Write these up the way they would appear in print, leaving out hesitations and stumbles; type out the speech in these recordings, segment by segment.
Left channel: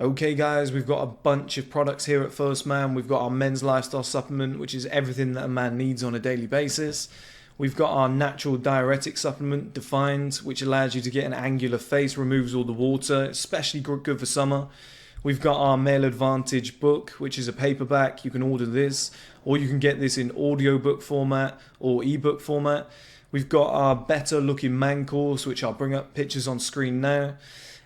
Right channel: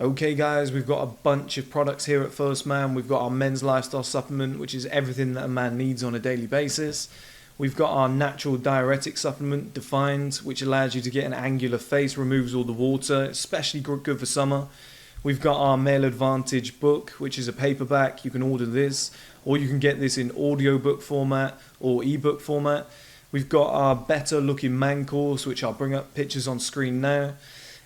Okay guys, we've got a bunch of products here at 1STMAN. We've got our men's lifestyle supplement, which is everything that a man needs on a daily basis. We've got our natural diuretic supplement, Defined, which allows you to get an angular face, removes all the water, especially good for summer. We've got our Male Advantage book, which is a paperback. You can order this, or you can get this in audiobook format or ebook format. We've got our Better Looking Man course, which I'll bring up pictures on screen now.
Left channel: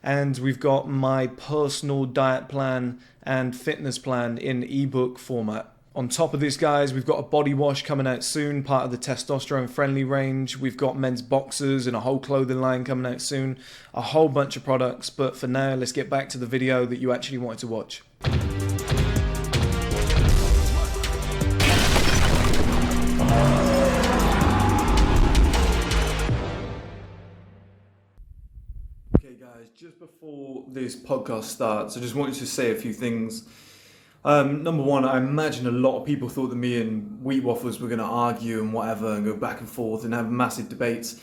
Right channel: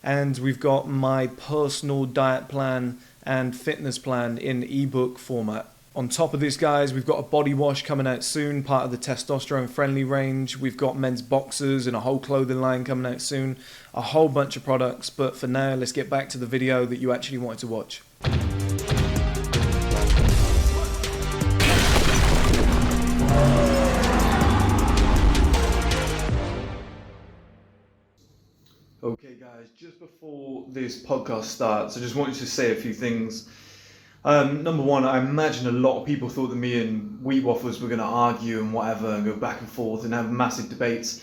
And we've got my personal diet plan and fitness plan in ebook format. On top of this, guys, we've got a body wash coming out soon, part of the testosterone friendly range. We've got men's boxers and a whole clothing line coming out soon. A whole bunch of products, but for now, let's get back to the video that you actually wanted to watch. Okay guys, just before this podcast starts, I just wanted to say a few things. Number one, I imagine a lot of people thought that me and Waffles were going to argue and whatever and go back and forth and have massive debates.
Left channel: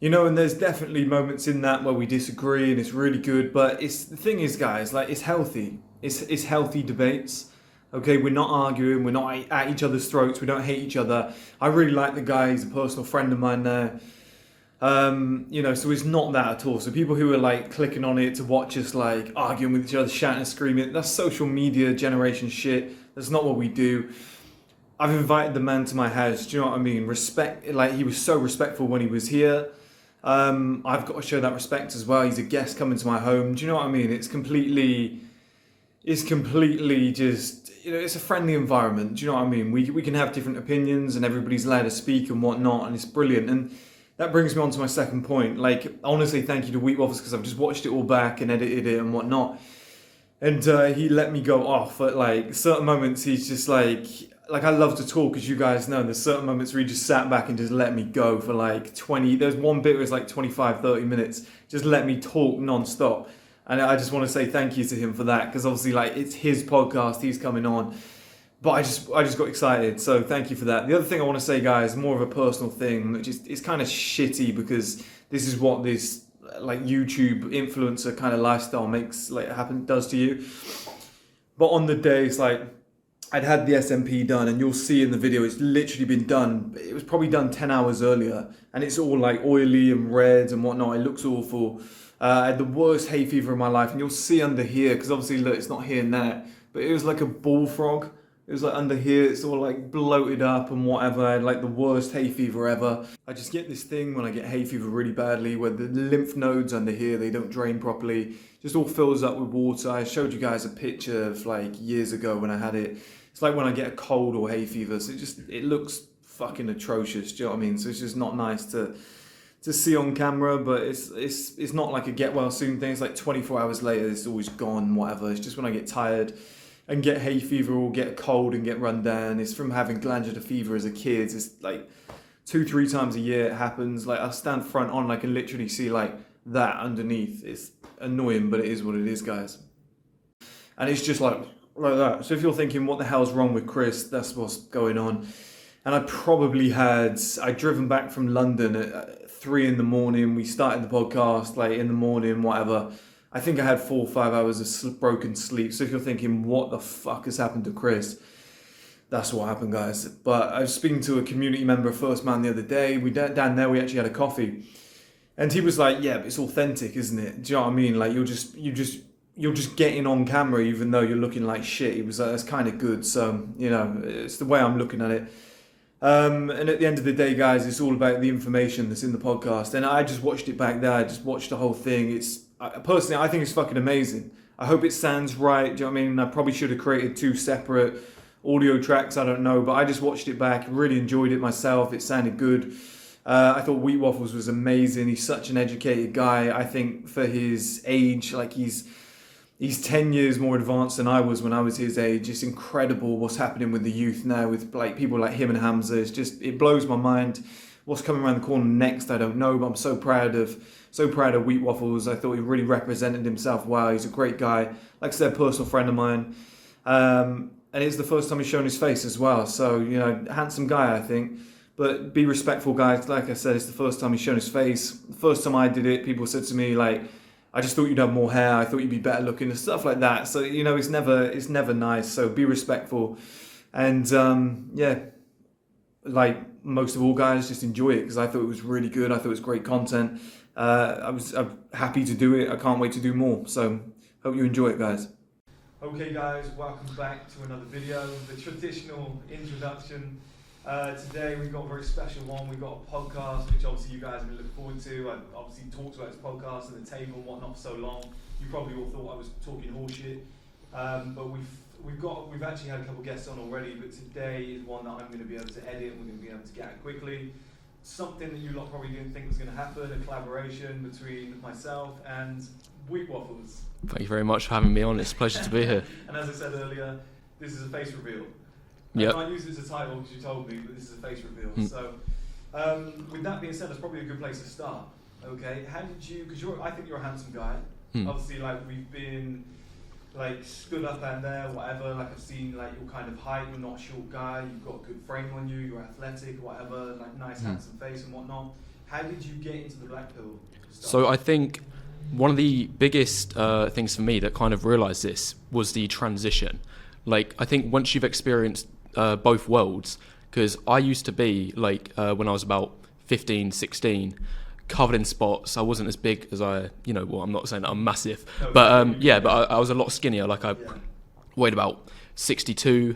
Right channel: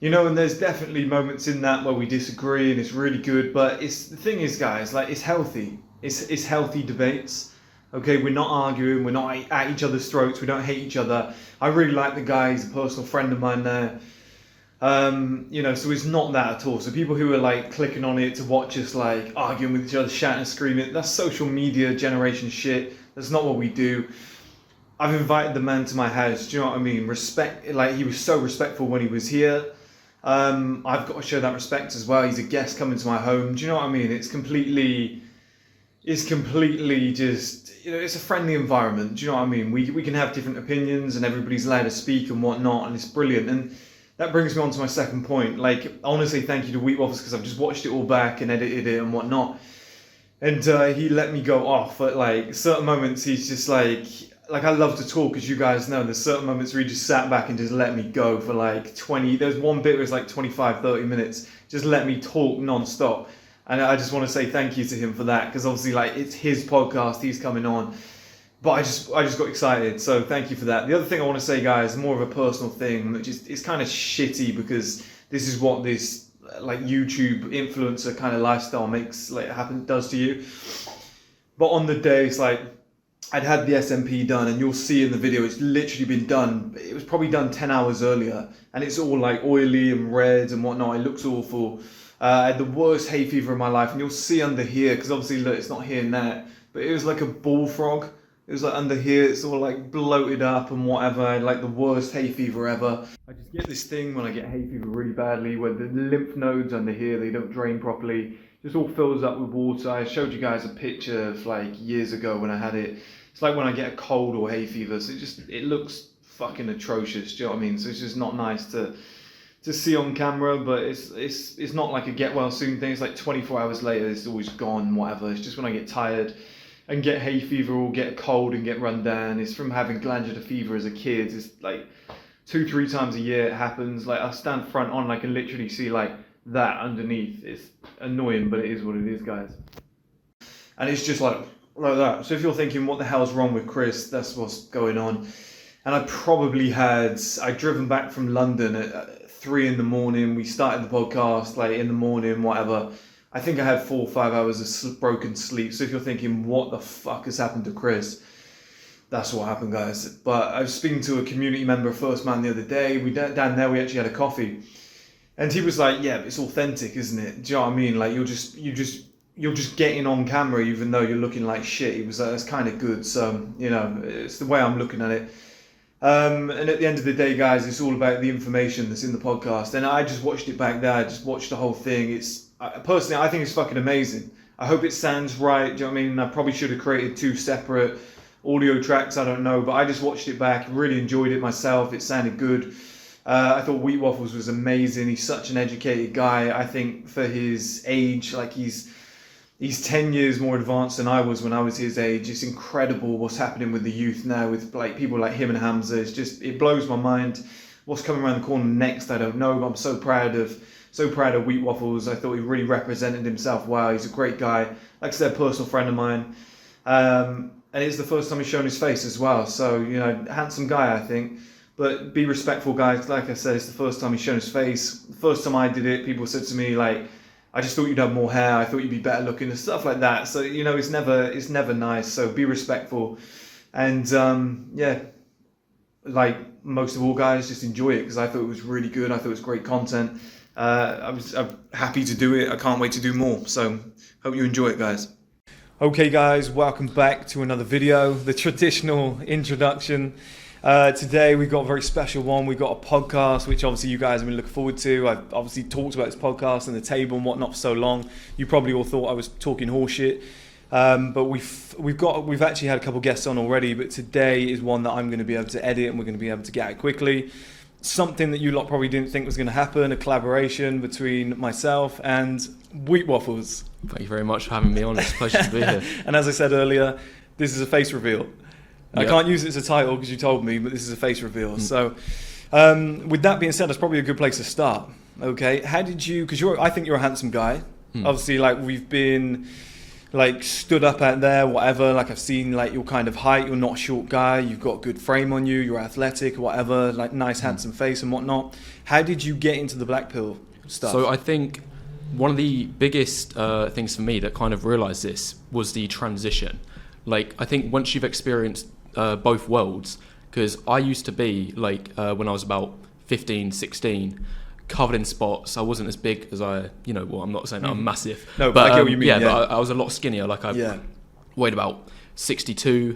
You know, and there's definitely moments in that where we disagree and it's really good, but the thing is, guys, like, it's healthy. It's healthy debates. Okay, we're not arguing, we're not at each other's throats, we don't hate each other. I really like the guy, he's a personal friend of mine there. You know, so it's not that at all. So people who are like clicking on it to watch us like arguing with each other, shouting and screaming, that's social media generation shit. That's not what we do. I've invited the man to my house. Do you know what I mean? Respect, like, he was so respectful when he was here. I've got to show that respect as well. He's a guest coming to my home. Do you know what I mean? It's completely just, you know, it's a friendly environment. Do you know what I mean? We can have different opinions and everybody's allowed to speak and whatnot, and it's brilliant. And that brings me on to my second point. Like, I want to say thank you to Waffles because I've just watched it all back and edited it and whatnot. And he let me go off at like certain moments. He's just like I love to talk, as you guys know. There's certain moments where he just sat back and just let me go for like 20. There's one bit where it's like 25, 30 minutes. Just let me talk non-stop. And I just want to say thank you to him for that, because obviously, like, it's his podcast, he's coming on. But I just got excited, so thank you for that. The other thing I want to say, guys, more of a personal thing, which is, it's kind of shitty because this is what this like YouTube influencer kind of lifestyle does to you. But on the day, it's like I'd had the SMP done, and you'll see in the video it's literally been done. It was probably done 10 hours earlier, and it's all like oily and red and whatnot. It looks awful. I had the worst hay fever of my life, and you'll see under here, because obviously look, it's not here and there, but it was like a bullfrog. It was like under here, it's all like bloated up and whatever. I had like the worst hay fever ever. I just get this thing when I get hay fever really badly, where the lymph nodes under here, they don't drain properly. Just all fills up with water. I showed you guys a picture of like years ago when I had it. It's like when I get a cold or hay fever. So it looks fucking atrocious. Do you know what I mean? So it's just not nice to see on camera, but it's not like a get well soon thing. It's like 24 hours later, it's always gone, whatever. It's just when I get tired and get hay fever or get a cold and get run down. It's from having glandular fever as a kid. It's like 2-3 times a year it happens. Like, I'll stand front on and I can literally see like that underneath. It's annoying, but it is what it is, guys. And it's just like that. So if you're thinking, what the hell's wrong with Chris? That's what's going on. And I'd driven back from London at 3 in the morning. We started the podcast like in the morning, whatever. I think I had 4 or 5 hours of broken sleep. So if you're thinking, what the fuck has happened to Chris? That's what happened, guys. But I was speaking to a community member of 1STMAN the other day. Down there, we actually had a coffee. And he was like, yeah, but it's authentic, isn't it? Do you know what I mean? Like, you're just getting on camera even though you're looking like shit. He was like, it's kind of good. So, you know, it's the way I'm looking at it. And at the end of the day, guys, it's all about the information that's in the podcast. And I just watched it back there. I just watched the whole thing. Personally, I think it's fucking amazing. I hope it sounds right. Do you know what I mean? I probably should have created 2 separate audio tracks. I don't know. But I just watched it back. Really enjoyed it myself. It sounded good. I thought Waffles was amazing. He's such an educated guy. I think for his age, like he's 10 years more advanced than I was when I was his age. It's incredible what's happening with the youth now, with like people like him and Hamza. It blows my mind. What's coming around the corner next, I don't know, but I'm so proud of Waffles. I thought he really represented himself well. He's a great guy. Like I said, personal friend of mine. And it's the first time he's shown his face as well. So, you know, handsome guy, I think. But be respectful, guys. Like I said, it's the first time he's shown his face. The first time I did it, people said to me, like, I just thought you'd have more hair. I thought you'd be better looking and stuff like that. So, you know, it's never nice. So be respectful. And yeah, like most of all, guys, just enjoy it, because I thought it was really good. I thought it was great content. I'm happy to do it. I can't wait to do more. So hope you enjoy it, guys. Okay, guys, welcome back to another video, the traditional introduction. Today we've got a very special one. We've got a podcast, which obviously you guys have been looking forward to. I've obviously talked about this podcast and the table and whatnot for so long. You probably all thought I was talking horseshit. But we've actually had a couple guests on already, but today is one that I'm going to be able to edit and we're going to be able to get out quickly. Something that you lot probably didn't think was going to happen, a collaboration between myself and Waffles. Thank you very much for having me on. It's a pleasure to be here. And as I said earlier, this is a face reveal. Yep. I can't use it as a title because you told me, but this is a face reveal. So with that being said, that's probably a good place to start. Okay, how did you, because I think you're a handsome guy. Obviously, like, we've been like stood up out there, whatever, like I've seen like your kind of height. You're not a short guy, you've got a good frame on you, you're athletic, whatever, like nice handsome face and whatnot. How did you get into the black pill stuff? So I think one of the biggest things for me that kind of realised this was the transition. Like, I think once you've experienced both worlds, because I used to be like when I was about 15, 16, covered in spots. I wasn't as big as well, I'm not saying that I'm massive, no, but I mean, but I was a lot skinnier. Like I weighed about 62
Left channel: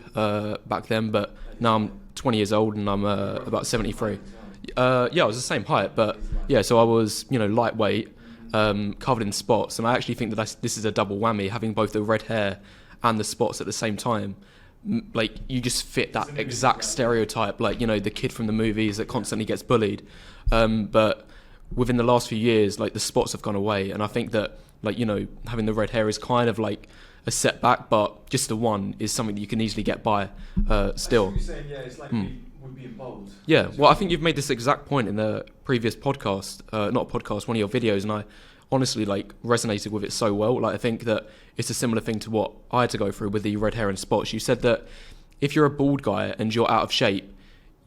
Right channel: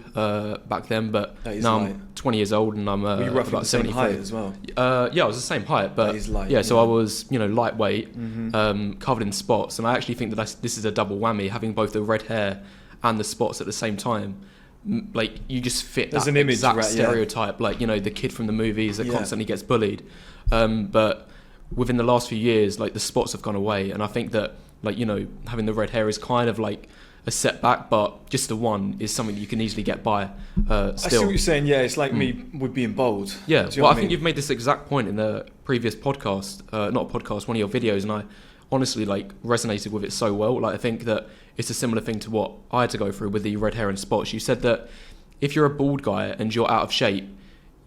back then, but now I'm 20 years old and I'm about 73. As well. I was the same height, but so I was lightweight, covered in spots, and I actually think that this is a double whammy, having both the red hair and the spots at the same time. Like, you just fit that exact stereotype, like, the kid from the movies that constantly gets bullied. But within the last few years, like, the spots have gone away, and I think that, like, having the red hair is kind of like a setback, but just the one is something that you can easily get by still. I see what you're saying. It's like me with being bold. Yeah, well, I think you've made this exact point in the previous podcast, not podcast, one of your videos, and I honestly like resonated with it so well. Like, I think that it's a similar thing to what I had to go through with the red hair and spots. You said that if you're a bald guy and you're out of shape,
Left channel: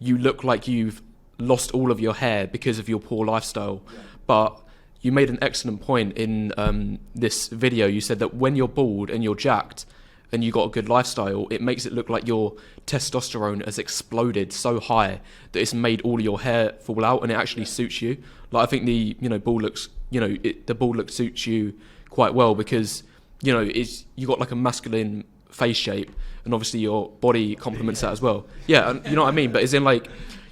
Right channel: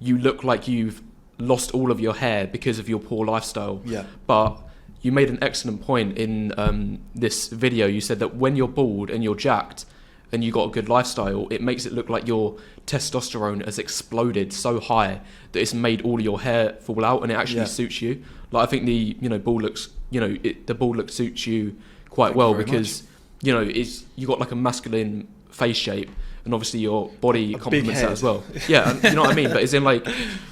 you look like you've lost all of your hair because of your poor lifestyle. Yeah. But you made an excellent point in this video. You said that when you're bald and you're jacked and you got a good lifestyle, it makes it look like your testosterone has exploded so high that it's made all of your hair fall out, and it actually suits you. Like, I think the bald looks, the bald look suits you quite well because you got like a masculine face shape, and obviously your body complements that as well. Yeah, and you know what I mean. But as in, like,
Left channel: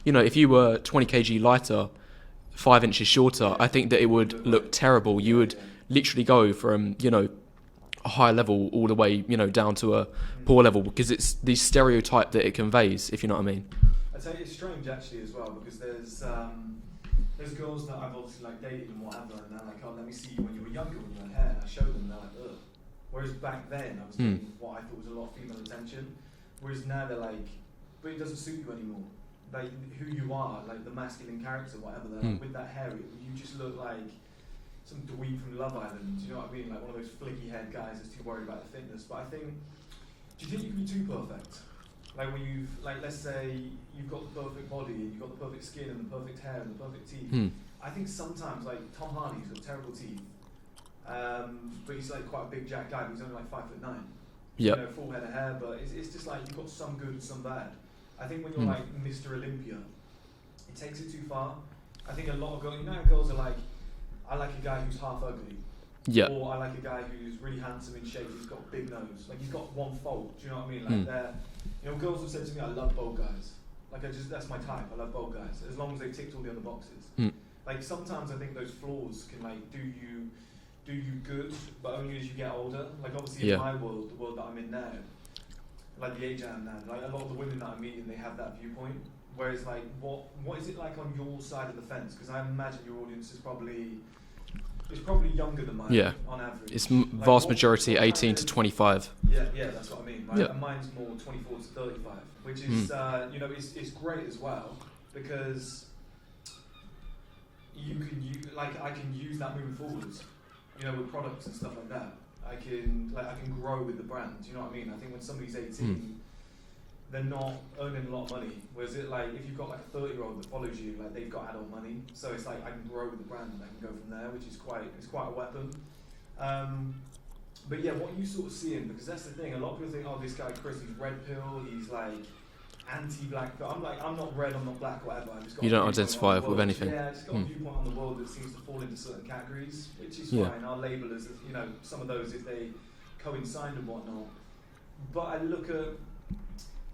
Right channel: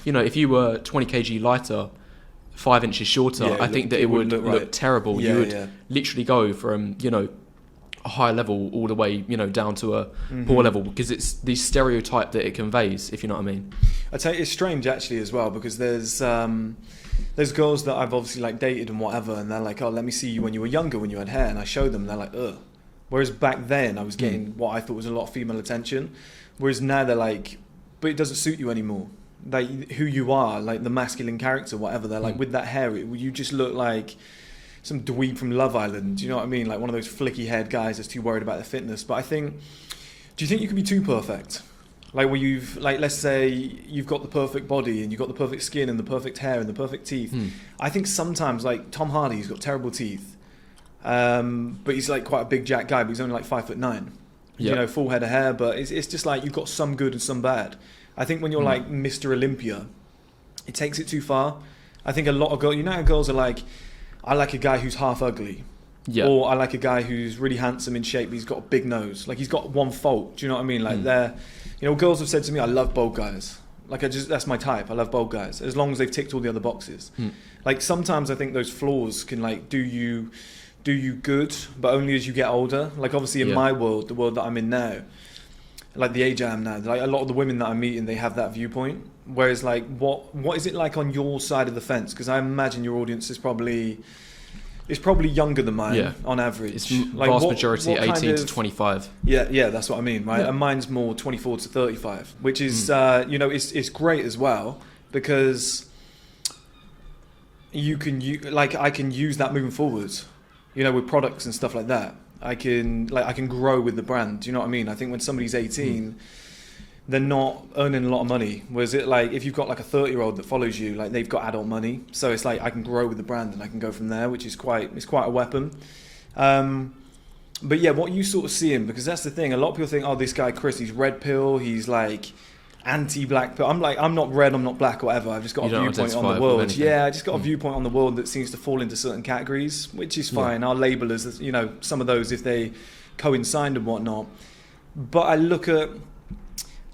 if you were 20 kg lighter, 5 inches shorter, I think that it would look terrible. You would literally go from a high level all the way down to a poor level, because it's the stereotype that it conveys, if you know what I mean. I tell you, it's strange actually as well, because there's girls that I've obviously like dated and whatever, and they're like, oh, let me see you when you were younger, when you had hair, and I show them, and they're like, ugh. Whereas back then I was getting what I thought was a lot of female attention, whereas now they're like, but it doesn't suit you anymore. Like, who you are, like the masculine character, whatever, they're like, with that hair, you just look like some dweeb from Love Island. Do you know what I mean? Like one of those flicky haired guys that's too worried about their fitness. But do you think you can be too perfect? Like, where let's say you've got the perfect body and you've got the perfect skin and the perfect hair and the perfect teeth. I think sometimes, like Tom Hardy's got terrible teeth, but he's like quite a big jack guy, but he's only like 5'9". Yep. Full head of hair, but it's just like you've got some good and some bad. I think when you're like Mr. Olympia, it takes it too far. I think a lot of girls, how girls are like, I like a guy who's half ugly. Yeah. Or I like a guy who's really handsome in shape, but he's got a big nose. Like, he's got one fault. Do you know what I mean? Like, girls have said to me, I love bold guys. Like, that's my type. I love bold guys, as long as they've ticked all the other boxes. Like, sometimes I think those flaws can like do you good, but only as you get older. Like, obviously in my world, the world that I'm in now, like the age I am now, like a lot of the women that I'm meeting, they have that viewpoint. Whereas, like, what is it like on your side of the fence? Because I imagine your audience is probably younger than mine on average. It's vast majority 18 to 25. Yeah, that's what I mean, right? Yeah. And mine's more 24 to 35, which is, it's great as well, because I can use that moving forwards, with products and stuff like that. I can grow with the brand. Do you know what I mean? I think when somebody's 18, they're not earning a lot of money. Whereas it, like, if you've got like a 30-year-old that follows you, like, they've got adult money. So it's like, I can grow with the brand and I can go from there, which is quite a weapon. But yeah, what you sort of see him, because that's the thing. A lot of people think, oh, this guy Chris, he's red pill, he's like anti-black pill. I'm like, I'm not red, I'm not black, or whatever. I've just got a viewpoint on the world. Yeah, I just got a viewpoint on the world that seems to fall into certain categories, which is fine. I'll label as, you know, some of those if they coincide and whatnot. But I look at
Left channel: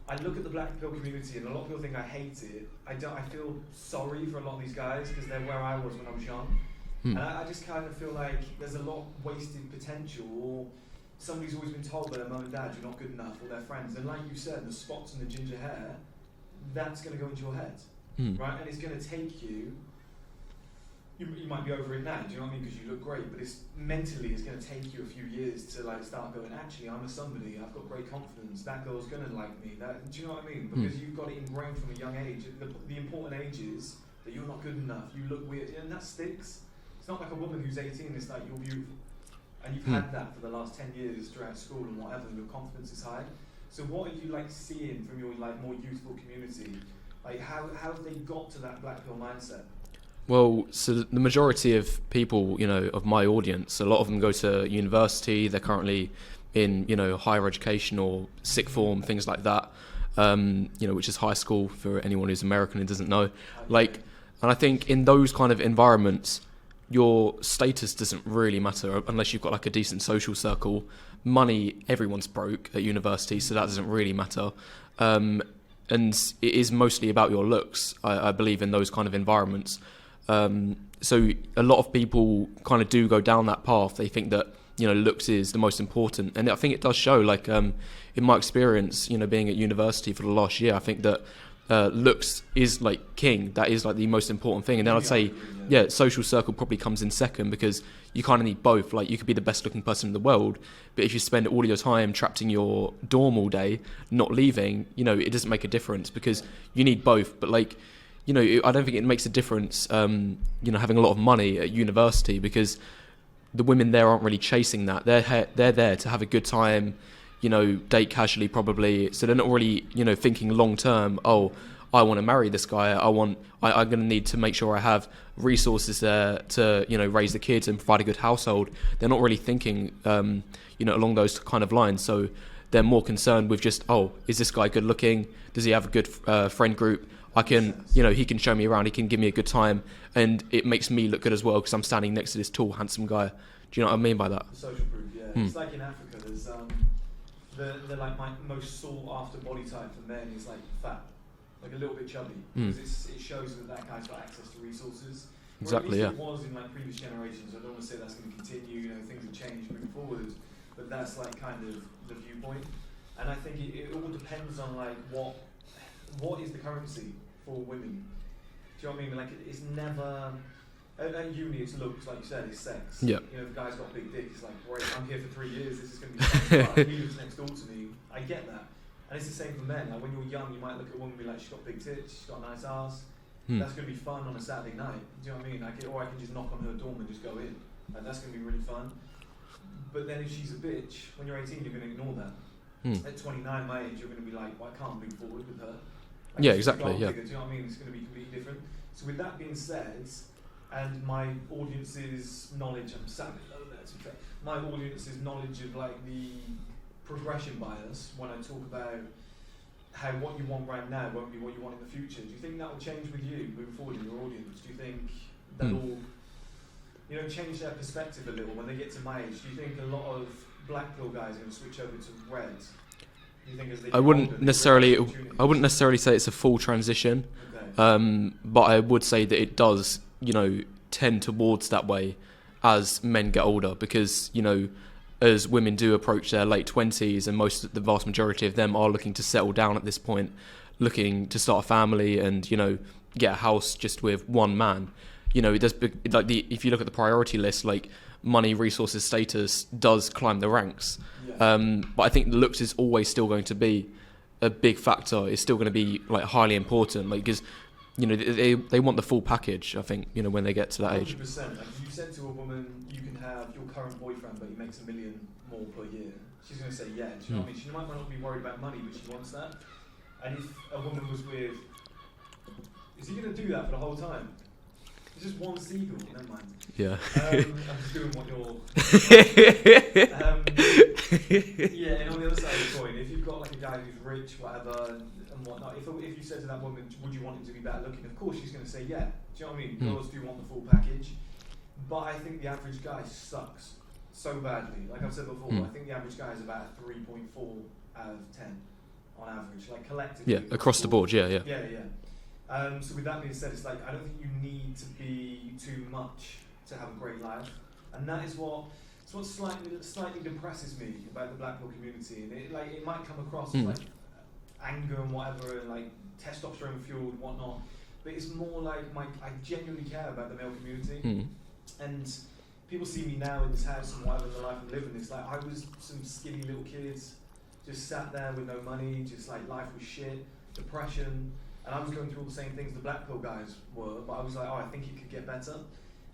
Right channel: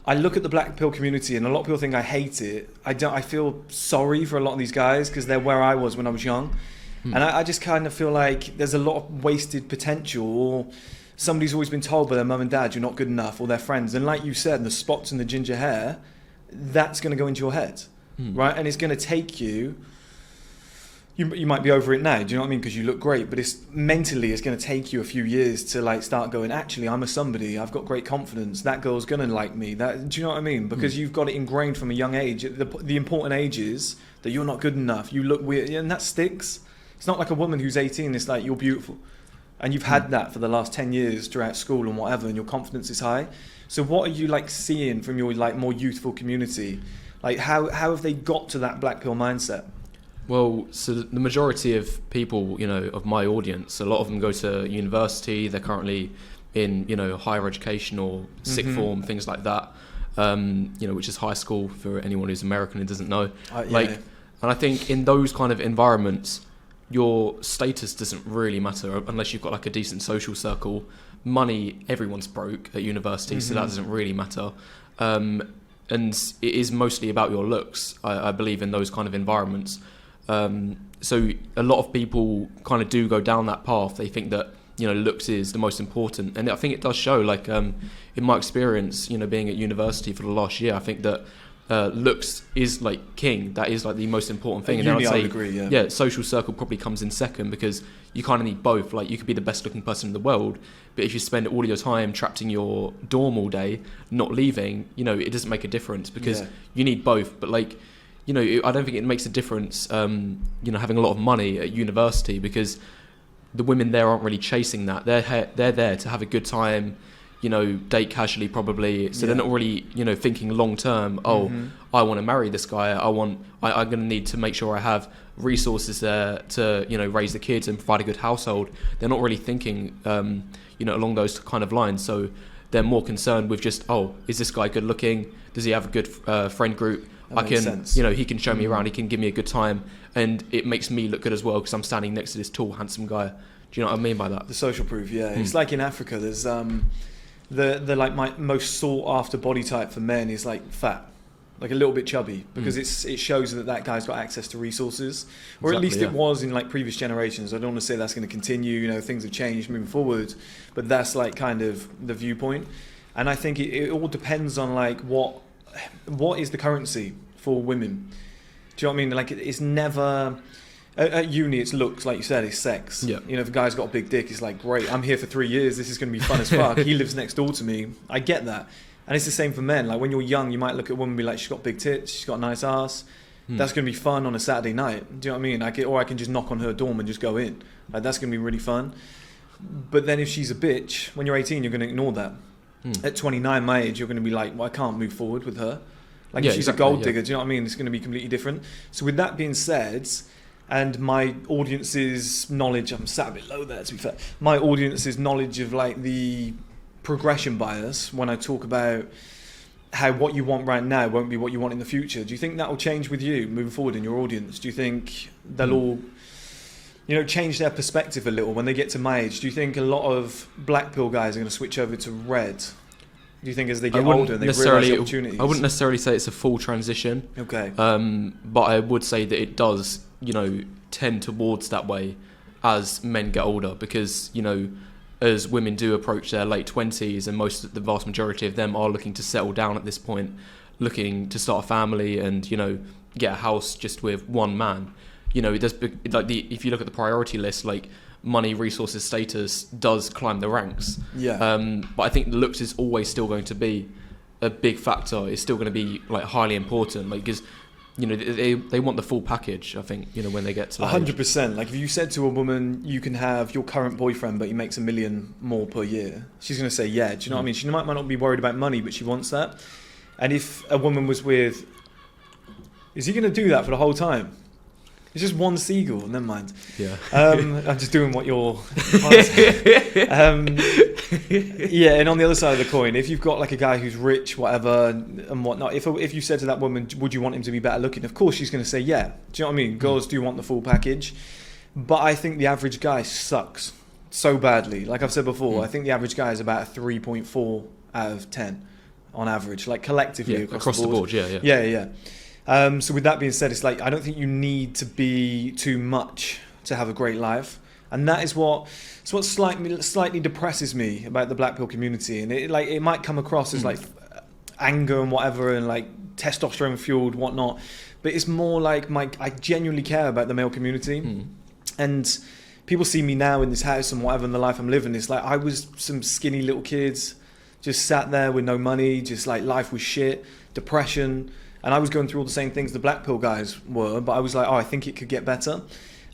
the black pill community, and a lot of people think I hate it. I feel sorry for a lot of these guys because they're where I was when I was young. And I just kind of feel like there's a lot of wasted potential, or somebody's always been told by their mum and dad you're not good enough, or their friends. And like you said, the spots and the ginger hair, that's going to go into your head, right? And it's going to take you might be over it now, do you know what I mean? Because you look great, but it's going to take you a few years to like start going, actually, I'm a somebody, I've got great confidence, that girl's going to like me. Do you know what I mean? Because you've got it ingrained from a young age. The important age is that you're not good enough, you look weird, and that sticks. It's not like a woman who's 18, it's like, you're beautiful. And you've had that for the last 10 years throughout school and whatever, and your confidence is high. So what are you like seeing from your like more youthful community? Like how have they got to that black pill mindset? Well, so the majority of people, you know, of my audience, a lot of them go to university, they're currently in, you know, higher education or sixth form, things like that, you know, which is high school for anyone who's American and doesn't know. And I think in those kind of environments, your status doesn't really matter unless you've got like a decent social circle. Money, everyone's broke at university, so that doesn't really matter. And it is mostly about your looks, I believe, in those kind of environments. So a lot of people kind of do go down that path. They think that, you know, looks is the most important. And I think it does show, like, in my experience, you know, being at university for the last year, I think that looks is like king. That is like the most important thing. And then I'd say, yeah, social circle probably comes in second, because you kind of need both. Like, you could be the best looking person in the world, but if you spend all of your time trapped in your dorm all day, not leaving, you know, it doesn't make a difference, because you need both. But like, you know, I don't think it makes a difference, you know, having a lot of money at university, because the women there aren't really chasing that. They're there to have a good time, you know, date casually probably. So they're not really, you know, thinking long term, I want to marry this guy. I'm going to need to make sure I have resources there to, you know, raise the kids and provide a good household. They're not really thinking, you know, along those kind of lines. So they're more concerned with just, is this guy good looking? Does he have a good friend group? You know, he can show me around, he can give me a good time, and it makes me look good as well, because I'm standing next to this tall, handsome guy. Do you know what I mean by that? The social proof, yeah. It's like in Africa, there's the like my most sought after body type for men is like fat, like a little bit chubby, because it shows that guy's got access to resources, or at least it was in like previous generations. I don't want to say that's going to continue. You know, things have changed moving forward, but that's like kind of the viewpoint. And I think it all depends on like what is the currency for women. Do you know what I mean? Like, it's never at uni, it's looks, like you said, it's sex. You know, if a guy's got a big dick, it's like, great, I'm here for 3 years, this is going to be fun as fuck. He lives next door to me. I get that. And it's the same for men. Like, when you're young, you might look at a woman and be like, she's got big tits, she's got a nice ass. That's going to be fun on a Saturday night. Do you know what I mean? Or I can just knock on her dorm and just go in. Like, that's going to be really fun. But then if she's a bitch, when you're 18, you're going to ignore that. At 29, my age, you're going to be like, well, I can't move forward with her. Like, if she's a gold digger, do you know what I mean? It's going to be completely different. So with that being said, and my audience's knowledge, I'm sat a bit low there, to be fair, my audience's knowledge of like the progression bias, when I talk about how what you want right now won't be what you want in the future, do you think that will change with you moving forward in your audience? Do you think they'll all, you know, change their perspective a little when they get to my age? Do you think a lot of black pill guys are going to switch over to red? Do you think as they get older, they realize opportunities? I wouldn't necessarily say it's a full transition. Okay. But I would say that it does, you know, tend towards that way as men get older, because, you know, as women do approach their late 20s, and the vast majority of them are looking to settle down at this point, looking to start a family and, you know, get a house just with one man. You know, it does, like, if you look at the priority list, like, money, resources, status does climb the ranks. But I think looks is always still going to be a big factor. It's still going to be like highly important, like, because, you know, they want the full package, I think, you know, when they get to that 100%. age. Like, if you said to a woman, you can have your current boyfriend, but he makes $1 million more per year, she's going to say, yeah. Do you know what I mean? She might not be worried about money, but she wants that. And if a woman was with, is he going to do that for the whole time? It's just one seagull. Never mind. Yeah. I'm just doing what you're. Yeah, and on the other side of the coin, if you've got like a guy who's rich, whatever, and whatnot, if you said to that woman, would you want him to be better looking? Of course she's going to say yeah. Do you know what I mean? Girls do want the full package. But I think the average guy sucks so badly. Like I've said before, I think the average guy is about a 3.4 out of 10 on average, like collectively. Yeah, across the board. Yeah. So with that being said, it's like I don't think you need to be too much to have a great life, and that is what slightly depresses me about the black pill community. And it might come across as like anger and whatever, and like testosterone fueled whatnot, but it's more like I genuinely care about the male community, and people see me now in this house and whatever in the life I'm living. It's like I was some skinny little kids, just sat there with no money, just like life was shit, depression. And I was going through all the same things the black pill guys were, but I was like, I think it could get better.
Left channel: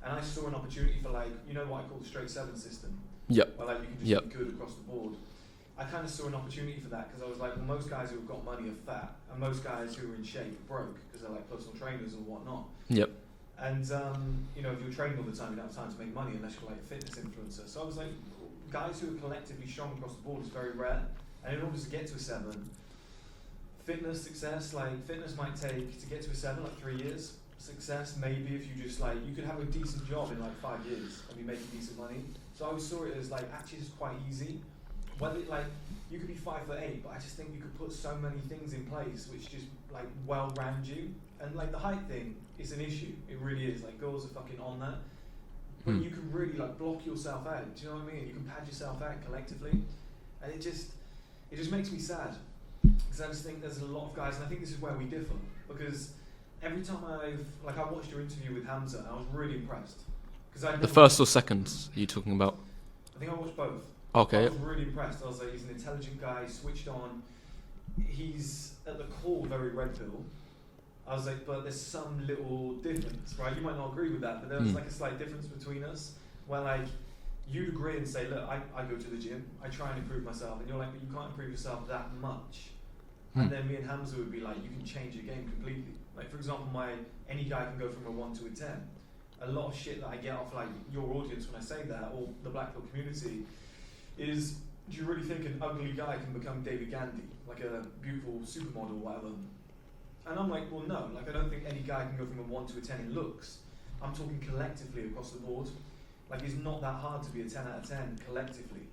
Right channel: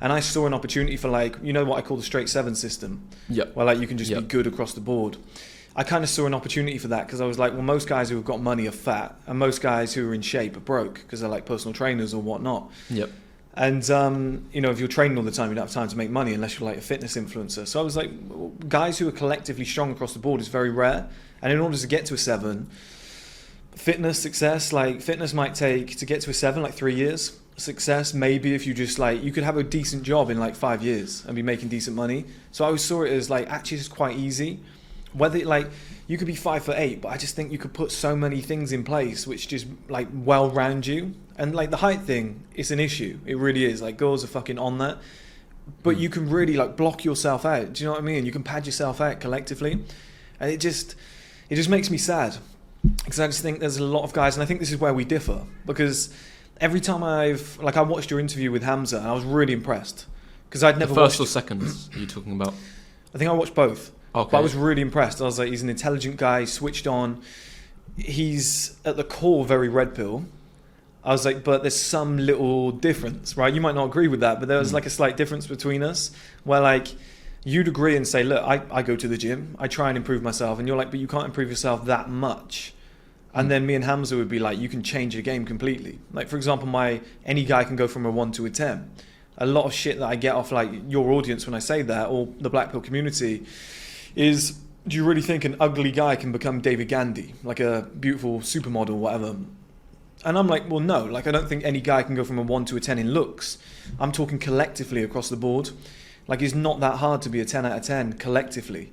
And I saw an opportunity for like, you know what I call the straight 7 system? Yep. Where like you can just be good across the board. I kind of saw an opportunity for that because I was like, well, most guys who have got money are fat, and most guys who are in shape are broke because they're like personal trainers or whatnot. Yep. And, if you're training all the time, you don't have time to make money unless you're like a fitness influencer. So I was like, guys who are collectively strong across the board is very rare. And in order to get to a 7, fitness might take to get to a 7 like 3 years. Success maybe if you just like you could have a decent job in like 5 years and be making decent money. So I always saw it as like actually it's quite easy. Whether like you could be 5'8", but I just think you could put so many things in place which just like well round you. And like the height thing, it's an issue. It really is. Like girls are fucking on that. But you can really like block yourself out. Do you know what I mean? You can pad yourself out collectively. And it just makes me sad. Because I just think there's a lot of guys, and I think this is where we differ, because every time I watched your interview with Hamza, and I was really impressed, because I'd never the first or second are you talking about? I think I watched both. Okay. But I was really impressed. I was like, he's an intelligent guy, switched on. He's at the core very red pill. I was like, but there's some little difference, right? You might not agree with that, but there was like a slight difference between us, where like you'd agree and say, look, I go to the gym, I try and improve myself, and you're like, but you can't improve yourself that much. And then me and Hamza would be like, you can change your game completely. Like, for example, any guy can go from a 1 to a 10. A lot of shit that I get off like your audience when I say that, or the black pill community, is, do you really think an ugly guy can become David Gandhi, like a beautiful supermodel, whatever? And I'm like, well, no. Like, I don't think any guy can go from a 1 to a 10 in looks. I'm talking collectively across the board. Like, it's not that hard to be a 10 out of 10 collectively.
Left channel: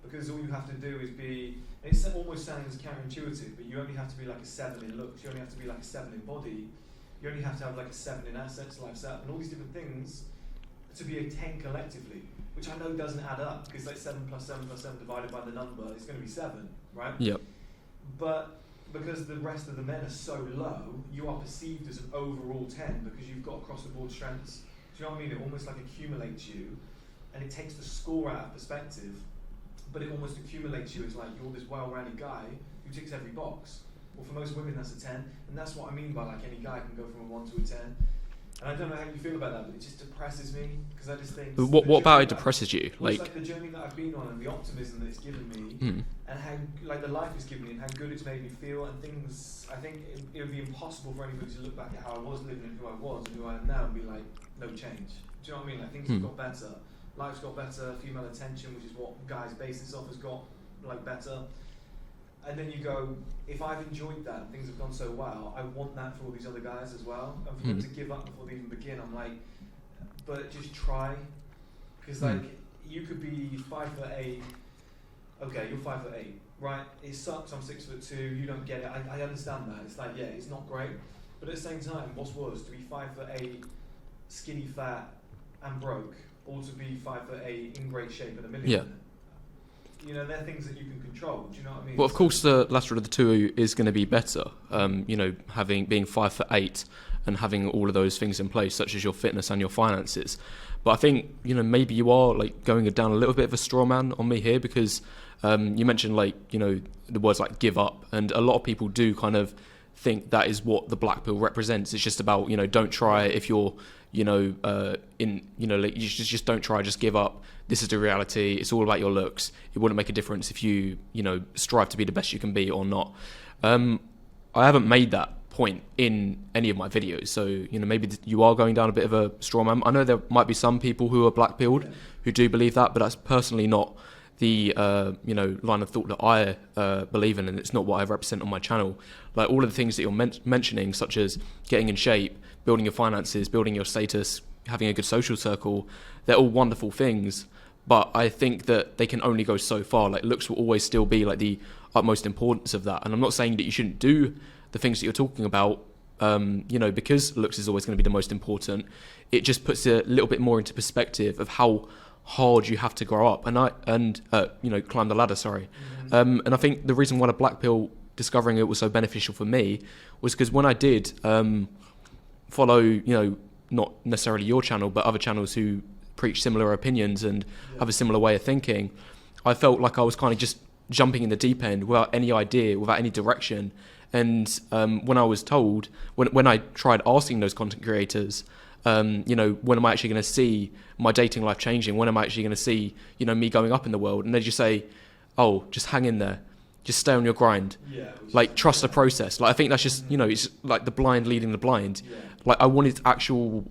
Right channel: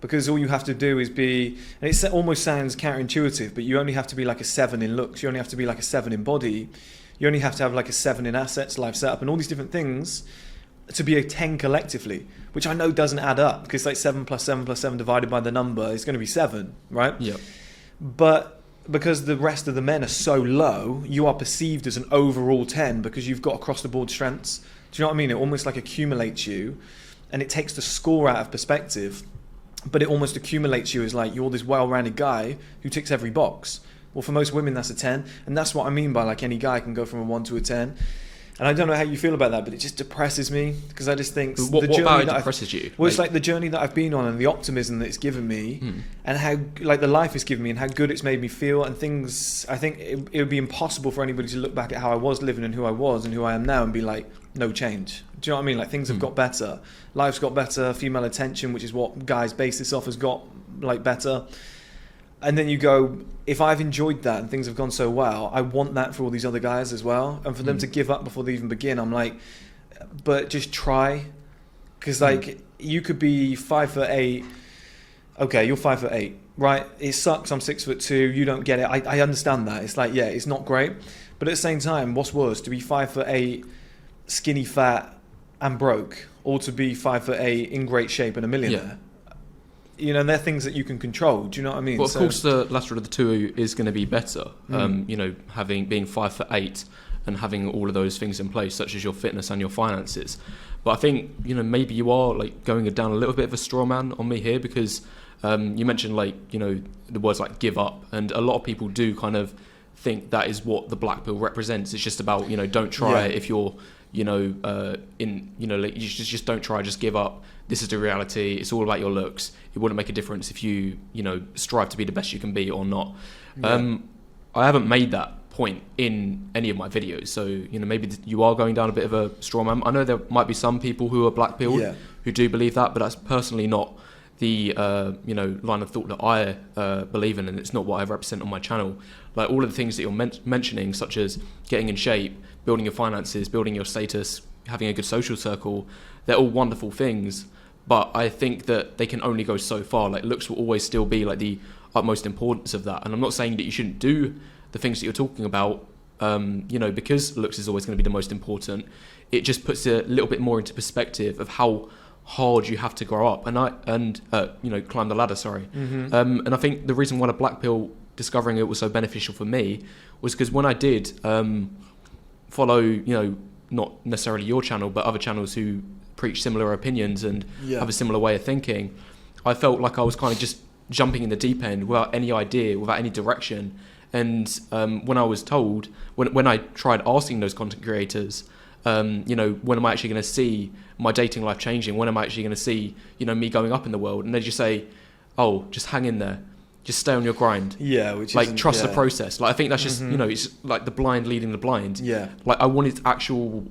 Because all you have to do is be, and it almost sounds counterintuitive, but you only have to be like a 7 in looks, you only have to be like a 7 in body, you only have to have like a 7 in assets, life setup, and all these different things to be a 10 collectively, which I know doesn't add up, because like 7 plus 7 plus 7 divided by the number is going to be 7, right? Yep. But because the rest of the men are so low, you are perceived as an overall 10 because you've got across the board strengths. Do you know what I mean? It almost like accumulates you, and it takes the score out of perspective. But it almost accumulates you as like you're this well-rounded guy who ticks every box. Well, for most women, that's a 10, and that's what I mean by like any guy can go from a 1 to a 10. And I don't know how you feel about that, but it just depresses me, because I just think what about it depresses you? Well, it's like the journey that I've been on and the optimism that it's given me, and how like the life it's given me and how good it's made me feel and things. I think it would be impossible for anybody to look back at how I was living and who I was and who I am now and be like, no change. Do you know what I mean? Like things have got better. Life's got better. Female attention, which is what guys base this off, has got like better. And then you go, if I've enjoyed that and things have gone so well, I want that for all these other guys as well. And for them to give up before they even begin, I'm like, but just try. Because like, you could be 5'8". Okay, you're 5'8", right? It sucks, I'm 6'2", you don't get it. I understand that. It's like, yeah, it's not great. But at the same time, what's worse, to be 5'8", skinny, fat, and broke, or to be 5'8", in great shape and a millionaire? Yeah. You know, they're things that you can control. Do you know what I mean? Well, of course, the latter of the two is going to be better. You know, being 5'8" and having all of those things in place, such as your fitness and your finances. But I think, you know, maybe you are like going down a little bit of a straw man on me here, because you mentioned like, you know, the words like give up, and a lot of people do kind of think that is what the black pill represents. It's just about, you know, don't try if you're, you know, like you just don't try, just give up. This is the reality. It's all about your looks. It wouldn't make a difference if you, you know, strive to be the best you can be or not. I haven't made that point in any of my videos. So, you know, maybe you are going down a bit of a straw man. I know there might be some people who are black-pilled who do believe that, but that's personally not the line of thought that I believe in, and it's not what I represent on my channel. Like all of the things that you're mentioning, such as getting in shape, building your finances, building your status, having a good social circle, they're all wonderful things, but I think that they can only go so far. Like looks will always still be like the utmost importance of that, and I'm not saying that you shouldn't do the things that you're talking about, because looks is always going to be the most important. It just puts a little bit more into perspective of how hard you have to grow up and climb the ladder. And I think the reason why the black pill, discovering it was so beneficial for me, was because when I did follow, not necessarily your channel, but other channels who preach similar opinions and have a similar way of thinking, I felt like I was kind of just jumping in the deep end without any idea, without any direction. And when I was told, when I tried asking those content creators, when am I actually going to see my dating life changing? When am I actually going to see, me going up in the world? And they just say, oh, just hang in there. Just stay on your grind. Yeah. Like, trust the process. Like, I think that's just, it's like the blind leading the blind. Yeah. Like, I wanted actual,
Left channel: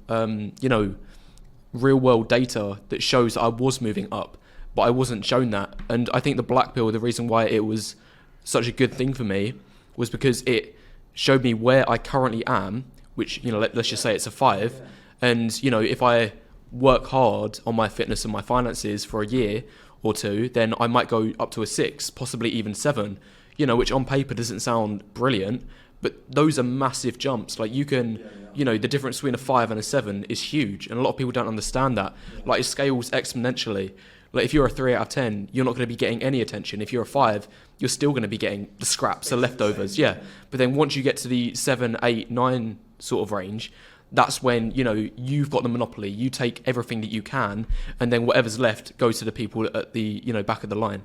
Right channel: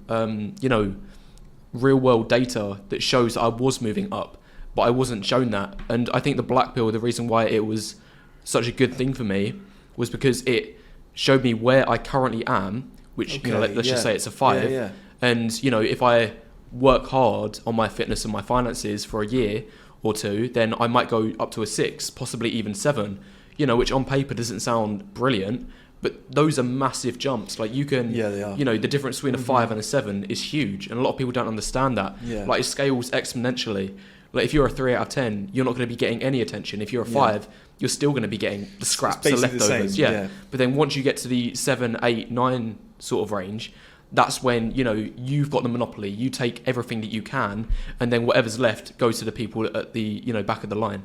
real world data that shows that I was moving up, but I wasn't shown that. And I think the black pill, the reason why it was such a good thing for me was because it showed me where I currently am, which, let's just say it's a 5. Yeah. And, if I work hard on my fitness and my finances for a year or two, then I might go up to a 6, possibly even 7, which on paper doesn't sound brilliant, but those are massive jumps. Like you can, the difference between a 5 and a 7 is huge. And a lot of people don't understand that. Yeah. Like it scales exponentially. Like if you're a 3 out of 10, you're not going to be getting any attention. If you're a 5, you're still going to be getting the scraps, the leftovers. But then once you get to the 7, 8, 9 sort of range, that's when, you've got the monopoly. You take everything that you can, and then whatever's left goes to the people at the, back of the line.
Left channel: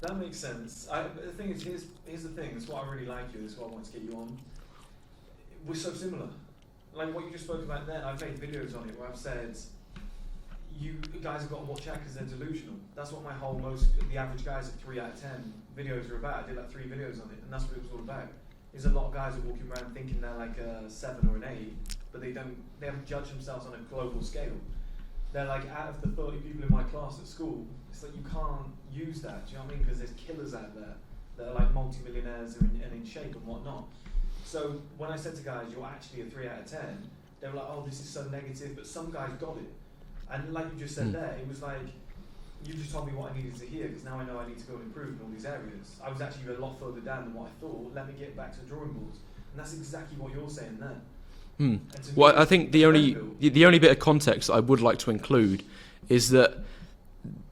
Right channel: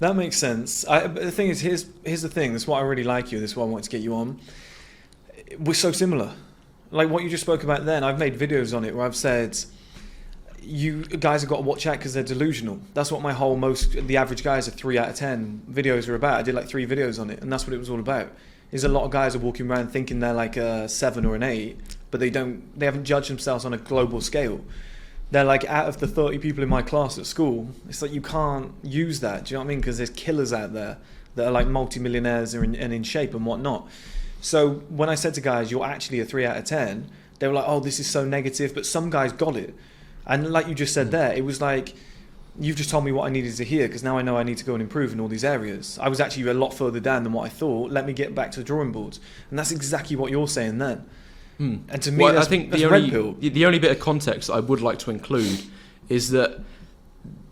That makes sense. But the thing is, here's the thing. This is why I really like you. This is why I wanted to get you on. We're so similar. Like what you just spoke about then, I've made videos on it where I've said, you guys have got to watch out because they're delusional. That's what the average guys are 3 out of 10 videos are about. I did like 3 videos on it, and that's what it was all about. Is a lot of guys are walking around thinking they're like a 7 or an 8, but they haven't judged themselves on a global scale. They're like, out of the 30 people in my class at school, it's like you can't use that. Do you know what I mean? Because there's killers out there that are like multi-millionaires and in shape and whatnot. So when I said to guys, you're actually a 3 out of 10, they were like, oh, this is so negative. But some guys got it. And like you just said there, it was like, you've just told me what I needed to hear, because now I know I need to go and improve in all these areas. I was actually a lot further down than what I thought. Let me get back to the drawing boards. And that's exactly what you're saying then. And to me, I think the only bit of context I would like to include is that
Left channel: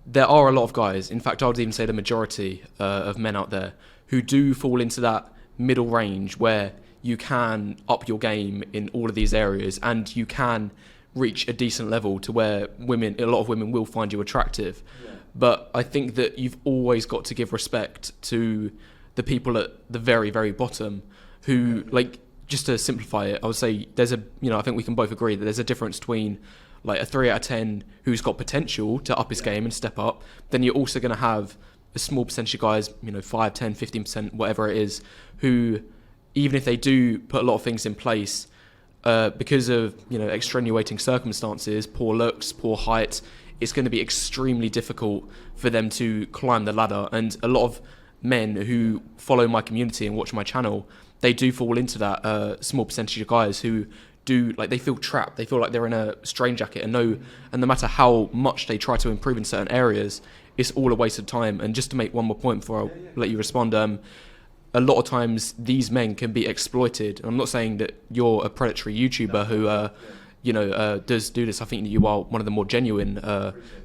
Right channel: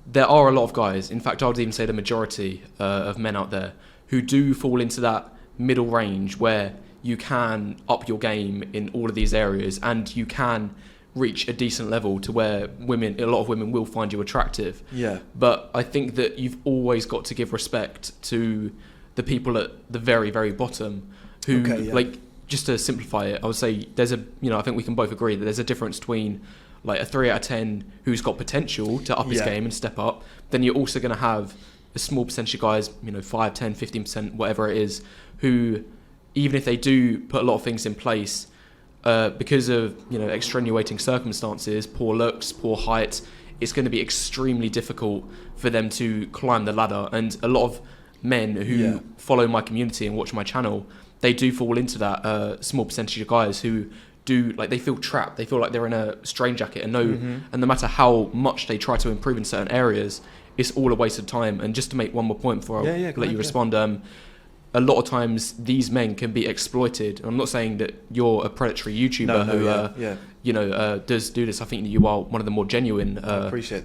there are a lot of guys, in fact I would even say the majority of men out there, who do fall into that middle range where you can up your game in all of these areas and you can reach a decent level to where a lot of women will find you attractive. Yeah. But I think that you've always got to give respect to the people at the very, very bottom who, just to simplify it, I would say there's I think we can both agree that there's a difference between like a 3 out of 10 who's got potential to up his game and step up. Then you're also going to have a small percentage of guys, 5, 10, 15%, whatever it is, who, even if they do put a lot of things in place, because of extenuating circumstances, poor looks, poor height, it's going to be extremely difficult for them to climb the ladder. And a lot of men who follow my community and watch my channel, they do fall into that small percentage of guys who do, like, they feel trapped. They feel like they're in a straitjacket and no matter how much they try to improve in certain areas, it's all a waste of time. And just to make one more point before I let you respond, a lot of times these men can be exploited. I'm not saying that you're a predatory YouTuber does do this. I think that you are one of the more genuine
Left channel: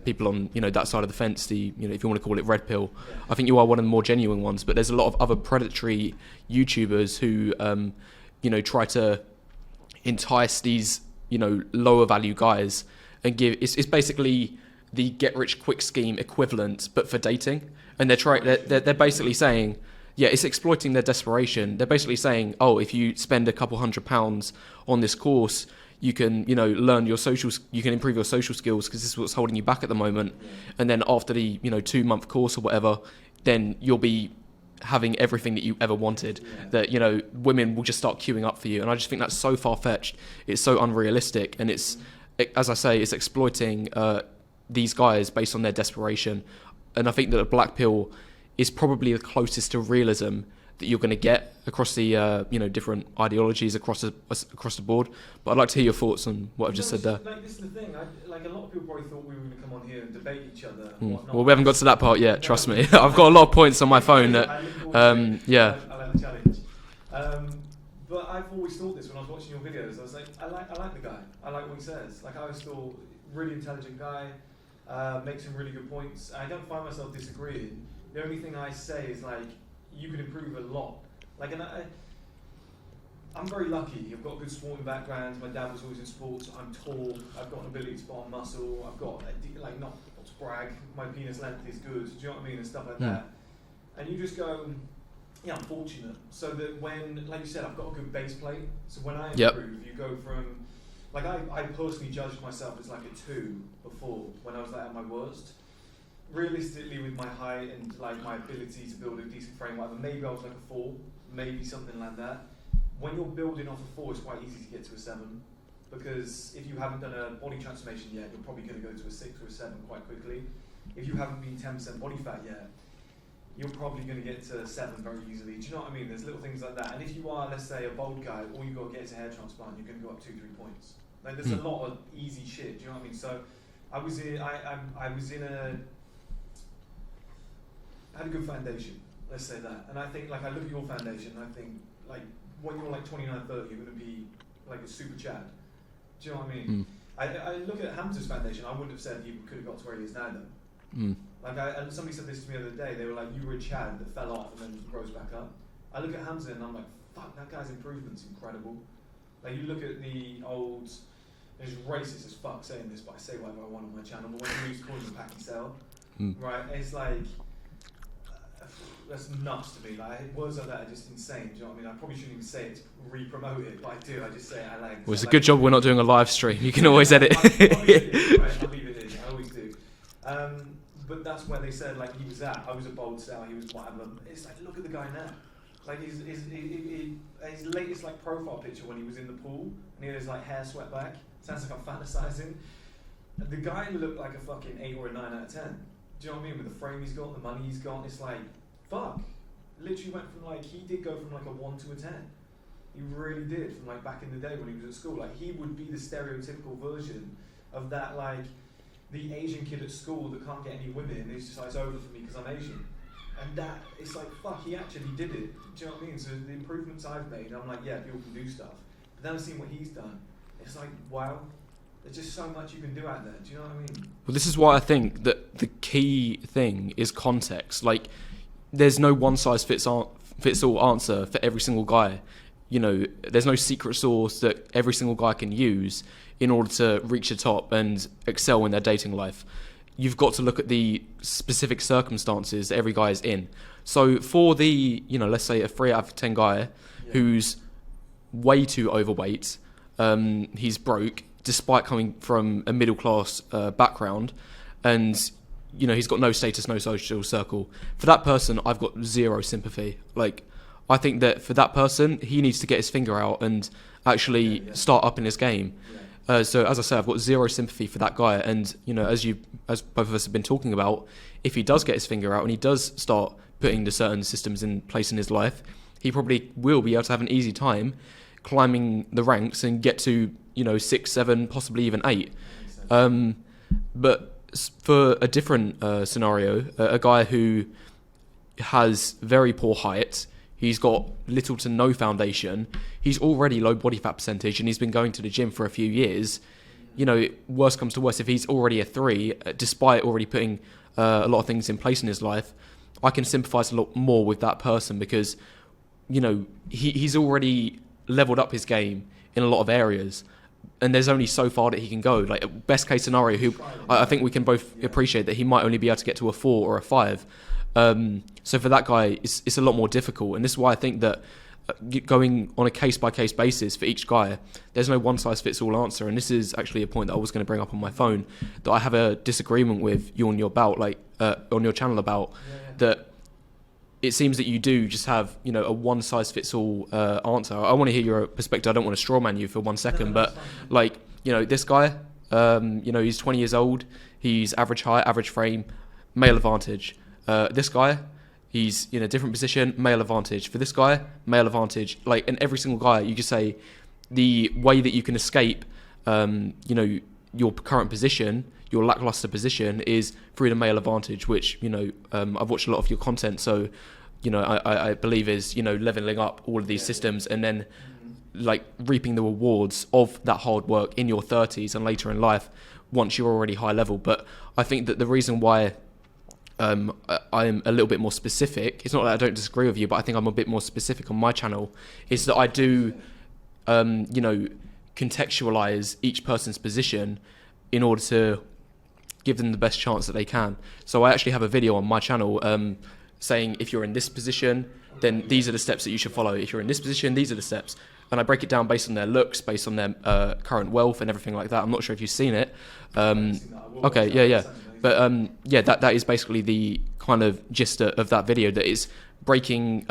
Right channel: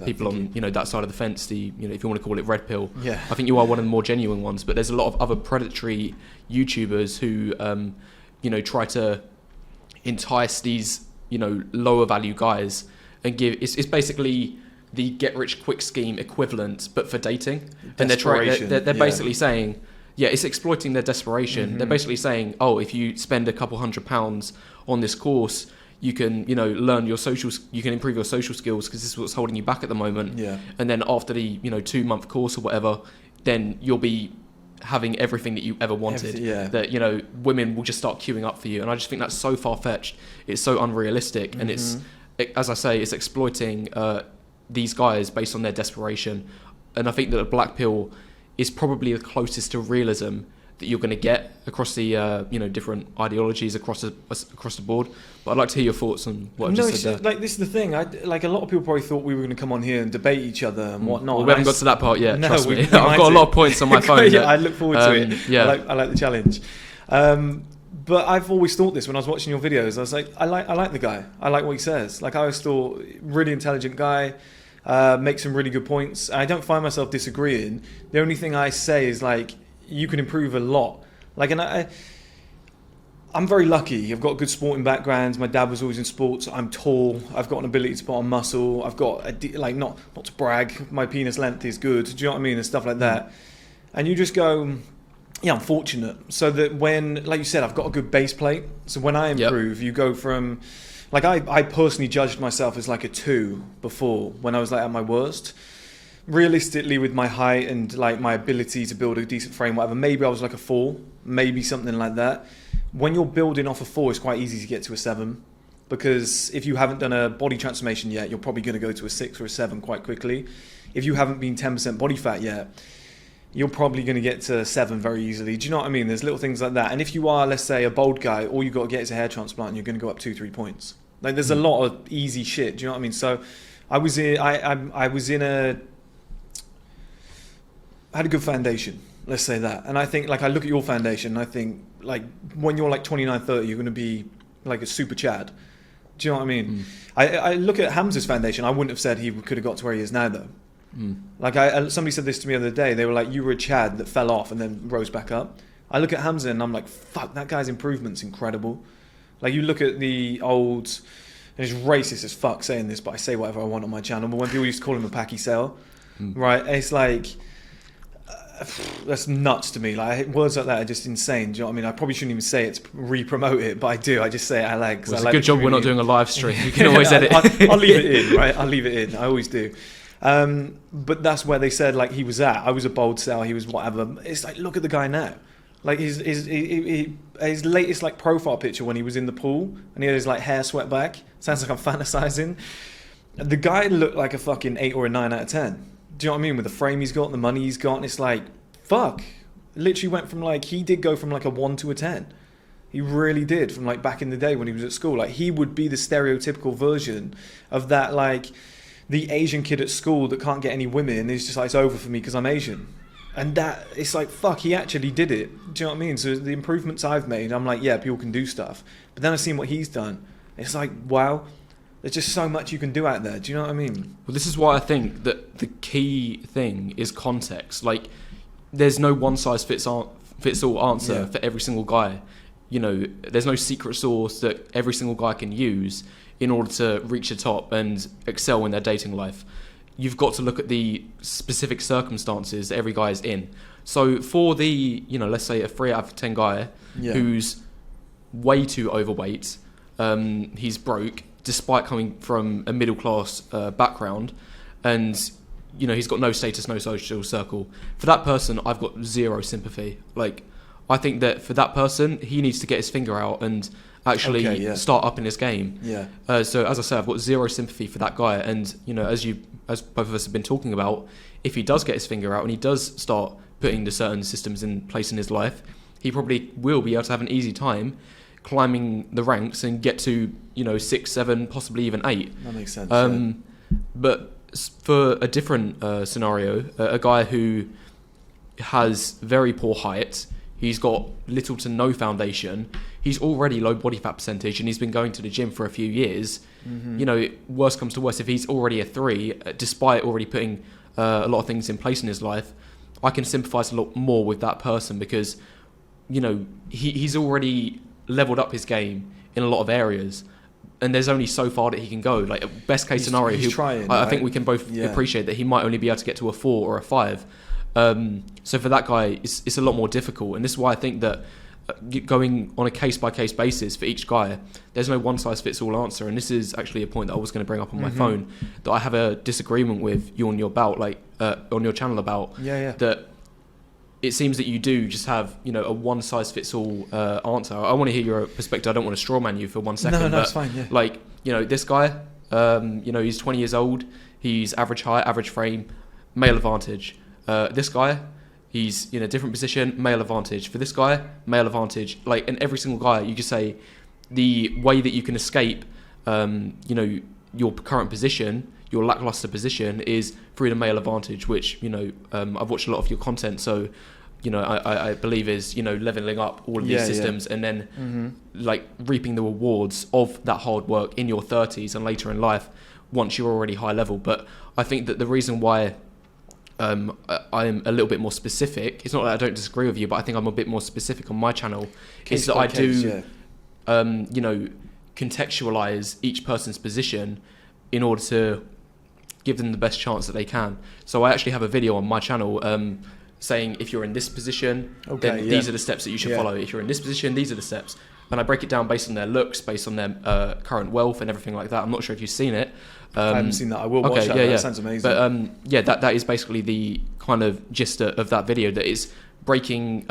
people on that side of the fence. If you want to call it red pill, I think you are one of the more genuine ones. But there's a lot of other predatory YouTubers who try to entice these lower value guys and give. It's basically the get rich quick scheme equivalent, but for dating. And they're basically saying. Yeah, it's exploiting their desperation. They're basically saying, oh, if you spend a couple £100 on this course, you can, learn your you can improve your social skills because this is what's holding you back at the moment. Yeah. And then after the, 2-month course or whatever, then you'll be having everything that you ever wanted. That, you know, women will just start queuing up for you. And I just think that's so far-fetched. It's so unrealistic. And as I say, it's exploiting these guys based on their desperation. And I think that a black pill is probably the closest to realism that you're going to get across the different ideologies across the board. But I'd like to hear your thoughts on what I've just said there. Like, this is the thing. A lot of people probably thought we were going to come on here and debate each other and whatnot. Well, we haven't got to that part yet. Trust me. I've got a lot of points on my phone. I look forward to it. Yeah, I like the challenge. But I've always thought this when I was watching your videos. I was like, I like the guy. I like what he says. Like, I always thought, really intelligent guy. Makes some really good points. I don't find myself disagreeing. The only thing I say is, like, you can improve a lot. Like, and I'm very lucky. I've got a good sporting background. My dad was always in sports. I'm tall. I've got an ability to put on muscle. I've got not to brag. My penis length is good. Do you know what I mean? And stuff like that. And you just go, yeah, I'm fortunate. So that when, like you said, I've got a good base plate. So when I improve, you go from, like, I personally judged myself as like a 2 before, when I was like at my worst. Realistically, with my height and like my ability to build a decent frame, whatever, maybe I was like a 4, maybe something like that. When you're building off a 4, it's quite easy to get to a 7, because if you haven't done a body transformation yet, you're probably going to go to a 6 or a 7 quite quickly. If you haven't been 10% body fat yet, you're probably going to get to 7 very easily. Do you know what I mean? There's little things like that. And if you are, let's say, a bold guy, all you've got to get is a hair transplant, and you're going to go up 2-3 points. Like, there's a lot of easy shit. Do you know what I mean? So I had a good foundation, let's say that. And I think, like, I look at your foundation, and I think, like, when you're like 29, 30, you're going to be like a super Chad. Do you know what I mean? I look at Hamza's foundation. I wouldn't have said he could have got to where he is now, though. Like, somebody said this to me the other day. They were like, you were a Chad that fell off and then rose back up. I look at Hamza and I'm like, fuck, that guy's improvement's incredible. Like, you look at the old, and it's racist as fuck saying this, but I say whatever I want on my channel. But when people used to call him a Packy sale, right? It's like, that's nuts to me. Like, words like that are just insane. Do you know what I mean? I probably shouldn't even say it to re-promote it, but I do. I just say it. I like. Well, it's a good job we're not doing a live stream. You can always edit it. I'll leave it in, right? I'll leave it in. I always do. But that's where they said, like, he was at. I was a bold sell. He was whatever. It's like, look at the guy now. Like, his latest, like, profile picture when he was in the pool and he had his, like, hair swept back. Sounds like I'm fantasizing. The guy looked like a fucking 8 or a 9 out of 10. Do you know what I mean? With the frame he's got and the money he's got, and it's like, fuck. Literally went from, like, he did go from like a 1 to a 10. He really did, from like back in the day when he was at school. Like, he would be the stereotypical version of that, like, the Asian kid at school that can't get any women, and he's just like, it's over for me because I'm Asian. And that, it's like, fuck, he actually did it. Do you know what I mean? So the improvements I've made, I'm like, yeah, people can do stuff. But then I've seen what he's done. It's like, wow, there's just so much you can do out there. Do you know what I mean? Well, this is why I think that the key thing is context. Like, there's no one-size-fits-all answer for every single guy. You know, there's no secret sauce that every single guy can use in order to reach the top and excel in their dating life. You've got to look at the specific circumstances that every guy is in. So for the, you know, let's say a 3 out of 10 guy who's way too overweight, he's broke, despite coming from a middle class background, and, you know, he's got no status, no social circle. For that person, I've got zero sympathy. Like, I think that for that person, he needs to get his finger out and actually start up in his game. So as I say, I've got zero sympathy for that guy. And, you know, as both of us have been talking about, if he does get his finger out and he does start putting the certain systems in place in his life, he probably will be able to have an easy time climbing the ranks and get to, you know, 6, 7, possibly even 8. That makes sense. But for a different scenario, a guy who has very poor height, he's got little to no foundation, he's already low body fat percentage, and he's been going to the gym for a few years. You know, worst comes to worst, if he's already a 3, despite already putting a lot of things in place in his life, I can sympathise a lot more with that person because, you know, he's already leveled up his game in a lot of areas, and there's only so far that he can go. Like, best case scenario, I think we can both appreciate that he might only be able to get to a 4 or a 5. So for that guy, it's a lot more difficult, and this is why I think that going on a case-by-case basis for each guy, there's no one-size-fits-all answer. And this is actually a point that I was going to bring up on my phone, that I have a disagreement with you on your channel about. That it seems that you do just have, you know, a one-size-fits-all answer. I want to hear your perspective. I don't want to strawman you for 1 second, No, but it's fine, yeah. like, you know, this guy, you know, he's 20 years old. He's average height, average frame, male advantage. This guy, he's in a different position, male advantage. For this guy, male advantage. Like, in every single guy, you just say the way that you can escape, you know, your current position, your lackluster position, is through the male advantage, which, you know, I've watched a lot of your content, so, you know, I believe is, you know, leveling up all of these systems and then like reaping the rewards of that hard work in your 30s and later in life once you're already high level. But I think that the reason why I'm a little bit more specific, it's not that I don't disagree with you, but I think I'm a bit more specific on my channel, is that I do, you know, contextualize each person's position in order to give them the best chance that they can. So I actually have a video on my channel saying, if you're in this position, then these are the steps that you should follow. If you're in this position, these are the steps. And I break it down based on their looks, based on their current wealth and everything like that. I'm not sure if you've seen it. I haven't seen that. I will watch that. That sounds amazing. But that is basically the kind of gist of that video, that is breaking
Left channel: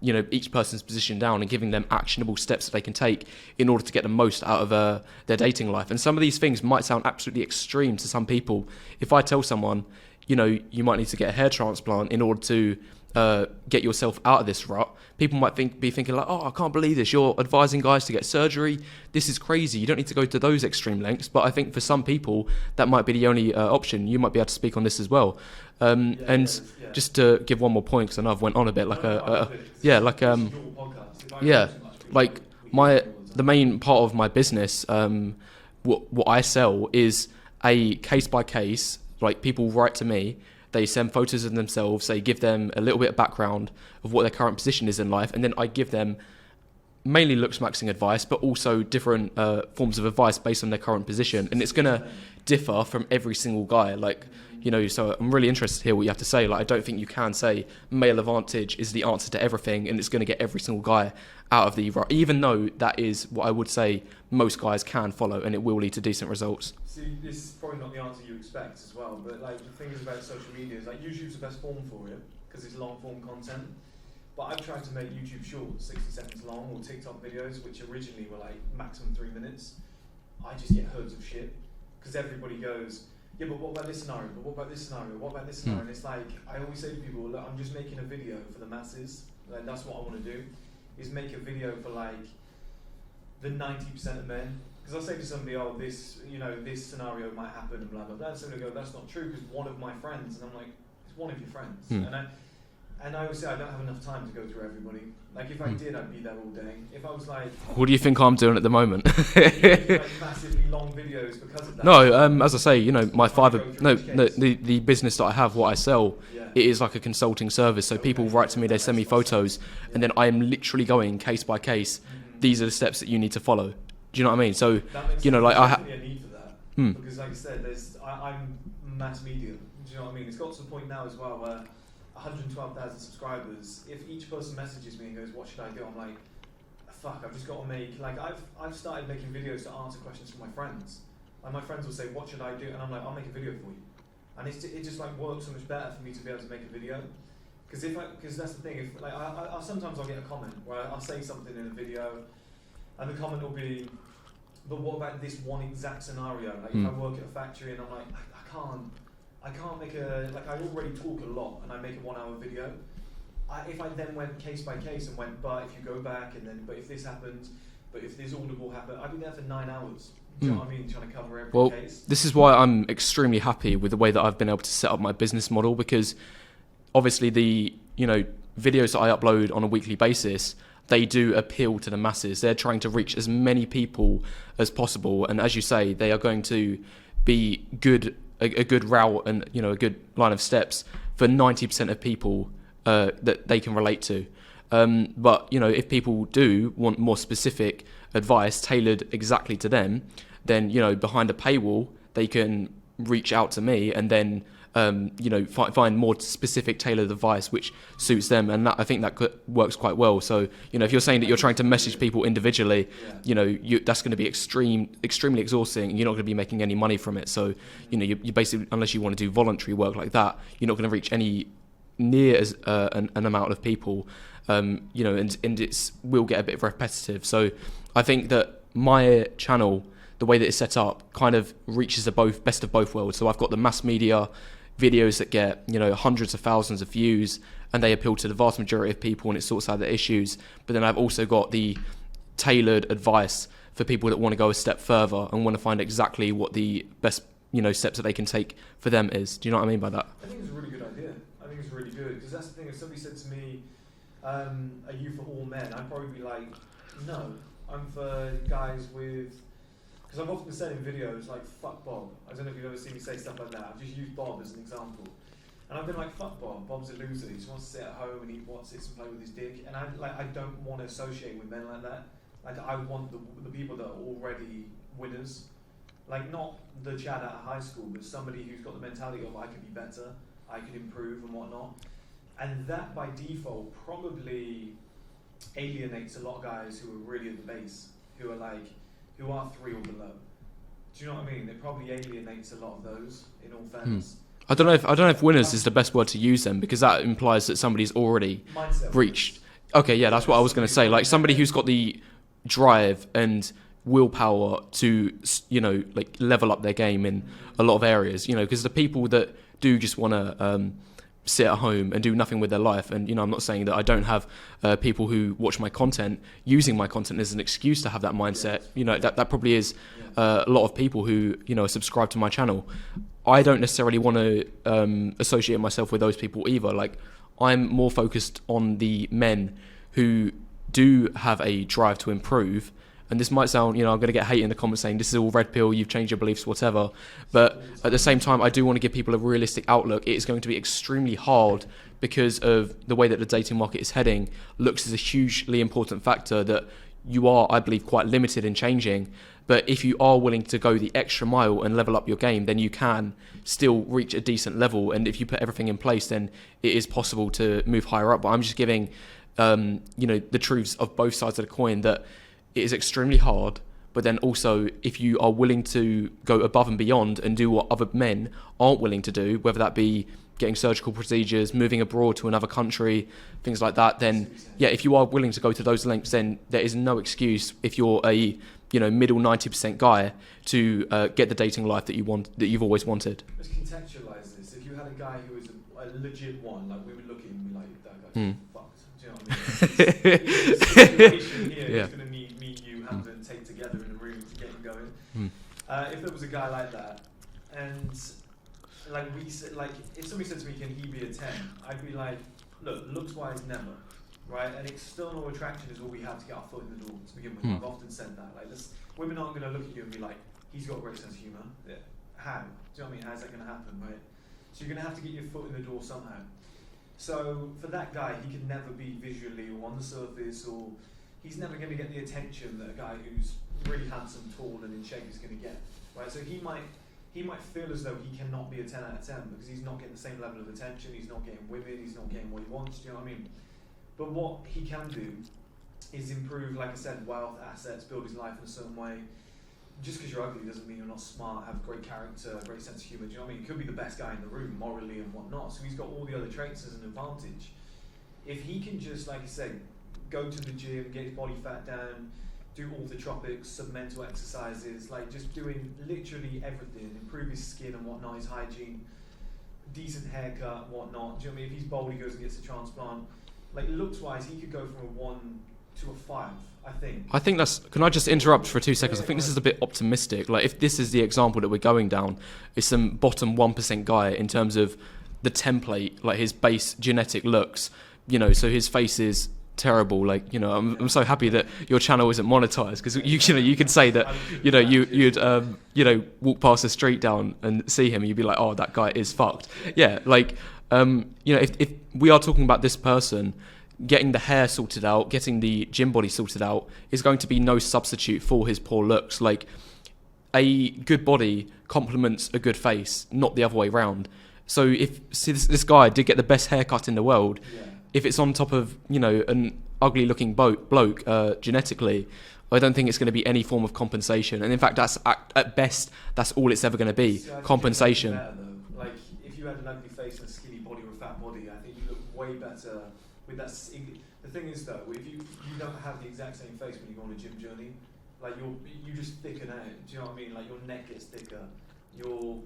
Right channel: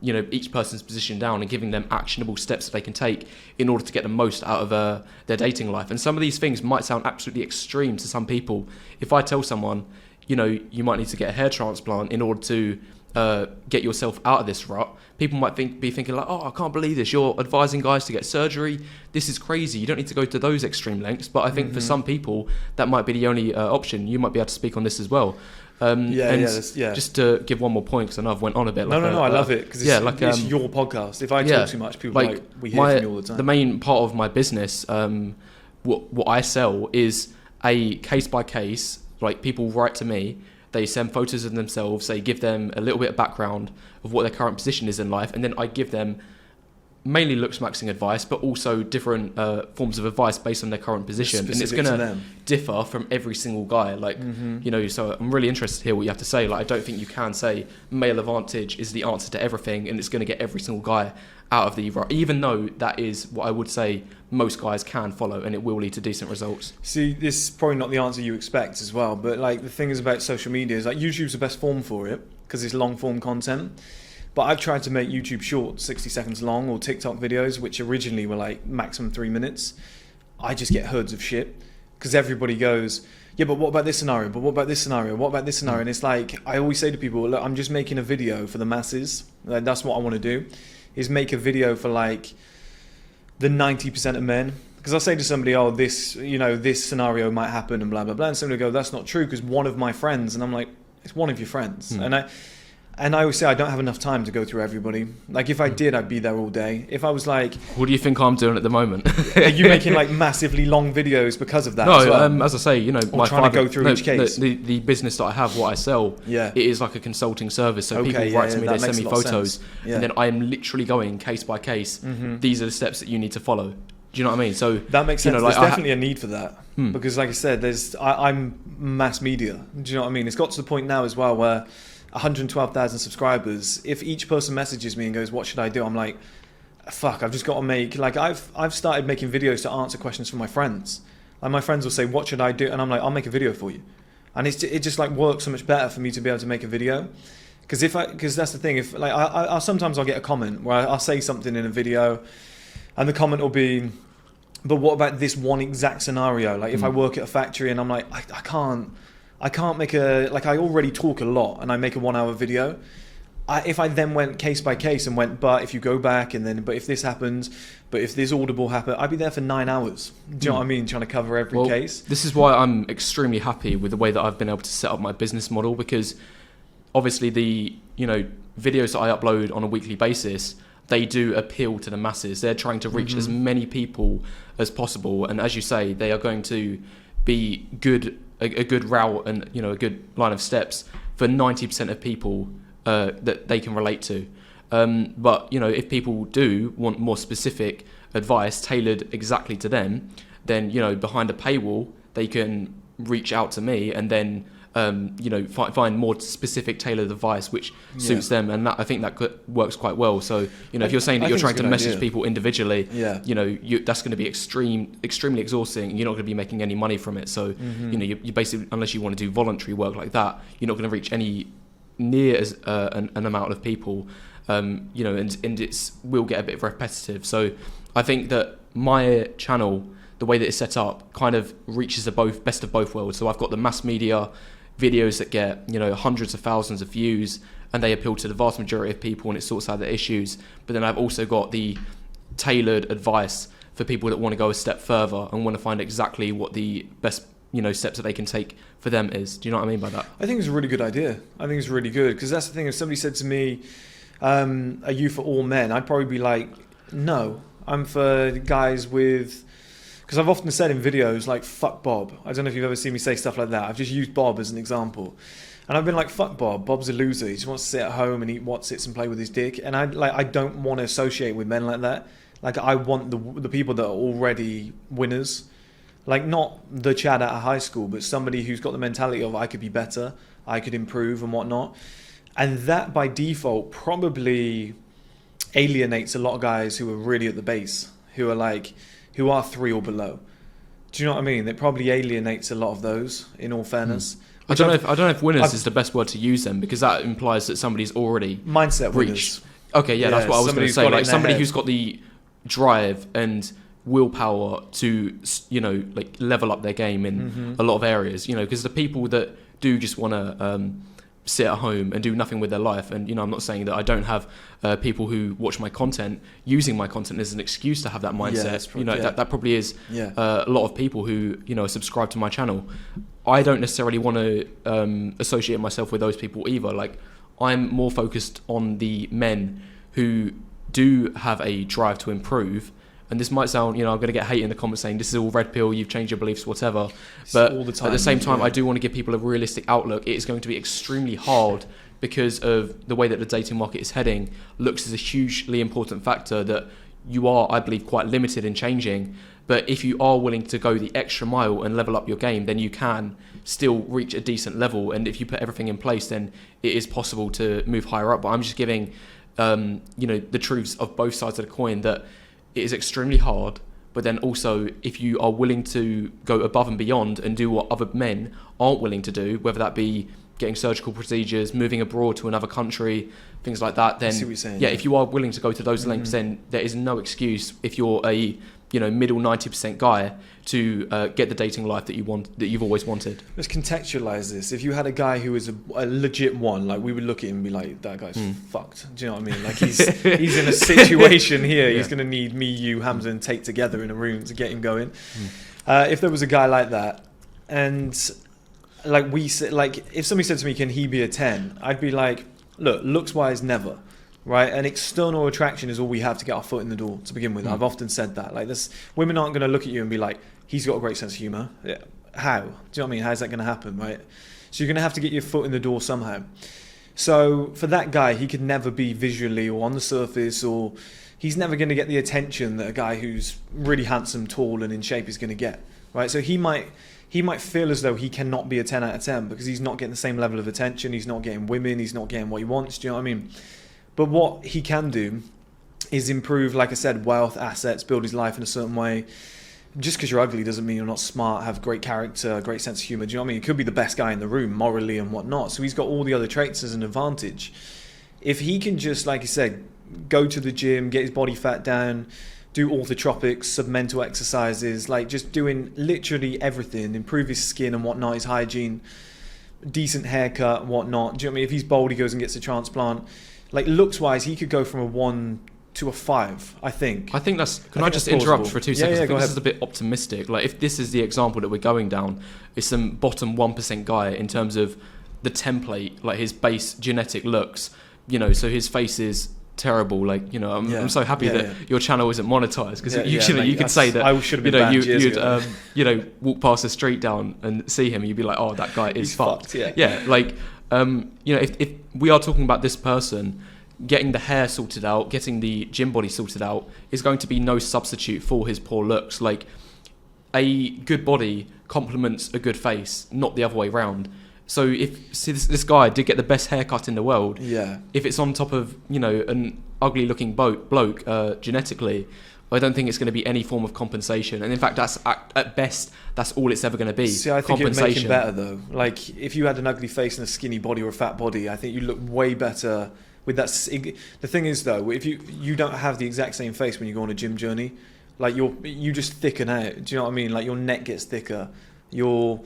you know, each person's position down and giving them actionable steps that they can take in order to get the most out of their dating life. And some of these things might sound absolutely extreme to some people. If I tell someone, you know, you might need to get a hair transplant in order to get yourself out of this rut, people might be thinking like, oh, I can't believe this, you're advising guys to get surgery, this is crazy, you don't need to go to those extreme lengths. But I think for some people that might be the only option. You might be able to speak on this as well. Just to give one more point, because I know I've went on a bit. Like I love it, because it's your podcast. If I talk too much, people like we hear from you all the time. The main part of my business, what I sell is a case by case. Like, people write to me, they send photos of themselves, they give them a little bit of background of what their current position is in life, and then I give them mainly looks maxing advice, but also different forms of advice based on their current position. And it's going to differ from every single guy. Like, you know, so I'm really interested to hear what you have to say. Like, I don't think you can say male advantage is the answer to everything and it's going to get every single guy out of the rut, even though that is what I would say most guys can follow, and it will lead to decent results. See, this is probably not the answer you expect as well, but like, the thing is about social media is like, YouTube's the best form for it because it's long form content. But I've tried to make YouTube short, 60 seconds long, or TikTok videos, which originally were like maximum 3 minutes. I just get herds of shit because everybody goes, yeah, but what about this scenario? But what about this scenario? What about this scenario? And it's like, I always say to people, look, I'm just making a video for the masses. Like, that's what I want to do, is make a video for like the 90% of men. Because I'll say to somebody, oh, this, you know, this scenario might happen and blah, blah, blah. And somebody will go, that's not true because one of my friends. And I'm like, it's one of your friends. And I always say I don't have enough time to go through everybody. Like, if I did, I'd be there all day. If I was like... What do you think I'm doing at the moment? Are you making like massively long videos because of that? No, as well? As I say, you know, my father... The business that I have, what I sell, it is like a consulting service. So people write to me, they send me photos, and then I am literally going case by case. These are the steps that you need to follow. Do you know what I mean? So that makes sense. You know, like, there's definitely a need for that. Because like I said, I'm mass media. Do you know what I mean? It's got to the point now as well where 112,000 subscribers, if each person messages me and goes, what should I do? I'm like, fuck, I've just got to make, like, I've started making videos to answer questions from my friends. And my friends will say, what should I do? And I'm like, I'll make a video for you. And it just like works so much better for me to be able to make a video. Because that's the thing, if like, I'll sometimes I'll get a comment where I'll say something in a video and the comment will be, but what about this one exact scenario? Like, if I work at a factory and I'm like, I can't make like, I already talk a lot and I make a 1 hour video. If I then went case by case and went, but if you go back and then, but if this happens, but if this audible happen, I'd be there for 9 hours. Do you know what I mean? Trying to cover every case. This is why I'm extremely happy with the way that I've been able to set up my business model, because obviously the, you know, videos that I upload on a weekly basis, they do appeal to the masses. They're trying to reach as many people as possible. And as you say, they are going to be a good route and, you know, a good line of steps for 90% of people that they can relate to. But, you know, if people do want more specific advice tailored exactly to them, then, you know, behind a paywall, they can reach out to me and then, you know, find more specific tailored advice which suits them. And that, I think that works quite well. So, you know, if you're saying that you're trying to message people individually, you know, that's going to be extremely exhausting, and you're not going to be making any money from it. So, you know, you basically, unless you want to do voluntary work like that, you're not going to reach any near as an amount of people, and it's will get a bit repetitive. So I think that my channel, the way that it's set up, kind of reaches the best of both worlds. So I've got the mass media videos that get hundreds of thousands of views, and they appeal to the vast majority of people, and it sorts out the issues. But then I've also got the tailored advice for people that want to go a step further and want to find exactly what the best steps that they can take for them is. Do you know what I mean by that? I think it's a really good idea. I think it's really good, because that's the thing. If somebody said to me, are you for all men? I'd probably be like, no, I'm for guys with... Because I've often said in videos, like, fuck Bob. I don't know if you've ever seen me say stuff like that. I've just used Bob as an example. And I've been like, fuck Bob. Bob's a loser. He just wants to sit at home and eat Wotsits and play with his dick. And I don't want to associate with men like that. Like, I want the people that are already winners. Like, not the Chad out of high school, but somebody who's got the mentality of, I could be better, I could improve and whatnot. And that, by default, probably alienates a lot of guys who are really at the base, who are 3 or below. Do you know what I mean? It probably alienates a lot of those, in all fairness. I don't know if winners is the best word to use them, because that implies that somebody's already mindset reached. Winners. Okay, yeah, that's what I was going to say. Like, somebody who's got the drive and willpower to level up their game in a lot of areas. Because the people that do just want to sit at home and do nothing with their life, and I'm not saying that I don't have people who watch my content using my content as an excuse to have that mindset. That probably is a lot of people who are subscribed to my channel. I don't necessarily want to associate myself with those people either. Like, I'm more focused on the men who do have a drive to improve. And this might sound, I'm going to get hate in the comments saying this is all red pill, you've changed your beliefs, whatever. But at the same time, I do want to give people a realistic outlook. It is going to be extremely hard because of the way that the dating market is heading. Looks is a hugely important factor that you are, I believe, quite limited in changing. But if you are willing to go the extra mile and level up your game, then you can still reach a decent level. And if you put everything in place, then it is possible to move higher up. But I'm just giving, the truths of both sides of the coin, that it is extremely hard, but then also if you are willing to go above and beyond and do what other men aren't willing to do, whether that be getting surgical procedures, moving abroad to another country, things like that, then if you are willing to go to those lengths, then there is no excuse if you're a middle 90% guy to get the dating life that you've always wanted. Let's contextualize this. If you had a guy who was a legit one, like, we would look at him and be like, that guy's fucked. Do you know what I mean? Like, he's in a situation here. He's going to need me, you, Hamza, and Tate together in a room to get him going. If there was a guy like that, and like if somebody said to me, can he be a 10? I'd be like, look, looks wise, never. Right, and external attraction is all we have to get our foot in the door to begin with. I've often said that. Like, this, women aren't going to look at you and be like, he's got a great sense of humour. Yeah. How? Do you know what I mean? How's that going to happen, right? So you're going to have to get your foot in the door somehow. So for that guy, he could never be visually or on the surface, or he's never going to get the attention that a guy who's really handsome, tall, and in shape is going to get. Right, so he might feel as though he cannot be a 10 out of 10 because he's not getting the same level of attention. He's not getting women. He's not getting what he wants. Do you know what I mean? But what he can do is improve, like I said, wealth, assets, build his life in a certain way. Just because you're ugly doesn't mean you're not smart, have great character, great sense of humour. Do you know what I mean? He could be the best guy in the room, morally and whatnot. So he's got all the other traits as an advantage. If he can just, like you said, go to the gym, get his body fat down, do orthotropics, submental exercises, like just doing literally everything, improve his skin and whatnot, his hygiene, decent haircut, whatnot. Do you know what I mean? If he's bald, he goes and gets a transplant. Like, looks-wise, he could go from a 1 to a 5, I think. I think that's... Can I just interrupt for 2 seconds? I think this is a bit optimistic. Like, if this is the example that we're going down, it's some bottom 1% guy in terms of the template, like his base genetic looks, so his face is terrible. Like, I'm so happy that your channel isn't monetized, because you could say that you'd walk past the street down and see him and you'd be like, oh, that guy is fucked. If we are talking about this person, getting the hair sorted out, getting the gym body sorted out is going to be no substitute for his poor looks. Like, a good body complements a good face, not the other way around. So if this guy did get the best haircut in the world, if it's on top of an ugly looking bloke genetically, I don't think it's going to be any form of compensation. And in fact, that's at best, that's all it's ever going to be. See, I think compensation. it'd make it better though. Like if you had an ugly face and a skinny body or a fat body, I think you look way better with that. The thing is though, if you don't have the exact same face when you go on a gym journey, like you just thicken out. Do you know what I mean? Like your neck gets thicker, your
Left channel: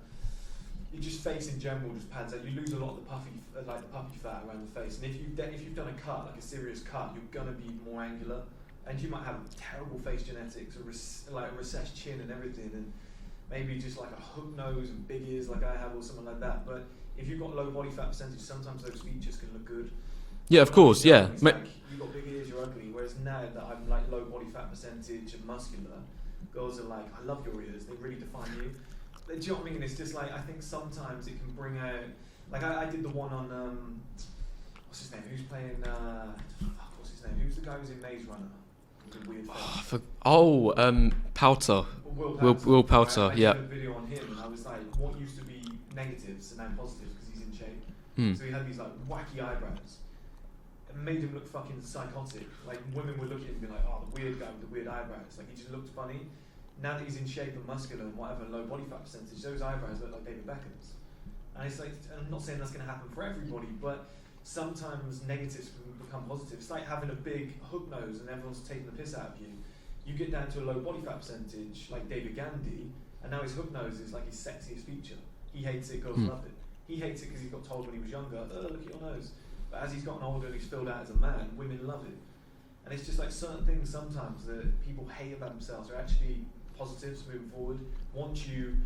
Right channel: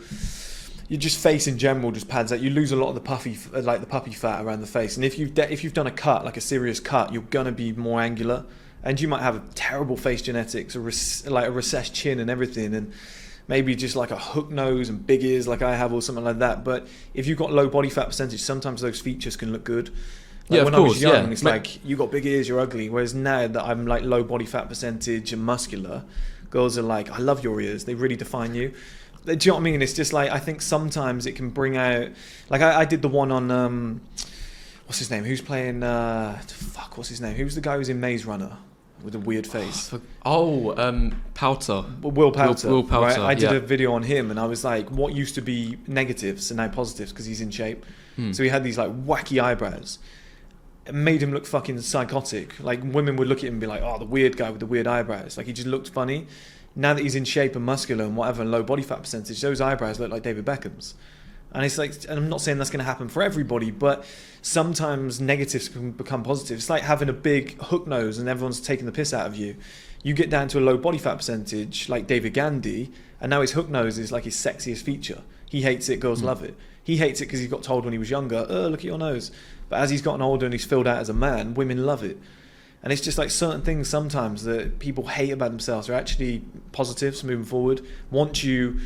just face in general just pads out. You lose a lot of the puffy fat around the face. And if you've done a cut, like a serious cut, you're gonna be more angular. And you might have a terrible face genetics, like a recessed chin and everything, and maybe just like a hook nose and big ears like I have or something like that. But if you've got low body fat percentage, sometimes those features can look good. Yeah, of course, yeah. It's like, you got big ears, you're ugly. Whereas now that I'm like low body fat percentage and muscular, girls are like, I love your ears, they really define you. Do you know what I mean? It's just like, I think sometimes it can bring out, like I did the one on, what's his name? Who's playing, what's his name? Who's the guy who's in Maze Runner? With a weird face. Pouter. Will Pouter. Will Pouter. Right? I did a video on him, and I was like, what used to be negatives are now positives because he's in shape. So he had these like wacky eyebrows. It made him look fucking psychotic. Like women would look at him and be like, oh, the weird guy with the weird eyebrows. Like he just looked funny. Now that he's in shape and muscular and whatever, and low body fat percentage, those eyebrows look like David Beckham's. And it's like, and I'm not saying that's going to happen for everybody, but sometimes negatives can become positive. It's like having a big hook nose and everyone's taking the piss out of you. You get down to a low body fat percentage, like David Gandy, and now his hook nose is like his sexiest feature. He hates it, girls love it. He hates it because he got told when he was younger, oh, look at your nose. But as he's gotten older and he's filled out as a man, women love it. And it's just like certain things sometimes that people hate about themselves are actually positives moving forward. Once you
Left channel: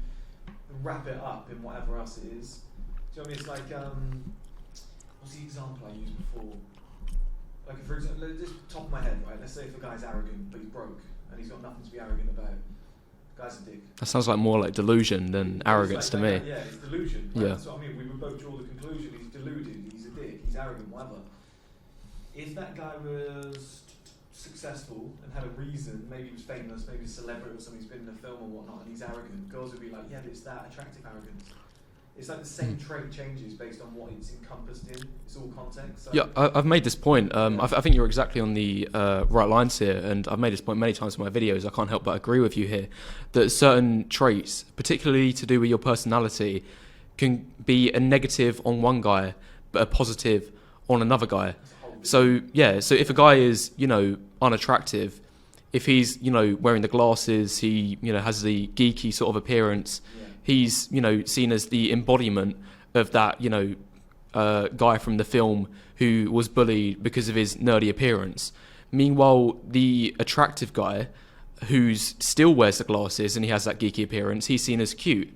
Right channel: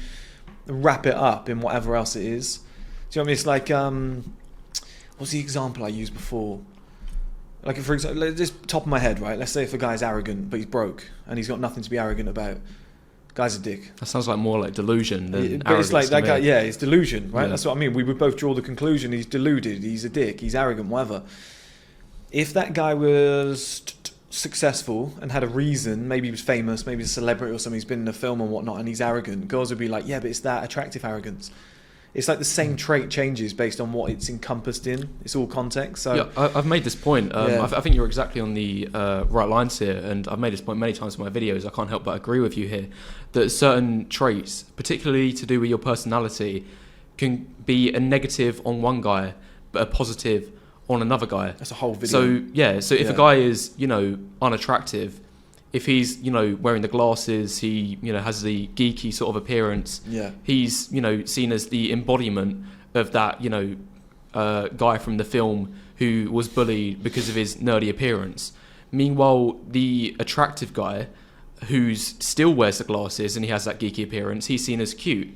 wrap it up in whatever else it is. Do you know what I mean? It's like, what's the example I used before? Like, for example, just top of my head, right? Let's say if a guy's arrogant, but he's broke, and he's got nothing to be arrogant about. Guy's a dick. That sounds like more like delusion than arrogance it's like to that me. guy, yeah, it's delusion, right? Yeah. That's what I mean. We would both draw the conclusion he's deluded, he's a dick, he's arrogant, whatever. If that guy was successful and had a reason, maybe he was famous, maybe he's a celebrity or something, he's been in a film and whatnot, and he's arrogant, girls would be like, yeah, but it's that attractive arrogance. It's like the same trait changes based on what it's encompassed in. It's all context. So yeah, I've made this point. I think you're exactly on the right lines here, and I've made this point many times in my videos. I can't help but agree with you here that certain traits, particularly to do with your personality, can be a negative on one guy, but a positive on another guy. That's a whole video. So yeah, so if a guy is, unattractive, if he's, wearing the glasses, he, has the geeky sort of appearance, he's, seen as the embodiment of that, guy from the film who was bullied because of his nerdy appearance. Meanwhile, the attractive guy who's still wears the glasses and he has that geeky appearance, he's seen as cute.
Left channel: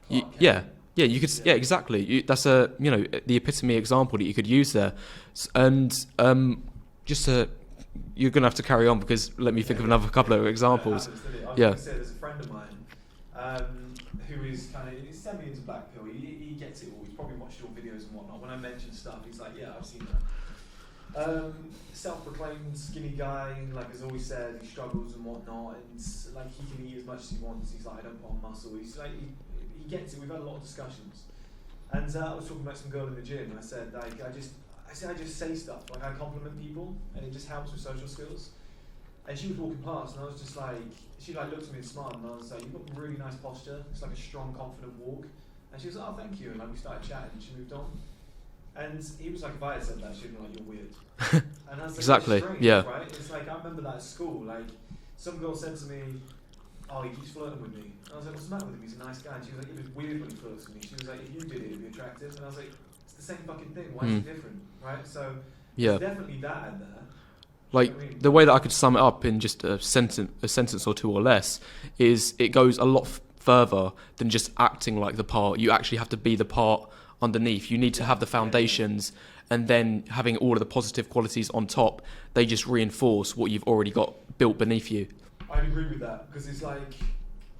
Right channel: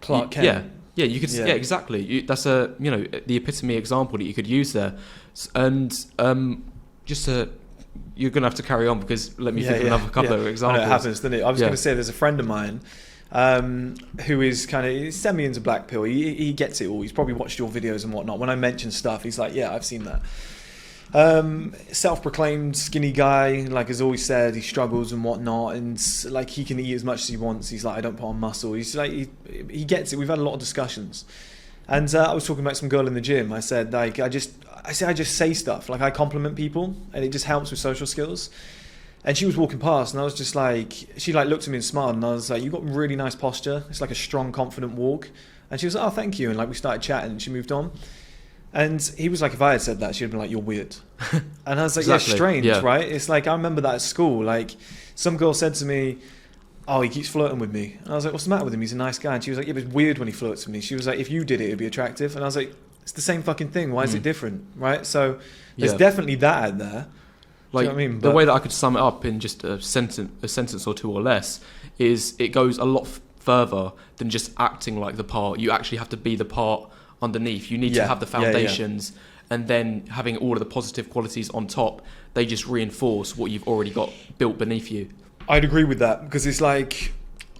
Clark Kent. Yeah, you could. Yeah, exactly. That's the epitome example that you could use there, and you're gonna have to carry on because let me think of another couple of examples. It happens, doesn't it? I was gonna say there's a friend of mine who is he's semi into black pill. He gets it all. He's probably watched your videos and whatnot. When I mention stuff, he's like, yeah, I've seen that. Self-proclaimed skinny guy, like has always said he struggles and whatnot, and like he can eat as much as he wants. He's like, I don't put on muscle. He's like, he gets it. We've had a lot of discussions, and I was talking about some girl in the gym. I said like I just say stuff, like I compliment people, and it just helps with social skills. And she was walking past, and I was just like, she like looked at me and smiled, and I was like, you've got really nice posture. It's like a strong, confident walk. And she was like, oh, thank you. And like we started chatting, and she moved on. And he was like, if I had said that, she'd been like, you're weird. And I was like, exactly. Yeah, strange, right? It's like, I remember that at school. Like, some girl said to me, oh, he keeps flirting with me. And I was like, what's the matter with him? He's a nice guy. And she was like, yeah, but it's weird when he flirts with me. She was like, if you did it, it'd be attractive. And I was like, it's the same fucking thing. Why is it different, right? So there's definitely that out there. Like, you know what I mean? the way that I could sum it up in just a sentence or two or less is it goes a lot further than just acting like the part. You actually have to be the part underneath. You need to have the foundations, and then having all of the positive qualities on top, they just reinforce what you've already got built beneath you. I'd agree with that, because it's like,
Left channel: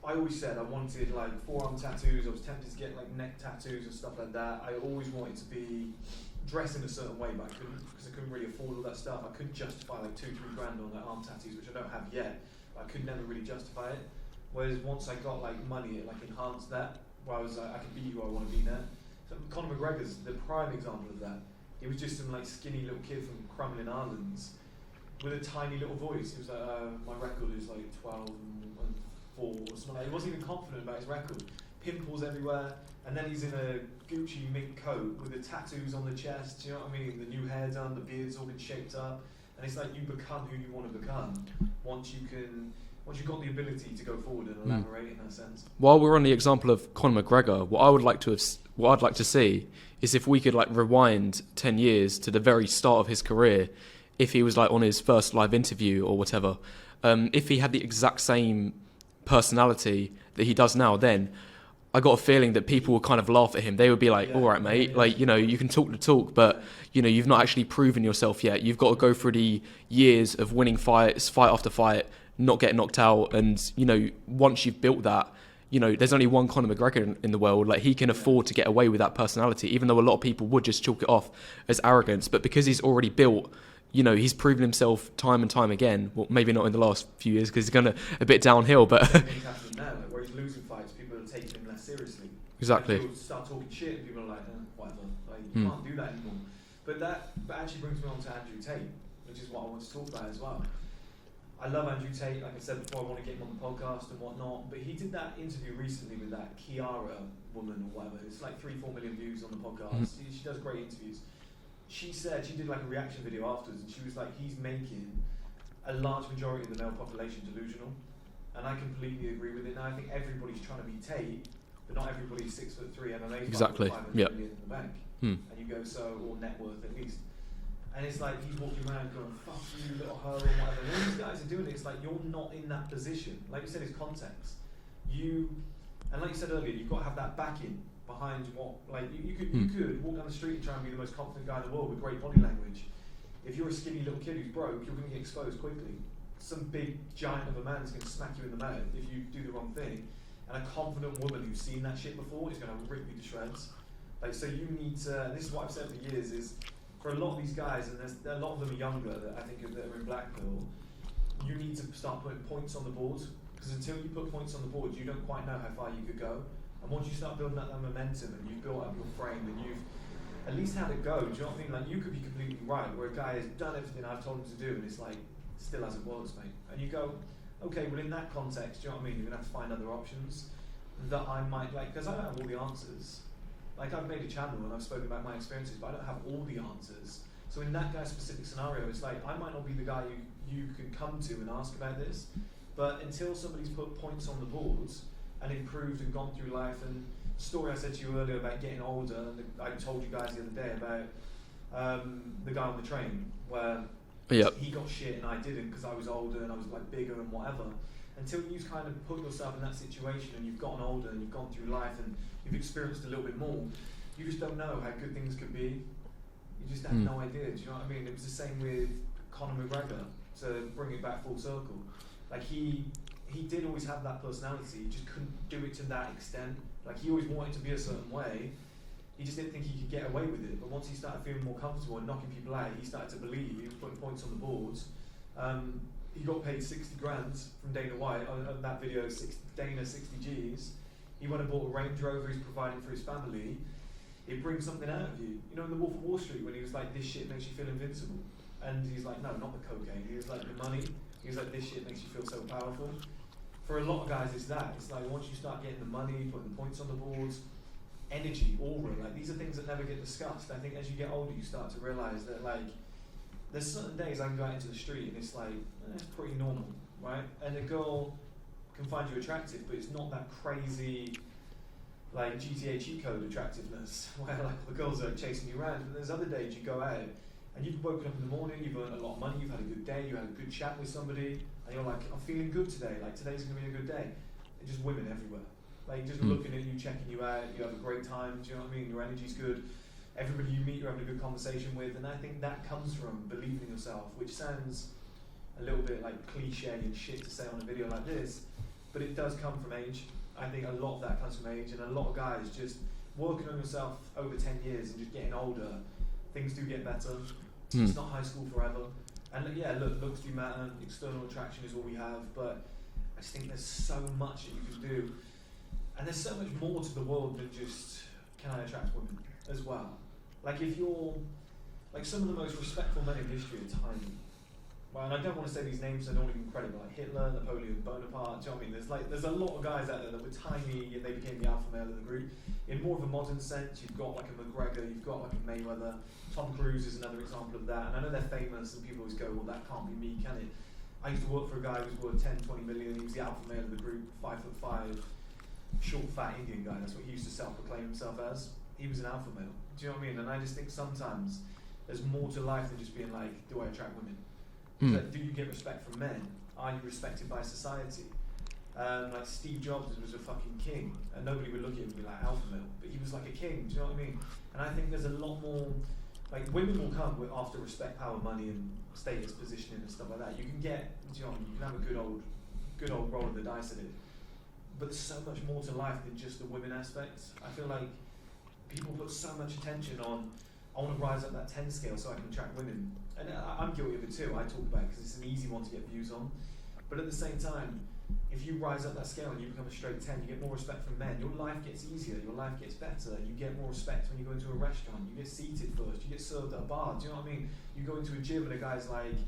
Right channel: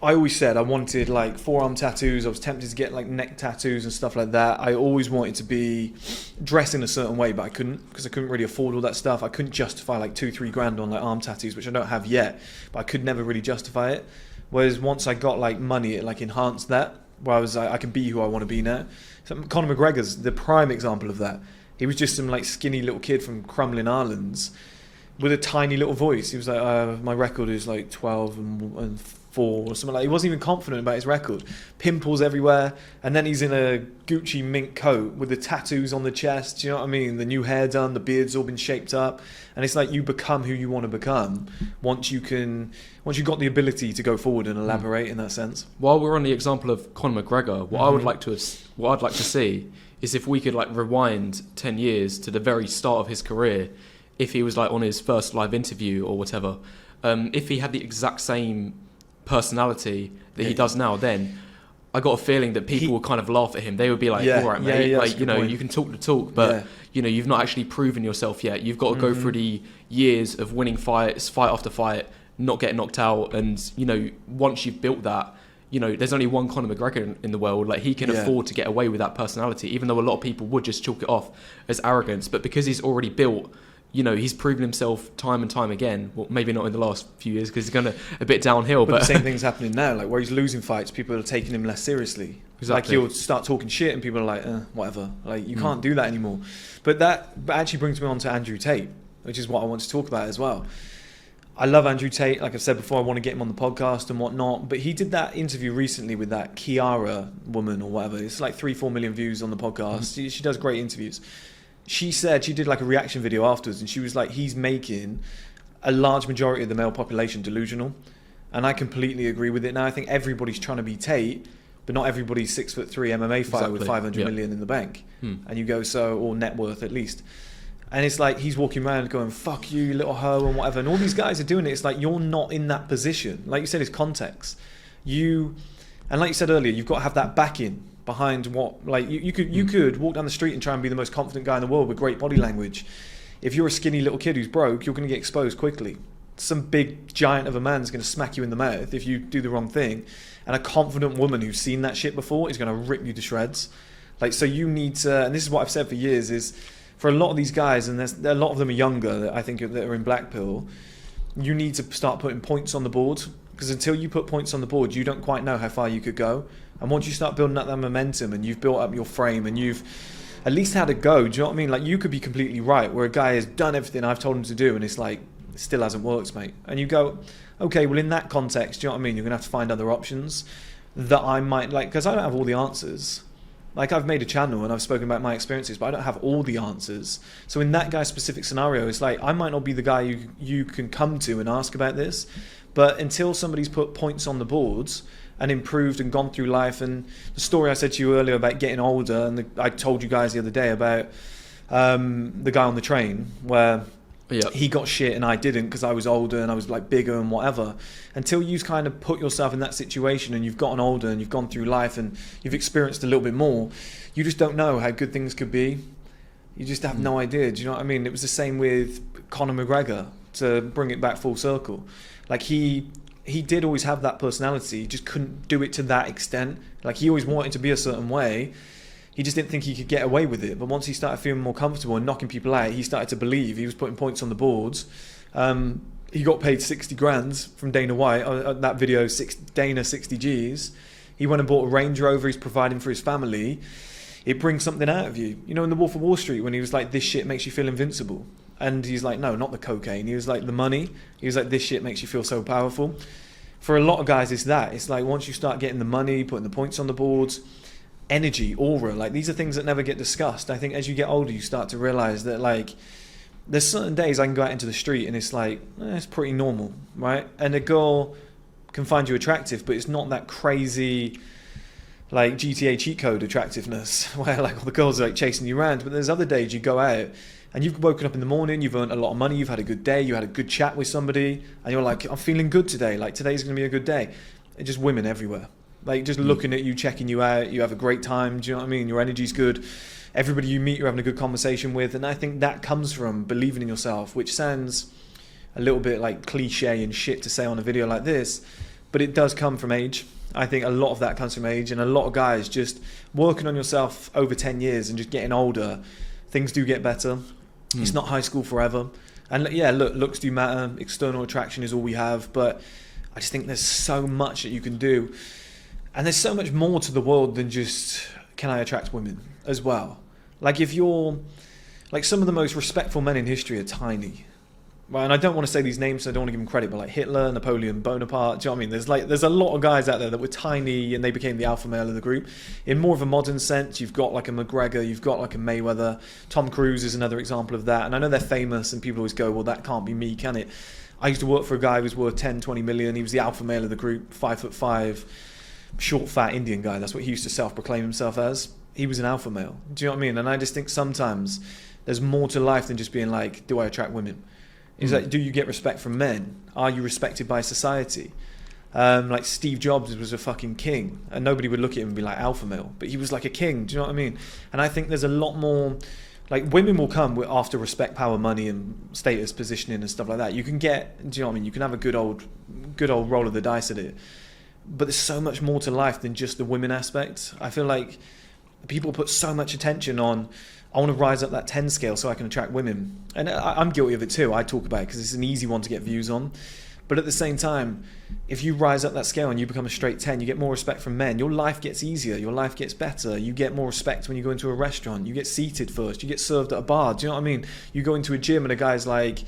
I always said I wanted like forearm tattoos. I was tempted to get like neck tattoos and stuff like that. I always wanted to be dressed in a certain way, but I couldn't, because I couldn't really afford all that stuff. I couldn't justify like 2-3 grand on like arm tattoos, which I don't have yet, but I could never really justify it. Whereas once I got like money, it like enhanced that, where I was like, I can be who I want to be now. So Conor McGregor's the prime example of that. He was just some like skinny little kid from Crumlin Islands, with a tiny little voice. He was like, my record is like 12 and 4 or something like. He wasn't even confident about his record. Pimples everywhere, and then he's in a Gucci mink coat with the tattoos on the chest. Do you know what I mean? The new hair done, the beard's all been shaped up, and it's like you become who you want to become once you've got the ability to go forward and elaborate in that sense. While we're on the example of Conor McGregor, what I'd like to see is if we could like rewind 10 years to the very start of his career, if he was like on his first live interview or whatever, if he had the exact same personality that he does now, then I got a feeling that people would kind of laugh at him. They would be like, all right, mate, like, you know, you can talk the talk, but, you know, you've not actually proven yourself yet. You've got to go through the years of winning fights, fight after fight, not getting knocked out. And, you know, once you've built that, you know, there's only one Conor McGregor in the world. Like, he can afford to get away with that personality, even though a lot of people would just chalk it off as arrogance. But because he's already built, you know, he's proven himself time and time again. Well, maybe not in the last few years because he's gone a bit downhill. But the same thing's happening now. Like, where he's losing fights, people are taking him less seriously. Exactly. Like, he'll start talking shit and people are like, whatever. Like, you can't do that anymore. But that actually brings me on to Andrew Tate, which is what I want to talk about as well. I love Andrew Tate. Like I've said before, I want to get him on the podcast and whatnot. But he did that interview recently with that Kiara woman or whatever. It's like 3-4 million views on the podcast. She does great interviews. She said she did like a reaction video afterwards, and she was like, he's making a large majority of the male population delusional. And I completely agree with it. Now I think everybody's trying to be Tate, but not everybody's 6'3" MMA fighter with 500 million in the bank. And you go, or net worth at least. And it's like he's walking around going, fuck you, little hoe, and whatever. And all these guys are doing it. It's like you're not in that position. Like you said, it's context. And like you said earlier, you've got to have that backing behind what, like you could walk down the street and try and be the most confident guy in the world with great body language. If you're a skinny little kid who's broke, you're going to get exposed quickly. Some big giant of a man's going to smack you in the mouth if you do the wrong thing. And a confident woman who's seen that shit before is going to rip you to shreds. Like, so you need to, and this is what I've said for years, is for a lot of these guys, and a lot of them are younger, that I think that are in black pill, you need to start putting points on the board, because until you put points on the board, you don't quite know how far you could go. And once you start building up that momentum and you've built up your frame and you've at least had a go, do you know what I mean? Like, you could be completely right, where a guy has done everything I've told him to do and it's like, it still hasn't worked, mate. And you go, okay, well in that context, do you know what I mean? You're going to have to find other options that I might like, because I don't have all the answers. Like, I've made a channel and I've spoken about my experiences, but I don't have all the answers. So in that guy's specific scenario, it's like, I might not be the guy you can come to and ask about this, but until somebody's put points on the boards and improved and gone through life, and the story I said to you earlier about getting older, and I told you guys the other day about the guy on the train where he got shit and I didn't because I was older and I was like bigger and whatever. Until you've kind of put yourself in that situation and you've gotten older and you've gone through life and you've experienced a little bit more, you just don't know how good things could be. You just have no idea. Do you know what I mean? It was the same with Conor McGregor, to bring it back full circle. Like, he did always have that personality, he just couldn't do it to that extent. Like, he always wanted to be a certain way, he just didn't think he could get away with it. But once he started feeling more comfortable and knocking people out, he started to believe. He was putting points on the boards. He got paid 60 grand from Dana White, that video, Dana 60 G's. He went and bought a Range Rover, he's providing for his family. It brings something out of you. You know, in The Wolf of Wall Street, when he was like, this shit makes you feel invincible. And he's like, no, not the cocaine. He was like, the money. He was like, this shit makes you feel so powerful. For a lot of guys, it's that. It's like, once you start getting the money, putting the points on the boards, energy, aura, like, these are things that never get discussed. I think as you get older, you start to realize that, like, there's certain days I can go out into the street and it's like, it's pretty normal, right? And a girl can find you attractive, but it's not that crazy, like, GTA cheat code attractiveness where, like, all the girls are like chasing you around. But there's other days you go out and you've woken up in the morning, you've earned a lot of money, you've had a good day, you had a good chat with somebody, and you're like, I'm feeling good today, like, today's going to be a good day. It's just women everywhere, like, just looking at you, checking you out, you have a great time, do you know what I mean? Your energy's good, everybody you meet you're having a good conversation with. And I think that comes from believing in yourself, which sounds a little bit like cliche and shit to say on a video like this, but it does come from age. I think a lot of that comes from age, and a lot of guys just working on yourself over 10 years and just getting older, things do get better. It's not high school forever. And yeah, look, looks do matter, external attraction is all we have, but I just think there's so much that you can do. And there's so much more to the world than just, can I attract women as well? Like, if you're, like, some of the most respectful men in history are tiny. Right, and I don't want to say these names, so I don't want to give them credit, but like Hitler, Napoleon Bonaparte, do you know what I mean? There's a lot of guys out there that were tiny and they became the alpha male of the group. In more of a modern sense, you've got like a McGregor, you've got like a Mayweather, Tom Cruise is another example of that. And I know they're famous and people always go, well, that can't be me, can it? I used to work for a guy who was worth 10, 20 million. He was the alpha male of the group, 5'5", short, fat Indian guy. That's what he used to self-proclaim himself as. He was an alpha male. Do you know what I mean? And I just think sometimes there's more to life than just being like, do I attract women? It's like, do you get respect from men? Are you respected by society? Like Steve Jobs was a fucking king, and nobody would look at him and be like alpha male, but he was like a king. Do you know what I mean? And I think there's a lot more. Like women will come after respect, power, money, and status, positioning, and stuff like that. You can get. Do you know what I mean? You can have a good old roll of the dice at it, but there's so much more to life than just the women aspect. I feel like people put so much attention on. I want to rise up that 10 scale so I can attract women. And I'm guilty of it too. I talk about it because it's an easy one to get views on. But at the same time, if you rise up that scale and you become a straight 10, you get more respect from men. Your life gets easier. Your life gets better. You get more respect when you go into a restaurant. You get seated first. You get served at a bar. Do you know what I mean? You go into a gym and a guy's like,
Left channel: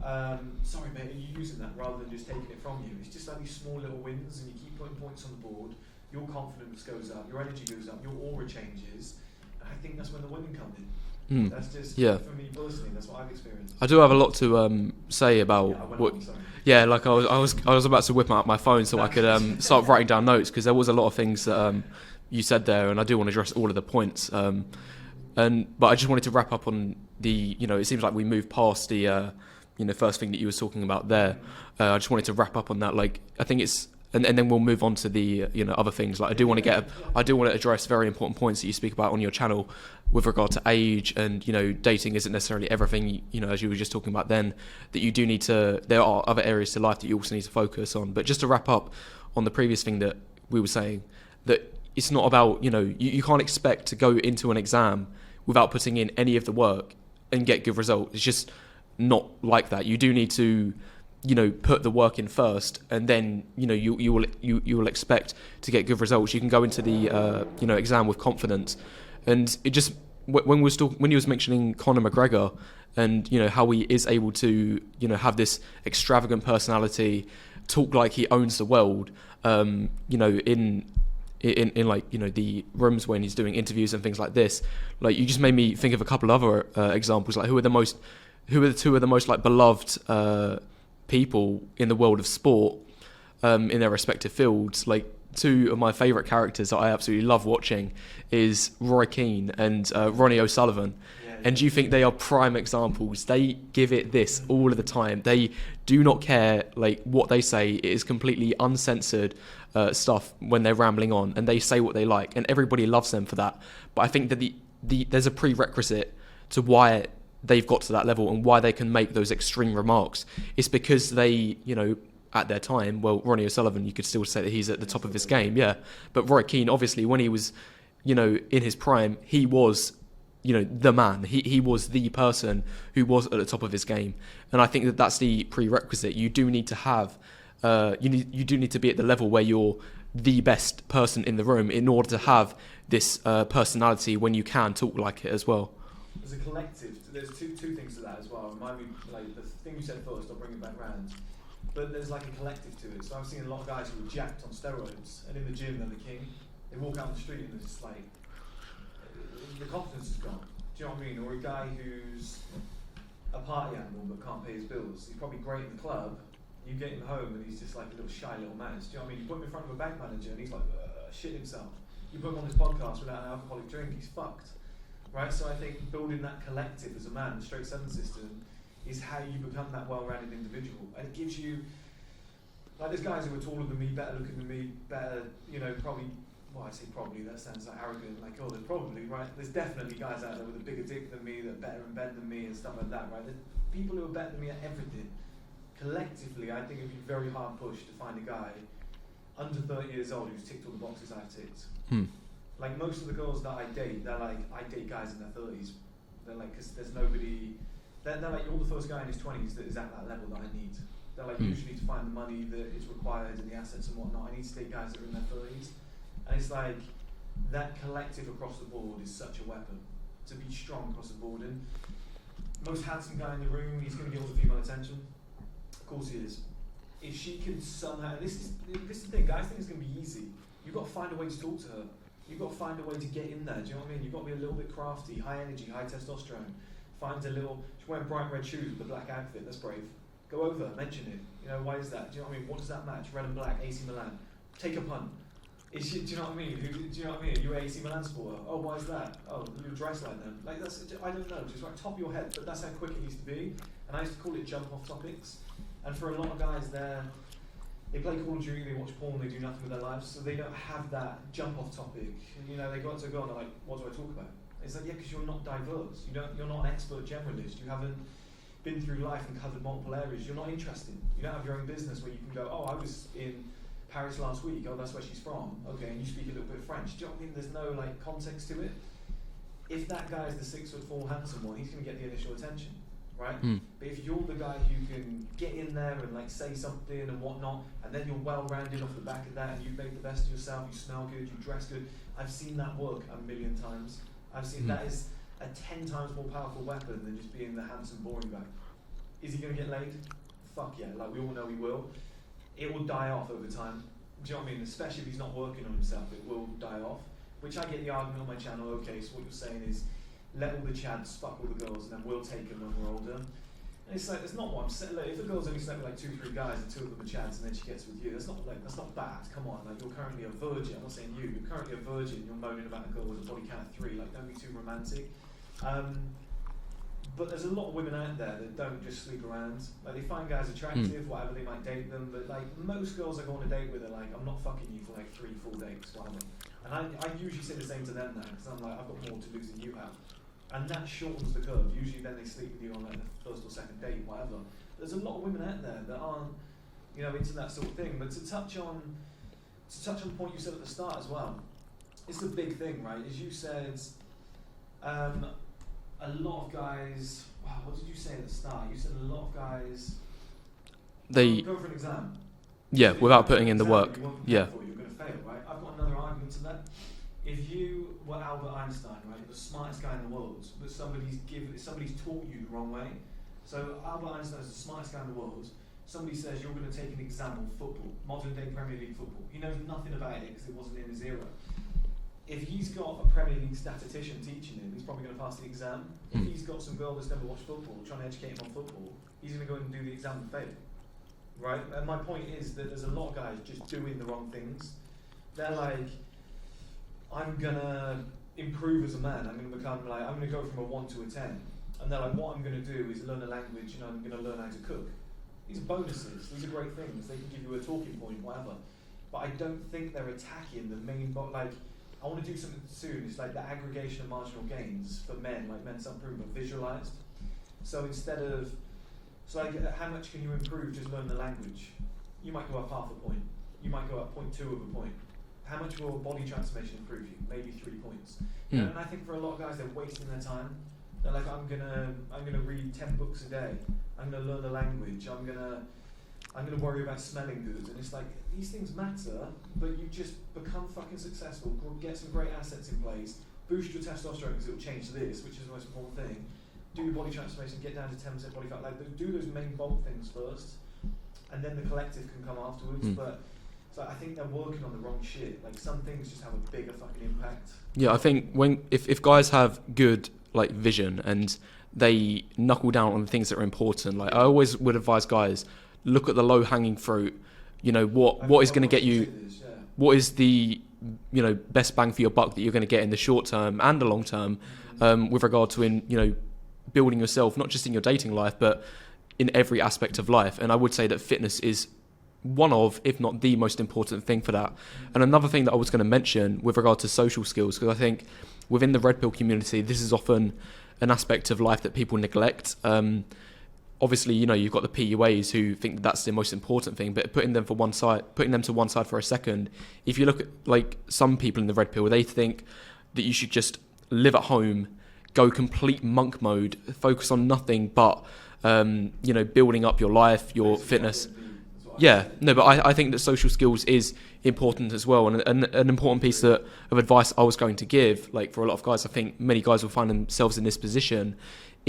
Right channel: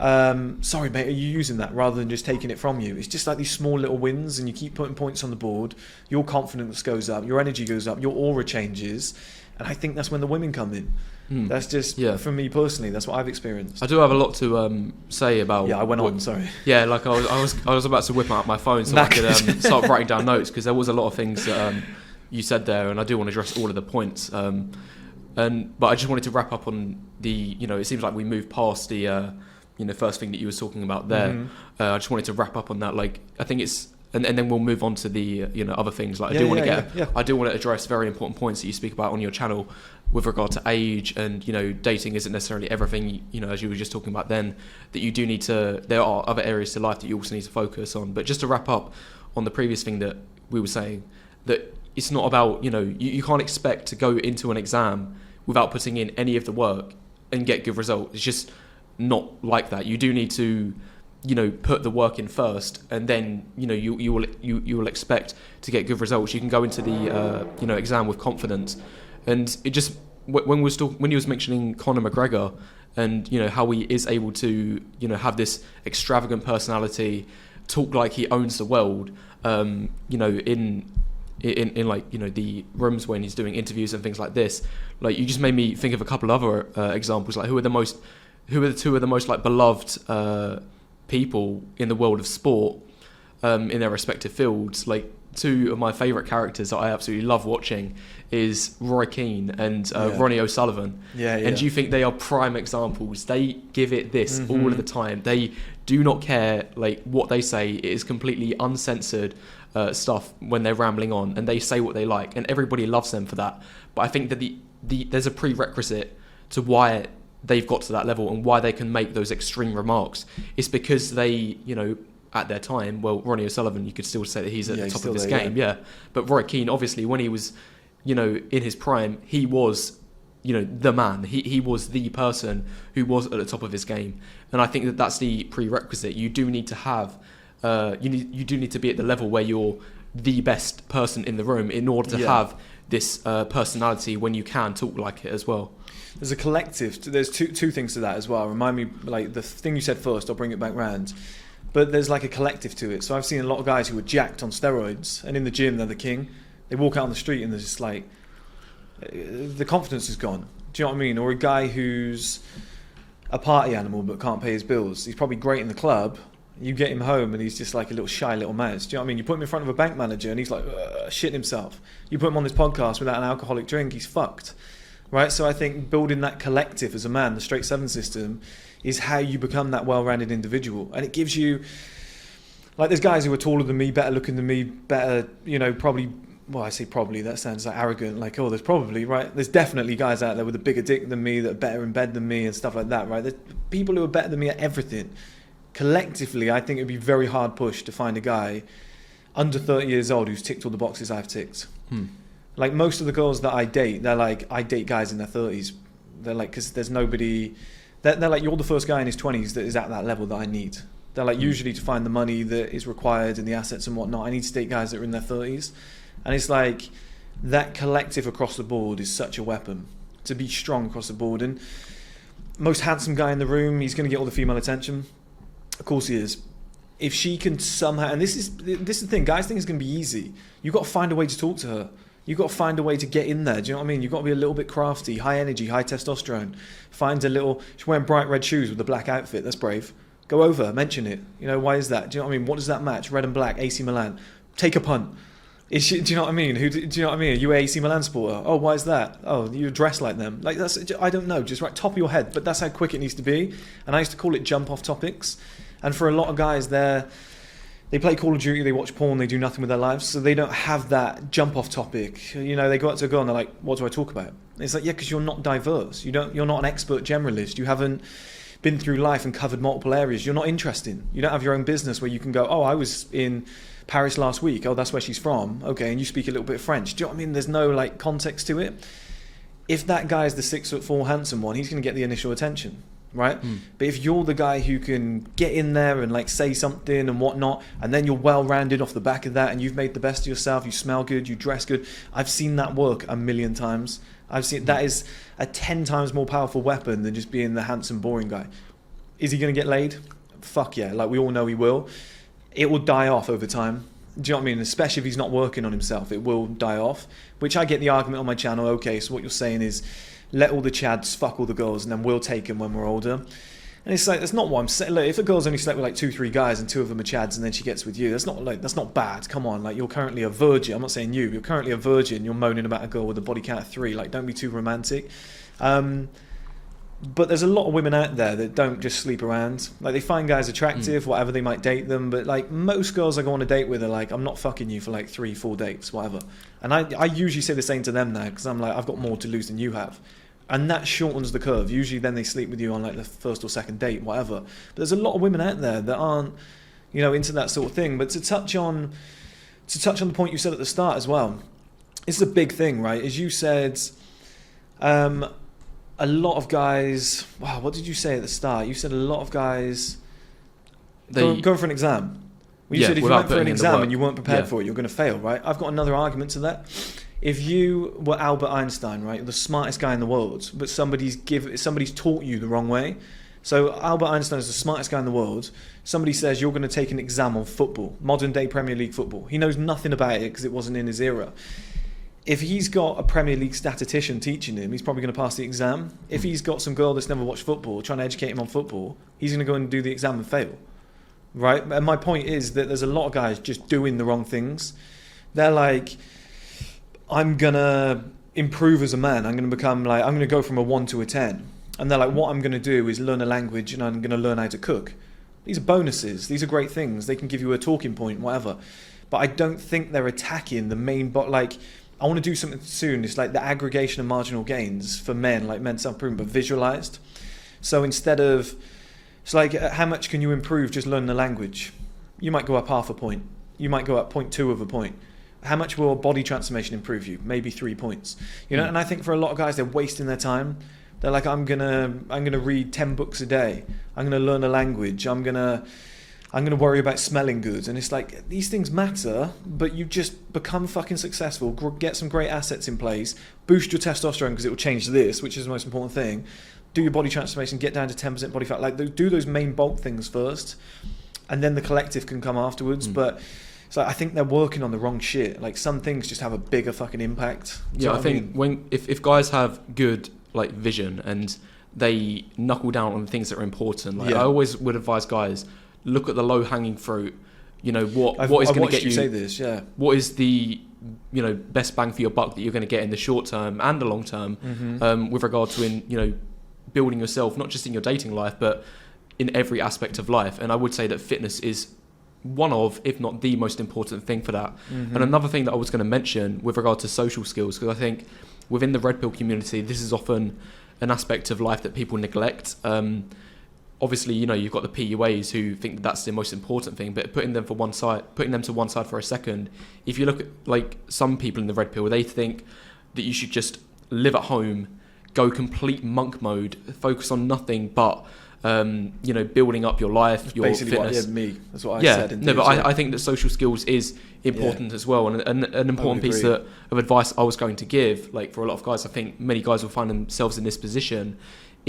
sorry mate, are you using that? Rather than just taking it from you. It's just like these small little wins, and you keep putting points on the board. Your confidence goes up. Your energy goes up. Your aura changes. And I think that's when the women come in. That's just, for me personally, that's what I've experienced. I do have a lot to say about... Yeah, I went on, sorry. Yeah, like I was about to whip out my phone so I could start writing down notes, because there was a lot of things that you said there, and I do want to address all of the points. But I just wanted to wrap up on the, it seems like we moved past the, first thing that you were talking about there. I just wanted to wrap up on that. Like, I think it's... And then we'll move on to the other things. Like I do want to address very important points that you speak about on your channel with regard to age, and dating isn't necessarily everything. As you were just talking about then, that you do need to. There are other areas to life that you also need to focus on. But just to wrap up on the previous thing that we were saying, that it's not about you can't expect to go into an exam without putting in any of the work and get good results. It's just not like that. You do need to put the work in first, and then you will expect to get good results. You can go into the exam with confidence. And it just when you was mentioning Conor McGregor and how he is able to have this extravagant personality, talk like he owns the world, in like the rooms when he's doing interviews and things like this. Like, you just made me think of a couple other examples. Like, who are the two of the most like beloved people in the world of sport, in their respective fields. Like, two of my favourite characters that I absolutely love watching is Roy Keane and Ronnie O'Sullivan. And do you think they are prime examples? They give it this all of the time. They do not care like what they say. It is completely uncensored stuff when they're rambling on, and they say what they like, and everybody loves them for that. But I think that there's a prerequisite to why they've got to that level and why they can make those extreme remarks. It's because they, at their time, well, Ronnie O'Sullivan, you could still say that he's at the top of his game, But Roy Keane, obviously, when he was, in his prime, he was, the man. He was the person who was at the top of his game. And I think that that's the prerequisite. You do need to have, you do need to be at the level where you're the best person in the room in order to have this personality when you can talk like it as well. There's a collective. There's two things to that as well. Remind me, like the thing you said first, I'll bring it back round. But there's like a collective to it. So I've seen a lot of guys who are jacked on steroids, and in the gym they're the king. They walk out on the street and there's just like, the confidence is gone. Do you know what I mean? Or a guy who's a party animal but can't pay his bills. He's probably great in the club. You get him home and he's just like a little shy little mouse. Do you know what I mean? You put him in front of a bank manager and he's like shitting himself. You put him on this podcast without an alcoholic drink, he's fucked. Right, so I think building that collective as a man, the straight 7 system, is how you become that well-rounded individual. And it gives you, like, there's guys who are taller than me, better looking than me, better, probably, well, I say probably, that sounds like arrogant, like, there's probably, right? There's definitely guys out there with a bigger dick than me, that are better in bed than me and stuff like that, right? There's people who are better than me at everything. Collectively, I think it would be very hard push to find a guy under 30 years old who's ticked all the boxes I've ticked. Like, most of the girls that I date, they're like, I date guys in their 30s. They're like, because there's nobody... They're like, you're the first guy in his 20s that is at that level that I need. They're like, usually to find the money that is required and the assets and whatnot, I need to date guys that are in their 30s. And it's like, that collective across the board is such a weapon. To be strong across the board. And most handsome guy in the room, he's going to get all the female attention. Of course he is. If she can somehow, and this is the thing, guys think it's going to be easy. You've got to find a way to talk to her. You've got to find a way to get in there. Do you know what I mean? You've got to be a little bit crafty, high energy, high testosterone. Find a little, she's wearing bright red shoes with a black outfit. That's brave. Go over, mention it. You know, why is that? Do you know what I mean? What does that match? Red and black, AC Milan. Take a punt. Is she, do you know what I mean? Do you know what I mean? Are you a AC Milan supporter? Oh, why is that? Oh, you dress like them. Like that's, I don't know, just right top of your head. But that's how quick it needs to be. And I used to call it jump off topics. And for a lot of guys, they play Call of Duty, they watch porn, they do nothing with their lives, so they don't have that jump off topic. You know, they go up to a girl and they're like, "What do I talk about?" And it's like, yeah, because you're not diverse. You're not an expert generalist. You haven't been through life and covered multiple areas. You're not interesting. You don't have your own business where you can go, "Oh, I was in Paris last week. Oh, that's where she's from. Okay, and you speak a little bit of French." Do you know what I mean? There's no like context to it. If that guy's the 6'4" handsome one, he's going to get the initial attention, right? But if you're the guy who can get in there and like say something and whatnot, and then you're well-rounded off the back of that, and you've made the best of yourself, you smell good, you dress good. I've seen that work a million times. I've seen that is a 10 times more powerful weapon than just being the handsome, boring guy. Is he going to get laid? Fuck yeah, like we all know he will. It will die off over time. Do you know what I mean? Especially if he's not working on himself, it will die off. Which I get the argument on my channel. Okay, so what you're saying is, let all the chads fuck all the girls, and then we'll take them when we're older. And it's like, that's not what I'm saying. Look, if a girl's only slept with like 2-3 guys and 2 of them are chads, and then she gets with you, that's not bad. Come on, like you're currently a virgin. I'm not saying you're currently a virgin. You're moaning about a girl with a body count of 3. Like, don't be too romantic. But there's a lot of women out there that don't just sleep around. Like, they find guys attractive, whatever, they might date them, but like most girls I go on a date with are like, I'm not fucking you for like 3-4 dates, whatever. And I usually say the same to them now, because I'm like, I've got more to lose than you have. And that shortens the curve. Usually then they sleep with you on like the first or second date, whatever. But there's a lot of women out there that aren't, you know, into that sort of thing. But to touch on the point you said at the start as well, it's a big thing, right? As you said, a lot of guys, wow, what did you say at the start? You said a lot of guys go for an exam. Well, yeah, without putting in the work. And you weren't prepared for it, you're going to fail, right? I've got another argument to that. If you were Albert Einstein, right, the smartest guy in the world, but somebody's taught you the wrong way. So Albert Einstein is the smartest guy in the world. Somebody says you're going to take an exam on football, modern day Premier League football. He knows nothing about it because it wasn't in his era. If he's got a Premier League statistician teaching him, he's probably going to pass the exam. If he's got some girl that's never watched football, trying to educate him on football, he's going to go and do the exam and fail. Right? And my point is that there's a lot of guys just doing the wrong things. They're like, I'm going to improve as a man. I'm going to go from a 1 to a 10. And they're like, what I'm going to do is learn a language and I'm going to learn how to cook. These are bonuses. These are great things. They can give you a talking point, whatever. But I don't think they're attacking the main I want to do something soon. It's like the aggregation of marginal gains for men, like men's self-improvement, but visualized. So instead of, it's like, how much can you improve just learning the language? You might go up half a point. You might go up 0.2 of a point. How much will body transformation improve you? Maybe 3 points. You know, and I think for a lot of guys, they're wasting their time. They're like, I'm gonna read 10 books a day. I'm gonna learn a language. I'm gonna worry about smelling good. And it's like, these things matter, but you just become fucking successful, get some great assets in place, boost your testosterone because it will change this, which is the most important thing. Do your body transformation, get down to 10% body fat. Like, do those main bulk things first, and then the collective can come afterwards. But so I think they're working on the wrong shit. Like, some things just have a bigger fucking impact. Yeah, I think if guys have good like vision and they knuckle down on the things that are important, like I always would advise guys, look at the low hanging fruit. You know, what is going to get you, say this, yeah. What is the, you know, best bang for your buck that you're going to get in the short term and the long term, with regard to building yourself, not just in your dating life but in every aspect of life. And I would say that fitness is one of, if not the most important thing for that. And another thing that I was going to mention with regard to social skills, because I think within the red pill community, this is often an aspect of life that people neglect. Obviously, you know, you've got the PUAs who think that that's the most important thing, but putting them to one side for a second, if you look at like some people in the red pill, they think that you should just live at home, go complete monk mode, focus on nothing but building up your life, your basically fitness. That's what I said. But I think that social skills is important as well, and an important piece of advice I was going to give, like for a lot of guys, I think many guys will find themselves in this position,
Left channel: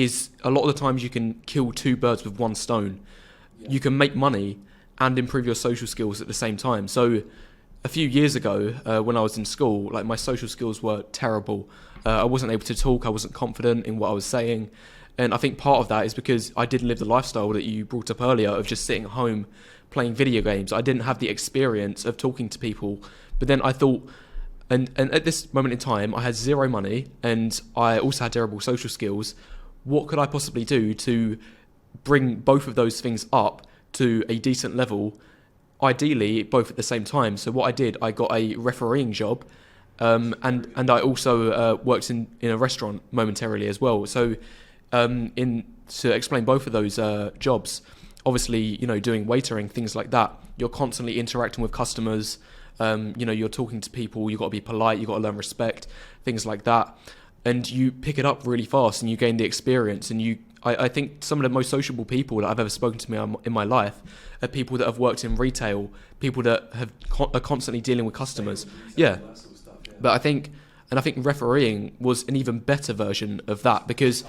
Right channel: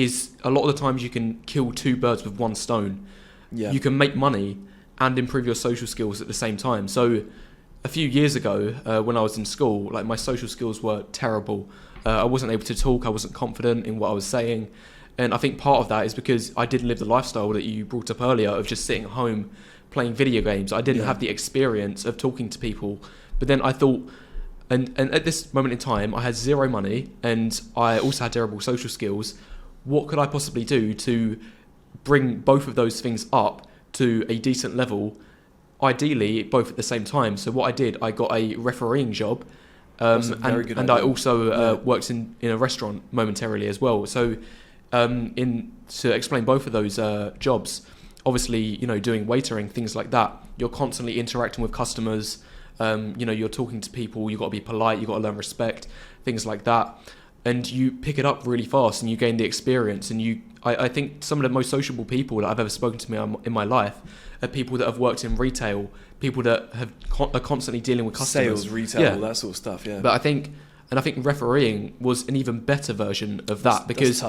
is a lot of the times you can kill two birds with one stone. Yeah. You can make money and improve your social skills at the same time. So a few years ago, when I was in school, like my social skills were terrible. I wasn't able to talk. I wasn't confident in what I was saying. And I think part of that is because I didn't live the lifestyle that you brought up earlier of just sitting at home playing video games. I didn't have the experience of talking to people. But then I thought, and at this moment in time, I had zero money and I also had terrible social skills. What could I possibly do to bring both of those things up to a decent level, ideally both at the same time? So what I did, I got a refereeing job, and I also worked in a restaurant momentarily as well. So to explain both of those jobs, obviously, you know, doing waitering, things like that, you're constantly interacting with customers, you know, you're talking to people, you've got to be polite, you've got to learn respect, things like that. And you pick it up really fast and you gain the experience. And I think some of the most sociable people that I've ever spoken to me in my life are people that have worked in retail, people that are constantly dealing with customers. Sales, retail, that sort of stuff, yeah. But I think refereeing was an even better version of that, because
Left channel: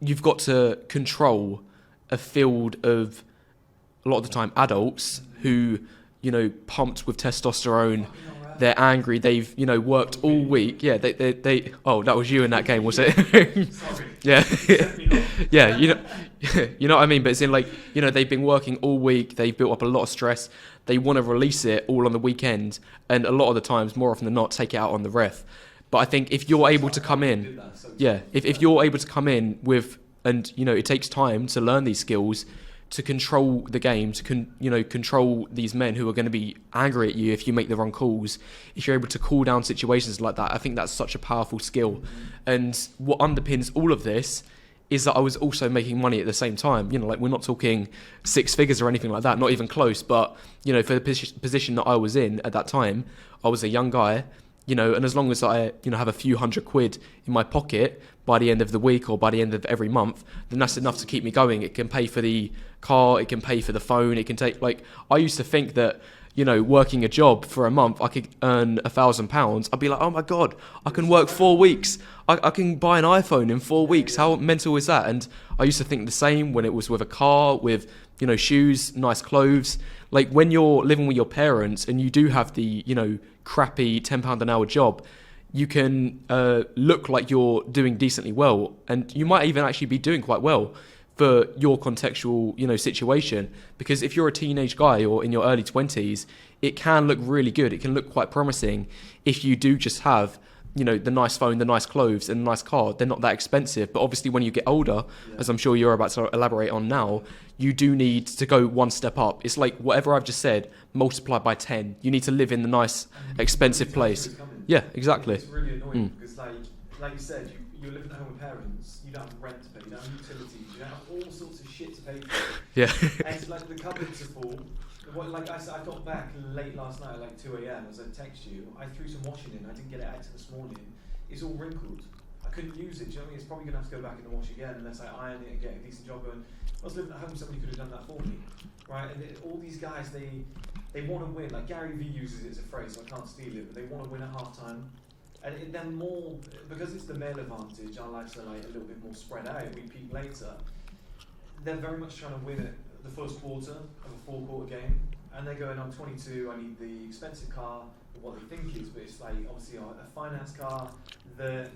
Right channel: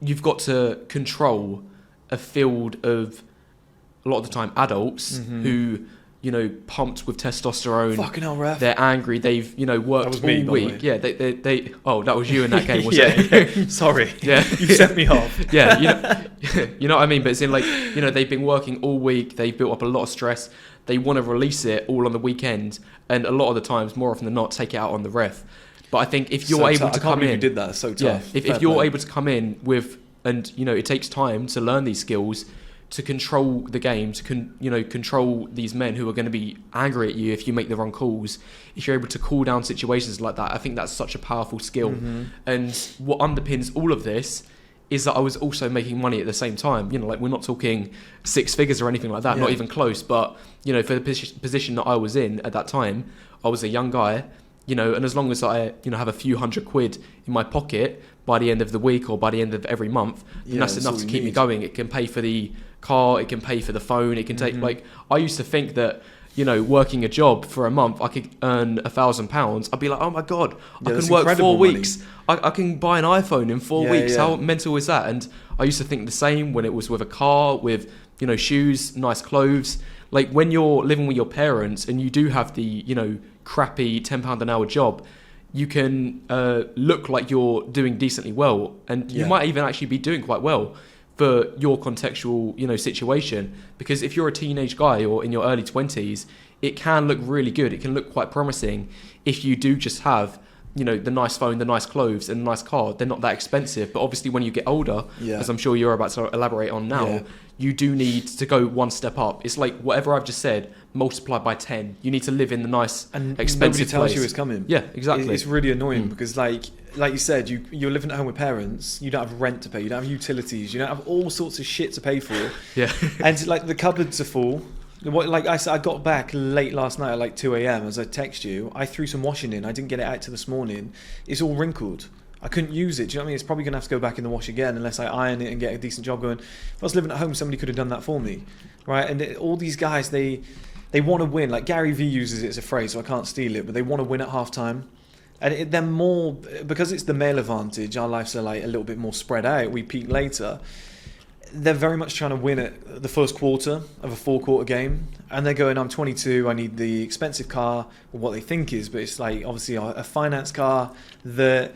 you've got to control a field of, a lot of the time, adults who, you know, pumped with testosterone. Fucking hell, ref. They're angry. They've, you know, worked all week. Yeah, they. Oh, that was you in that game, was it? Sorry. Yeah. You set me off. Yeah, you know what I mean. But it's in, like, you know, they've been working all week. They've built up a lot of stress. They want to release it all on the weekend, and a lot of the times, more often than not, take it out on the ref. But I think if you're able to come in, did that. So tough. Yeah, if you're able to come in with, and you know, it takes time to learn these skills, to control the game, to control these men who are going to be angry at you if you make the wrong calls. If you're able to cool down situations like that, I think that's such a powerful skill. And what underpins all of this is that I was also making money at the same time. You know, like, we're not talking six figures or anything like that, not even close. But, you know, for the position that I was in at that time, I was a young guy, you know, and as long as I, you know, have a few £100 in my pocket by the end of the week or by the end of every month, then that's enough to keep me going. It can pay for the car, it can pay for the phone, it can take, like, I used to think that, you know, working a job for a month, I could earn £1,000. I'd be like, oh my God, I can work 4 weeks. I can buy an iPhone in 4 weeks. How mental is that? And I used to think the same when it was with a car, with, you know, shoes, nice clothes. Like, when you're living with your parents and you do have the, you know, crappy £10 an hour job, you can look like you're doing decently well. And you might even actually be doing quite well for your contextual, you know, situation. Because if you're a teenage guy or in your early 20s, it can look really good. It can look quite promising if you do just have, you know, the nice phone, the nice clothes and the nice car. They're not that expensive. But obviously when you get older, as I'm sure you're about to elaborate on now, you do need to go one step up. It's like whatever I've just said, multiplied by 10. You need to live in the nice, and expensive nobody tells place. You it's coming. Yeah, exactly. It's really annoying because, like you said, you're living at home with parents. You don't have rent to pay. You don't have utilities. You don't have all sorts of shit to pay for. Yeah. And like the cupboards are full. Like I said, I got back late last night at like 2 a.m. as I text you. I threw some washing in. I didn't get it out till this morning. It's all wrinkled. I couldn't use it. Do you know what I mean? It's probably going to have to go back in the wash again unless I iron it and get a decent job going. If I was living at home, somebody could have done that for me, right? And all these guys, they want to win. Like Gary Vee uses it as a phrase, so I can't steal it, but they want to win at halftime. And they're more, because it's the male advantage, our lives are like a little bit more spread out. We peak later. They're very much trying to win at the first quarter of a 4-quarter game. And they're going, I'm 22, I need the expensive car, or what they think is, but it's like obviously a finance car that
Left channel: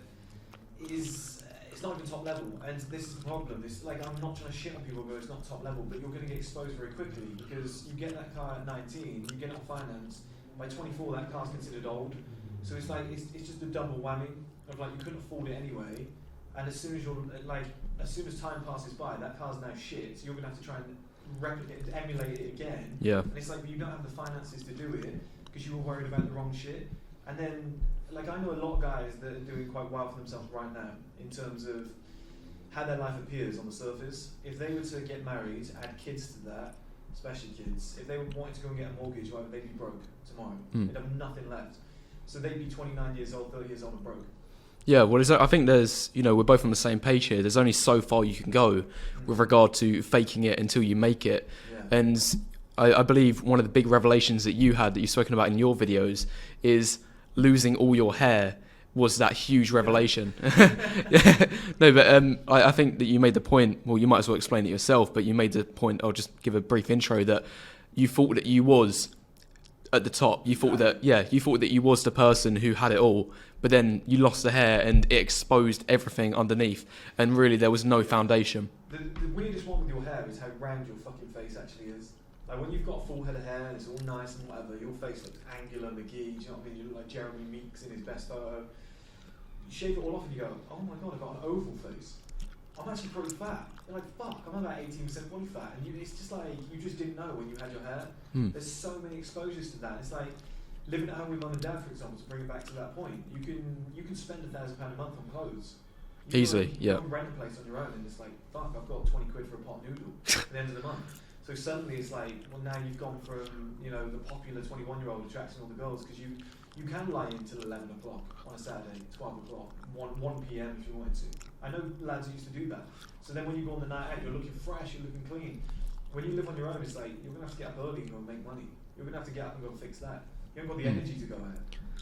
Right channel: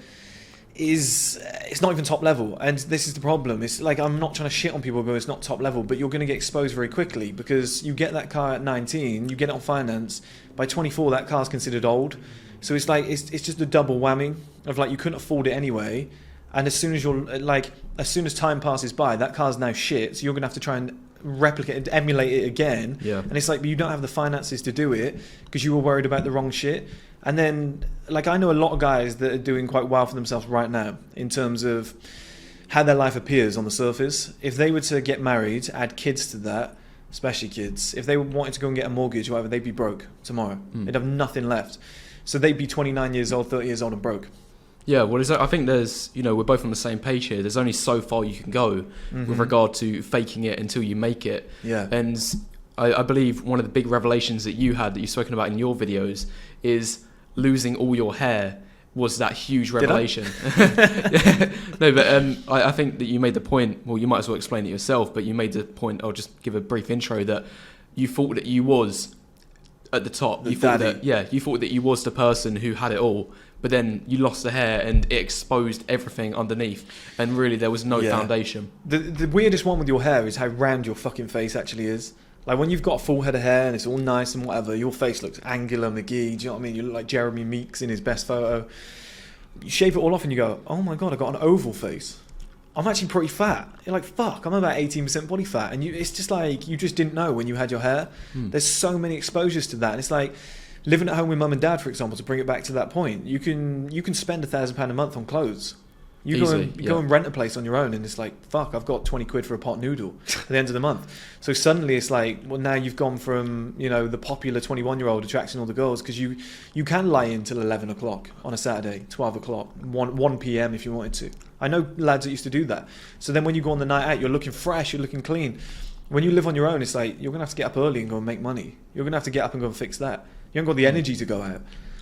it's not even top level. And this is the problem. It's like, I'm not trying to shit on people who go, it's not top level, but you're going to get exposed very quickly because you get that car at 19, you get it on finance, by 24 that car's considered old. So it's like, it's just a double whammy of like, you couldn't afford it anyway. And as soon as time passes by, that car's now shit. So you're going to have to try and replicate it, emulate it again. Yeah. And it's like, but you don't have the finances to do it because you were worried about the wrong shit. And then, like, I know a lot of guys that are doing quite well for themselves right now in terms of how their life appears on the surface. If they were to get married, add kids to that, especially kids, if they wanted to go and get a mortgage or whatever, they'd be broke tomorrow. They'd have nothing left. So they'd be 29 years old, 30 years old and broke. Yeah, well, I think there's, you know, we're both on the same page here. There's only so far you can go with regard to faking it until you make it. Yeah. And I believe one of the big revelations that you've spoken about in your videos is losing all your hair was that huge revelation. No, but I think that you made the point, well, you might as well explain it yourself, but you made the point, I'll just give a brief intro, that you thought that you was at the top. You thought that you was the person who had it all, but then you lost the hair and it exposed everything underneath, and really there was no foundation. The weirdest one with your hair is how round your fucking face actually is. Like when you've got a full head of hair and it's all nice and whatever, your face looks angular McGee, do you know what I mean? You look like Jeremy Meeks in his best photo. You shave it all off and you go, oh my god, I got an oval face. I'm actually pretty fat. You're like, fuck, I'm about 18% body fat. And it's just like, you just didn't know when you had your hair. There's so many exposures to that. And it's like, living at home with mum and dad, for example, to bring it back to that point, you can spend £1,000 a month on clothes. You go and rent a place on your own and it's like, fuck, I've got 20 quid for a pot noodle at the end of the month. So suddenly it's like, well, now you've gone from, you know, the popular 21-year-old attracting all the girls, because you can lie in till 11 o'clock on a Saturday, 12 o'clock, 1 p.m. if you wanted to. I know lads that used to do that. So then when you go on the night out, you're looking fresh, you're looking clean. When you live on your own, it's like, you're going to have to get up early and go and make money. You're going to have to get up and go and fix that. You haven't got the energy to go out. Do you know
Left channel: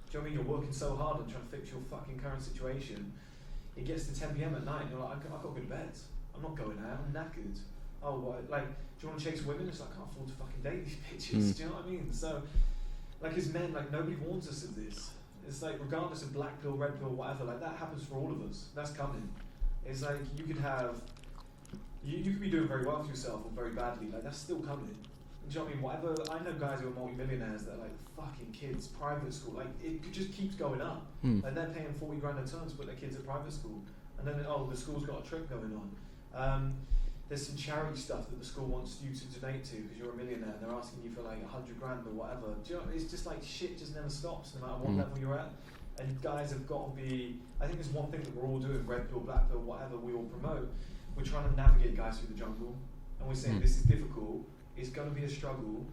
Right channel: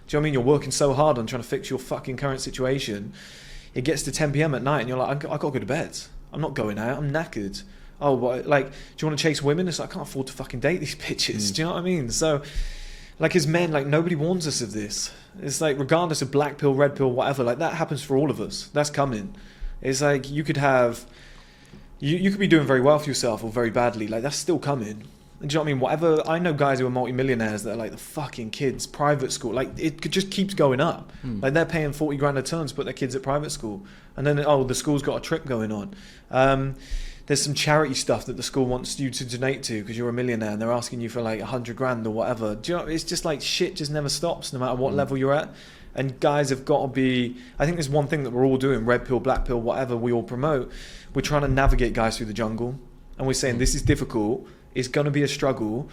what I mean? You're working so hard on trying to fix your fucking current situation. It gets to 10 p.m. at night and you're like, I've got to go to bed. I'm not going out. I'm knackered. Oh, what, like, do you want to chase women? It's like, I can't afford to fucking date these bitches. Do you know what I mean? So, like, as men, like, nobody warns us of this. It's like, regardless of black pill, red pill, whatever, like, that happens for all of us. That's coming. It's like, you could have, you could be doing very well for yourself or very badly. Like, that's still coming. And do you know what I mean? Whatever, I know guys who are multi-millionaires that are like the fucking kids, private school, like it just keeps going up. Like they're paying 40 grand a term to put their kids at private school. And then, the school's got a trip going on. There's some charity stuff that the school wants you to donate to because you're a millionaire and they're asking you for like 100 grand or whatever. Do you know, it's just like shit just never stops no matter what level you're at. And guys have got to be, I think there's one thing that we're all doing, red pill, black pill, whatever we all promote. We're trying to navigate guys through the jungle. And we're saying this is difficult. It's going to be a struggle.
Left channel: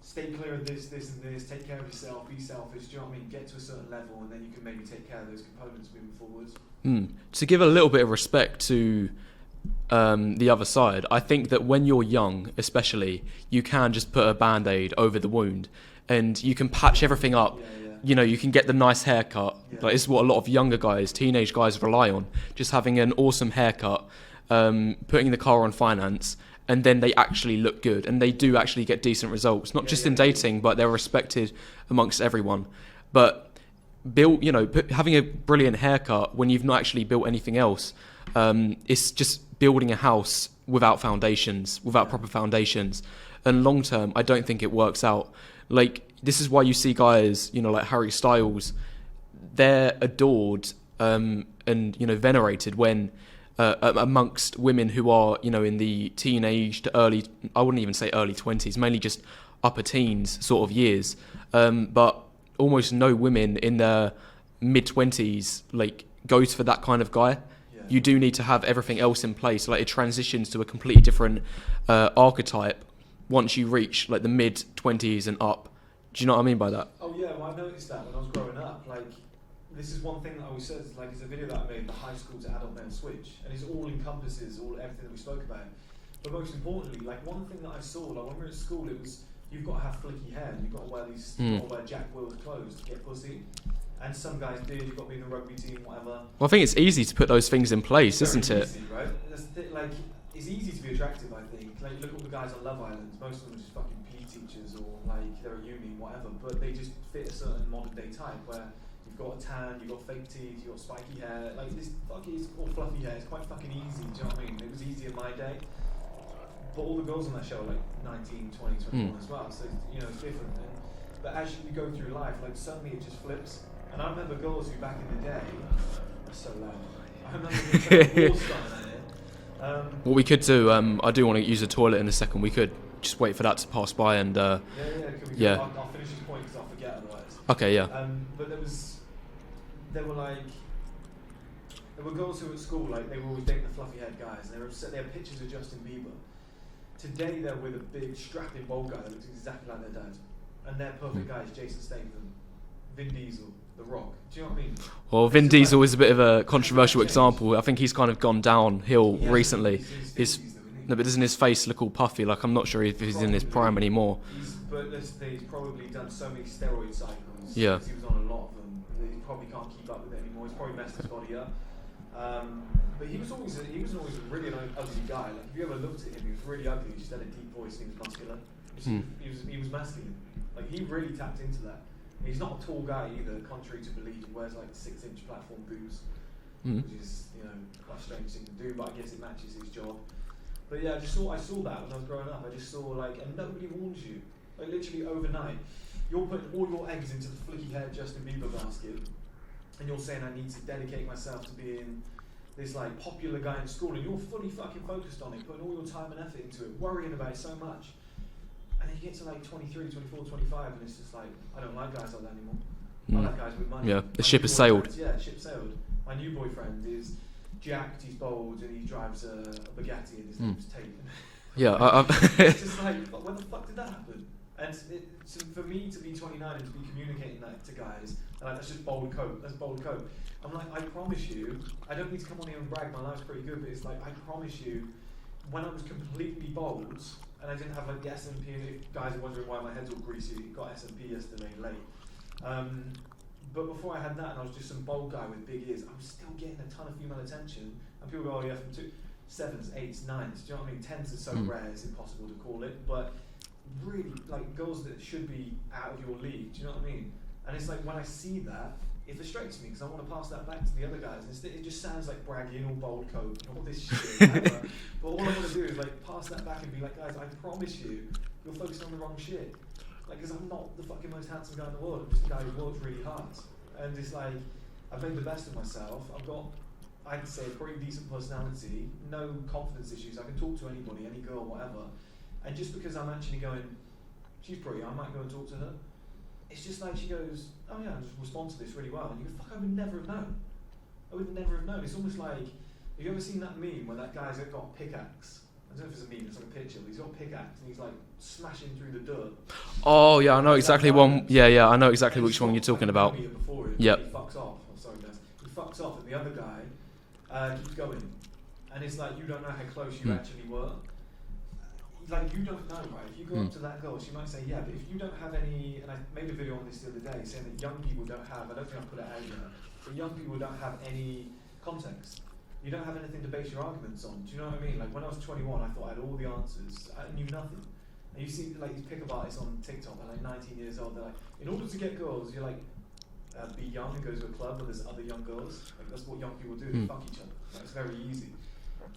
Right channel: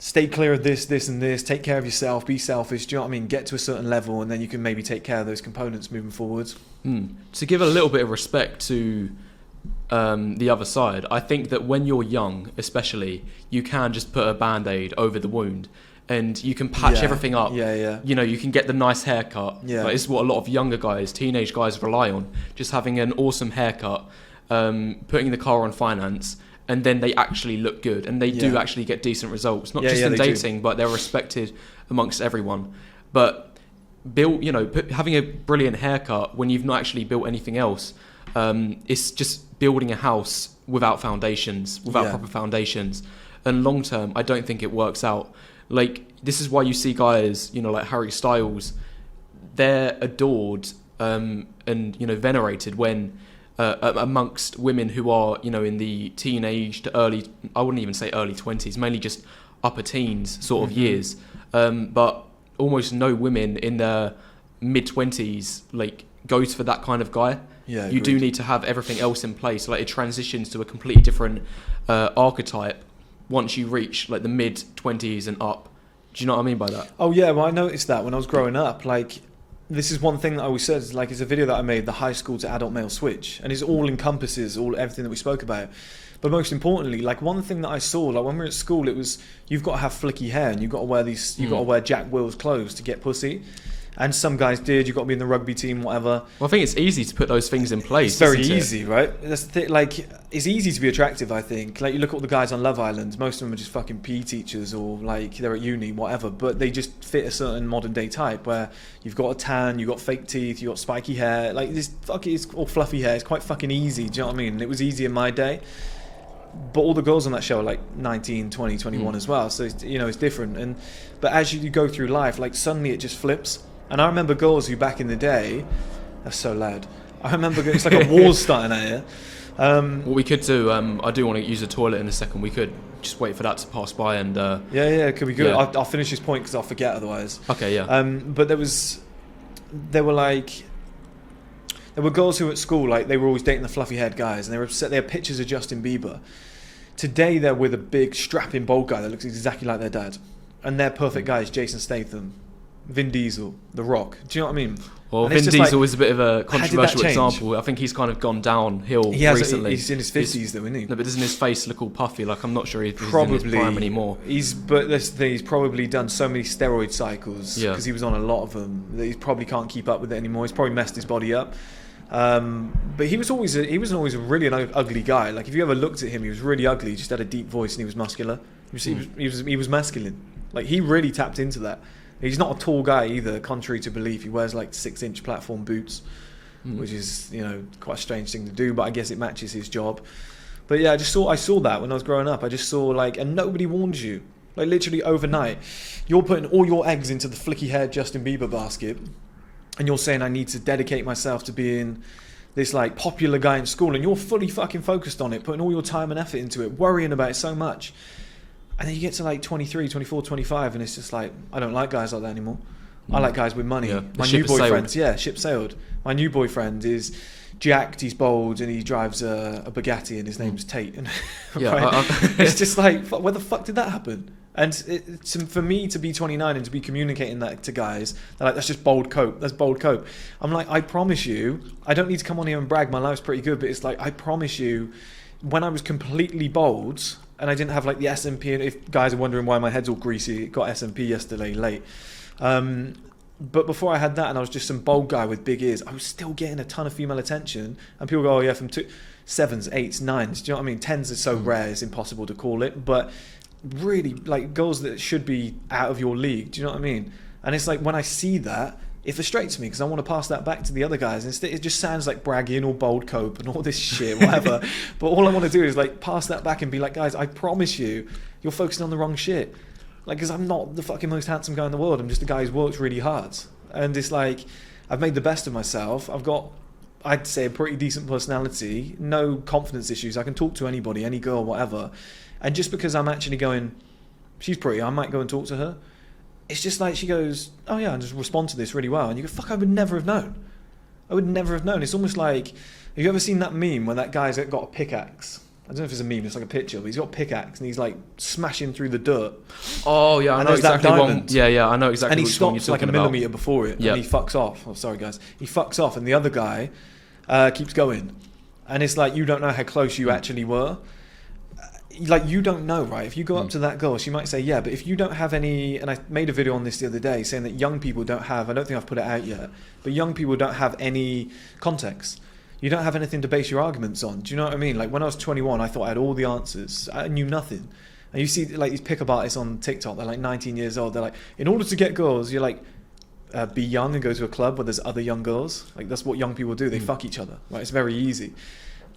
Stay clear of this, this and this. Take care of yourself. Be selfish. Do you know what I mean? Get to a certain level and then you can maybe take care of those components moving forwards. To give a little bit of respect to the other side, I think that when you're young, especially, you can just put a Band-Aid over the wound and you can patch everything up. You know, you can get the nice haircut. Like, it's what a lot of younger guys, teenage guys rely on. Just having an awesome haircut, putting the car on finance, and then they actually look good and they do actually get decent results, not just in dating, but they're respected amongst everyone. But having a brilliant haircut when you've not actually built anything else, it's just building a house without foundations, without proper foundations. And long term, I don't think it works out. Like, this is why you see guys, like Harry Styles, they're adored and venerated when amongst women who are, in the teenage to early, I wouldn't even say early 20s, mainly just upper teens sort of years. But almost no women in their mid-20s, like, goes for that kind of guy. You do need to have everything else in place. Like, it transitions to a completely different archetype once you reach, like, the mid-20s and up. Do you know what I mean by that? Oh, yeah, well, I noticed that when I was growing up, like, this is one thing that I always said, like, it's a video that I made, the high school to adult male switch, and it all encompasses everything that we spoke about. But most importantly, like, one thing that I saw, like, when we were at school, it was, you've got to have flicky hair and you've got to wear you've got to wear Jack Wills clothes to get pussy. And some guys did. You've got to be in the rugby team, whatever. Well, I think it's easy to put those things in place. It's very easy, right? That's the thing, like, it's easy to be attractive, I think. Like, you look at all the guys on Love Island, most of them are just fucking PE teachers or, like, they're at uni, whatever. But they just fit a certain modern day type where you've got a tan, you've got fake teeth, you've got spiky hair. Like, this fucking, it's all fluffy hair. It's quite fucking easy, do you know what I mean? And it was easy in my day. But all the girls on that show are like 19, 20, 21 as well. So, it's different. But as you go through life, like, suddenly it just flips. And I remember girls who back in the day, that's so loud. I remember it's like a war's starting out here. What we could do, I do want to use the toilet in a second. We could just wait for that to pass by and. Could be good. Yeah. I'll finish this point because I'll forget otherwise. Okay, yeah. But there were girls who at school, like, they were always dating the fluffy haired guys, and they were upset. They had pictures of Justin Bieber. Today they're with a big strapping bald guy that looks exactly like their dad, and their perfect guy is Jason Statham. Vin Diesel, The Rock. Do you know what I mean? Well, And it's Vin just Diesel like, is a bit of a change? controversial example. I think he's kind of gone downhill recently. He's in his 50s though, isn't he? No, but doesn't his face look all puffy? Like, I'm not sure if he's in his prime anymore. He's probably done so many steroid cycles because he was on a lot of them that he probably can't keep up with it anymore. He's probably messed his body up. But he was always a really ugly guy. Like, if you ever looked at him, he was really ugly. He just had a deep voice and he was muscular. He was masculine. Like, he really tapped into that. He's not a tall guy either, contrary to belief. He wears like 6-inch platform boots, which is, quite a strange thing to do, but I guess it matches his job. But yeah, I saw that when I was growing up. I just saw and nobody warns you. Like, literally overnight, you're putting all your eggs into the flicky haired Justin Bieber basket, and you're saying I need to dedicate myself to being this like popular guy in school, and you're fully fucking focused on it, putting all your time and effort into it, worrying about it so much. And then you get to like 23, 24, 25, and it's just like, I don't like guys like that anymore. I like guys with money. Yeah, the My ship new has boyfriend, sailed. yeah, ship sailed. My new boyfriend is jacked, he's bold, and he drives a Bugatti, and his name's Tate. And Yeah, it's just like, where the fuck did that happen? And for me to be 29 and to be communicating that to guys, they're like, that's just bold cope. That's bold cope. I'm like, I promise you, I don't need to come on here and brag. My life's pretty good, but it's like, I promise you, when I was completely bold and I didn't have like the SMP, and if guys are wondering why my head's all greasy, it got SMP yesterday late. But before I had that and I was just some bold guy with big ears, I was still getting a ton of female attention. And people go, oh yeah, from 7s, 8s, 9s. Do you know what I mean? 10s is so rare, it's impossible to call it. But really, like, girls that should be out of your league. Do you know what I mean? And it's like, when I see that, it frustrates me because I want to pass that back to the other guys. Instead, it just sounds like braggy and all bold cope and all this shit, whatever. But all I want to do is like pass that back and be like, guys, I promise you, you're focusing on the wrong shit. Like, because I'm not the fucking most handsome guy in the world. I'm just a guy who's worked really hard. And it's like, I've made the best of myself. I've got, I'd say, a pretty decent personality, no confidence issues. I can talk to anybody, any girl, whatever. And just because I'm actually going, she's pretty, I might go and talk to her. It's just like she goes, oh yeah, and just respond to this really well. And you go, fuck, I would never have known. I would never have known. It's almost like, have you ever seen that meme where that guy's got a pickaxe? I don't know if it's a meme, it's like a picture, but he's got a pickaxe and he's like smashing through the dirt. Oh yeah, I And know there's that exactly one. diamond. Yeah, I know exactly And he which one you're stops like talking a about. millimeter before it, Yep. and he fucks off. Oh, sorry guys. He fucks off, and the other guy keeps going. And it's like, you don't know how close you actually were. Like, you don't know, right? If you go up to that girl, she might say, yeah, but if you don't have any, and I made a video on this the other day saying that young people don't have, I don't think I've put it out yet, but young people don't have any context. You don't have anything to base your arguments on. Do you know what I mean? Like, when I was 21, I thought I had all the answers. I knew nothing. And you see, like, these pickup artists on TikTok, they're like 19 years old. They're like, in order to get girls, you're like, be young and go to a club where there's other young girls. Like, that's what young people do. They fuck each other. Right? It's very easy.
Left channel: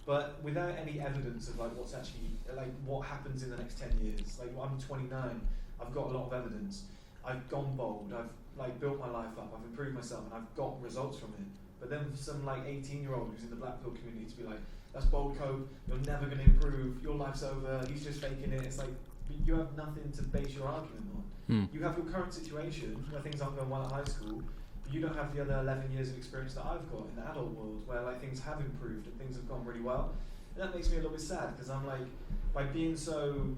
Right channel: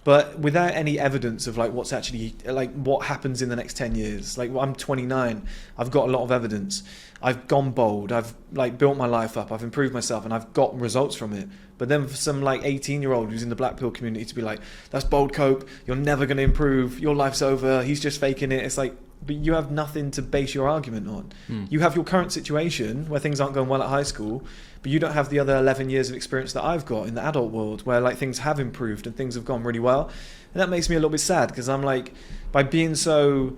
But without any evidence of like what's actually, like, what happens in the next 10 years. Like, I'm 29, I've got a lot of evidence. I've gone bold, I've like built my life up, I've improved myself, and I've got results from it. But then for some like 18-year-old who's in the black pill community to be like, that's bold cope, you're never going to improve, your life's over, he's just faking it. It's like, but you have nothing to base your argument on. You have your current situation where things aren't going well at high school, but you don't have the other 11 years of experience that I've got in the adult world where like things have improved and things have gone really well. And that makes me a little bit sad because I'm like, by being so,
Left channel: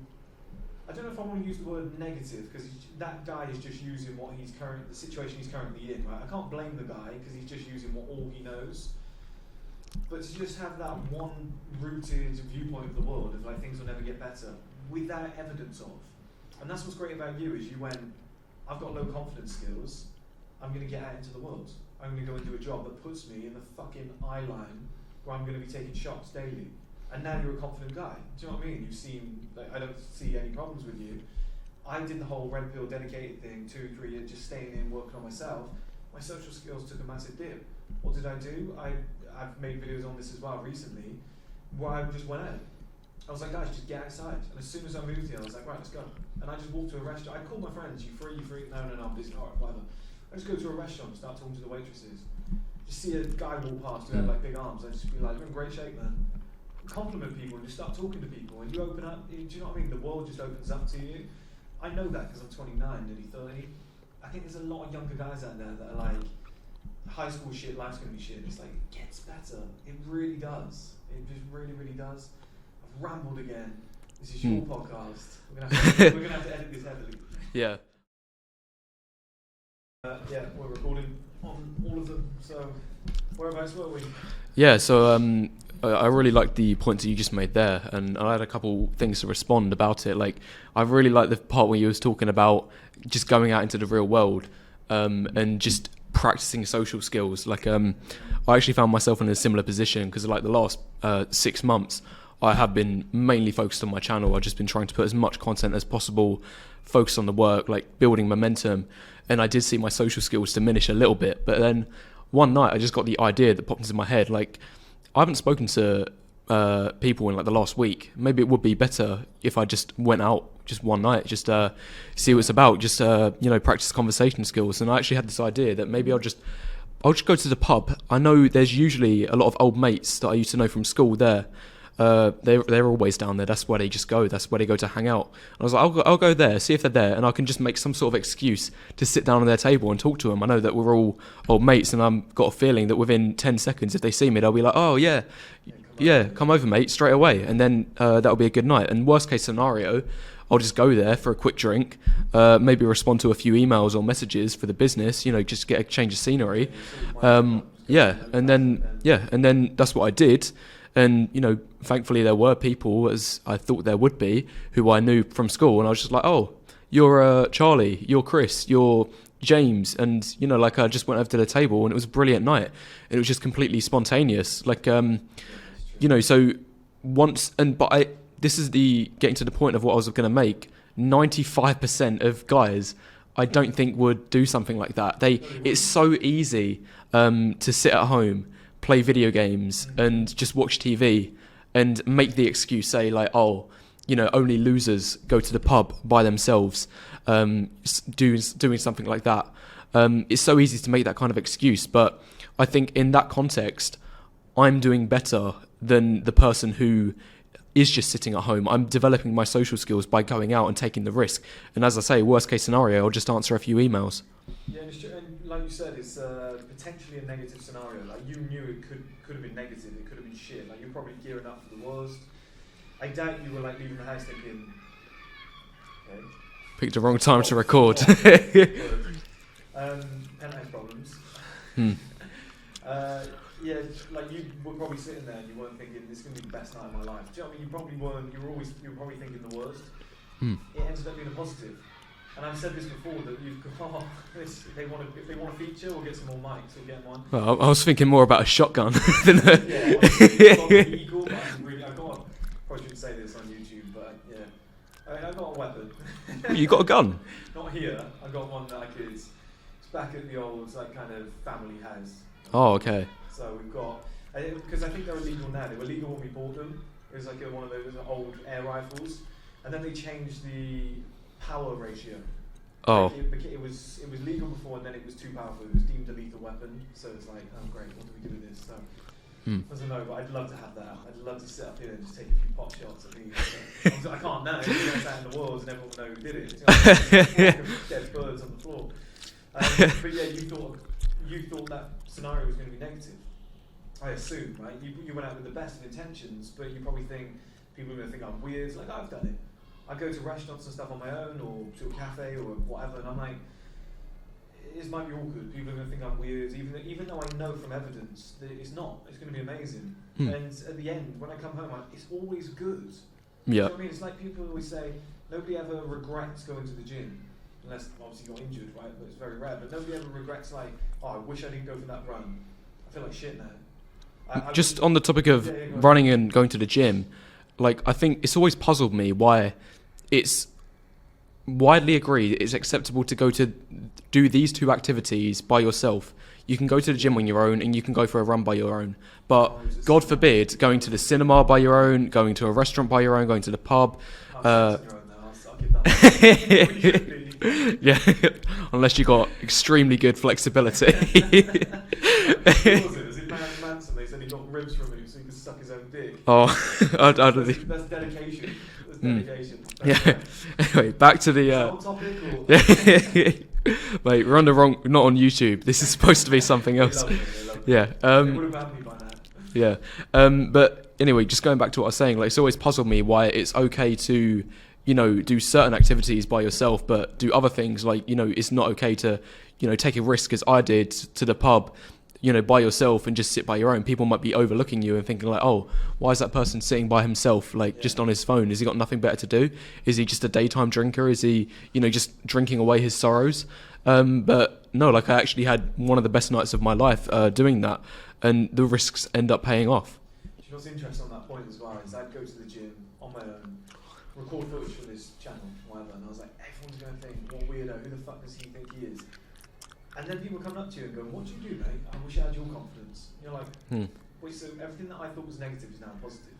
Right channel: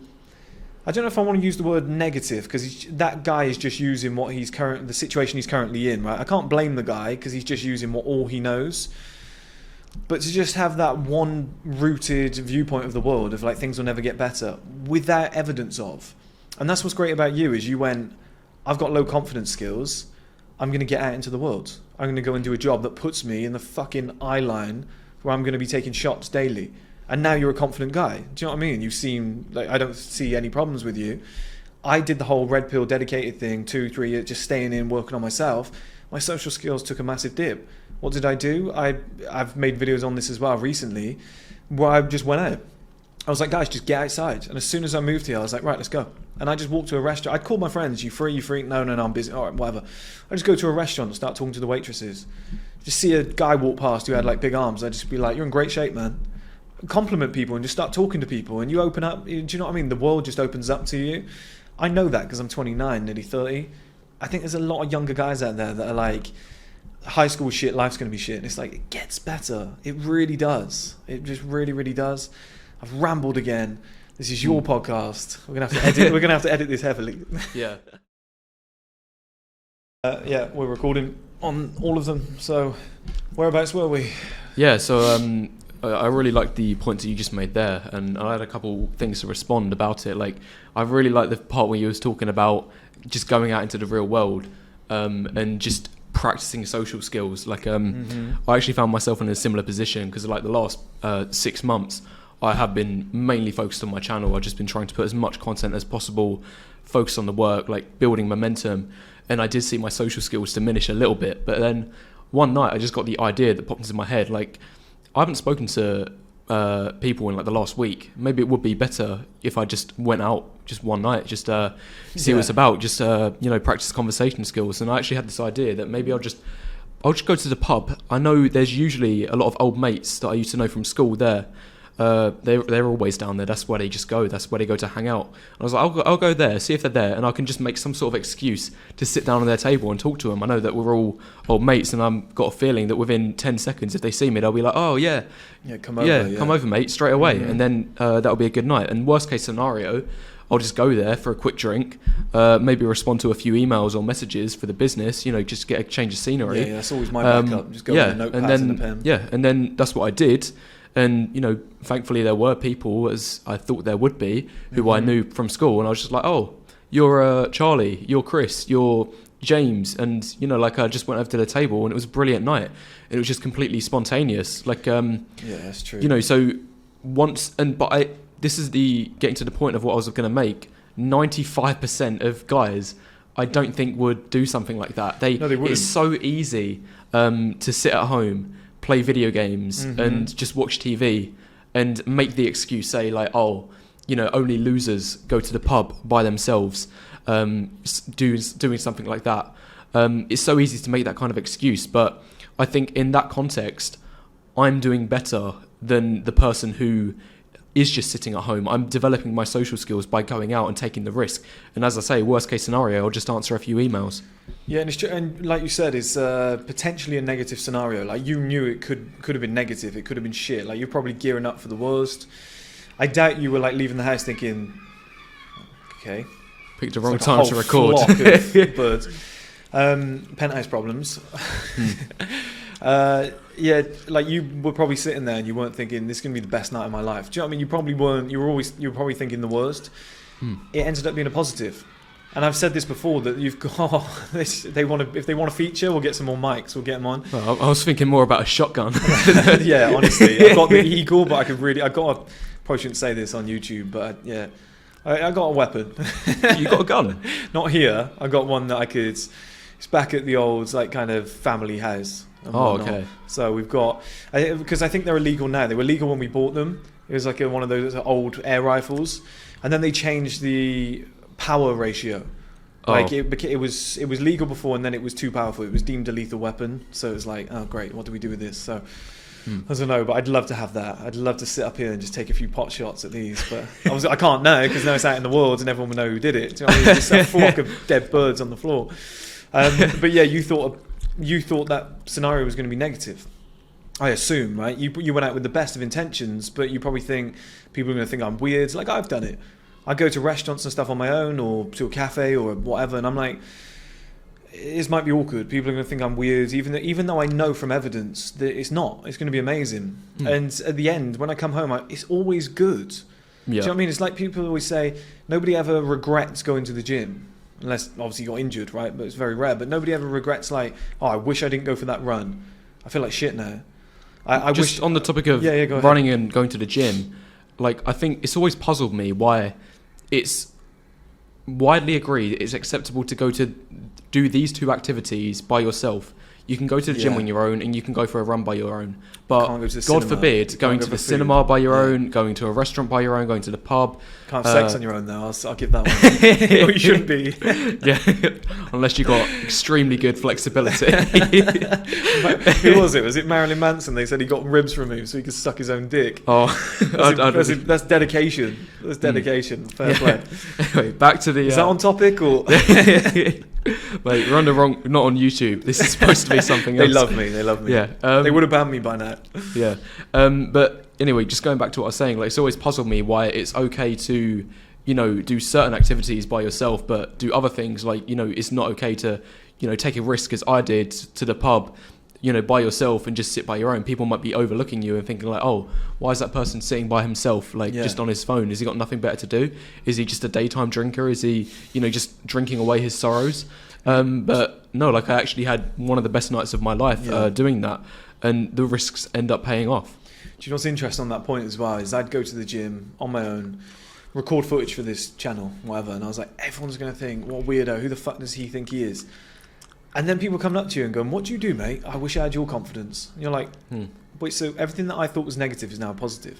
I don't know if I want to use the word negative because that guy is just using what the situation he's currently in, right? I can't blame the guy because he's just using all he knows. But to just have that one rooted viewpoint of the world of like things will never get better without evidence of. And that's what's great about you is you went, I've got low confidence skills. I'm going to get out into the world. I'm going to go and do a job that puts me in the fucking eye line where I'm going to be taking shots daily. And now you're a confident guy. Do you know what I mean? You seem like, I don't see any problems with you. I did the whole red pill dedicated thing, 2-3 years, just staying in, working on myself. My social skills took a massive dip. What did I do? I've made videos on this as well recently where I just went out. I was like, guys, just get outside. And as soon as I moved here, I was like, right, let's go. And I just walked to a restaurant. I'd call my friends, you free? No, I'm busy. All right, whatever. I just go to a restaurant and start talking to the waitresses. Just see a guy walk past who had like big arms. I'd just be like, you're in great shape, man. Compliment people and just start talking to people. And you open up, do you know what I mean? The world just opens up to you. I know that because I'm 29, nearly 30. I think there's a lot of younger guys out there that are like, high school shit, life's going to be shit. And it's like, it gets better. It really does. It just really, really does. I've rambled again. This is your podcast. We're gonna have to edit this heavily. Yeah. Yeah, we're recording on all of them. So, whereabouts were we? Yeah, so I really liked the points that you just made there, and I had a couple things to respond about it. Like, I really liked the part where you was talking about just going out into the real world and just practicing social skills. Like, I actually found myself in a similar position because, like, the last 6 months, I have been mainly focused on my channel. I've just been trying to put as much content as possible, focus on the work, like building momentum. And I did see my social skills diminish a little bit. But then one night I just got the idea that popped into my head. Like, I haven't spoken to people in like the last week. Maybe it would be better if I just went out just one night, just see what it's about, just practice conversation skills. And I actually had this idea that maybe I'll just go to the pub. I know there's usually a lot of old mates that I used to know from school there. They're always down there. That's where they just go. That's where they go to hang out. And I was like, I'll go there, see if they're there, and I can just make some sort of excuse to sit down on their table and talk to them. I know that we're all old mates, and I've got a feeling that within 10 seconds, if they see me, they'll be like, oh yeah, come over, mate, straight away. And then that'll be a good night. And worst case scenario, I'll just go there for a quick drink, maybe respond to a few emails or messages for the business, just get a change of scenery. Yeah, that's always my backup. Just go with a notepad and a pen. And then that's what I did. And, thankfully there were people, as I thought there would be, who I knew from school. And I was just like, oh, you're Charlie, you're Chris, you're James. And, I just went over to the table and it was a brilliant night. And it was just completely spontaneous. Like, yeah, that's true. So this is getting to the point of what I was going to make. 95% of guys, I don't think would do something like that. They it's so easy to sit at home, play video games and just watch TV and make the excuse, say like, oh, only losers go to the pub by themselves, doing something like that. It's so easy to make that kind of excuse, but I think in that context, I'm doing better than the person who is just sitting at home. I'm developing my social skills by going out and taking the risk. And as I say, worst case scenario, I'll just answer a few emails. Yeah, and it's true. And like you said, it's potentially a negative scenario. Like, you knew it could have been negative. It could have been shit. Like, you're probably gearing up for the worst. I doubt you were like leaving the house thinking, okay, picked the wrong time to record. Birds. Penthouse problems. Yeah, like, you were probably sitting there and you weren't thinking this is gonna be the best night of my life. Do you know what I mean? You probably weren't. You were probably thinking the worst. It ended up being a positive. And I've said this before, that you've got if they want to feature, we'll get some more mics. We'll get them on. Well, I was thinking more about a shotgun. Yeah, honestly, I've got the Eagle, but probably shouldn't say this on YouTube, but yeah, I got a weapon. You got a gun? Not here. I got one that I could. It's back at the old kind of family house. Oh, okay. So we've got, because I think they're illegal now. They were legal when we bought them. It was like one of those old air rifles, and then they changed the power ratio. It was legal before, and then it was too powerful. It was deemed a lethal weapon. So it was like, oh great, what do we do with this? So I don't know, but I'd love to have that. I'd love to sit up here and just take a few pot shots at these, but I can't now because now it's out in the world and everyone will know who did it. Do you know what I mean? Just a flock of dead birds on the floor. But yeah, you thought that scenario was going to be negative. I assume, right? You went out with the best of intentions, but you probably think people are going to think I'm weird. Like, I've done it. I go to restaurants and stuff on my own, or to a cafe or whatever, and I'm like, this might be awkward. People are going to think I'm weird, even though I know from evidence that it's not. It's going to be amazing. And at the end, when I come home, it's always good. Yeah. Do you know what I mean? It's like people always say, nobody ever regrets going to the gym. Unless, obviously, you got injured, right? But it's very rare. But nobody ever regrets, like, oh, I wish I didn't go for that run. I feel like shit now. On the topic of running and going to the gym, like, I think it's always puzzled me why it's widely agreed it's acceptable to go to do these two activities by yourself. You can go to the gym on your own, and you can go for a run by your own. But God forbid, going to the cinema by your own, going to a restaurant by your own, going to the pub. Can't have sex on your own, though. I'll give that one. You should be. Yeah, unless you got extremely good flexibility. Who was it? Was it Marilyn Manson? They said he got ribs removed so he could suck his own dick. Oh, that's dedication. That's dedication. Fair play. Anyway, back to the. Is that on topic or? Mate, we're not on YouTube. This is supposed to be something else. They love me. Yeah. They would have banned me by now. Yeah. But anyway, just going back to what I was saying, like, it's always puzzled me why it's okay to do certain activities by yourself, but do other things like, it's not okay to, take a risk as I did to the pub, by yourself and just sit by your own. People might be overlooking you and thinking like, oh, why is that person sitting by himself, like just on his phone? Has he got nothing better to do? Is he just a daytime drinker? Is he, just drinking away his sorrows? But no, like I actually had one of the best nights of my life doing that, and the risks end up paying off. Do you know what's interesting on that point as well is I'd go to the gym on my own, record footage for this channel, whatever, and I was like, everyone's going to think, what a weirdo, who the fuck does he think he is? And then people come up to you and go, what do you do, mate? I wish I had your confidence. And you're like, wait, so everything that I thought was negative is now positive,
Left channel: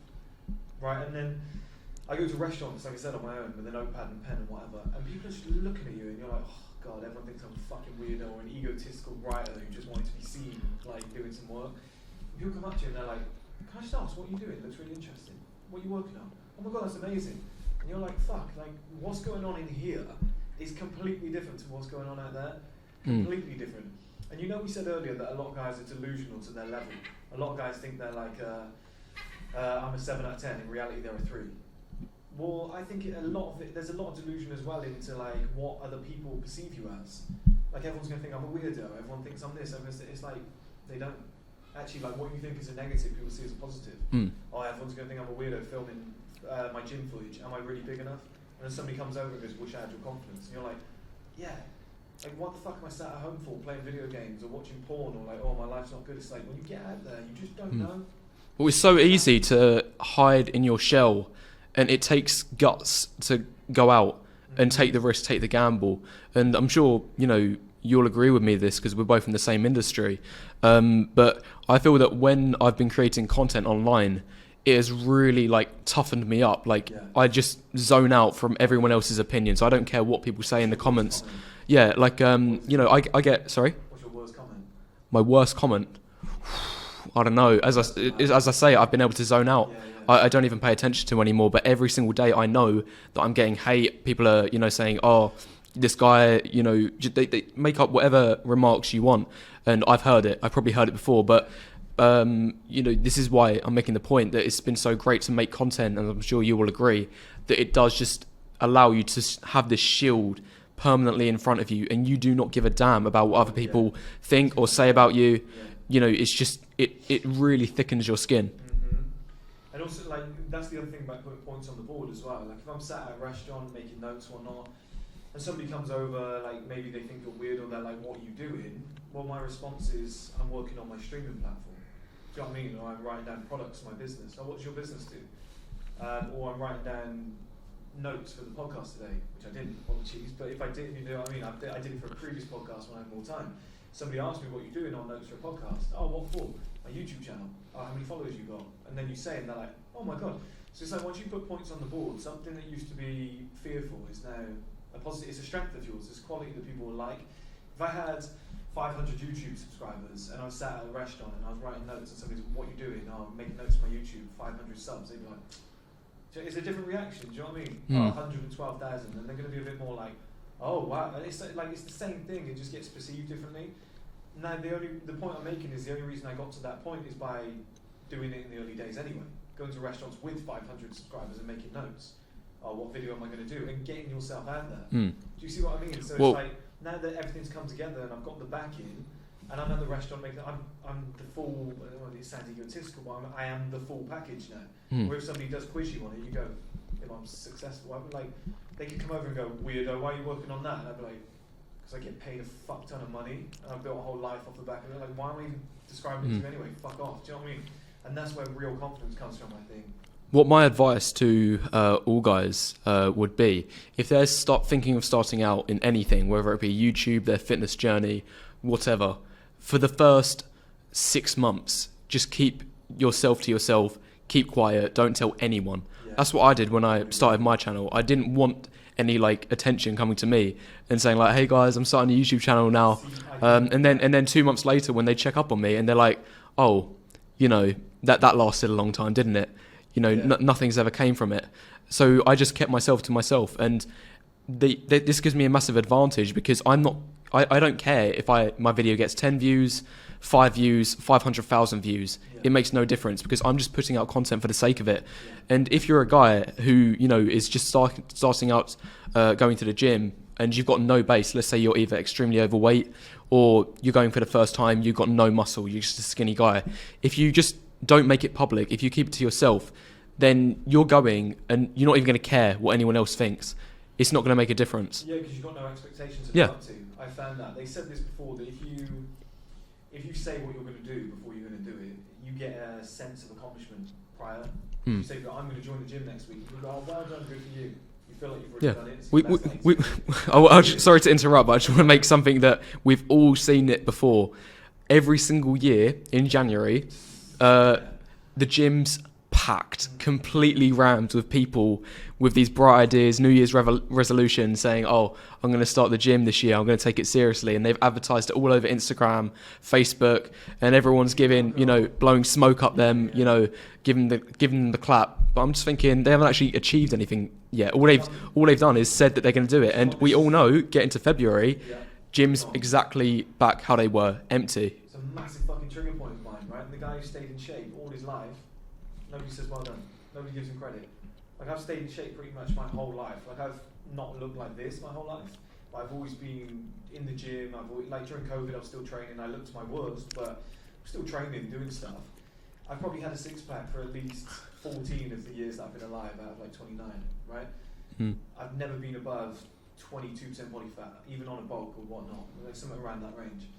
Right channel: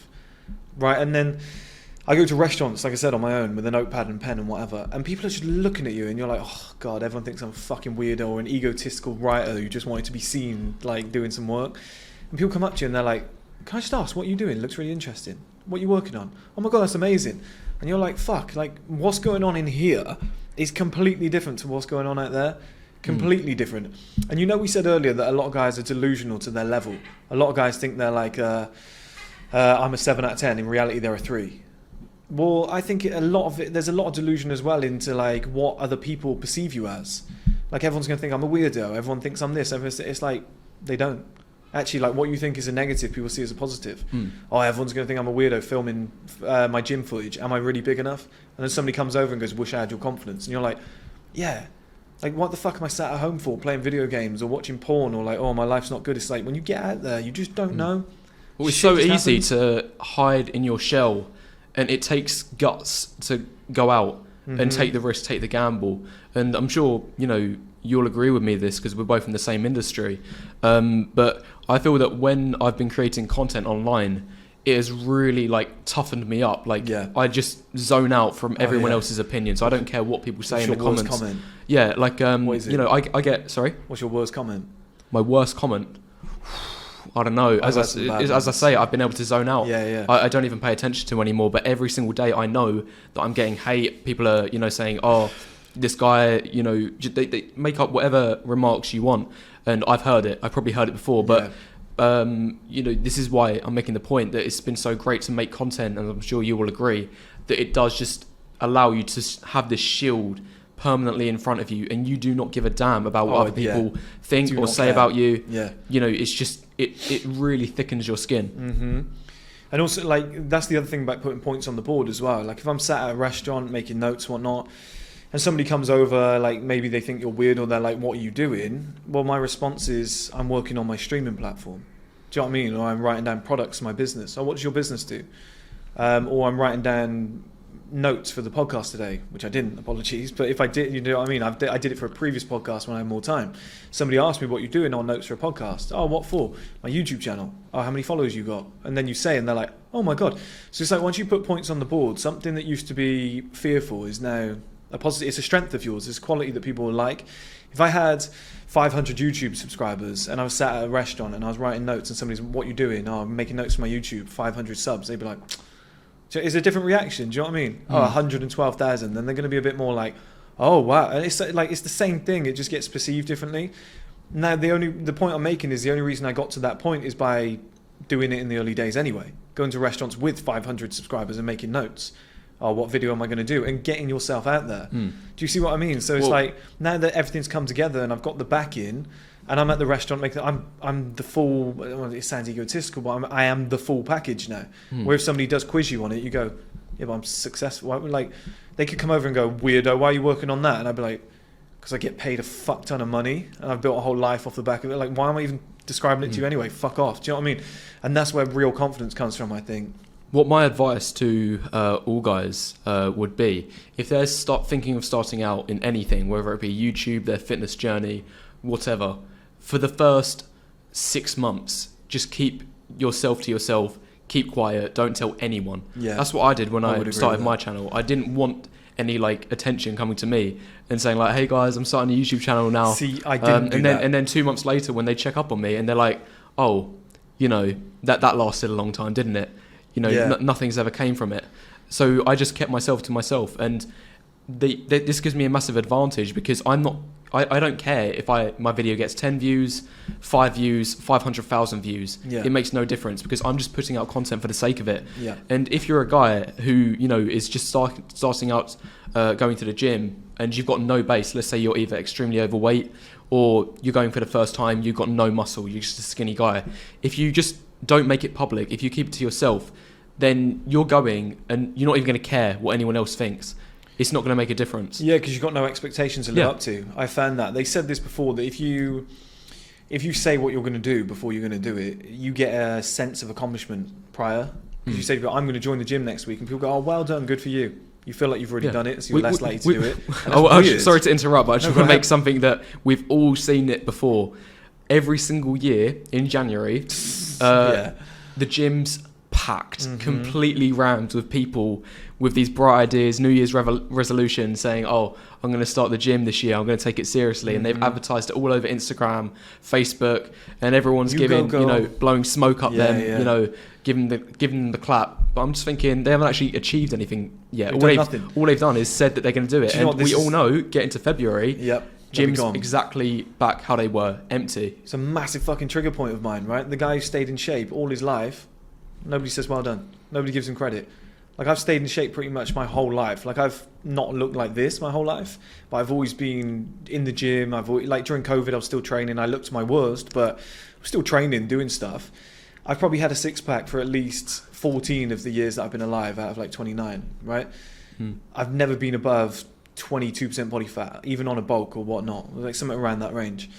right? And then I go to restaurants, like I said, on my own with a notepad and pen and whatever, and people are just looking at you and you're like, oh God, everyone thinks I'm a fucking weirdo or an egotistical writer who just wanted to be seen like doing some work. And people come up to you and they're like, can I just ask, what are you doing? It looks really interesting. What are you working on? Oh my God, that's amazing. And you're like, fuck, like what's going on in here is completely different to what's going on out there. Completely different. And we said earlier that a lot of guys are delusional to their level. A lot of guys think they're like, I'm a 7 out of 10. In reality, they're a 3. Well, I think there's a lot of delusion as well into like what other people perceive you as. Like everyone's going to think I'm a weirdo. Everyone thinks I'm this. It's like they don't. Actually, like what you think is a negative, people see as a positive. Oh, everyone's going to think I'm a weirdo filming my gym footage. Am I really big enough? And then somebody comes over and goes, wish I had your confidence. And you're like, yeah. Like, what the fuck am I sat at home for, playing video games or watching porn or like, oh, my life's not good. It's like, when you get out there, you just don't know. Well, it's so easy to hide in your shell, and it takes guts to go out and take the risk, take the gamble. And I'm sure, you'll agree with me this because we're both in the same industry. But I feel that when I've been creating content online, it has really like toughened me up. Like I just zone out from everyone else's opinion. So I don't care what people say in the comments. Yeah, like I get. Sorry. What's your worst comment? My worst comment. I don't know. As I say, I've been able to zone out. I don't even pay attention to anymore. But every single day, I know that I'm getting hate. People are saying, oh, this guy. They make up whatever remarks you want, and I've heard it. I've probably heard it before, but. This is why I'm making the point that it's been so great to make content, and I'm sure you will agree that it does just allow you to have this shield permanently in front of you, and you do not give a damn about what other people think or say about you. It's just it really thickens your skin. And also, like, that's the other thing about putting points on the board as well. Like, if I'm sat at a restaurant making notes, whatnot, and somebody comes over, like maybe they think you're weird or they're like, what are you doing? Well, my response is, I'm working on my streaming platform. Do you know what I mean? Or I'm writing down products for my business. Oh, what does your business do? Or I'm writing down notes for the podcast today, which I didn't, apologies. But if I did, you know what I mean? I did it for a previous podcast when I had more time. Somebody asked me what you're doing on notes for a podcast. Oh, what for? My YouTube channel. Oh, how many followers you got? And then you say, and they're like, oh my God. So it's like, once you put points on the board, something that used to be fearful is now a positive. It's a strength of yours. It's quality that people will like. If I had 500 YouTube subscribers and I was sat at a restaurant and I was writing notes and somebody's, what you doing? Oh, I'm making notes for my YouTube, 500 subs. They'd be like, it's a different reaction. Do you know what I mean? Oh, 112,000. Then they're going to be a bit more like, oh wow. And it's like, it's the same thing. It just gets perceived differently. Now, the point I'm making is the only reason I got to that point is by doing it in the early days anyway. Going to restaurants with 500 subscribers and making notes. Oh, what video am I going to do? And getting yourself out there. Do you see what I mean? So it's like, now that everything's come together and I've got the back in, and I'm at the restaurant making, I'm the full, well, it sounds egotistical, but I am the full package now. Where if somebody does quiz you on it, you go, yeah, but I'm successful. Like, they could come over and go, weirdo, why are you working on that? And I'd be like, because I get paid a fuck ton of money and I've built a whole life off the back of it. Like, why am I even describing it to you anyway? Fuck off. Do you know what I mean? And that's where real confidence comes from, I think. What my advice to all guys would be, if they're thinking of starting out in anything, whether it be YouTube, their fitness journey, whatever, for the first 6 months, just keep yourself to yourself, keep quiet, don't tell anyone. That's what I did when I started my channel. I didn't want any like attention coming to me and saying like, hey guys, I'm starting a YouTube channel now. See, I didn't and then 2 months later when they check up on me and they're like, oh, that lasted a long time, didn't it? Nothing's ever came from it. So I just kept myself to myself, and this gives me a massive advantage because I'm I don't care if my video gets 10 views, 5 views, 500,000 views. Yeah. It makes no difference because I'm just putting out content for the sake of it. Yeah. And if you're a guy who, you know, is just starting out going to the gym and you've got no base, let's say you're either extremely overweight or you're going for the first time, you've got no muscle, you're just a skinny guy. If you just don't make it public, if you keep it to yourself, then you're going and you're not even going to care what anyone else thinks. It's not going to make a difference. Yeah, because you've got no expectations to live up to. I found that. They said this before, that if you say what you're going to do before you're going to do it, you get a sense of accomplishment prior. If you say, I'm going to join the gym next week, and people go, oh, well done, good for you. You feel like you've already done it, so you're less likely to do it. Sorry to interrupt, but I just want to make something that we've all seen it before. Every single year in January, the gym's packed, completely rammed with people with these bright ideas, New Year's resolutions, saying, oh, I'm going to start the gym this year, I'm going to take it seriously. And they've advertised it all over Instagram, Facebook, and everyone's blowing smoke up them, you know, giving them the clap. But I'm just thinking, they haven't actually achieved anything yet. All they've done is said that they're going to do it. And we all know, get into February, gyms exactly back how they were, empty. It's a massive fucking trigger point of mine, right? The guy who stayed in shape all his life, nobody says well done. Nobody gives him credit. Like, I've stayed in shape pretty much my whole life. Like, I've not looked like this my whole life, but I've always been in the gym. Like, during COVID, I was still training. I looked my worst, but I'm still training, doing stuff. I've probably had a six-pack for at least 14 of the years that I've been alive out of like 29, right? I've never been above 22% body fat, even on a bulk or whatnot, like something around that range.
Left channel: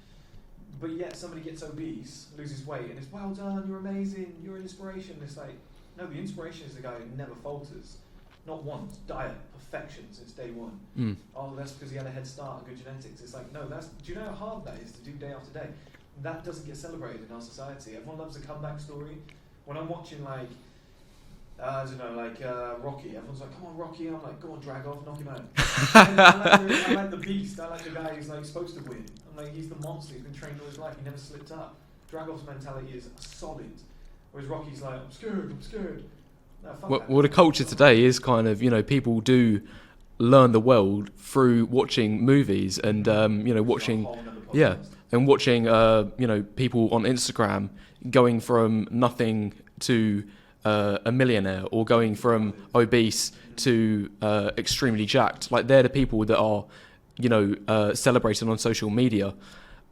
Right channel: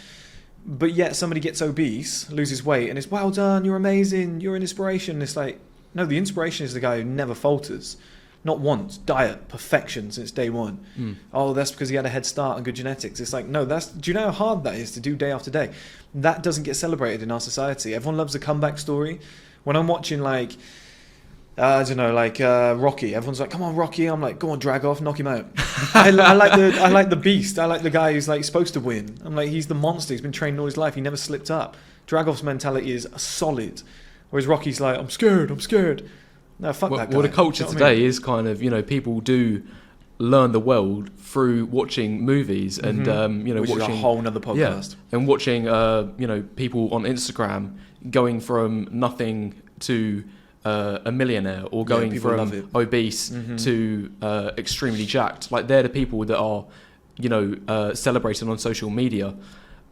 But yet somebody gets obese, loses weight, and it's, well done, you're amazing, you're an inspiration. It's like, no, the inspiration is the guy who never falters. Not once. Diet, perfection since day one. Oh, that's because he had a head start and good genetics. It's like, no, do you know how hard that is to do day after day? That doesn't get celebrated in our society. Everyone loves a comeback story. When I'm watching, like, Rocky, everyone's like, come on, Rocky. I'm like, go on, drag off, knock him out. I like the beast. I like the guy who's like supposed to win. I'm like, he's the monster. He's been trained all his life. He never slipped up. Dragov's mentality is solid. Whereas Rocky's like, I'm scared. No, fuck that guy. Well, the culture today is kind of, you know, people do learn the world through watching movies and, Which watching is a whole nother podcast. And watching, people on Instagram going from nothing to a millionaire, or going from obese to extremely jacked. Like, they're the people that are, celebrated on social media.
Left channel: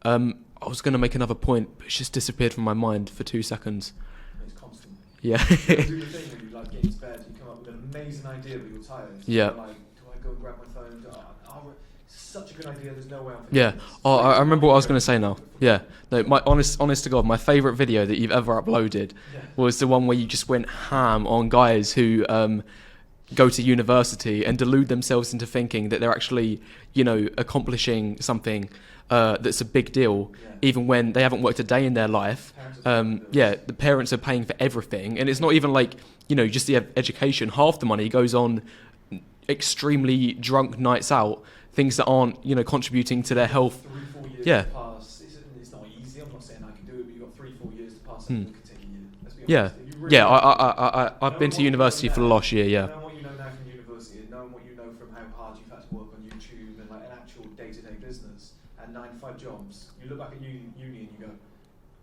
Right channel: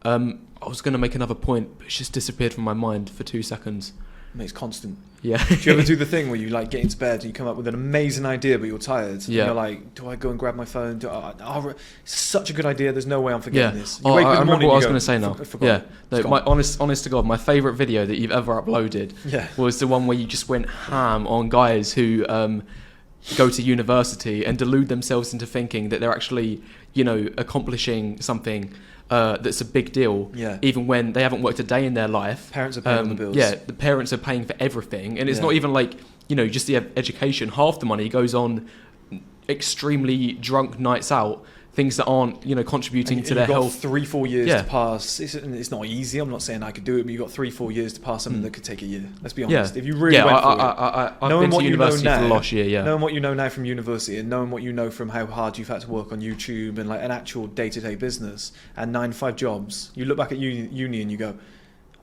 I was going to make another point, but it's just disappeared from my mind for 2 seconds. It's constant. Yeah. Do you ever do the thing where you like get into bed and you come up with an amazing idea, but you're tired? Yeah. You're like, do I go and grab my phone? It's such a good idea. There's no way I'm forgetting this. Oh, I remember what I was going to say now. Yeah. No, my honest to God, my favourite video that you've ever uploaded was the one where you just went ham on guys who go to university and delude themselves into thinking that they're actually, accomplishing something that's a big deal, even when they haven't worked a day in their life. Parents are paying the bills. Yeah, the parents are paying for everything, and it's not even like, just the education. Half the money goes on extremely drunk nights out, things that aren't, contributing to their health. 3-4 years to pass. It's not easy. I'm not saying I could do it, but you've got 3-4 years to pass something that could take a year. Let's be honest. If you really I've been to university for the last year. Knowing what you know now from university, and knowing what you know from how hard you've had to work on YouTube and like an actual day-to-day business and 9-to-5 jobs, you look back at uni and you go,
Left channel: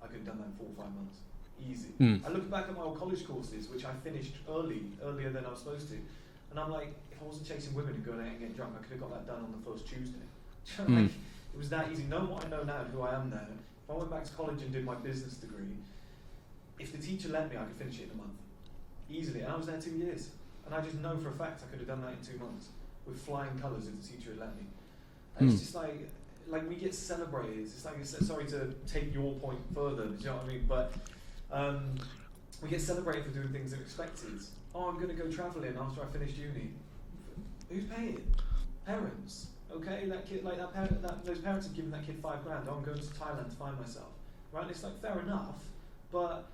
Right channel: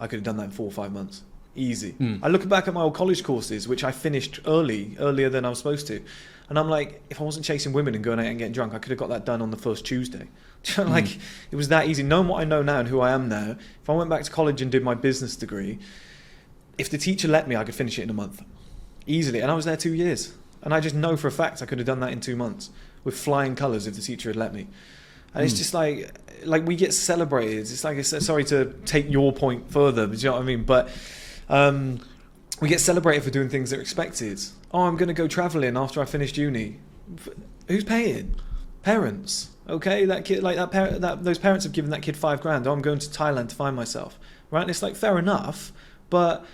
I could have done that in 4 or 5 months. Easy. I look back at my old college courses, which I finished earlier than I was supposed to. And I'm like, if I wasn't chasing women and going out and getting drunk, I could have got that done on the first Tuesday. It was that easy. Knowing what I know now and who I am now, if I went back to college and did my business degree, if the teacher let me, I could finish it in a month. Easily. And I was there 2 years. And I just know for a fact I could have done that in 2 months with flying colours if the teacher had let me. And it's just like we get celebrated. It's like, sorry to take your point further, but you know what I mean? But we get celebrated for doing things that are expected. Oh, I'm going to go travelling after I finished uni. Who's paying? Parents. Okay, that kid, like those parents have given that kid $5,000. Oh, I'm going to Thailand to find myself. Right? And it's like, fair enough, but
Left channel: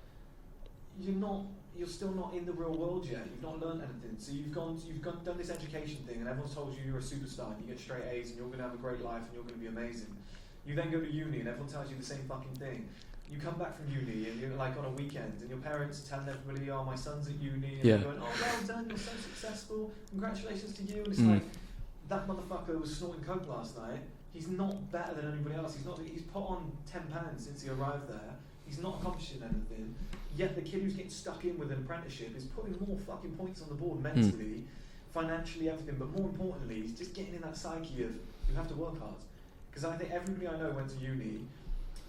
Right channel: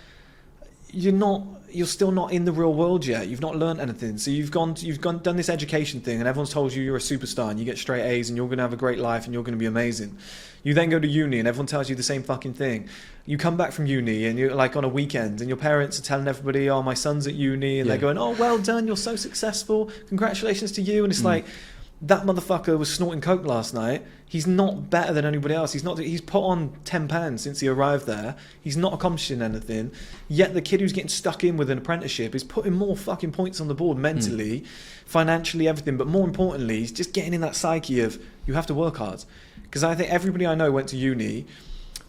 you're still not in the real world yet. You've not learned anything. So you've done this education thing, and everyone's told you you're a superstar and you get straight A's and you're going to have a great life and you're going to be amazing. You then go to uni and everyone tells you the same fucking thing. You come back from uni and you're like on a weekend and your parents are telling everybody, oh, my son's at uni, and they're going, oh, well done, you're so successful, congratulations to you. And it's like, That motherfucker was snorting coke last night. He's not better than anybody else. He's put on 10 pounds since he arrived there. He's not accomplishing anything. Yet the kid who's getting stuck in with an apprenticeship is putting more fucking points on the board mentally, financially, everything. But more importantly, he's just getting in that psyche of you have to work hard. Because I think everybody I know went to uni,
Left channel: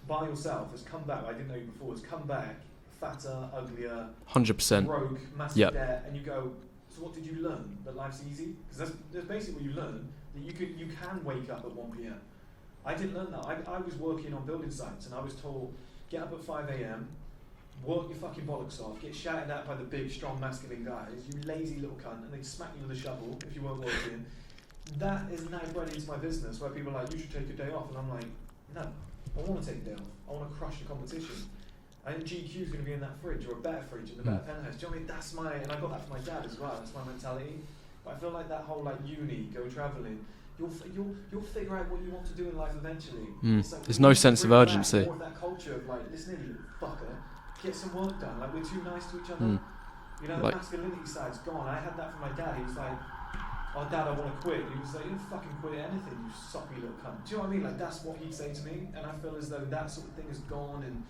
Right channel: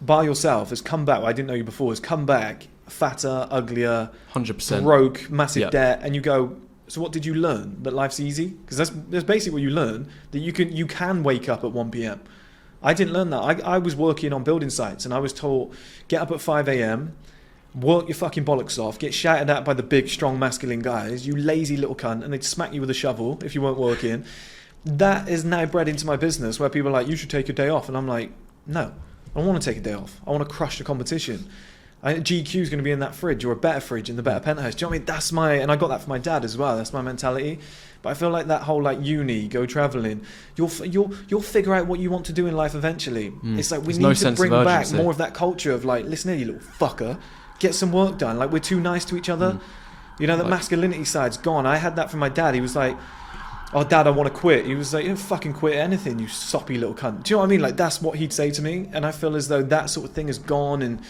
bar yourself, has come back. Well, I didn't know you before. Has come back fatter, uglier, 100%, broke, massive debt, and you go. So what did you learn? That life's easy? Because that's basically what you learn, that you can wake up at 1 p.m. I didn't learn that. I was working on building sites and I was told, get up at 5 a.m, work your fucking bollocks off, get shouted at by the big, strong, masculine guys, you lazy little cunt, and they'd smack you with a shovel if you weren't working. That is now bred into my business where people are like, you should take a day off. And I'm like, no, I don't want to take a day off. I want to crush the competition. GQ is going to be in that fridge, or a better fridge in the better penthouse. Do you know what I mean? And I got that from my dad as well. That's my mentality. But I feel like that whole like uni, go travelling, you'll figure out what you want to do in life eventually. It's like we need to bring back more of that culture of like, listen here, you little fucker, get some work done. Like we're too nice to each other. You know, the masculinity side's gone. I had that from my dad. He was like, oh dad, I want to quit. He was like, you don't fucking quit anything, you soppy little cunt. Do you know what I mean? Like that's what he'd say to me. And I feel as though that sort of thing is gone, and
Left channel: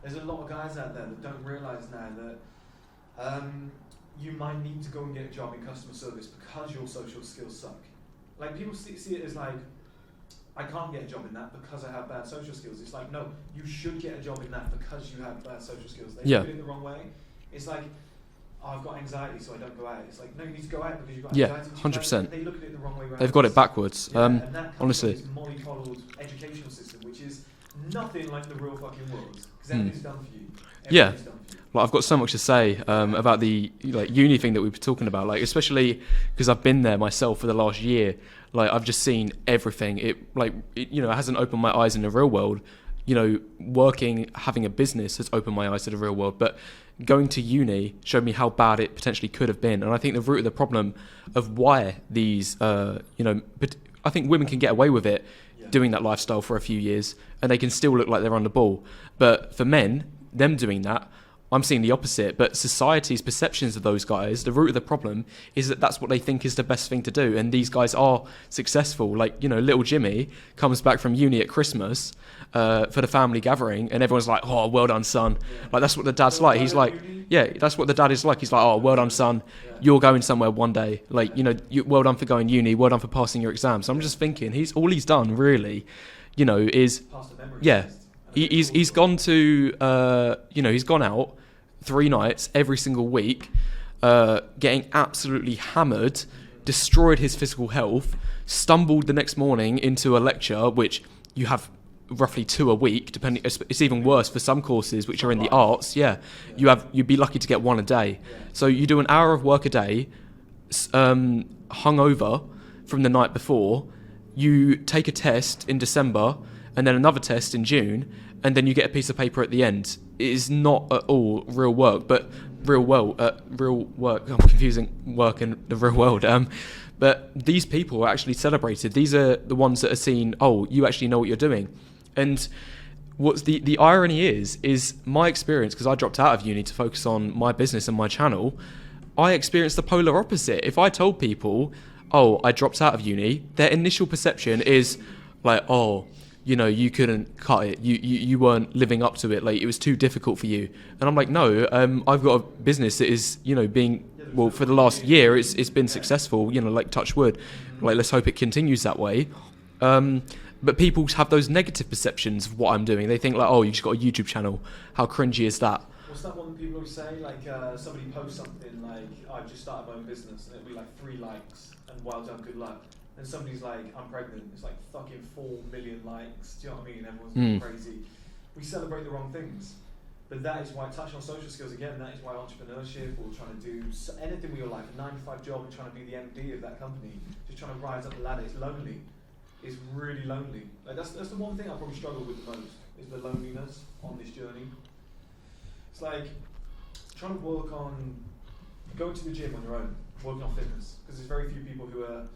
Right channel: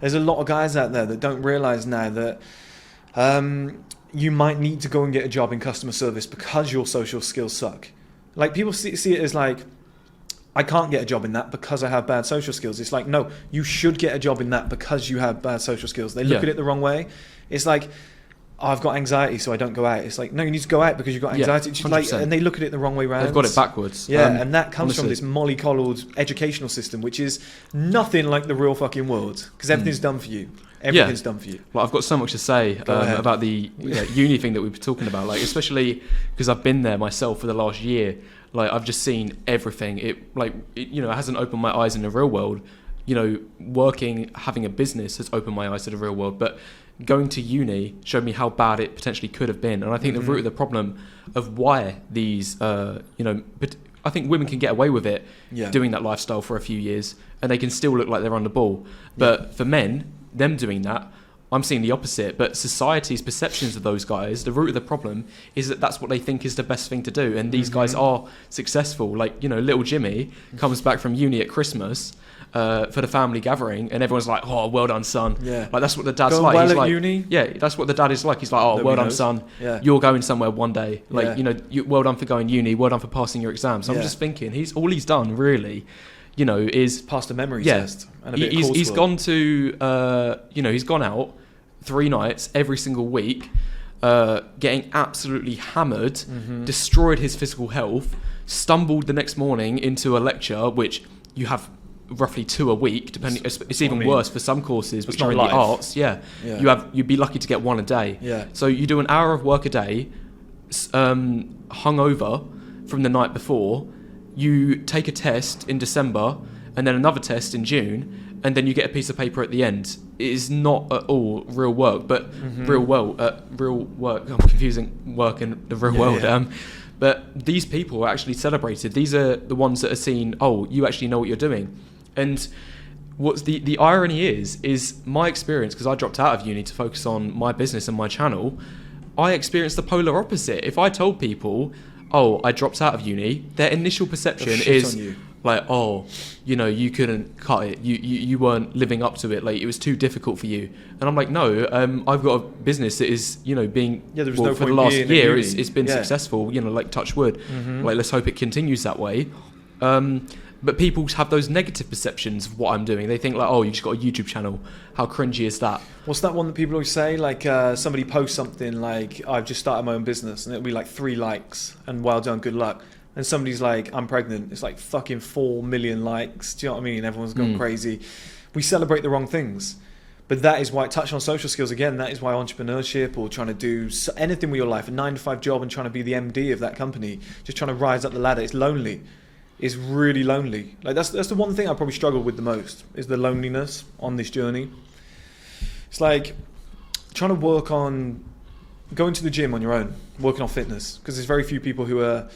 there's a lot of guys out there that don't realise now that you might need to go and get a job in customer service because your social skills suck. Like people see it as like, I can't get a job in that because I have bad social skills. It's like, no, you should get a job in that because you have bad social skills. They look at it the wrong way. It's like, oh, I've got anxiety, so I don't go out. It's like, no, you need to go out because you've got anxiety. 100%. And they look at it the wrong way around. They've got it backwards. Yeah, and that comes from this mollycoddled educational system, which is nothing like the real fucking world, because everything's done for you. Everything's done for you. Well, I've got so much to say about the uni thing that we were talking about, like especially because I've been there myself for the last year. Like I've just seen everything. It hasn't opened my eyes in the real world. You know, working, having a business has opened my eyes to the real world, but going to uni showed me how bad it potentially could have been. And I think the root of the problem of why these, but I think women can get away with it doing that lifestyle for a few years and they can still look like they're on the ball. But for men, them doing that, I'm seeing the opposite. But society's perceptions of those guys, the root of the problem is that that's what they think is the best thing to do. And these guys are successful. Like, you know, little Jimmy comes back from uni at Christmas for the family gathering, and everyone's like, "Oh, well done, son." Yeah. Like that's what the dad's like. He's like, uni? "Yeah, that's what the dad is like." He's like, "Oh, well done, son. Yeah. You're going somewhere one day. Like, you know, well done for going uni. Well done for passing your exams." So I'm just thinking, he's done really, you know, is passed a memory test. And he's gone to, he's gone out 3 nights every single week, getting absolutely hammered, destroyed his physical health, stumbled the next morning into a lecture, which you have roughly 2 a week, depending. It's even worse for some courses which are in the arts. You'd be lucky to get 1 a day. So you do an hour of work a day, hungover from the night before. You take a test in December and then another test in June, and then you get a piece of paper at the end. It is not at all real work, but real work. I'm confusing work and the real world. But these people are actually celebrated. These are the ones that are seen, oh, you actually know what you're doing. And what's the irony is my experience, because I dropped out of uni to focus on my business and my channel, I experienced the polar opposite. If I told people, oh, I dropped out of uni, their initial perception is like, oh, you know, you couldn't cut it. You weren't living up to it. Like, it was too difficult for you. And I'm like, no, I've got a business that is, you know, being, for the last year, it's been successful, you know, like touch wood. Like, let's hope it continues that way. But people have those negative perceptions of what I'm doing. They think like, oh, you've just got a YouTube channel. How cringy is that? What's that one that people always say? Like, somebody posts something like, I've just started my own business, and it'll be like 3 likes and well done, good luck. And somebody's like, I'm pregnant. It's like fucking 4 million likes. Do you know what I mean? Everyone's gone crazy. We celebrate the wrong things. But that is why, touch on social skills again, that is why entrepreneurship or trying to do anything with your life, a 9-to-5 job and trying to be the MD of that company, just trying to rise up the ladder, it's lonely. It's really lonely. Like that's the one thing I probably struggle with the most, is the loneliness on this journey. It's like trying to work on going to the gym on your own, working on fitness, because there's very few people who are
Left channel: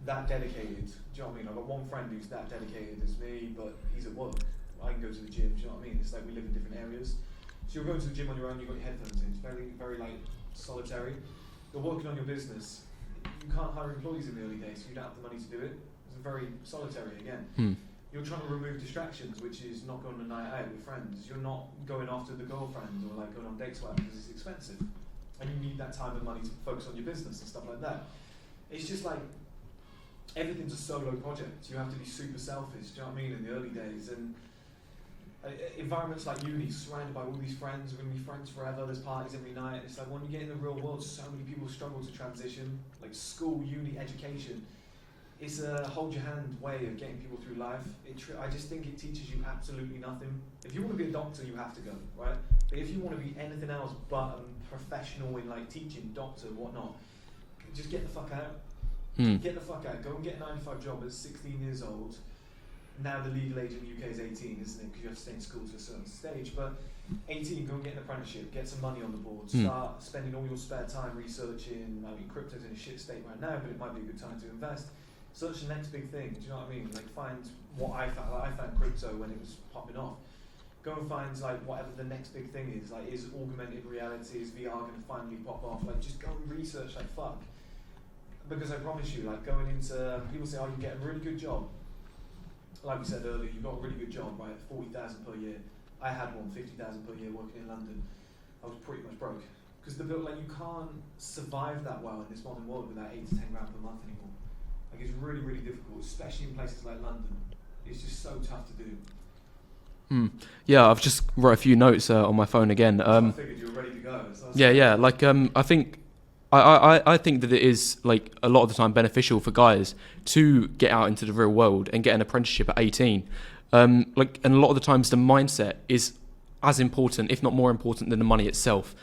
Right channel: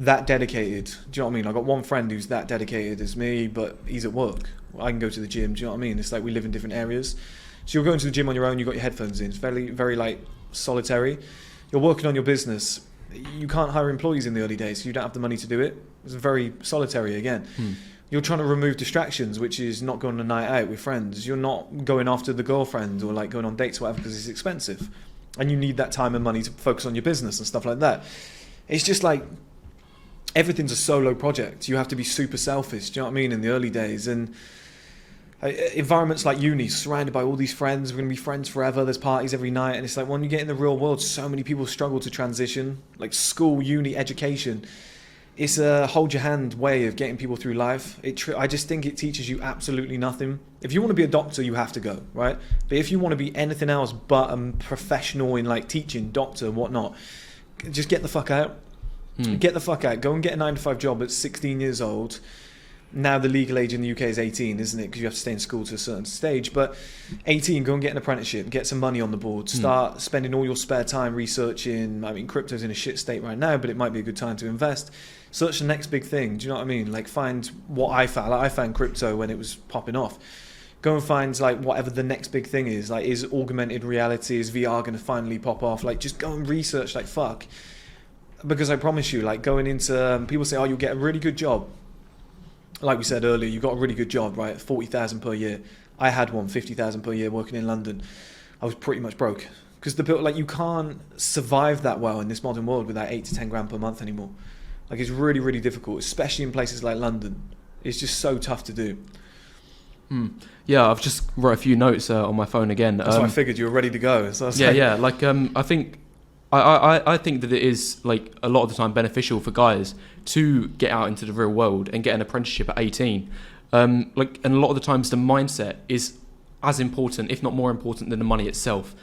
that dedicated. Do you know what I mean? I've got one friend who's that dedicated as me, but he's at work. I can go to the gym. Do you know what I mean? It's like we live in different areas. So you're going to the gym on your own, you've got your headphones in. It's very, very like solitary. You're working on your business. you can't hire employees in the early days, so you don't have the money to do it. It's very solitary again. You're trying to remove distractions, which is not going on a night out with friends. You're not going after the girlfriend or like going on dates or whatever because it's expensive. And you need that time and money to focus on your business and stuff like that. It's just like everything's a solo project. You have to be super selfish, do you know what I mean, in the early days. And environments like uni, surrounded by all these friends, we're going to be friends forever, there's parties every night. And it's like when you get in the real world, so many people struggle to transition. Like school, uni, education. It's a hold your hand way of getting people through life. I just think it teaches you absolutely nothing. If you want to be a doctor, you have to go, right? But if you want to be anything else but a professional in like teaching, doctor, whatnot, just get the fuck out. Get the fuck out. Go and get a 9-to-5 job at 16 years old. Now the legal age in the UK is 18, isn't it? Because you have to stay in school to a certain stage. But 18, go and get an apprenticeship, get some money on the board, start spending all your spare time researching. I mean, crypto's in a shit state right now, but it might be a good time to invest. Search the next big thing. Do you know what I mean? Like find what I found. Like I found crypto when it was popping off. Go and find like whatever the next big thing is. Like is augmented reality, is VR going to finally pop off? Like just go and research like fuck. Because I promise you, like going into people say, oh, you'll get a really good job. Like we said earlier, you got a really good job, right? 40,000 per year. I had one, 50,000 per year working in London. I was pretty much broke because like you can't survive that well in this modern world without 8 to 10 grand per month anymore. Like it's really, really difficult, especially in places like London. It's just so tough to do. Yeah, I've just wrote a few notes on my phone again. That's what I figured you were ready to go. So yeah. Like I think I think that it is like a lot of the time beneficial for guys to get out into the real world and get an apprenticeship at 18. And a lot of the times the mindset is as important, if not more important, than the money itself.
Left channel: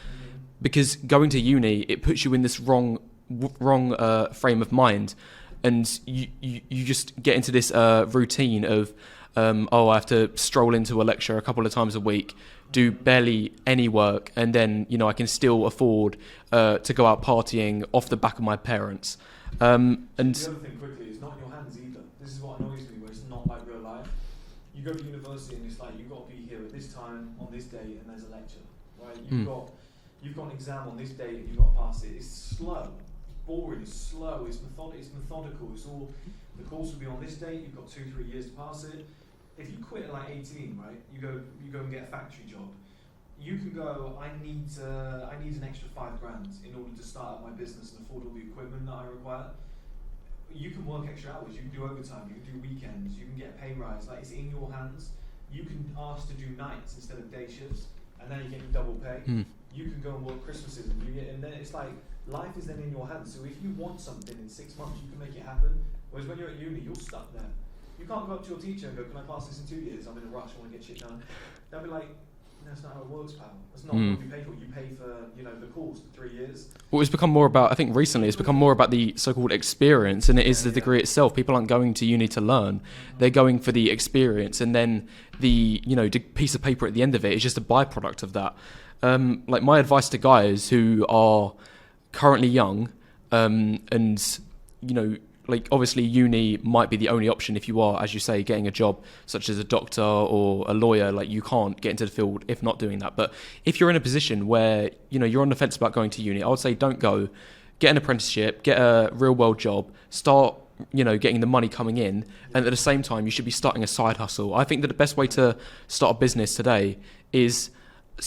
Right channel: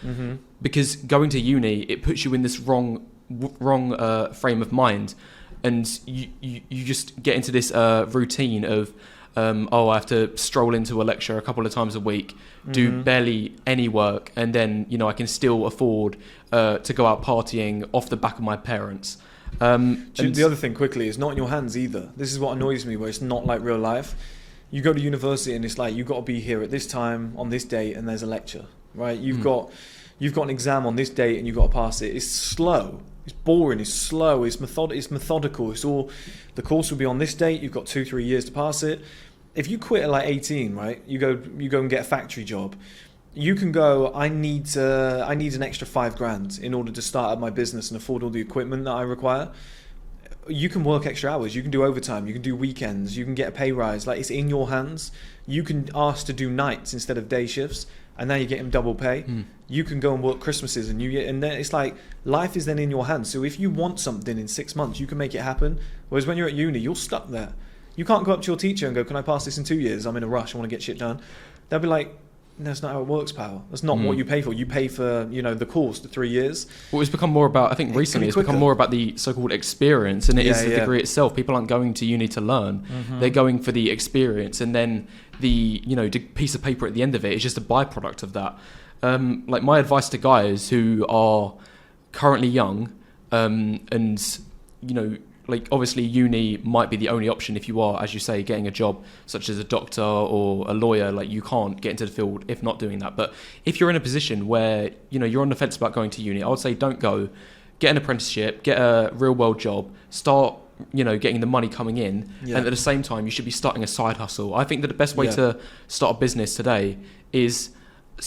Because going to uni, it puts you in this wrong frame of mind. And you just get into this routine of, I have to stroll into a lecture a couple of times a week, do barely any work, and then, I can still afford to go out partying off the back of my parents. And the other thing quickly is not in your hands either. This is what annoys me, where it's not like real life. You go to university and it's like, you've got to be here at this time, on this date, and there's a lecture, right? You've got an exam on this date and you've got to pass it. It's slow. It's boring, it's slow, it's methodical. It's all, the course will be on this date, you've got 2-3 years to pass it. If you quit at like 18, right, you go and get a factory job, you can go, I need an extra 5 grand in order to start up my business and afford all the equipment that I require. You can work extra hours, you can do overtime, you can do weekends, you can get a pay rise. Like it's in your hands. You can ask to do nights instead of day shifts, and now you're getting double pay. You can go and work Christmases and then it's like life is then in your hands. So if you want something in 6 months, you can make it happen. Whereas when you're at uni, you're stuck there. You can't go up to your teacher and go, can I pass this in 2 years? I'm in a rush, I want to get shit done. They'll be like, no, that's not how it works, pal. That's not what you pay for. You pay for, the course, the 3 years. Well, it's become more about, I think recently it's become more about the so-called experience, and it is the degree itself. People aren't going to uni to learn. They're going for the experience, and then the piece of paper at the end of it is just a byproduct of that. Like my advice to guys who are currently young, and like obviously uni might be the only option if you are, as you say, getting a job such as a doctor or a lawyer. Like you can't get into the field if not doing that. But if you're in a position where you're on the fence about going to uni, I would say don't go. Get an apprenticeship, get a real world job, start getting the money coming in, and at the same time you should be starting a side hustle. I think that the best way to start a business today is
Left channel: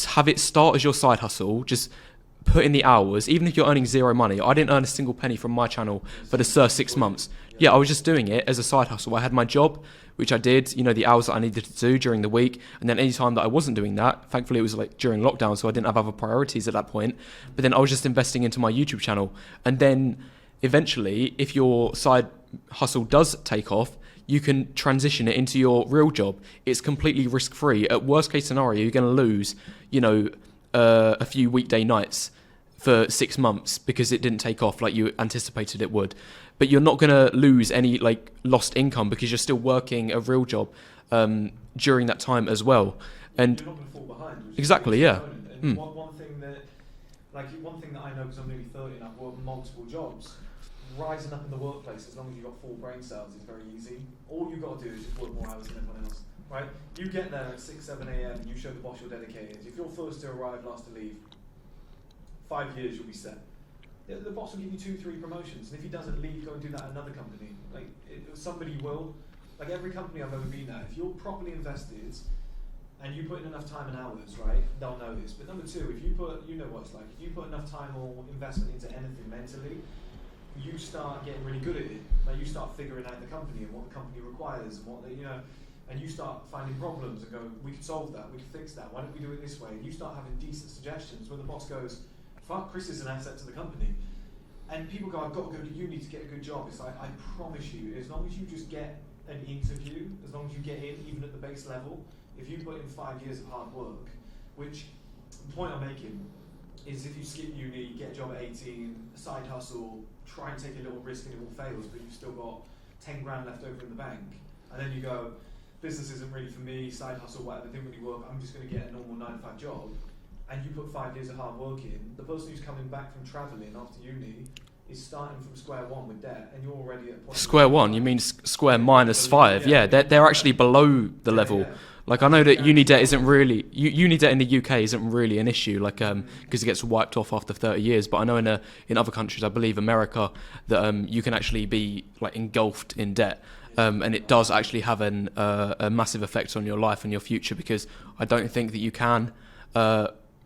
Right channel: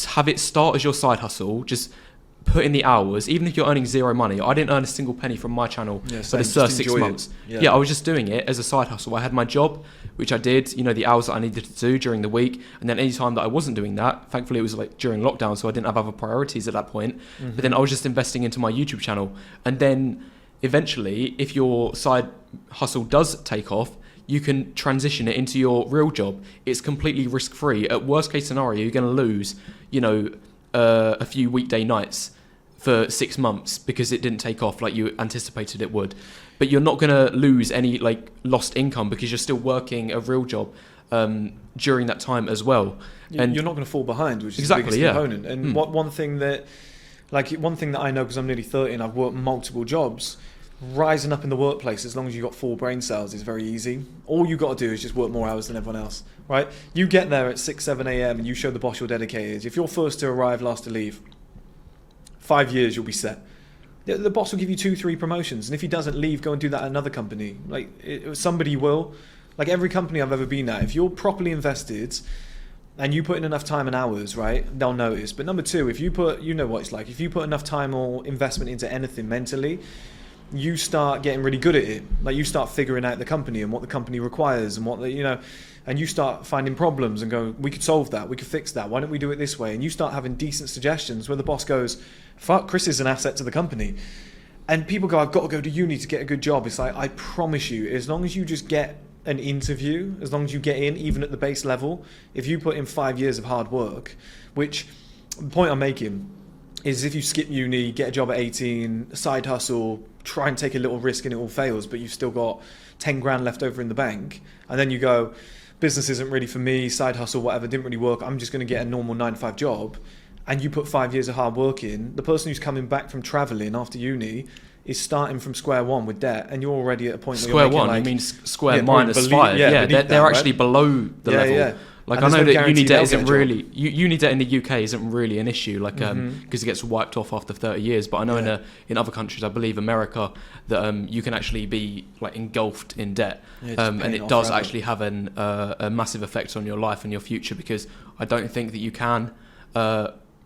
have it start as your side hustle. Just put in the hours, even if you're earning zero money. I didn't earn a single penny from my channel for the first 6 months. I was just doing it as a side hustle. I had my job, which I did, the hours that I needed to do during the week, and then any time that I wasn't doing that, thankfully it was like during lockdown, so I didn't have other priorities at that point. But then I was just investing into my YouTube channel, and then eventually, if your side hustle does take off, you can transition it into your real job. It's completely risk-free. At worst case scenario, you're going to lose, a few weekday nights for 6 months because it didn't take off like you anticipated it would. But you're not going to lose any like lost income because you're still working a real job during that time as well. And you're not going to fall behind, which is exactly, the biggest component. And one thing that I know, because I'm nearly 30 and I've worked multiple jobs, rising up in the workplace, as long as you've got 4 brain cells, is very easy. All you got to do is just work more hours than everyone else, right? You get there at 6-7 a.m. and you show the boss you're dedicated. If you're first to arrive, last to leave, 5 years you'll be set. The boss will give you 2-3 promotions, and if he doesn't leave, go and do that at another company. Like somebody will. Like every company I've ever been at, if you're properly invested and you put in enough time and hours, right, they'll notice. But number two, if you put, you know what it's like, if you put enough time or investment into anything mentally, you start getting really good at it. Like you start figuring out the company and what the company requires and what the, you know, and you start finding problems and go, we could solve that, we could fix that, why don't we do it this way? And you start having decent suggestions where the boss goes, fuck, Chris is an asset to the company. And people go, I've got to go to uni to get a good job. It's like, I promise you, as long as you just get an interview, as long as you get in, even at the base level, if you put in 5 years of hard work, which the point I'm making is if you skip uni, get a job at 18, side hustle, try and take a little risk and it all fails, but you've still got 10 grand left over in the bank, and then you go, business isn't really for me, side hustle, whatever, didn't really work, I'm just going to get a normal 9-to-5 job, and you put 5 years of hard work in, the person who's coming back from travelling after uni is starting from square one with debt, and you're already at a point square one, like, you mean square minus 5? Yeah, they're actually below the level. Yeah. Like, I know that uni debt isn't really, uni debt in the UK isn't really an issue, like, because it gets wiped off after 30 years. But I know in other countries, I believe America, that you can actually be like engulfed in debt, and it does actually have a massive effect on your life and your future, because I don't think that you can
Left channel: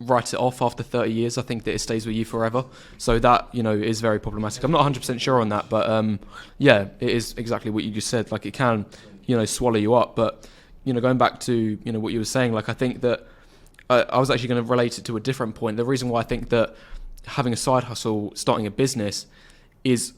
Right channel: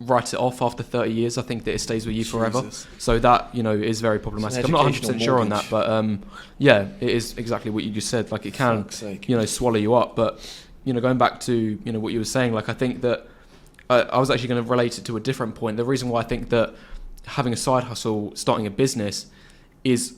write it off after 30 years. I think that it stays with you forever. So that, you know, is very problematic. I'm not 100% sure on that, but yeah, it is exactly what you just said. Like, it can, you know, swallow you up. But, you know, going back to, you know, what you were saying, like, I think that I was actually going to relate it to a different point. The reason why I think that having a side hustle, starting a business, is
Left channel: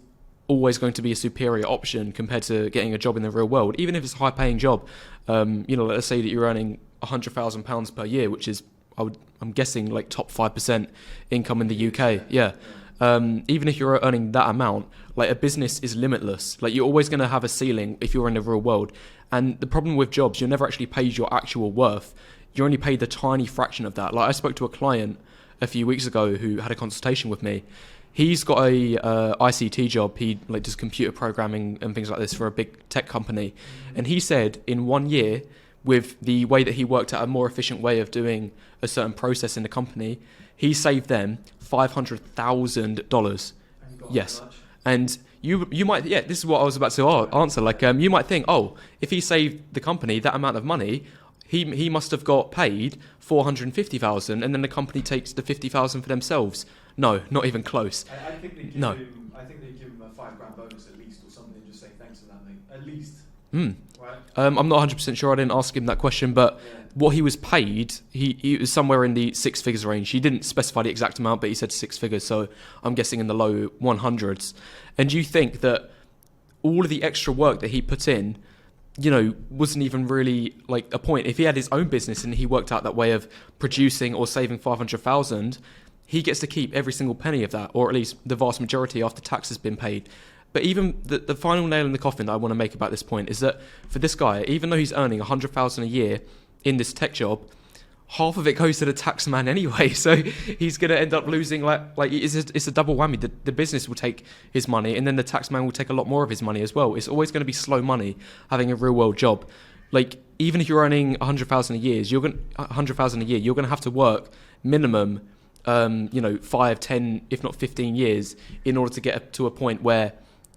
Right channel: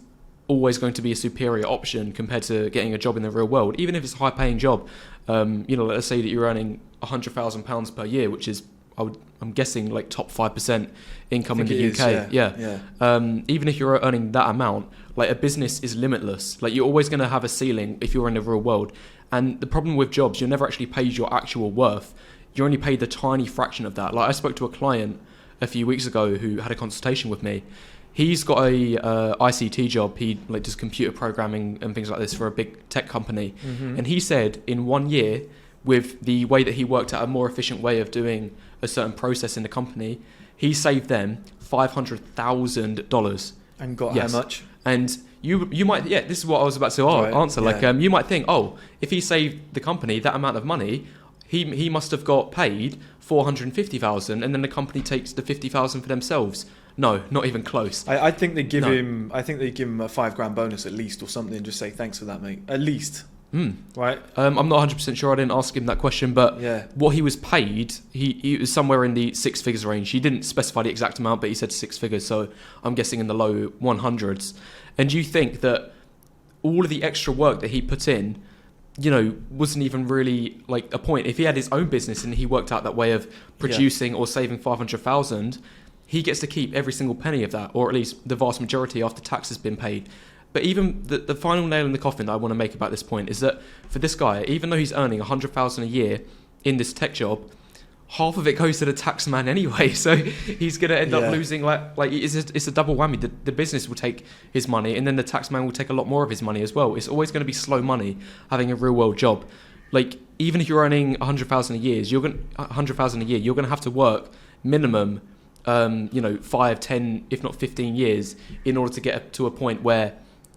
always going to be a superior option compared to getting a job in the real world, even if it's a high paying job. You know, let's say that you're earning £100,000 per year, which is, I'm guessing, like top 5% income in the UK. Even if you're earning that amount, like, a business is limitless. Like, you're always going to have a ceiling if you're in the real world. And the problem with jobs, you're never actually paid your actual worth. You're only paid the tiny fraction of that. Like, I spoke to a client a few weeks ago who had a consultation with me. He's got a ICT job. He like does computer programming and things like this for a big tech company. And he said in 1 year, with the way that he worked out a more efficient way of doing a certain process in the company, he saved them $500,000. And got how much? And you might, this is what I was about to answer. Like, you might think, oh, if he saved the company that amount of money, he must have got paid $450,000, and then the company takes the $50,000 for themselves. No, not even close. I think they give him. I think they give him a $5,000 bonus at least, or something, and just say thanks for that, mate. At least. Right. I'm not 100% sure. I didn't ask him that question, but what he was paid, he was somewhere in the 6 figures range. He didn't specify the exact amount, but he said 6 figures, so I'm guessing in the low 100s. And you think that all of the extra work that he put in, you know, wasn't even really like a point. If he had his own business and he worked out that way of producing or saving 500,000, he gets to keep every single penny of that, or at least the vast majority after tax has been paid. But even the final nail in the coffin that I want to make about this point is that for this guy, even though he's earning 100,000 a year in this tech job, half of it goes to the tax man anyway. So he's going to end up losing, like it's a double whammy. The business will take his money, and then the tax man will take a lot more of his money as well. It's always going to be slow money having a real world job. Like, even if you're earning 100,000 a year, you're going to have to work minimum 5, 10, if not 15 years in order to get to a point where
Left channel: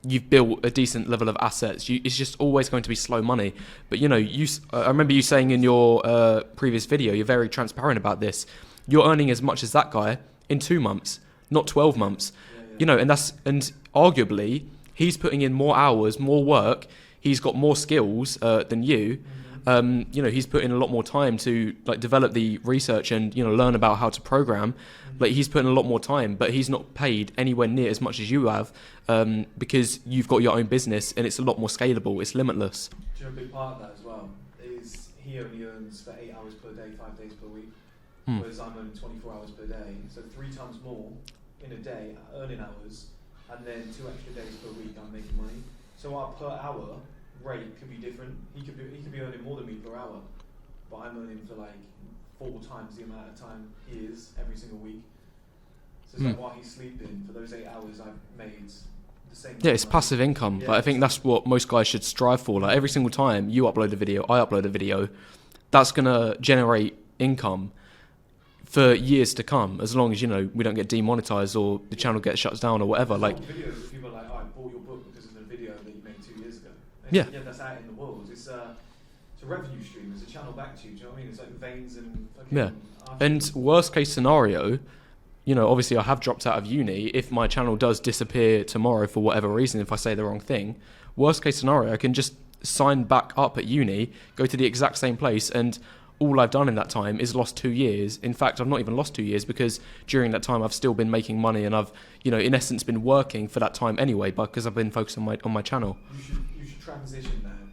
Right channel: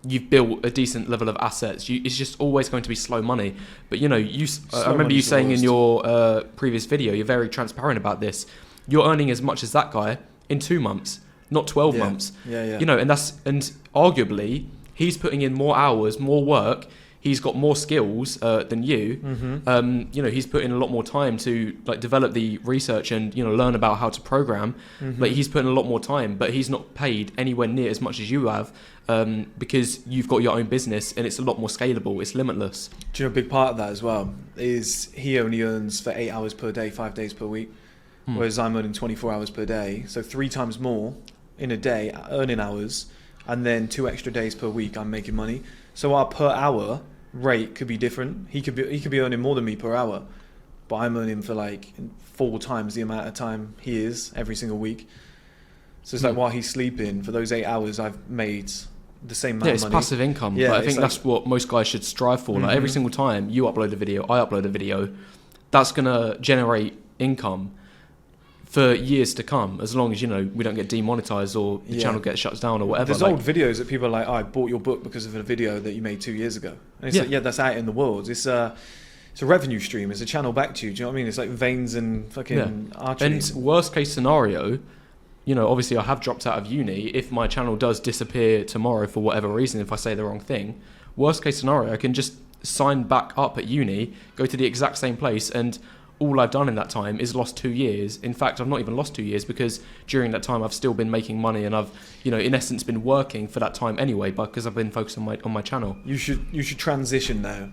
you've built a decent level of assets. It's just always going to be slow money. But, you know, I remember you saying in your previous video, you're very transparent about this. You're earning as much as that guy in 2 months, not 12 months. You know, and arguably he's putting in more hours, more work. He's got more skills than you. You know, he's put in a lot more time to like develop the research and, you know, learn about how to program. Like, he's put in a lot more time, but he's not paid anywhere near as much as you have, because you've got your own business and it's a lot more scalable. It's limitless. Do you know a big part of that as well is he only earns for 8 hours per day, 5 days per week, whereas I'm earning 24 hours per day. So 3 times more in a day earning hours, and then 2 extra days per week I'm making money. So our per hour rate could be different. He could be earning more than me per hour, but I'm earning for like 4 times the amount of time he is every single week. So it's like, while he's sleeping, for those 8 hours I've made the same amount of money. Passive income. But I think that's what most guys should strive for. Like, every single time you upload a video, I upload a video, that's gonna generate income for years to come, as long as, you know, we don't get demonetized or the channel gets shut down or whatever. There's Like, old videos that people are like, oh, I bought your book because of a video that you made 2 years ago. And it's Yeah. like, yeah, that's out in the world. It's a revenue stream. It's a channel back to you. Do you know what I mean? It's like veins and fucking archery. and worst case scenario, you know, obviously I have dropped out of uni. If my channel does disappear tomorrow for whatever reason, if I say the wrong thing, worst case scenario, I can just sign back up at uni, go to the exact same place, and all I've done in that time is lost 2 years. In fact, I've not even lost 2 years, because during that time I've still been making money, and I've, you know, in essence been working for that time anyway, but because I've been focused on my channel. You should transition now.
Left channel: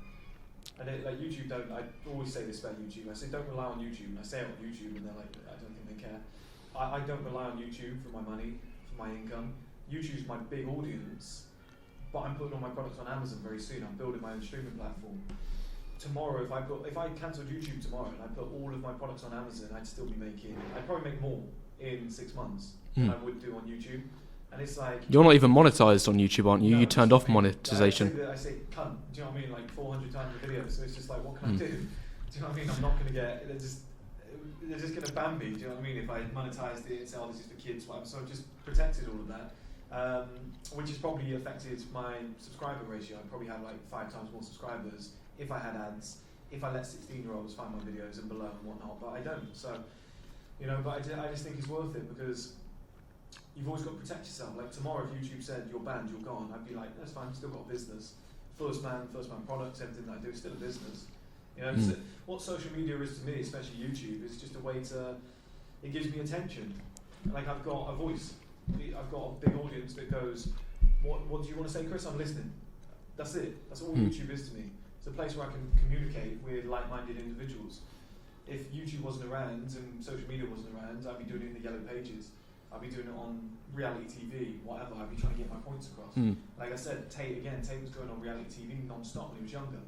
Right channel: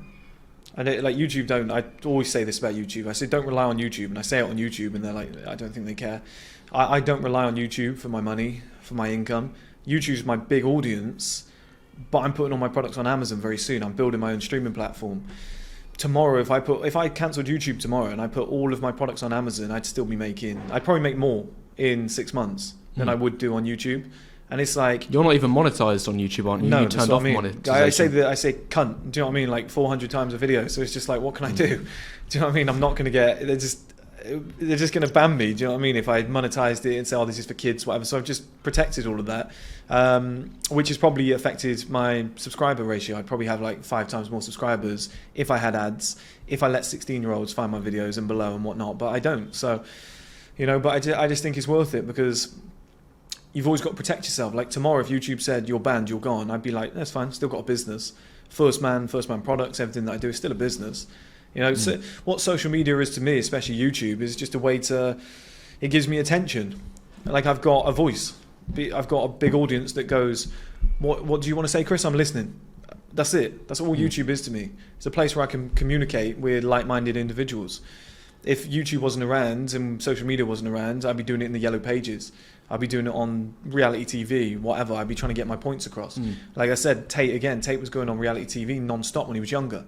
And like YouTube don't. I always say this about YouTube. I say don't rely on YouTube, and I say it on YouTube, and they're like, I don't think they care. I don't rely on YouTube for my money, for my income. YouTube's my big audience, but I'm putting all my products on Amazon very soon. I'm building my own streaming platform. Tomorrow, if I cancelled YouTube tomorrow and I put all of my products on Amazon, I'd probably make more in 6 months than I would do on YouTube. And it's like, You're not even monetized on YouTube, aren't you? no, You that's turned what off I mean. monetization. I say cunt. Do you know what I mean? Like 400 times a video. So it's just like, what can I do? Do you know what I mean? I'm not going to get. They're just going to ban me. Do you know what I mean? If I monetized it and say, oh, this is for kids, whatever. So I've just protected all of that, which has probably affected my subscriber ratio. I'd probably have like 5 times more subscribers if I had ads, if I let 16-year-olds find my videos and below and whatnot. But I don't. So, you know, but I just think it's worth it, because you've always got to protect yourself. Like tomorrow, if YouTube said you're banned, you're gone, I'd be like, that's fine, still got a business. 1STMAN products, everything that I do is still a business. You know, so what social media is to me, especially YouTube, is just a way to, it gives me attention. Like I've got a voice. I've got a big audience that goes, what do you want to say, Chris? I'm listening. That's it. That's all YouTube is to me. It's a place where I can communicate with like-minded individuals. If YouTube wasn't around and social media wasn't around, I'd be doing it in the yellow pages. I'd be doing it on reality TV, whatever. I'd be trying to get my points across. Like I said, Tate was going on reality TV non-stop when he was younger.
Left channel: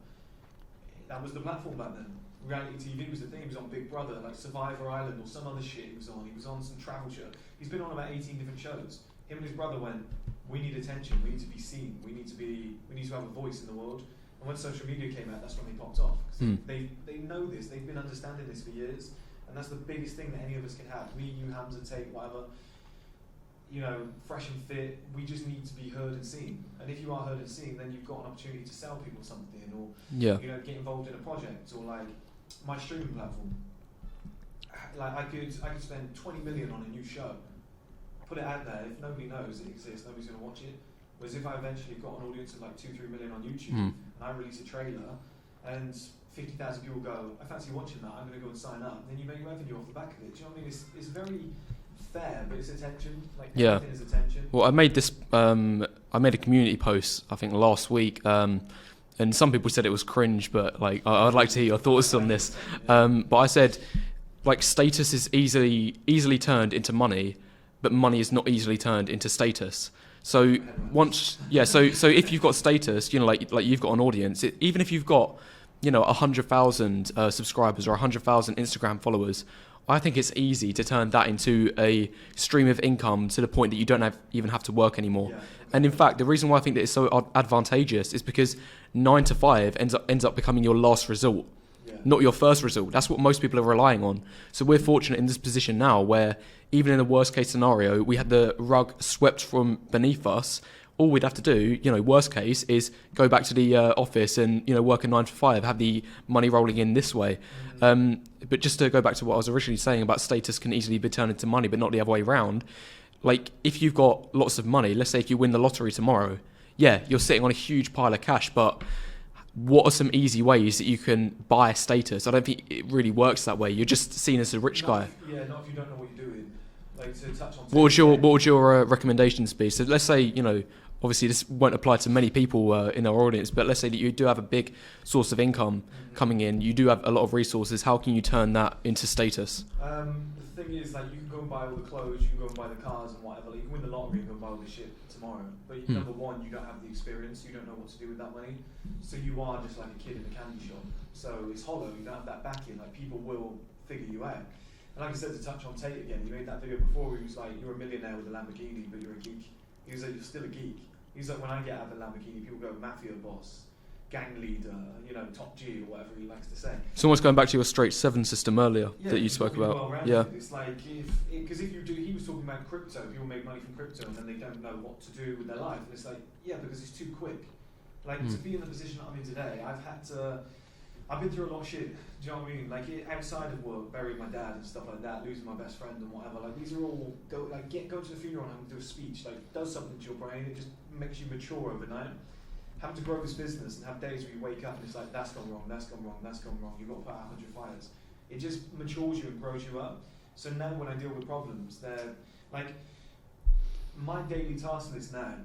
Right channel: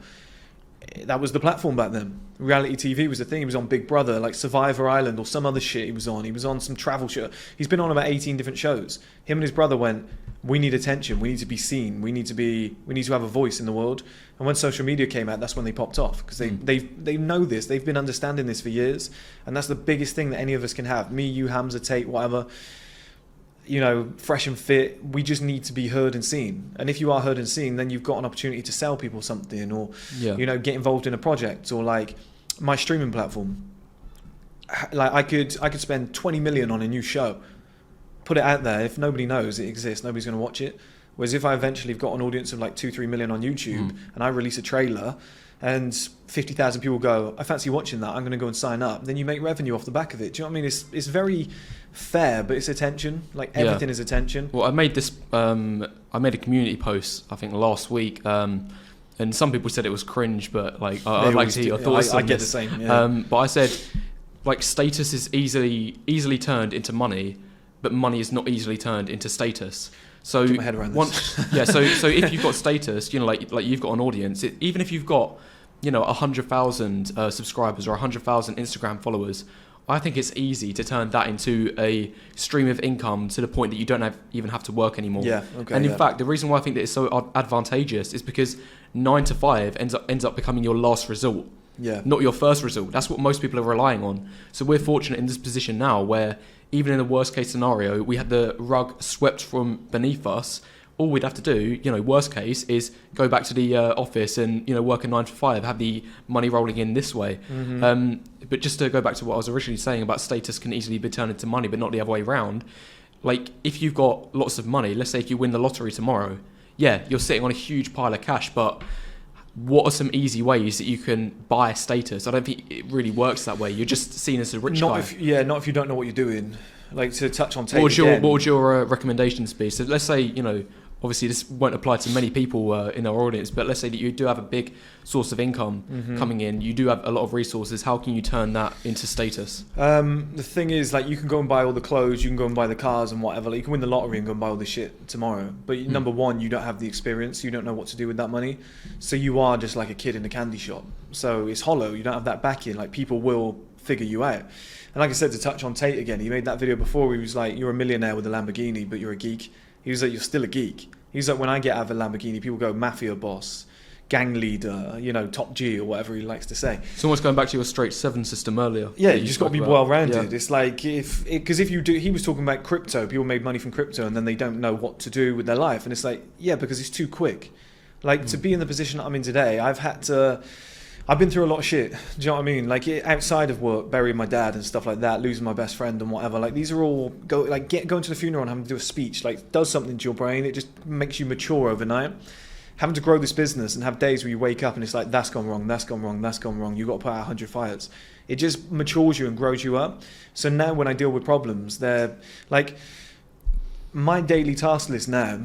That was the platform back then. Reality TV was the thing. He was on Big Brother, like Survivor Island or some other shit he was on. He was on some travel show. He's been on about 18 different shows. Him and his brother went, we need attention. We need to be seen. We need to have a voice in the world. And when social media came out, that's when they popped off, because they know this. They've been understanding this for years. And that's the biggest thing that any of us can have. Me, you, Hamza, Tate, whatever. You know, fresh and fit, we just need to be heard and seen. And if you are heard and seen, then you've got an opportunity to sell people something, or you know, get involved in a project, or like my streaming platform. Like I could spend 20 million on a new show, put it out there. If nobody knows it exists, nobody's going to watch it. Whereas if I eventually have got an audience of like 2-3 million on YouTube and I release a trailer and 50,000 people go, I fancy watching that, I'm going to go and sign up, then you make revenue off the back of it. Do you know what I mean? It's very fair, but it's attention. Like everything is attention. Well, I made a community post, I think last week, and some people said it was cringe, but like I'd like to hear your thoughts on this. But I said, like, status is easily turned into money, but money is not easily turned into status. So so if you've got status, you know, like you've got an audience, even if you've got, you know, 100,000 subscribers or 100,000 Instagram followers, I think it's easy to turn that into a stream of income to the point that you don't even have to work anymore. In fact, the reason why I think that it's so advantageous is because 9 to 5 ends up becoming your last resort. Not your first result. That's what most people are relying on. So we're fortunate in this position now where even in the worst case scenario, we had the rug swept from beneath us. All we'd have to do, you know, worst case, is go back to the office and, you know, work a 9 to 5, have the money rolling in this way. But just to go back to what I was originally saying about status can easily be turned into money, but not the other way around. Like, if you've got lots of money, let's say if you win the lottery tomorrow, you're sitting on a huge pile of cash, but what are some easy ways that you can buy status? I don't think it really works that way. You're just seen as a rich guy. Not if you don't know what you're doing. Like, to touch on Tate, what would your recommendations be? So let's say, you know, obviously this won't apply to many people in our audience, but let's say that you do have a big source of income coming in, you do have a lot of resources. How can you turn that into status? The thing is, like, you can go and buy all the clothes, you can go and buy the cars and whatever. Like, you can win the lottery and go and buy all the shit tomorrow. But number one, you don't have the experience. You don't know what to do with that money. So you are just like a kid in a candy shop. So it's hollow. You don't have that backing. Like, people will figure you out. And like I said, to touch on Tate again, he made that video before where he was like, you're a millionaire with a Lamborghini, but you're a geek. He was like, you're still a geek. He was like, when I get out of a Lamborghini, people go, mafia boss, gang leader, top G or whatever he likes to say. It's almost going back to your straight 7 system earlier. Yeah, that you you just got to spoke be about. well-rounded. Yeah. It's like because if you do, he was talking about crypto. People made money from crypto, and then they don't know what to do with their life. And it's like, yeah, because it's too quick. Like to be in the position that I'm in today, I've been through a lot of shit. Do you know what I mean? Like outside of work, burying my dad and stuff like that, losing my best friend and whatever. Like these are all going to the funeral and having to do a speech. Like does something to your brain. It just makes you mature overnight. Having to grow this business and have days where you wake up and it's like that's gone wrong, that's gone wrong, that's gone wrong. You got to put out 100 fires. It just matures you and grows you up. So now when I deal with problems, they're like my daily task list now.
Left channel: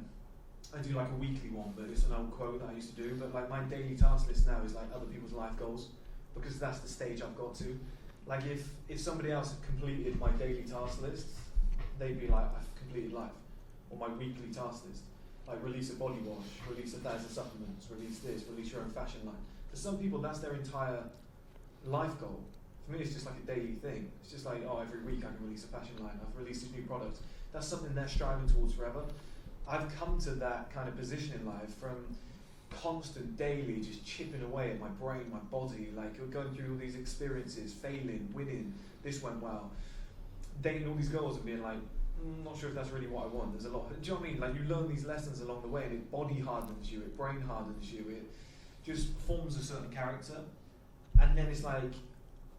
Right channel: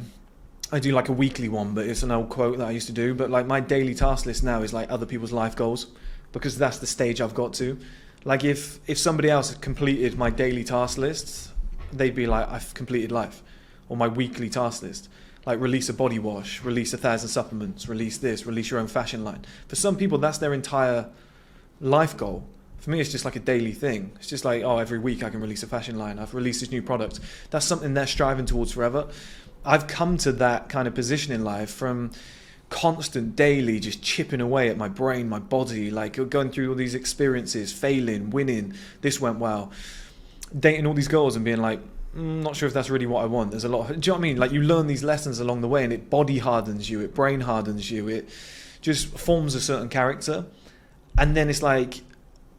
I do like a weekly one, but it's an old quote that I used to do. But like my daily task list now is like other people's life goals, because that's the stage I've got to. Like if somebody else had completed my daily task list, they'd be like, I've completed life. Or my weekly task list, like release a body wash, release 1,000 supplements, release this, release your own fashion line. For some people, that's their entire life goal. For me, it's just like a daily thing. It's just like, every week I can release a fashion line. I've released this new product. That's something they're striving towards forever. I've come to that kind of position in life from constant daily just chipping away at my brain, my body, like going through all these experiences, failing, winning, this went well, dating all these girls and being like, not sure if that's really what I want. There's a lot of, do you know what I mean? Like you learn these lessons along the way and it body hardens you, it brain hardens you, it just forms a certain character. And then it's like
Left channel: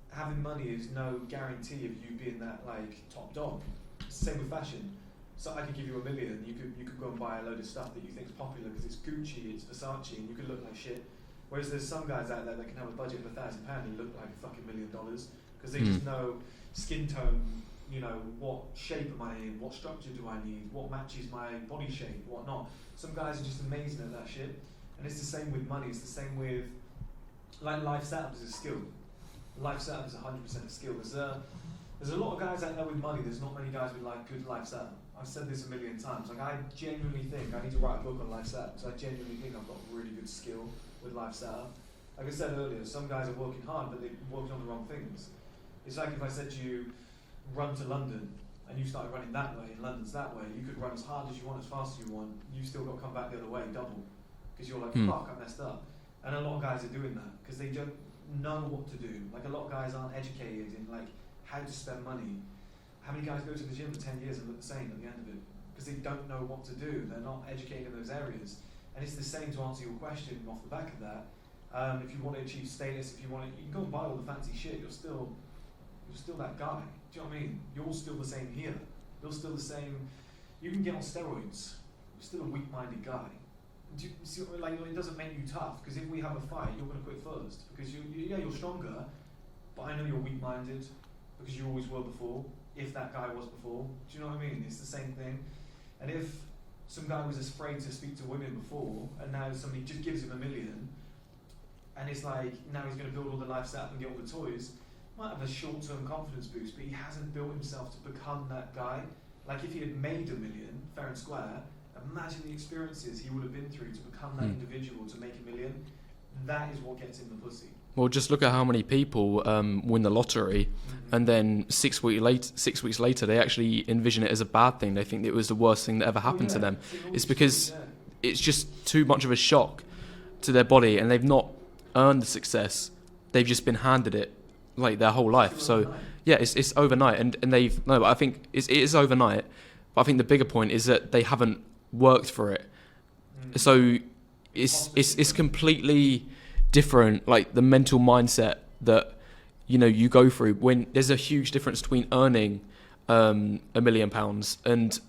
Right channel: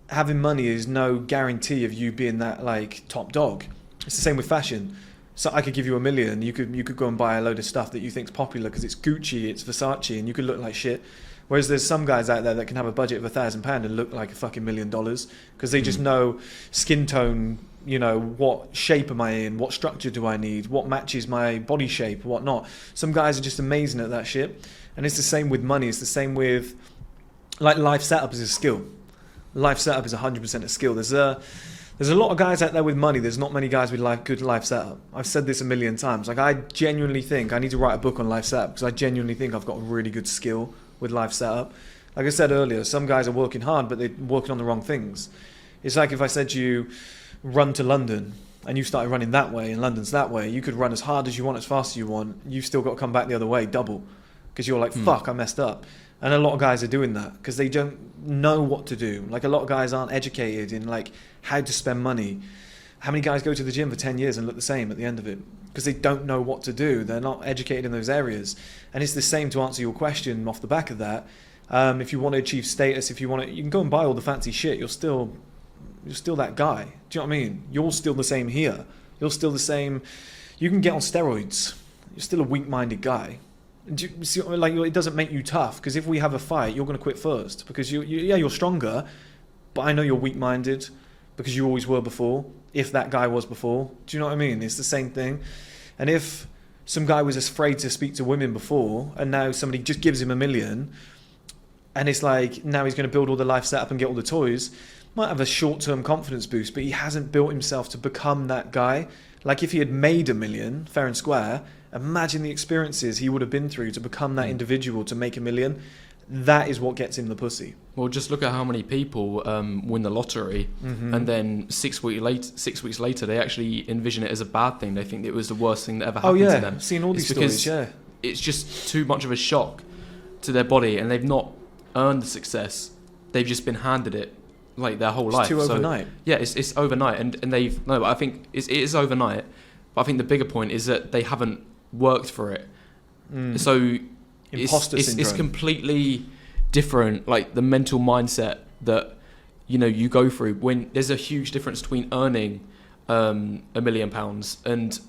having money is no guarantee of you being that like top dog. It's the same with fashion. So I could give you $1 million. You could go and buy a load of stuff that you think's popular because it's Gucci, it's Versace, and you could look like shit. Whereas there's some guys out there that can have a budget of £1,000 and look like a fucking $1 million because they just know skin tone. What shape am I in? What structure do I need? What matches my body shape? What not? Some guys are just amazing at that shit. And it's the same with money. It's the same with like life setup is a skill. Life setup is 100% a skill. There's a lot of guys out there with money. There's not many guys with good life setup. I've said this a million times. Like I genuinely think I need to write a book on life setup because I genuinely think I've got a really good skill with life setup. Like I said earlier, some guys are working hard, but they're working on the wrong things. It's like if I said to you, run to London, and you started running that way, and London's that way. You could run as hard as you want, as fast as you want. You've still got to come back the other way, double, because you're like, fuck, I messed up. And a lot of guys are doing that because they don't know what to do. Like a lot of guys aren't educated in like how to spend money. How many guys go to the gym for 10 years and look the same at the end of it? Because they don't know what to do. They're not educated in those areas. And it's the same to answer your question off the back of that. If you want to achieve status, you can go and buy all the fancy shit. You're still that guy. Do you know what I mean? You're still the same here. You're still the same. You can get on steroids. You're still a weak-minded guy. Do you see, like, it doesn't make you tough because if we have a fight, you're going to quit first because you're stronger, but I know you're weak-minded because you always were before. If that guy was before, do you know what I mean? It's the same thing. And if some guy was afraid to speak to women before, and now somebody just gives him $1 million, and it's like now he's going to build all the life setup and get all the toys. Might have a short-term confidence boost, but he hasn't built himself to become that guy. Like if he had made $1 million, fair and square, imagine the experiences he would have been through to become that individual, to make $1 million. That is what gets him the pussy. Well, just look at how many people win the lottery, and then 6 weeks later, they actually envision it as a bad thing. They think it was the worst thing that ever happened to them. Seen all these it's because stories, it's just too much of a shock to their body, and they've not earned the success. They've just been handed it like their whole life. Too overnight. Yeah, it's overnight, and they've no. I think it is overnight, but I think the bigger point is that they haven't worked for it. So it's completely different, like the mental mindset that you go through when there's a huge difference between earning £1 million and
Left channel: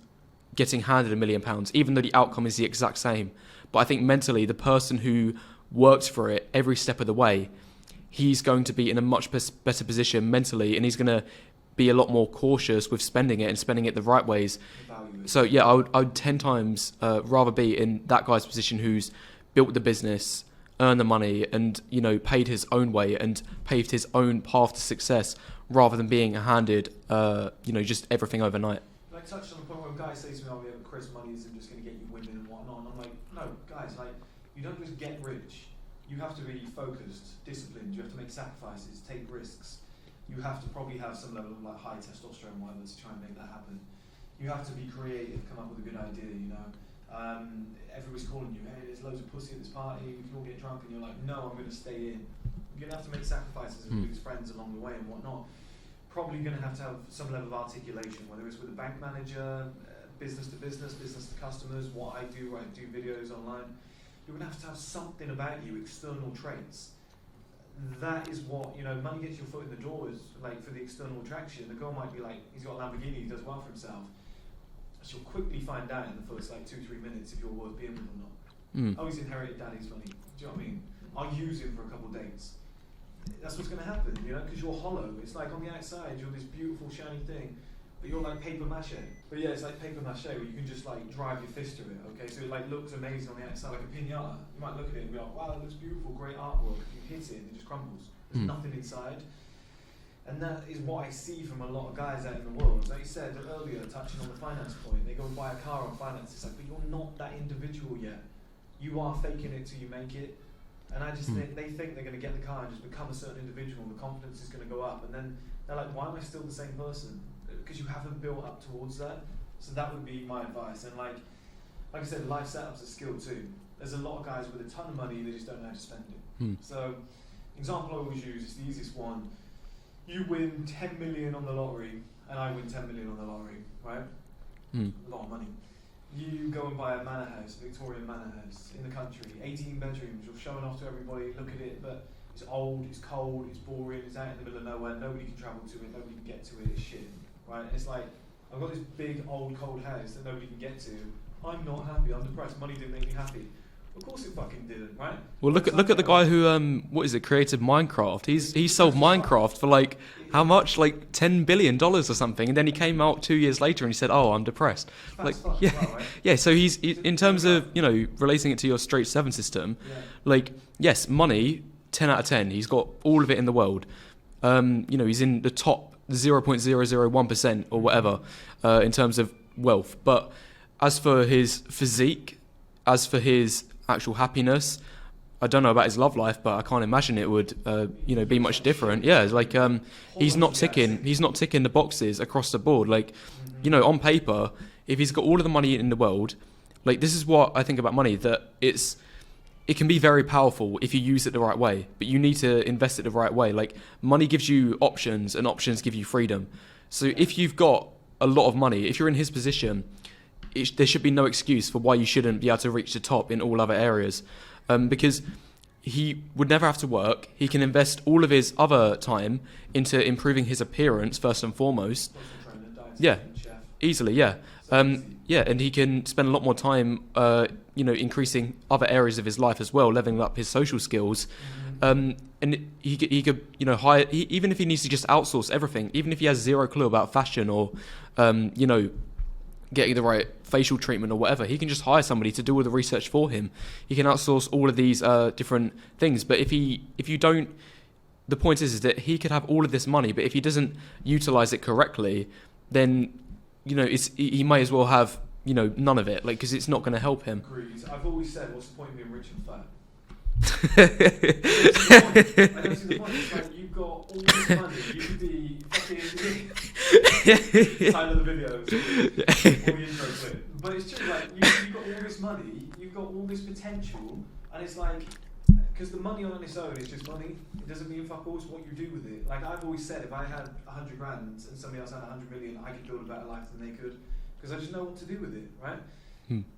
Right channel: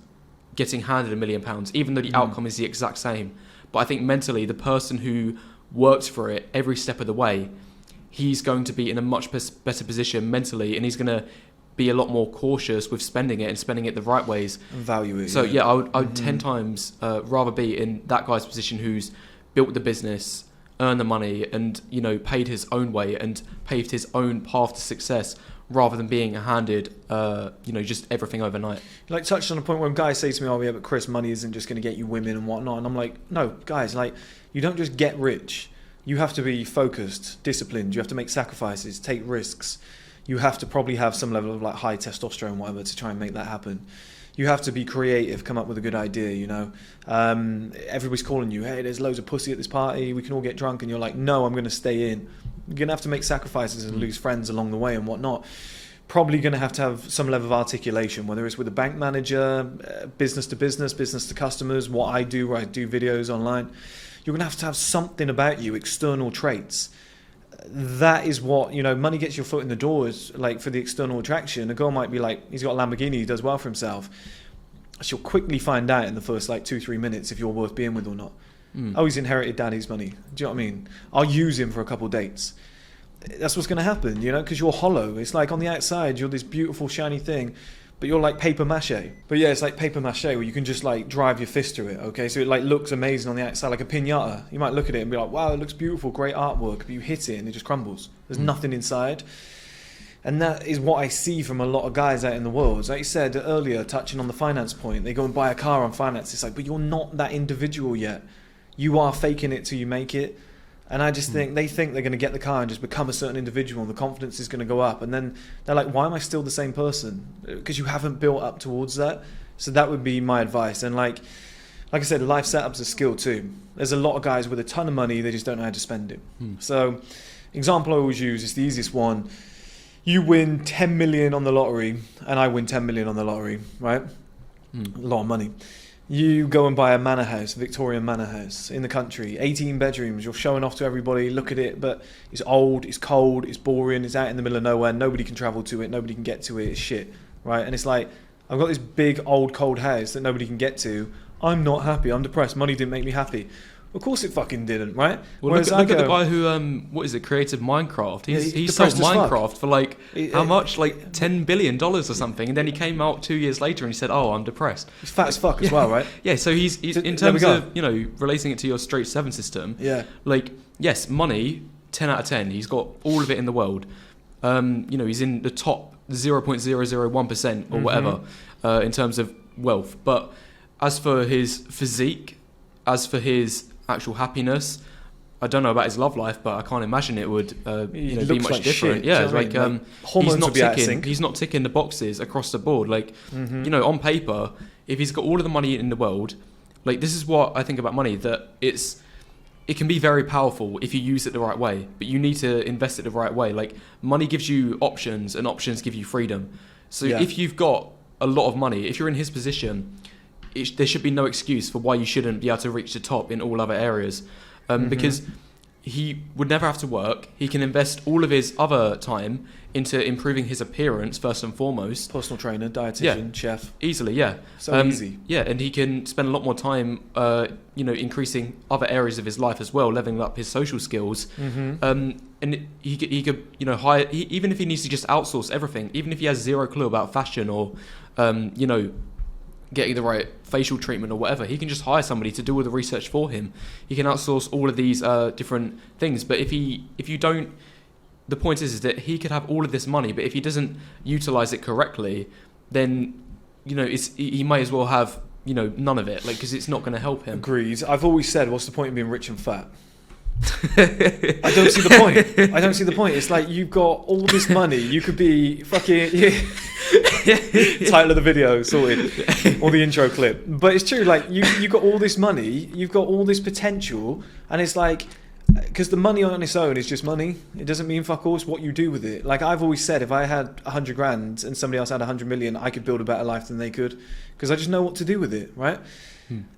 getting handed £1 million, even though the outcome is the exact same. But I think mentally, the person who works for it every step of the way, he's going to be in a much better position mentally, and he's going to be a lot more cautious with spending it and spending it the right ways. Value it. So yeah, I would 10 times rather be in that guy's position who's built the business, earned the money, and paid his own way and paved his own path to success, rather than being handed just everything overnight. Like touched on a point where guys say to me, "Oh yeah, but Chris, money isn't just going to get you women and whatnot," and I'm like, "No, guys, like you don't just get rich. You have to be focused, disciplined. You have to make sacrifices, take risks. You have to probably have some level of like high testosterone, whatever, to try and make that happen. You have to be creative, come up with a good idea, you know. Everybody's calling you, hey, there's loads of pussy at this party, we can all get drunk, and you're like, no, I'm going to stay in. You're going to have to make sacrifices and lose friends along the way and whatnot. Probably going to have some level of articulation, whether it's with a bank manager, business to business, business to customers, what I do, where I do videos online. You're going to have something about you, external traits. That is what, you know, money gets your foot in the door, is like for the external attraction. A girl might be like, he's got a Lamborghini, he does well for himself. She'll quickly find out in the first like 2-3 minutes if you're worth being with or not. Oh, he's inherited daddy's money. Do you know what I mean? I'll use him for a couple of dates. That's what's going to happen, you know, because you're hollow. It's like on the outside, you're this beautiful, shiny thing, but you're like paper mache. But yeah, it's like paper mache where you can just like drive your fist through it, okay? So it like looks amazing on the outside, like a piñata. You might look at it and be like, wow, it looks beautiful, great artwork, but you hit it and it just crumbles. There's nothing inside. And that is what I see from a lot of guys out in the world. Like you said earlier, touching on the finance point, they go and buy a car on finance. It's like, but you're not that individual yet. You are faking it till you make it. And I just think, they think they're going to get the car and just become a certain individual and the confidence is going to go up. And then they're like, why am I still the same person? Because you haven't built up towards that. So that would be my advice. And like I said, life setup's a skill too. There's a lot of guys with a ton of money, they just don't know how to spend it. So example I always use, it's the easiest one. You win 10 million on the lottery and I win 10 million on the lottery, right? A lot of money. You go and buy a manor house, Victorian manor house in the country, 18 bedrooms, you're showing off to everybody, look at it, but it's old, it's cold, it's boring, it's out in the middle of nowhere, nobody can travel to it, nobody can get to it, it's shit, right? And it's like, I've got this big, old, cold house that nobody can get to, I'm not happy, I'm depressed, money didn't make me happy. Of course it fucking didn't, right? Well, look at the guy who, created Minecraft. He sold Minecraft for like, how much? Like $10 billion or something. And then he came out 2 years later and he said, oh, I'm depressed. He's fat as fuck as well, right? Yeah, so he's in terms of, you know, relating it to your straight 7 system, like, yes, money, 10 out of 10. He's got all of it in the world. You know, he's in the top 0.001% or whatever in terms of wealth. But as for his physique, as for his actual happiness, I don't know about his love life, but I can't imagine it would, you know, be much like different. Shit, yeah, it's like he's not ticking. He's not ticking the boxes across the board. Like, you know, on paper, if he's got all of the money in the world, like this is what I think about money. That it can be very powerful if you use it the right way, but you need to invest it the right way. Like money gives you options, and options give you freedom. So if you've got a lot of money, if you're in his position, there should be no excuse for why you shouldn't be able to reach the top in all other areas, because he would never have to work. He can invest all of his other time into improving his appearance first and foremost. Personal trainer, dietitian, chef. Easily, yeah. So easy. Yeah, and he can spend a lot more time, you know, increasing other areas of his life as well, leveling up his social skills. And he could, you know, hire, even if he needs to just outsource everything, even if he has zero clue about fashion or, you know, getting the right facial treatment or whatever, he can just hire somebody to do all the research for him. He can outsource all of these different things. But if you don't, the point is that he could have all of this money, but if he doesn't utilize it correctly, then, you know, he may as well have, you know, none of it, like, because it's not going to help him. Agreed. I've always said, what's the point of being rich and fat? I don't see the point. It's like you've got all this money. You could be fucking title of the video, sorted, or the intro clip. But it's true. Like you've got all this money. You've got all this potential, and it's like because the money on its own is just money. It doesn't mean fuck all. It's what you do with it. Like I've always said, if I had 100 grand and somebody else had 100 million, I could build a better life than they could because I just know what to do with it, right?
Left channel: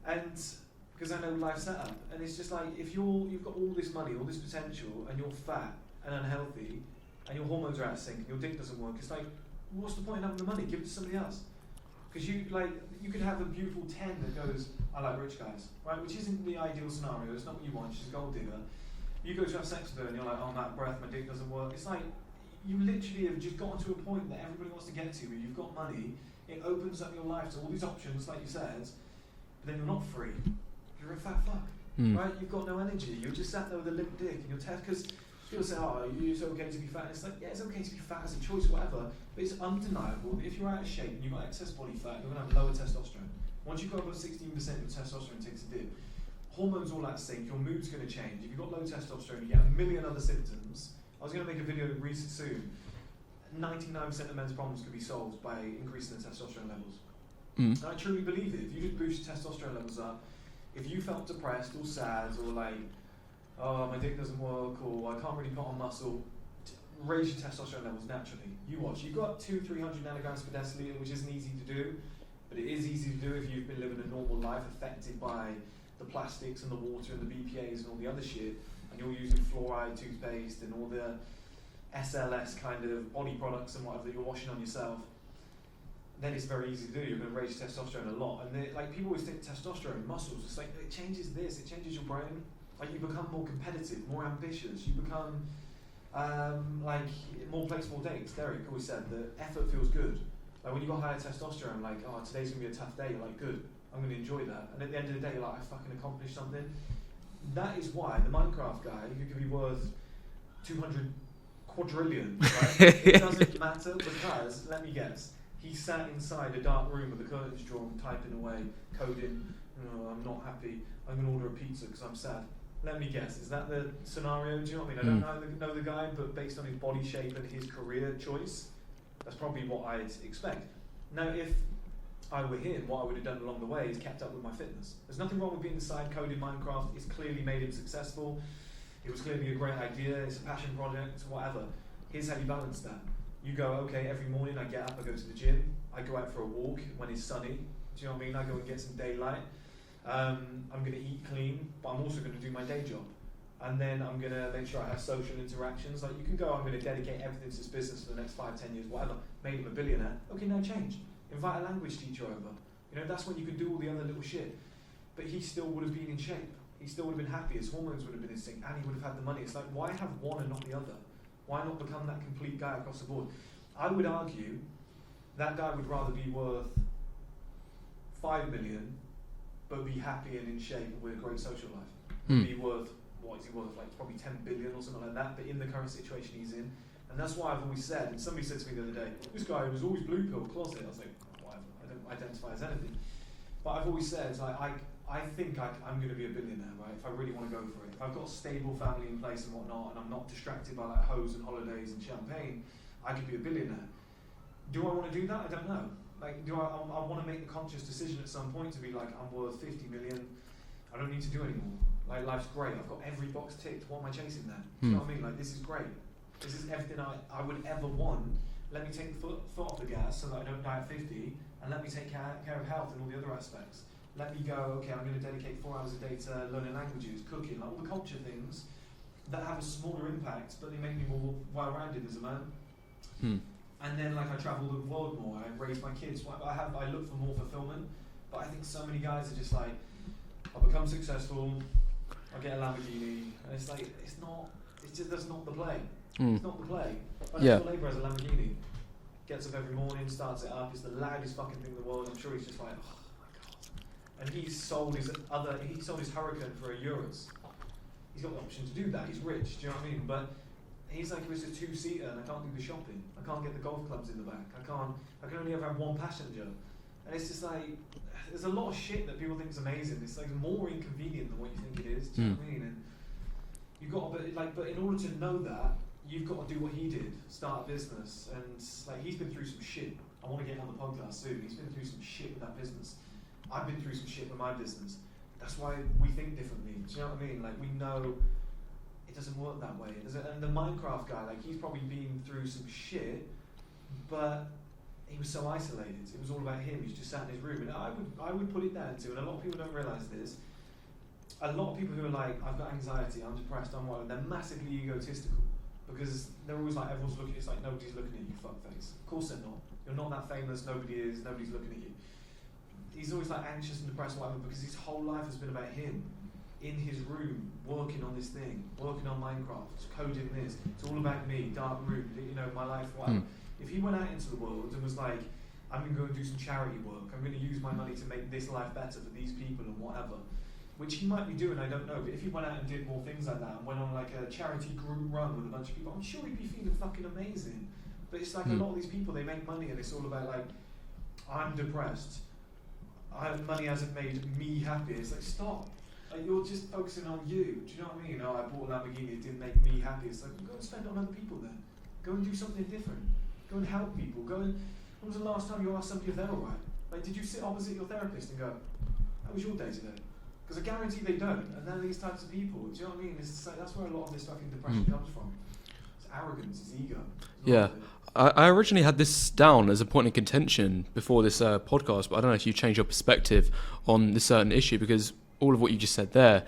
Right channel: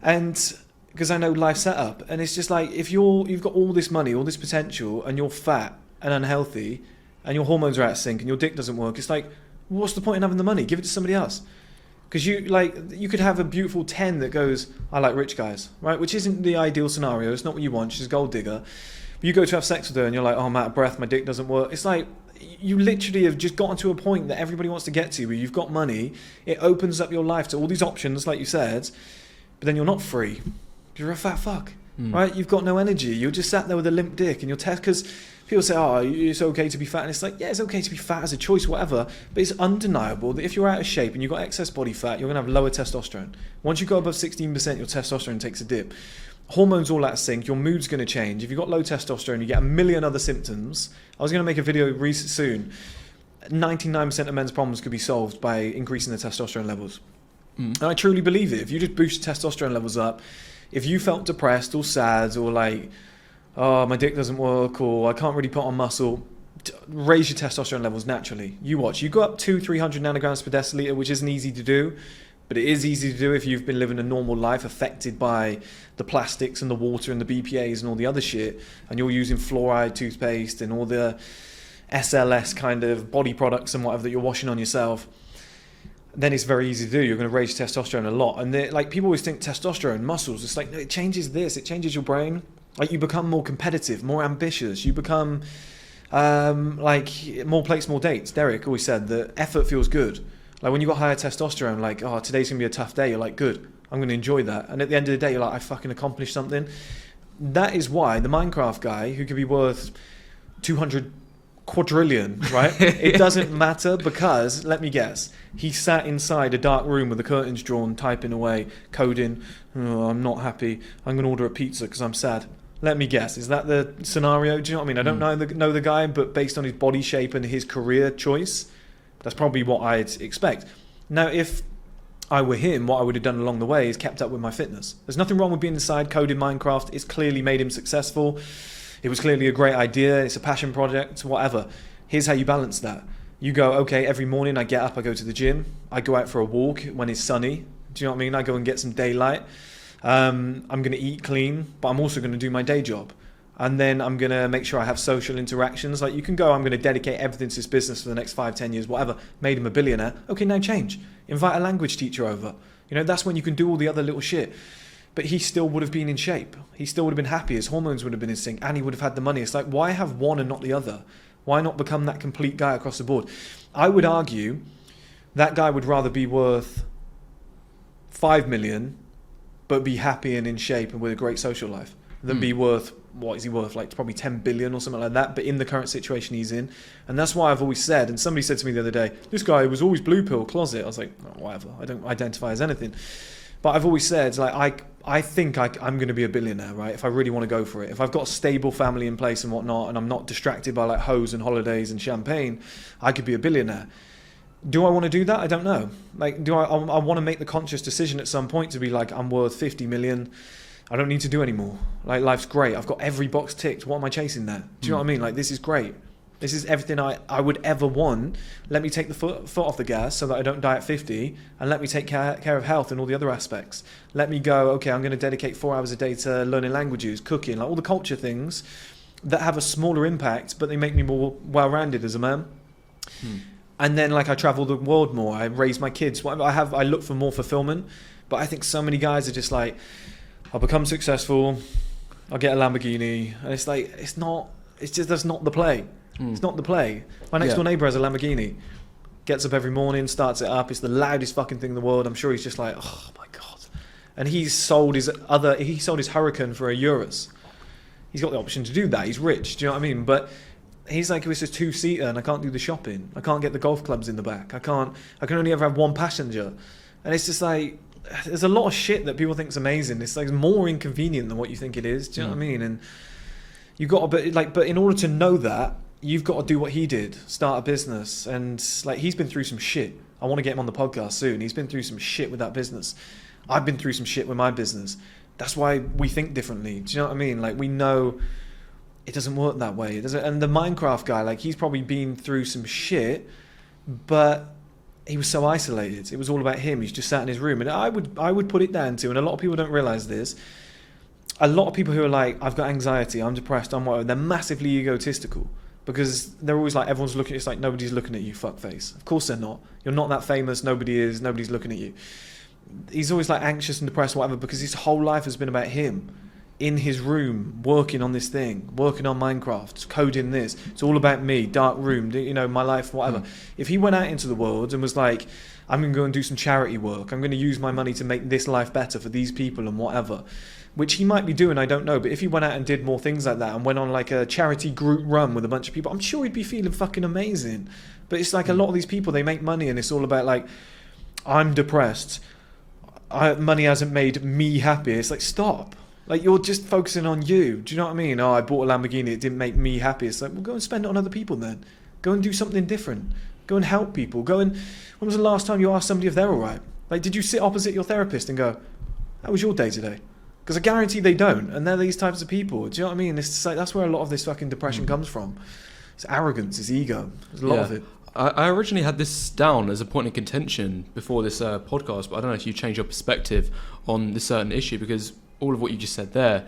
And because I know life setup, and it's just like if you've got all this money, all this potential, and you're fat and unhealthy, and your hormones are out of sync, and your dick doesn't work, it's like, what's the point in having the money? Give it to somebody else. Because you could have a beautiful 10 that goes, I like rich guys, right? Which isn't the ideal scenario. It's not what you want. She's a gold digger. You go to have sex with her, and you're like, oh, I'm out of breath. My dick doesn't work. It's like you literally have just gotten to a point that everybody wants to get to, where you've got money. It opens up your life to all these options, like you said, but then you're not free. You're a fat fuck, right? You've got no energy. You're just sat there with a limp dick, and you're because people say, oh, it's okay to be fat. And it's like, yeah, it's okay to be fat as a choice, whatever. But it's undeniable that if you're out of shape and you've got excess body fat, you're going to have lower testosterone. Once you go above 16%, your testosterone takes a dip. Hormones all out of sync. Your mood's going to change. If you've got low testosterone, you get a million other symptoms. I was going to make a video soon. 99% of men's problems could be solved by increasing their testosterone levels. And I truly believe it. If you just boost your testosterone levels up, if you felt depressed or sad or like, oh, my dick doesn't work or I can't really put on muscle, raise your testosterone levels naturally. You watch. You go up 200-300 nanograms per deciliter, which isn't easy to do, but it is easy to do if you've been living a normal life affected by the plastics and the water and the BPAs and all the other shit, and you're using fluoride toothpaste and all the SLS kind of body products and whatever that you're washing on yourself, then it's very easy to do. You're going to raise your testosterone a lot. And like people always think testosterone, muscles, it's like, no, it changes this, it changes your brain. Like you become more competitive, more ambitious. You become like more plates, more dates. Derek always said that effort feels good. Like when you got higher testosterone, like, oh, today's going to be a tough day. You're like, good, I'm going to enjoy that. And at the end of the day, you're like, I fucking accomplished something. That is why the Minecraft guy who could be worth 200 quadrillion, right? It doesn't matter because, let me guess, he sat inside a dark room with the curtains drawn, typing away, coding, oh, I'm not happy, I'm going to order a pizza because I'm sad. Let me guess, is that the scenario? Do you know what I mean? I don't know the guy, but based on his body shape and his career choice, that's probably what I'd expect. Now, if I were him, what I would have done along the way is kept up with my fitness. There's nothing wrong with being inside coding Minecraft. It's clearly made him successful. It was clearly a great idea. It's a passion project, whatever. Here's how you balance that. You go, okay, every morning I get up, I go to the gym. I go out for a walk when it's sunny. Do you know what I mean? I go and get some daylight. I'm going to eat clean, but I'm also going to do my day job. And then I'm going to make sure I have social interactions. Like you can go, I'm going to dedicate everything to this business for the next 5-10 years, whatever. Made him a billionaire. Okay, now change. Invite a language teacher over. You know, that's when you can do all the other little shit. But he still would have been in shape. He still would have been happy. His hormones would have been in sync and he would have had the money. It's like, why have one and not the other? Why not become that complete guy across the board? I would argue that guy would rather be worth 5 million but be happy and in shape and with a great social life than be worth, what is he worth, like probably 10 billion or something like that, but in the current situation he's in. And that's why I've always said, and somebody said to me the other day, this guy was always blue pill closet. I was like, oh, whatever, I don't identify as anything. But I've always said, like, I think I'm going to be a billionaire, right? If I really want to go for it. If I've got a stable family in place and whatnot, and I'm not distracted by like hoes and holidays and champagne, I could be a billionaire. Do I want to do that? I don't know. Like, do I want to make the conscious decision at some point to be like, I'm worth 50 million. I don't need to do anymore. Like, life's great. I've got every box ticked. What am I chasing there? Do you know what I mean? Like, this is great. This is everything I would ever want. Let me take the foot off the gas so that I don't die at 50, and let me take care of health and all the other aspects. Let me go, okay, I'm going to dedicate 4 hours a day to learning languages, cooking, like all the culture things that have a smaller impact, but they make me more well-rounded as a man. And then, like, I travel the world more. I raise my kids. I look for more fulfillment. But I think so many guys are just like, I'll become successful, I'll get a Lamborghini, and it's like, it's just, that's not the play. It's not the play. My next door neighbour has a Lamborghini. Gets up every morning, starts it up. It's the loudest fucking thing in the world. I'm sure he's just like, oh my God. And he sold his Huracan for a Urus. He's got the option to do that. He's rich. Do you know what I mean? But he's like, it's a 2-seater and I can't do the shopping. I can't get the golf clubs in the back. I can only ever have one passenger. And it's just like, there's a lot of shit that people think is amazing. It's like more inconvenient than what you think it is. Do you know what I mean? And you've got to, but in order to know that, you've got to do what he did, start a business. And like, he's been through some shit. I want to get him on the podcast soon. He's been through some shit with that business. I've been through some shit with my business. That's why we think differently. Do you know what I mean? Like, we know it doesn't work that way. It doesn't. And the Minecraft guy, like, he's probably been through some shit, but he was so isolated. It was all about him. He's just sat in his room. And I would put it down to, and a lot of people don't realize this, a lot of people who are like, I've got anxiety, I'm depressed, I'm whatever, they're massively egotistical. Because they're always like, everyone's looking, it's like, nobody's looking at you, fuckface. Of course they're not. You're not that famous, nobody is, nobody's looking at you. He's always like anxious and depressed, whatever, because his whole life has been about him. In his room, working on this thing, working on Minecraft, coding this. It's all about me, dark room, you know, my life, whatever. If he went out into the world and was like, I'm going to go and do some charity work, I'm going to use my money to make this life better for these people and whatever, which he might be doing, I don't know, but if he went out and did more things like that and went on like a charity group run with a bunch of people, I'm sure he'd be feeling fucking amazing. But it's like a lot of these people, they make money and it's all about like, I'm depressed, money hasn't made me happy. It's like, stop. Like, you're just focusing on you. Do you know what I mean? Oh, I bought a Lamborghini, it didn't make me happy. It's like, well, go and spend it on other people then. Go and do something different. Go and help people. When was the last time you asked somebody if they're all right? Like, did you sit opposite your therapist and go, how was your day today? Because I guarantee they don't, and they're these types of people. Do you know what I mean? It's like, that's where a lot of this fucking depression comes from. It's arrogance, it's ego. There's a lot of it. I originally had this down as a point of contention before this podcast, but I don't know if you changed your perspective on this certain issue, because all of what you just said there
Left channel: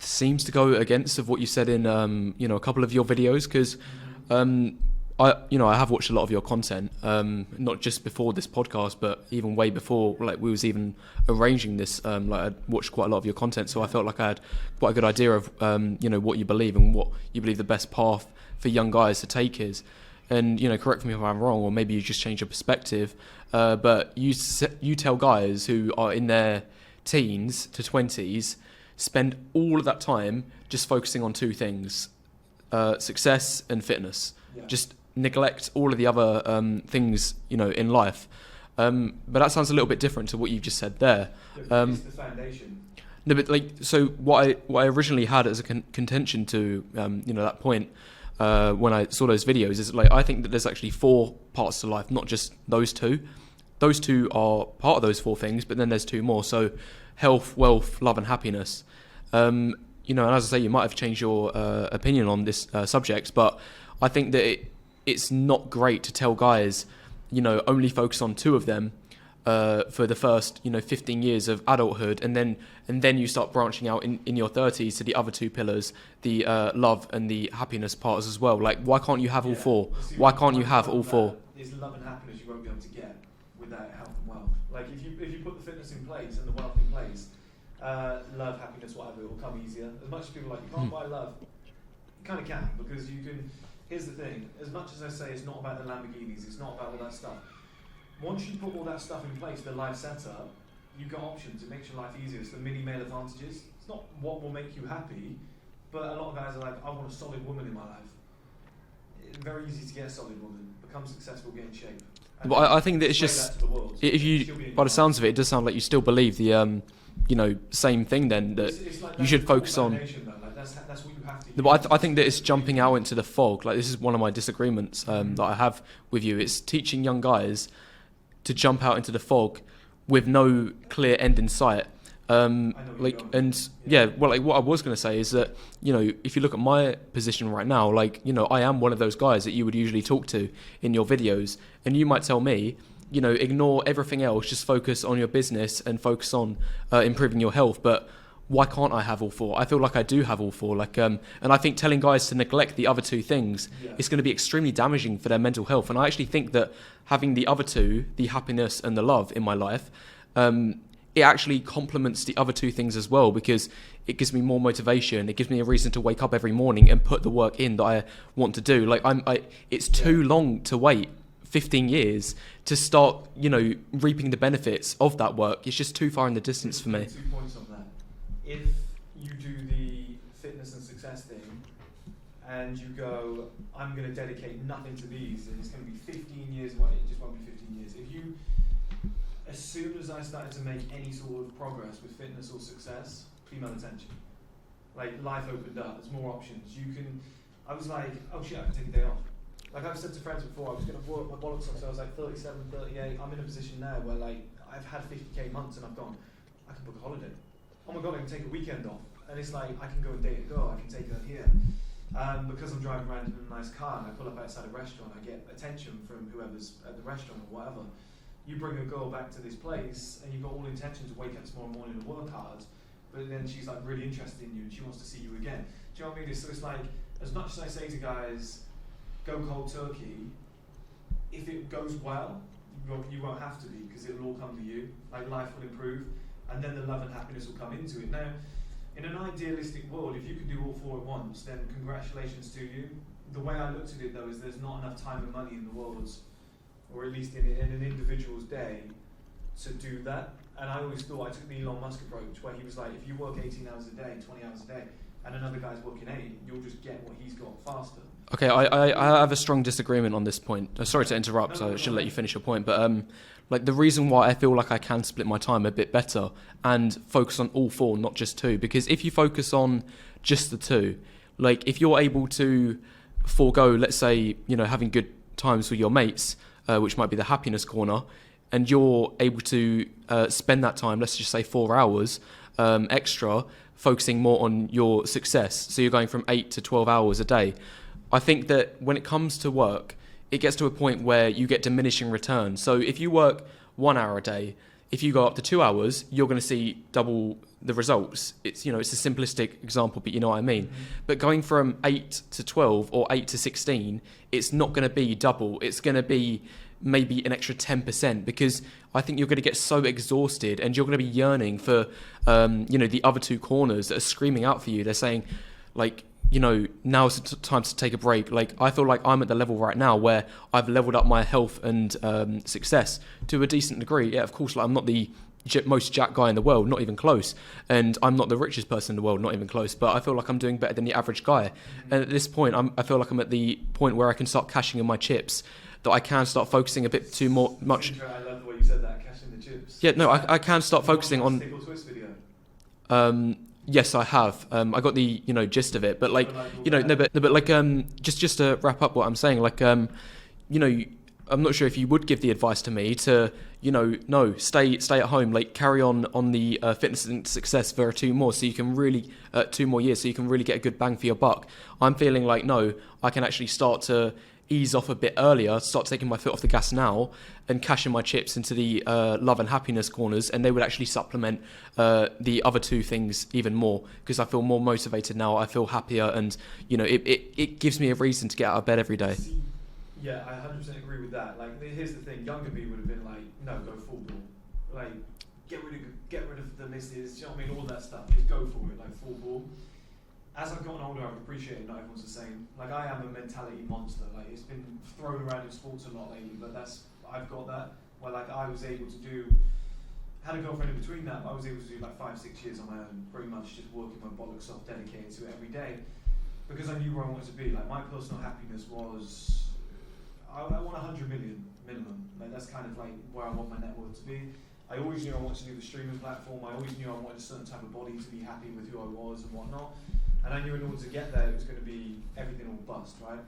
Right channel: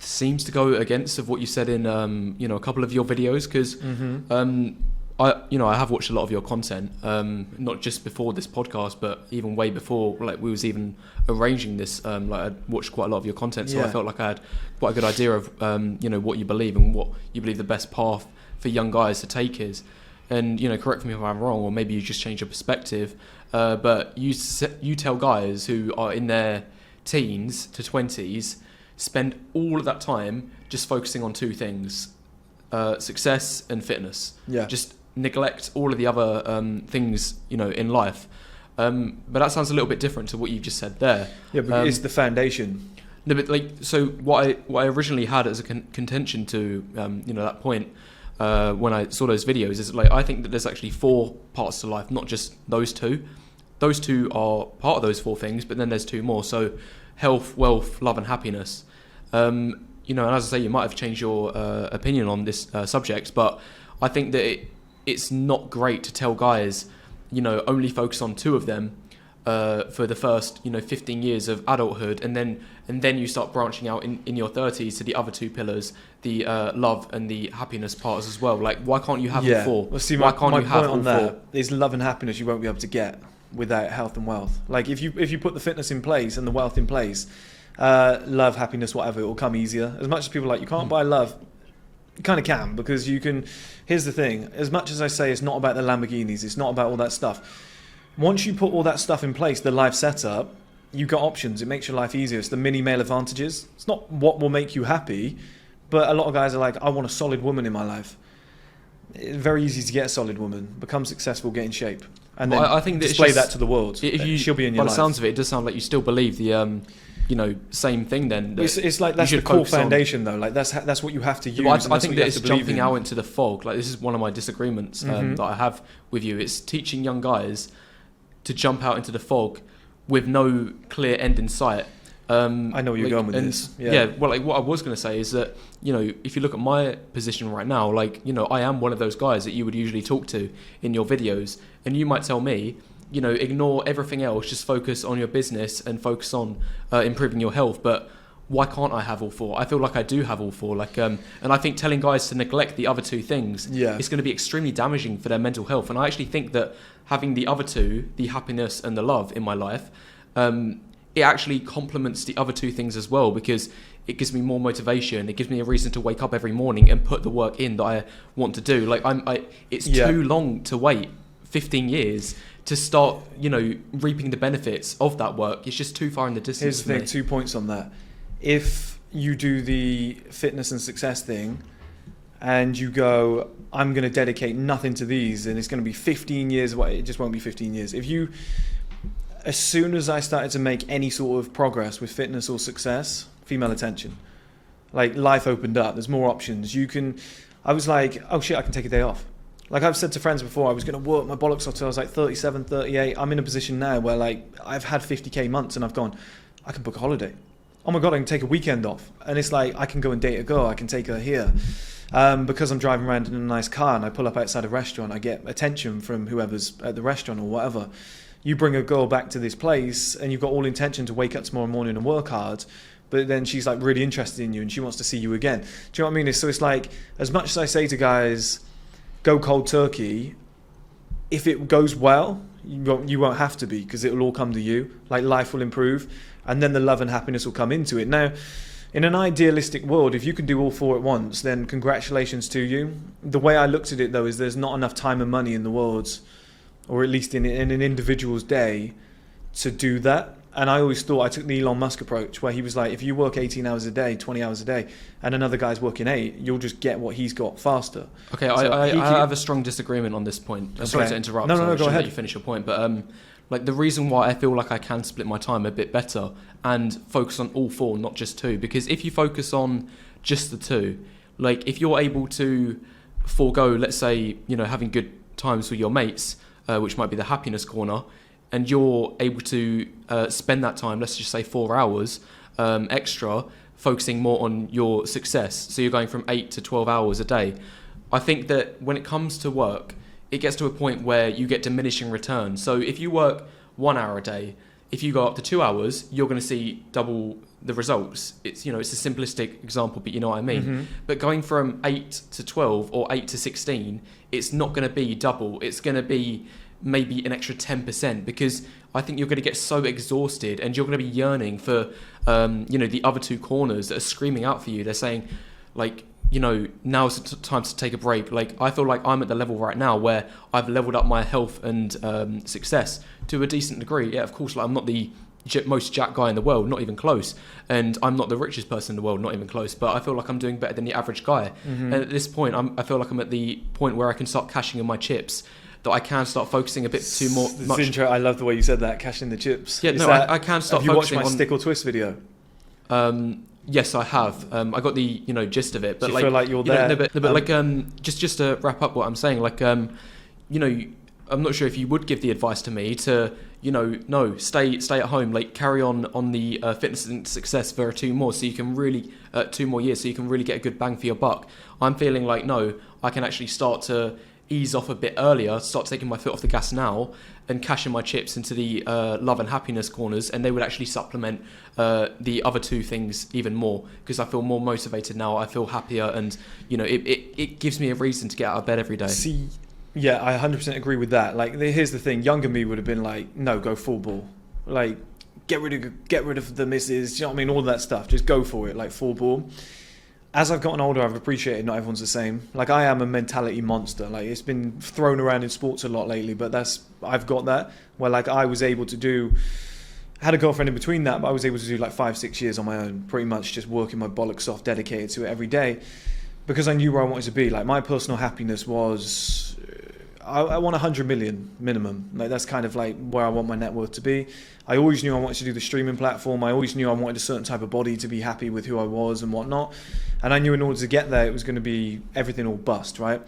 seems to go against of what you said in a couple of your videos, because I have watched a lot of your content, not just before this podcast, but even way before, like we was even arranging this. I'd watched quite a lot of your content, so I felt like I had quite a good idea of what you believe and what you believe the best path for young guys to take is. And correct me if I'm wrong, or maybe you just change your perspective. But you tell guys who are in their teens to 20s spend all of that time just focusing on two things: success and fitness. Yeah. Just neglect all of the other things in life. But that sounds a little bit different to what you've just said there. Yeah, but it's the foundation. No, but so what I originally had as a contention to that point. When I saw those videos, is like I think that there's actually 4 parts to life, not just those two. Those two are part of those 4 things, but then there's 2 more. So health, wealth, love, and happiness. And as I say, you might have changed your opinion on this subject, but I think that it's not great to tell guys, only focus on 2 of them for the first 15 years of adulthood, and then you start branching out in your 30s to the other 2 pillars, the love and the happiness parts as well. Like, why can't you have all 4? Well, see, why can't you have all 4? Is love and happiness you won't be able to get without health and wealth. Like, if you put the fitness in place and the wealth in place, love, happiness, whatever, it will come easier. As much as people are like, you can't buy love, you kind of can, because you can. Here's the thing: as much as I say it's not about the Lamborghinis, it's not about all that stuff. Once you put all that stuff in place, the life setup, you've got options. It makes your life easier. It's the mini male advantages. It's not what will make you happy, but a lot of guys are like, I want a solid woman in my life. It's very easy to get a solid woman, become successful, get in shape, and then I think that display it's just, that to the world. She'll be in your life. By the sounds of it, it does sound like you still believe the same thing. Then that it's like that's you should the core focus foundation, though. Like that's what you have to use. But I think that it's jumping out into the fog. Like, this is one of my disagreements that I have with you. It's teaching young guys to jump out into the fog with no clear end in sight. I know where you're going with this. Well, like, what I was going to say is that, if you look at my position right now, like, I am one of those guys that you would usually talk to in your videos, and you might tell me, ignore everything else, just focus on your business and focus on improving your health. But why can't I have all 4? I feel like I do have all 4. Like, and I think telling guys to neglect the other 2 things is going to be extremely damaging for their mental health. And I actually think that having the other 2, the happiness and the love in my life, it actually complements the other 2 things as well, because it gives me more motivation. It gives me a reason to wake up every morning and put the work in that I want to do. Like, it's too long to wait 15 years to start, reaping the benefits of that work. It's just too far in the distance for me. 2 points on that. If you do the fitness and success thing and you go, I'm going to dedicate nothing to these, and it's going to be 15 years, it just won't be 15 years. As soon as I started to make any sort of progress with fitness or success, female attention, like, life opened up. There's more options. I was like, oh shit, I can take a day off. Like, I've said to friends before, I was going to work my bollocks off till I was like 37, 38. I'm in a position now where, like, I've had 50k months and I've gone, I can book a holiday. Oh my God, I can take a weekend off. And it's like, I can go and date a girl. I can take her here. Because I'm driving around in a nice car and I pull up outside a restaurant, I get attention from whoever's at the restaurant or whatever. You bring a girl back to this place and you've got all intention to wake up tomorrow morning and work hard, but then she's like really interested in you and she wants to see you again. Do you know what I mean? So it's like, as much as I say to guys, go cold turkey, if it goes well, you won't have to be, because it will all come to you. Like, life will improve, and then the love and happiness will come into it. Now, in an idealistic world, if you can do all 4 at once, then congratulations to you. The way I looked at it, though, is there's not enough time and money in the world, or at least in an individual's day, to do that. And I always thought, I took the Elon Musk approach, where he was like, if you work 18 hours a day, 20 hours a day, and another guy's working 8, you'll just get what he's got faster. Okay, so I have a strong disagreement on this point. Okay. Sorry to interrupt, I should let you finish your point. But like, the reason why I feel like I can split my time a bit better and focus on all 4, not just 2, because if you focus on just the 2, like, if you're able to forego, let's say, having good times with your mates, which might be the happiness corner, and you're able to spend that time, let's just say 4 hours extra, focusing more on your success. So you're going from 8 to 12 hours a day. I think that when it comes to work, it gets to a point where you get diminishing returns. So if you work 1 hour a day, if you go up to 2 hours, you're going to see double the results. It's, you know, it's a simplistic example, but you know what I mean. Mm-hmm. But going from 8 to 12 or 8 to 16, it's not going to be double. It's going to be maybe an extra 10%, because I think you're going to get so exhausted and you're going to be yearning for, you know, the other two corners that are screaming out for you. They're saying, like, you know, now's the time to take a break. Like, I feel like I'm at the level right now where I've leveled up my health and success to a decent degree. Yeah, of course, like, I'm not the most jacked guy in the world, not even close. And I'm not the richest person in the world, not even close. But I feel like I'm doing better than the average guy. Mm-hmm. And at this point, I feel like I'm at the point where I can start cashing in my chips, that I can start focusing a bit too much. I love the way you said that, cashing the chips. Yeah, no, I can start focusing on... Have you watched my Stick or Twist video? Yes, I have. I got the, you know, gist of it, but do you like, feel like you're you know, there? but like, just to wrap up what I'm saying, like, you know, I'm not sure if you would give the advice to me to, you know, no, stay at home, like, carry on the fitness and success for 2 more, so you can really 2 more years, so you can really get a good bang for your buck. I'm feeling like, no, I can actually start to ease off a bit earlier, start taking my foot off the gas now, and cashing my chips into the love and happiness corners, and they would actually supplement the other two things even more, because I feel more motivated now, I feel happier, and, you know, it gives me a reason to get out of bed every day. See, yeah, I 100% agree with that. Like, here's the thing, younger me would have been like, no, go full ball. Like, get rid of the misses, do you know what I mean, all that stuff, just go for it, like, full ball. As I've gotten older, I've appreciated not everyone's the same. Like, I am a mentality monster. Like, it's been thrown around in sports a lot lately, but I've got that, where, like, I was able to do, I had a girlfriend in between that, but I was able to do like 5-6 years on my own, pretty much just working my bollocks off, dedicated to it every day, because I knew where I wanted to be. Like, my personal happiness was, I want 100 million minimum. Like, that's kind of like where I want my net worth to be. I always knew I wanted to do the streaming platform. I always knew I wanted a certain type of body to be happy with who I was and whatnot. And I knew in order to get there, it was going to be everything all bust, right?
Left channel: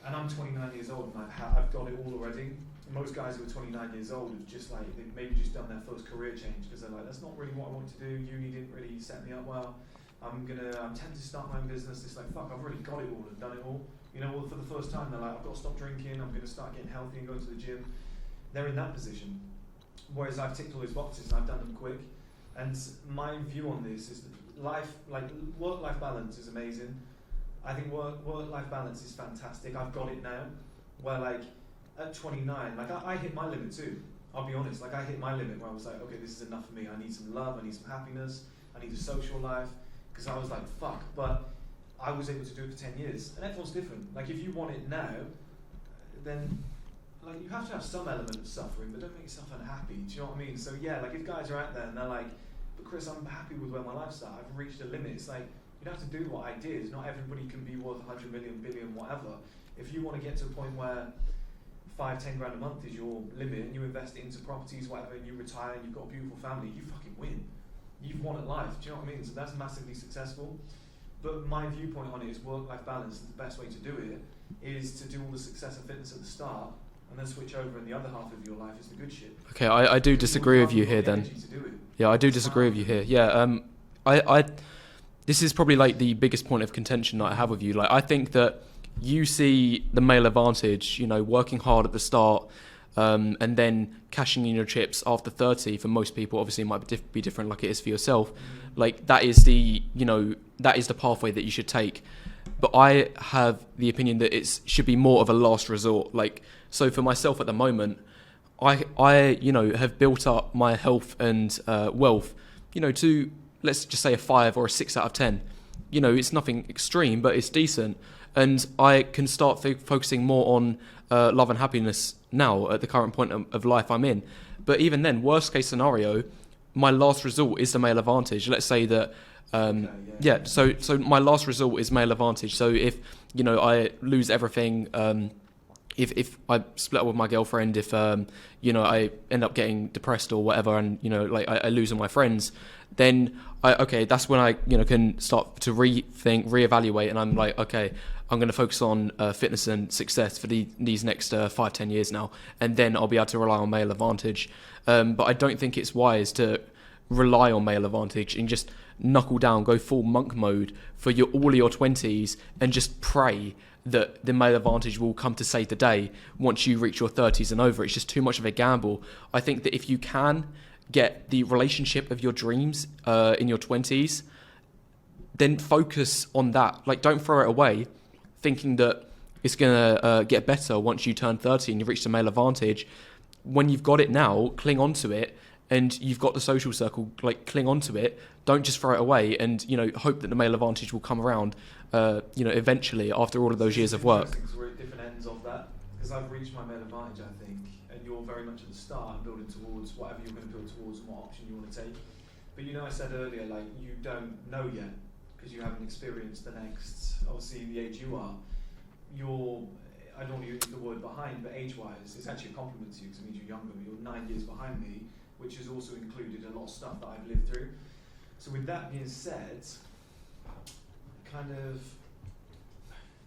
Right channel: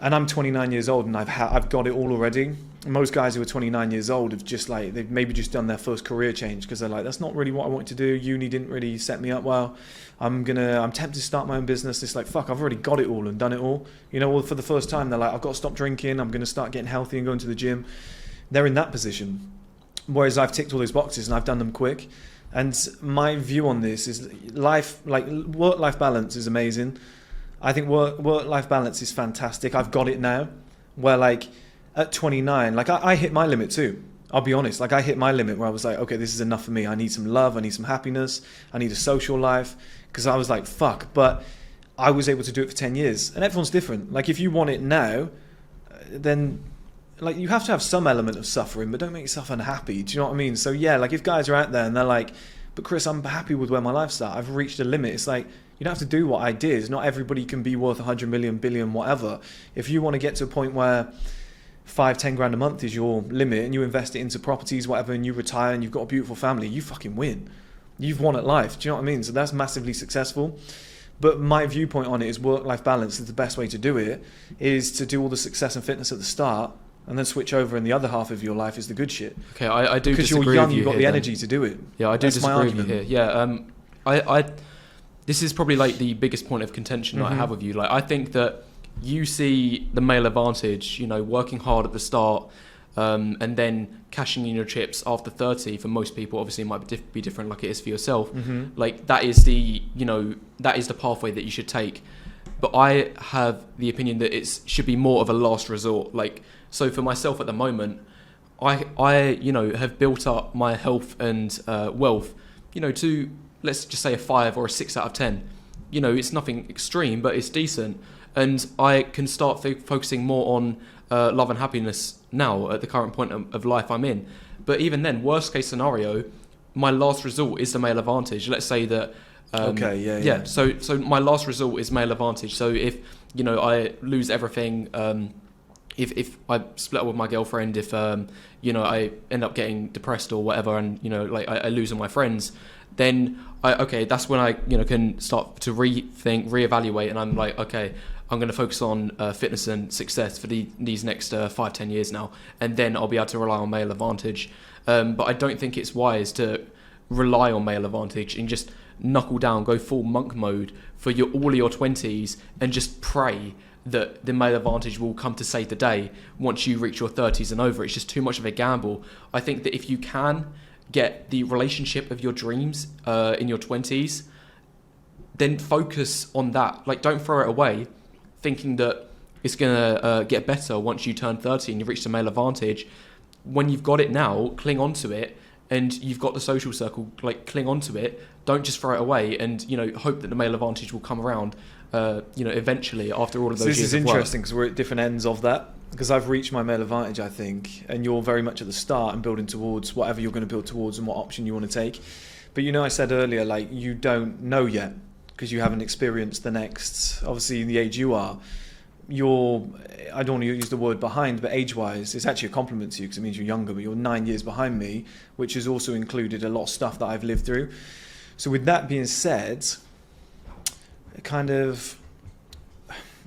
And I'm 29 years old, and I've got it all already. Most guys who are 29 years old have just, like, they've maybe just done their first career change, because they're like, that's not really what I wanted to do. Uni didn't really set me up well. I'm tempted to start my own business. It's like, fuck, I've already got it all and done it all. You know, well, for the first time, they're like, I've got to stop drinking. I'm going to start getting healthy and going to the gym. They're in that position. Whereas I've ticked all those boxes and I've done them quick. And my view on this is work-life balance is amazing. I think work-life balance is fantastic. I've got it now, where, like, at 29, like, I hit my limit too. I'll be honest. Like, I hit my limit where I was like, okay, this is enough for me. I need some love. I need some happiness. I need a social life. Because I was like, fuck. But I was able to do it for 10 years. And everyone's different. Like, if you want it now, then, like, you have to have some element of suffering, but don't make yourself unhappy. Do you know what I mean? So yeah, like, if guys are out there and they're like, but Chris, I'm happy with where my life's at. I've reached a limit. It's like, you don't have to do what I did. Not everybody can be worth 100 million, billion, whatever. If you want to get to a point where 5-10 grand a month is your limit, and you invest it into properties, whatever, and you retire and you've got a beautiful family, you fucking win. You've won at life. Do you know what I mean? So that's massively successful. But my viewpoint on it is work-life balance is the best way to do it, is to do all the success and fitness at the start, and then switch over, and the other half of your life is the good shit. Okay, I do disagree with you here. You've got the energy to do it. Yeah, I do disagree with you here. Yeah, I this is probably, like, the biggest point of contention that I have with you. Like, I think that you see the male advantage, you know, working hard at the start, and then cashing in your chips after 30. For most people, obviously, it might be different, like it is for yourself. Like, that is the pathway that you should take. But I have the opinion that it should be more of a last resort. Like, so for myself at the moment, I you know, have built up my health and wealth, you know, to, let's just say, a 5 or a 6 out of 10. You know, it's nothing extreme, but it's decent. And I can start focusing more on love and happiness now at the current point of life I'm in. But even then, worst case scenario, my last resort is the male advantage. Let's say that. So my last resort is male advantage. So if, you know, I lose everything, if I split up with my girlfriend, if you know, I end up getting depressed or whatever, and, you know, like, I lose all my friends, then that's when I, you know, can start to reevaluate, and I'm like, okay, I'm going to focus on fitness and success for these next 5-10 years now, and then I'll be able to rely on male advantage. But I don't think it's wise to rely on male advantage and just knuckle down, go full monk mode for all of your 20s and just pray that the male advantage will come to save the day once you reach your 30s and over. It's just too much of a gamble. I think that if you can get the relationship of your dreams in your 20s, then focus on that. Like, don't throw it away thinking that it's going to get better once you turn 30 and you reach the male advantage. When you've got it now, cling on to it, and you've got the social circle, like, cling on to it. Don't just throw it away and, hope that the male advantage will come around, eventually after all of those years of work. This is interesting because we're at different ends of that. Because I've reached my male advantage, I think, and you're very much at the start and building towards whatever you're going to build towards and what option you want to take. But I said earlier, like, you don't know yet because you haven't experienced the next, obviously the age you are, I don't want to use the word behind, but age-wise, it's actually a compliment to you because it means you're younger, but you're 9 years behind me, which has also included a lot of stuff that I've lived through. So with that being said,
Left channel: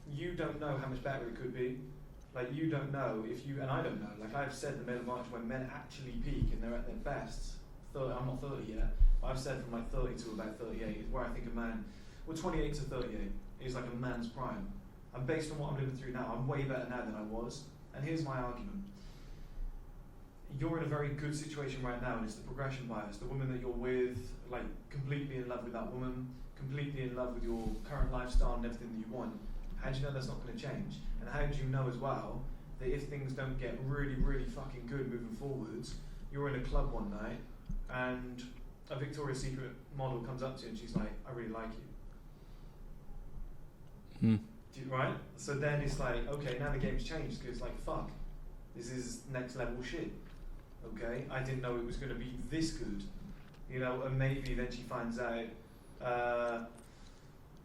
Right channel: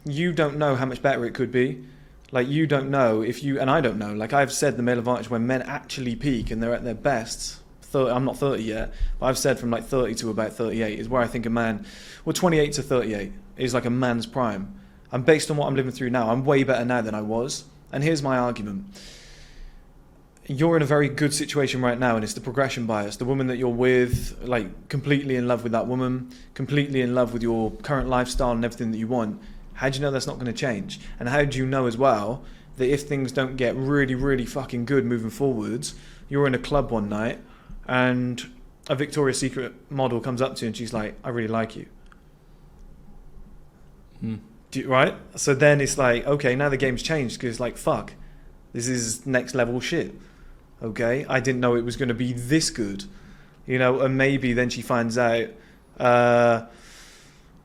you don't know how much better it could be. Like, you don't know and I don't know. Like, I've said the male advantage when men actually peak and they're at their best, I'm not 30 yet, but I've said from like 30 to about 38 is where I think a man, 28 to 38 is like a man's prime. And based on what I'm living through now, I'm way better now than I was. And here's my argument. You're in a very good situation right now, and it's the progression bias. The woman that you're with, like, completely in love with that woman, completely in love with your current lifestyle and everything that you want. How do you know that's not going to change? And how do you know as well that if things don't get really, really fucking good moving forwards, you're in a club one night and a Victoria's Secret model comes up to you and she's like, I really like you. Right? So then it's like, okay, now the game's changed because, like, fuck, this is next level shit. Okay? I didn't know it was going to be this good. And maybe then she finds out,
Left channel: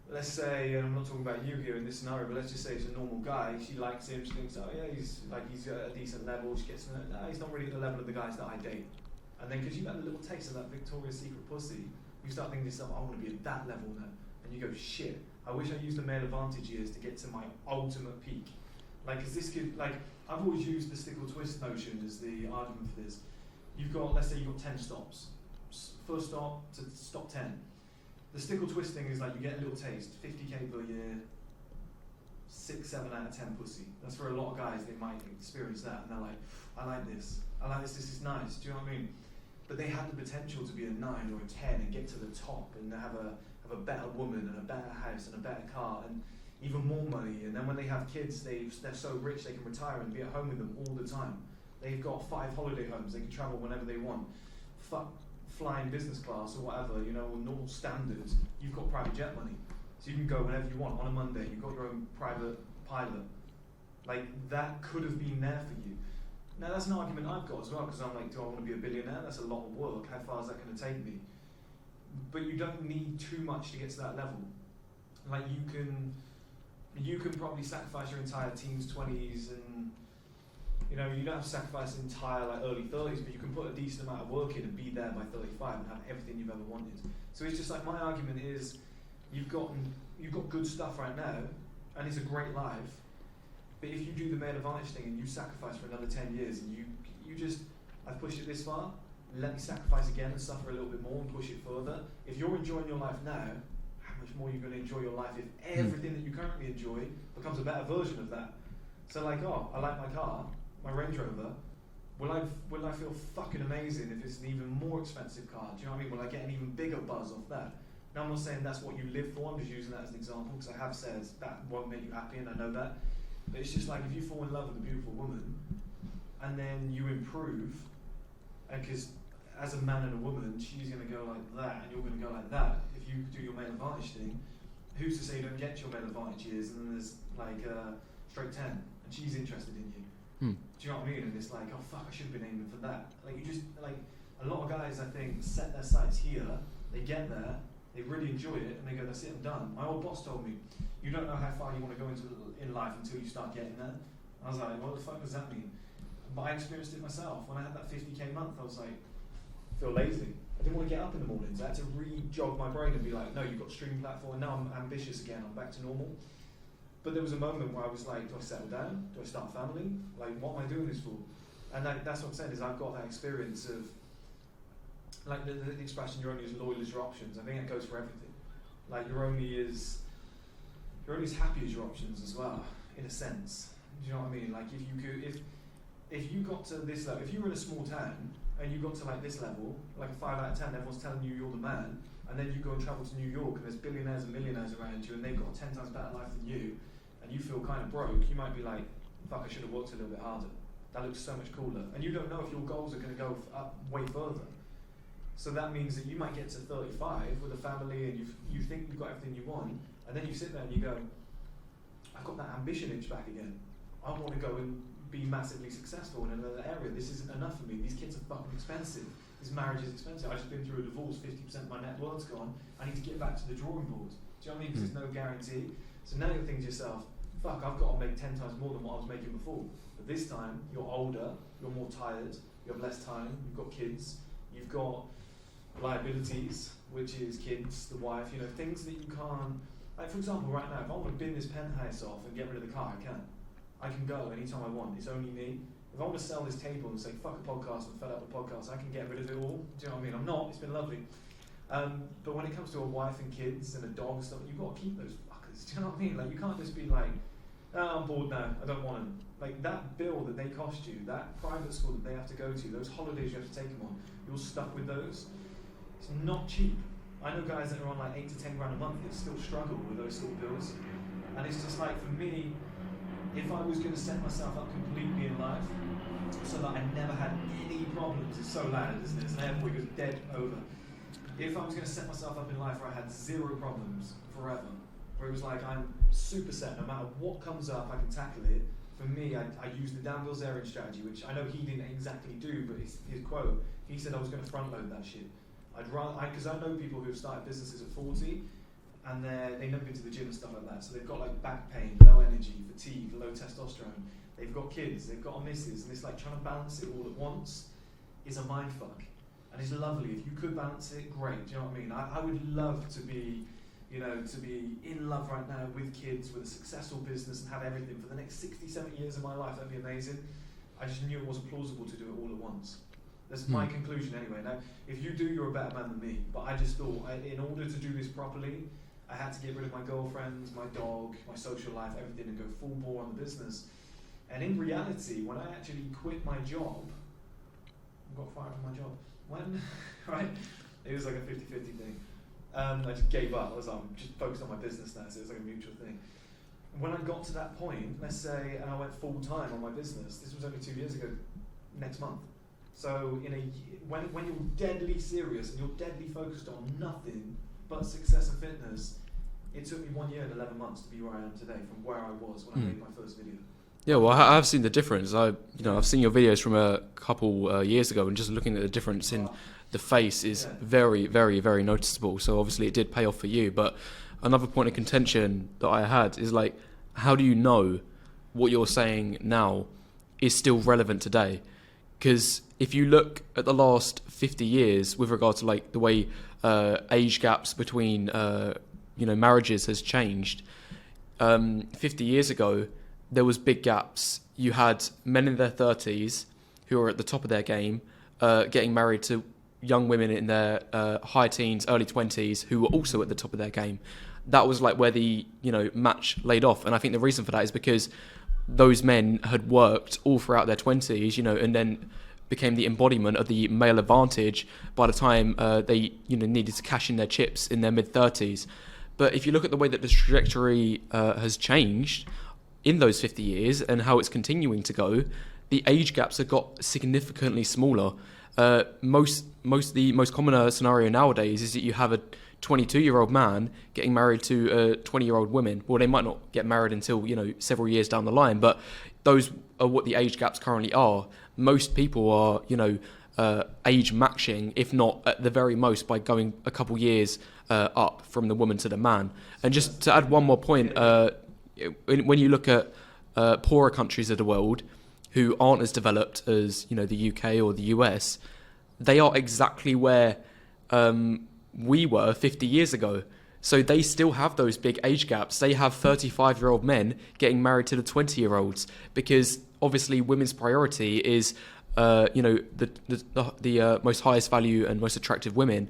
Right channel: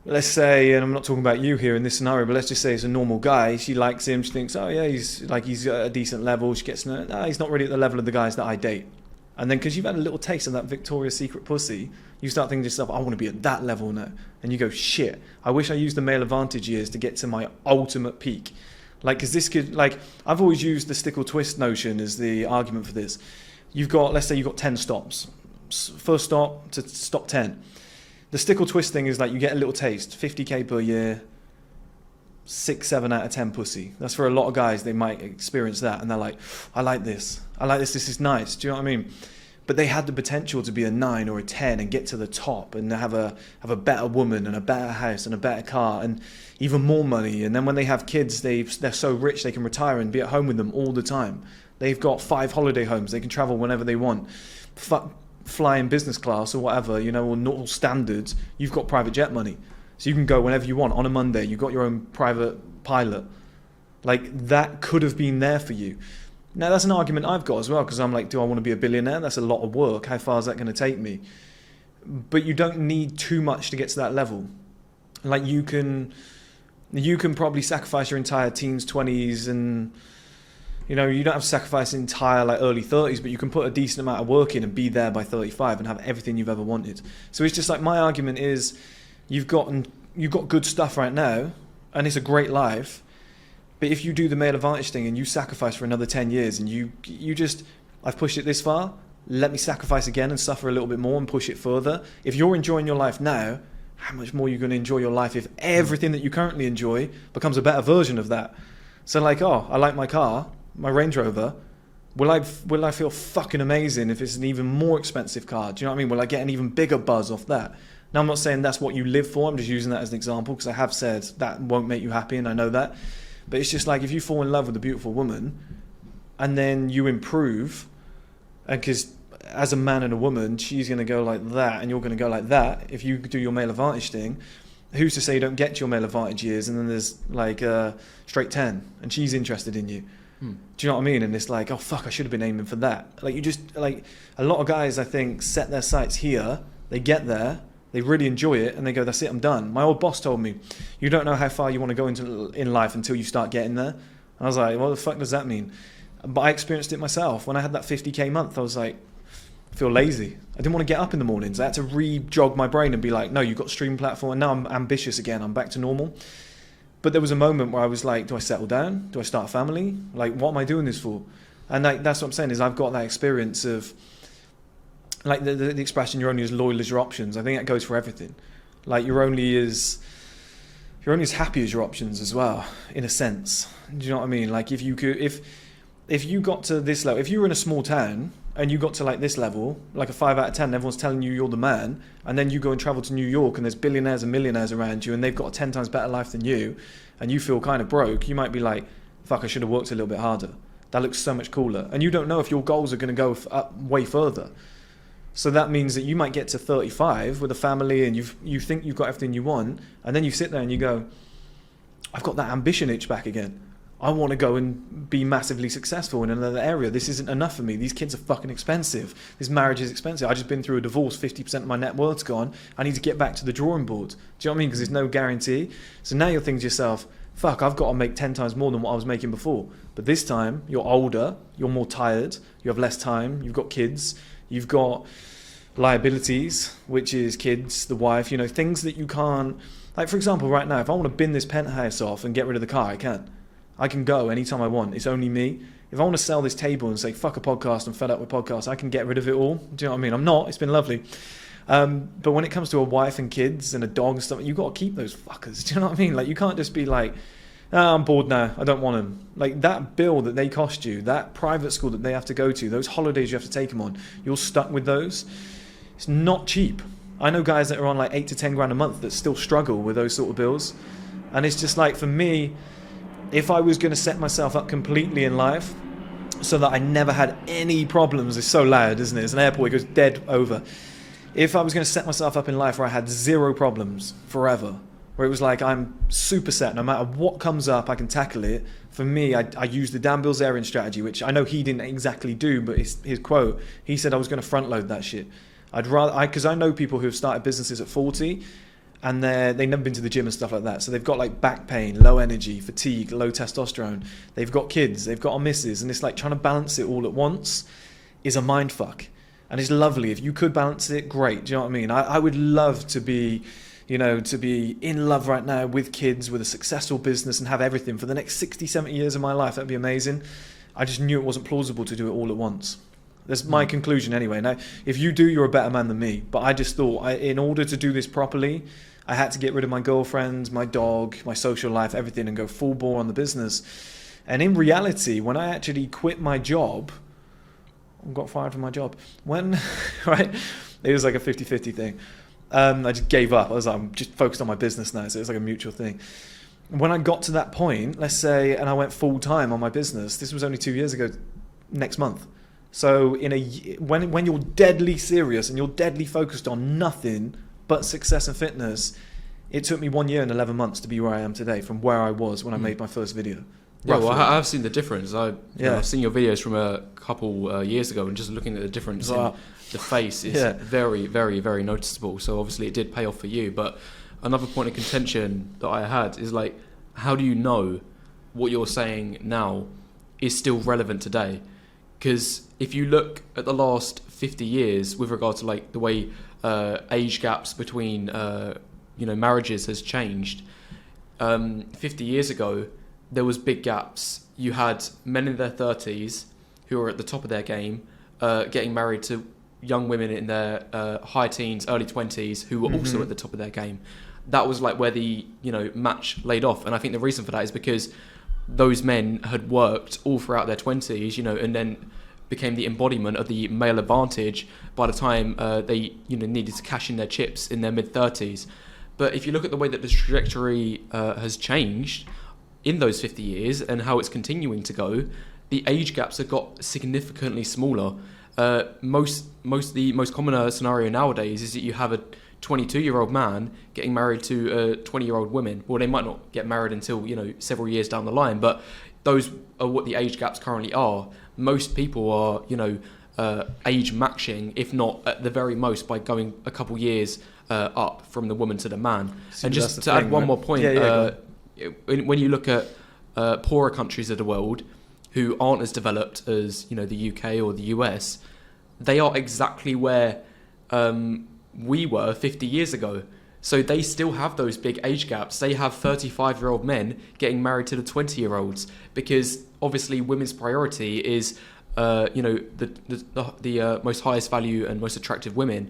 let's say, and I'm not talking about you here in this scenario, but let's just say it's a normal guy. She likes him. She thinks, oh yeah, he's at a decent level. She gets to know, no, he's not really at the level of the guys that I date. And then because you've had a little taste of that Victoria's Secret pussy, you start thinking to yourself, I want to be at that level now. And you go, shit, I wish I used the male advantage years to get to my ultimate peak. Like, because this could, like, I've always used the stick or twist notion as the argument for this. Let's say you've got 10 stops. First stop to stop 10. The stick or twist thing is like you get a little taste, 50k per year, 6, 7 out of 10 pussy. That's for a lot of guys, they might experience that and they're like, I like this, this is nice. Do you know what I mean? But they had the potential to be a 9 or a 10 and get to the top and have a better woman and a better house and a better car and even more money. And then when they have kids, they're so rich they can retire and be at home with them all the time. They've got 5 holiday homes, they can travel whenever they want. Fly in business class or whatever, or normal standards. You've got private jet money, so you can go whenever you want on a Monday. You've got your own private pilot. Like, that could have been there for you. Now that's an argument I've got as well, because I'm like, do I want to be a billionaire? That's a lot of work. How far is that going to take me? But you don't need too much to get to that level. Like, you can probably sacrifice your entire teens, 20s, and you don't have to sacrifice entire like early 30s, but you can put a decent amount of work in and be there by 35 and have everything you've ever wanted. So it's just like, my argument is, you've got good stuff right now, and it's a great life. But if you do the male advantage thing and you sacrifice for another 10 years and you just, I've pushed it this far, let me sacrifice again and suffer a little bit more and push it further. If you're enjoying your life now, how much more are you going to enjoy your life if everything that you currently enjoy becomes a better version of that? So like, oh, I like my car, my Range Rover. Will I feel fucking amazing if it's an even more expensive car? Do you know what I mean? Will I get an even bigger buzz off that? Now, I'm not saying that's what you live for. I'm just using that as an example because I have said that won't make you happy, and I know that. But it's just like, if you fall in love with a beautiful woman and then you improve, because as a man and a woman, she's going to go like that and you're going to go like that. If you do your male advantage thing, who's to say you don't get to your male advantage years and then there's like a straight 10 and she's interested in you? Do you know what I mean? And it's like, oh fuck, I should have been aiming for that. Like, you just, like, a lot of guys, I think, set their sights here, they get there, they really enjoy it, and they go, that's it, I'm done. My old boss told me, you don't know how far you want to go in life until you start getting there. And I was like, what the fuck does that mean? But I experienced it myself. When I had that 50k month, I was like, I feel lazy. I didn't want to get up in the mornings. I had to re-jog my brain and be like, no, you've got stream platform, and now I'm ambitious again, I'm back to normal. But there was a moment where I was like, do I settle down? Do I start a family? Like, what am I doing this for? And that's what I'm saying is I've got that experience of, like the expression, you're only as loyal as your options. I think that goes for everything. Like you're only as happy as your options as well, in a sense. Do you know what I mean? Like if you got to this level, if you were in a small town and you got to like this level, like a 5 out of 10, and everyone's telling you you're the man, and then you go and travel to New York and there's billionaires and millionaires around you and they've got a 10 times better life than you, and you feel kind of broke, you might be like, fuck, I should have worked a little bit harder. That looks so much cooler. And you don't know if your goals are going to go up way further. So that means that you might get to 35 with a family and you think you've got everything you want, and then you sit there and you go, I've got that ambition itch back again. I want to go and be massively successful in another area. This isn't enough for me. These kids are fucking expensive. This marriage is expensive. I've just been through a divorce. 50% of my net worth's gone. I need to get back to the drawing board. Do you know what I mean? Because there's no guarantee. So now you're thinking to yourself, fuck, I've got to make 10 times more than what I was making before. But this time, you're older, you're more tired, you have less time, you've got kids, you've got liabilities, which is kids, the wife, things that you can't... Like, for example, right now, if I want to bin this penthouse off and get rid of the car, I can. I can go anytime I want. It's only me. If I want to sell this table and say, fuck a podcast, I'm fed up with podcasts, I can get rid of it all. Do you know what I mean? I'm not. It's been lovely. But when it comes to a wife and kids and a dog and stuff, you've got to keep those fuckers. Do you know what I mean? Like, you can't just be like, oh, I'm bored now, I don't want them. Like, that bill that they cost you, that private school that they have to go to, those holidays you have to take them on, you're stuck with those. It's not cheap. I know guys that are on like 8 to 10 grand a month that still struggle with those sort of bills. And it's just like, for me, if I was going to set myself up completely in life so that I never had any problems, it's so loud, isn't it? It's an airport, it goes dead over. If I was going to set myself up in life where I had zero problems forever, where it was like I'm super set, no matter what comes up, I can tackle it. For me, I used the Dan Bilzerian strategy, which I know he didn't exactly do, but his quote, he said I was going to front load that shit. Because I know people who have started businesses at 40 and they've never been to the gym and stuff like that. So they've got like back pain, low energy, fatigue, low testosterone. They've got kids, they've got a missus, and it's like trying to balance it all at once is a mind fuck. And it's lovely. If you could balance it, great. Do you know what I mean? I would love to be, to be in love right now with kids, with a successful business and have everything for the next 60, 70 years of my life. That'd be amazing. I just knew it wasn't plausible to do it all at once. That's my conclusion anyway. Now, if you do, you're a better man than me. But I just thought, in order to do this properly, I had to get rid of my girlfriends, my dog, my social life, everything, and go full bore on the business. And in reality, when I actually quit my job, got fired from my job, right, it was like a 50-50 thing. I just gave up. I was like, I'm just focused on my business now, so it was like a mutual thing. When I got to that point, let's say, and I went full time on my business, this was only 2 years ago, next month. So when you're deadly serious and you're deadly focused on nothing but success and fitness, it took me 1 year and 11 months to be where I am today from where I was when I made my first video. Yeah, well, I've seen the difference. I've seen your videos from a couple years ago, and just looking at the difference in the face is very, very, very noticeable. So obviously it did pay off for you. But another point of contention that I had is like, how do you know what you're saying now is still relevant today? Because if you look at the last 50 years with regard to like the way age gaps between marriages has changed, 50 years ago there was big gaps. You had men in their 30s who were at the top of their game, getting married to young women in their high teens, early 20s who were also at the top of their game. That was like where the match laid off, and I think the reason for that is because those men had worked all throughout their 20s, and then became the embodiment of the male advantage by the time they needed to cash in their chips in their mid-30s. But if you look at the way that the trajectory has changed in those 50 years and how it's continuing to go, the age gaps have got significantly smaller. The most common scenario nowadays is that you have a 22-year-old man getting married to a 20-year-old woman. Well, they might not get married until several years down the line, but those are what the age gaps currently are. Most people are age matching, if not at the very most by going a couple years up from the woman to the man. So and just to add one more point, when you look at poorer countries of the world who aren't as developed as the UK or the US, they are exactly where we were 50 years ago. So they still have those big age gaps. They have 35-year-old men getting married to the 20-year-olds because obviously women's priority is, the most highest value and most attractive women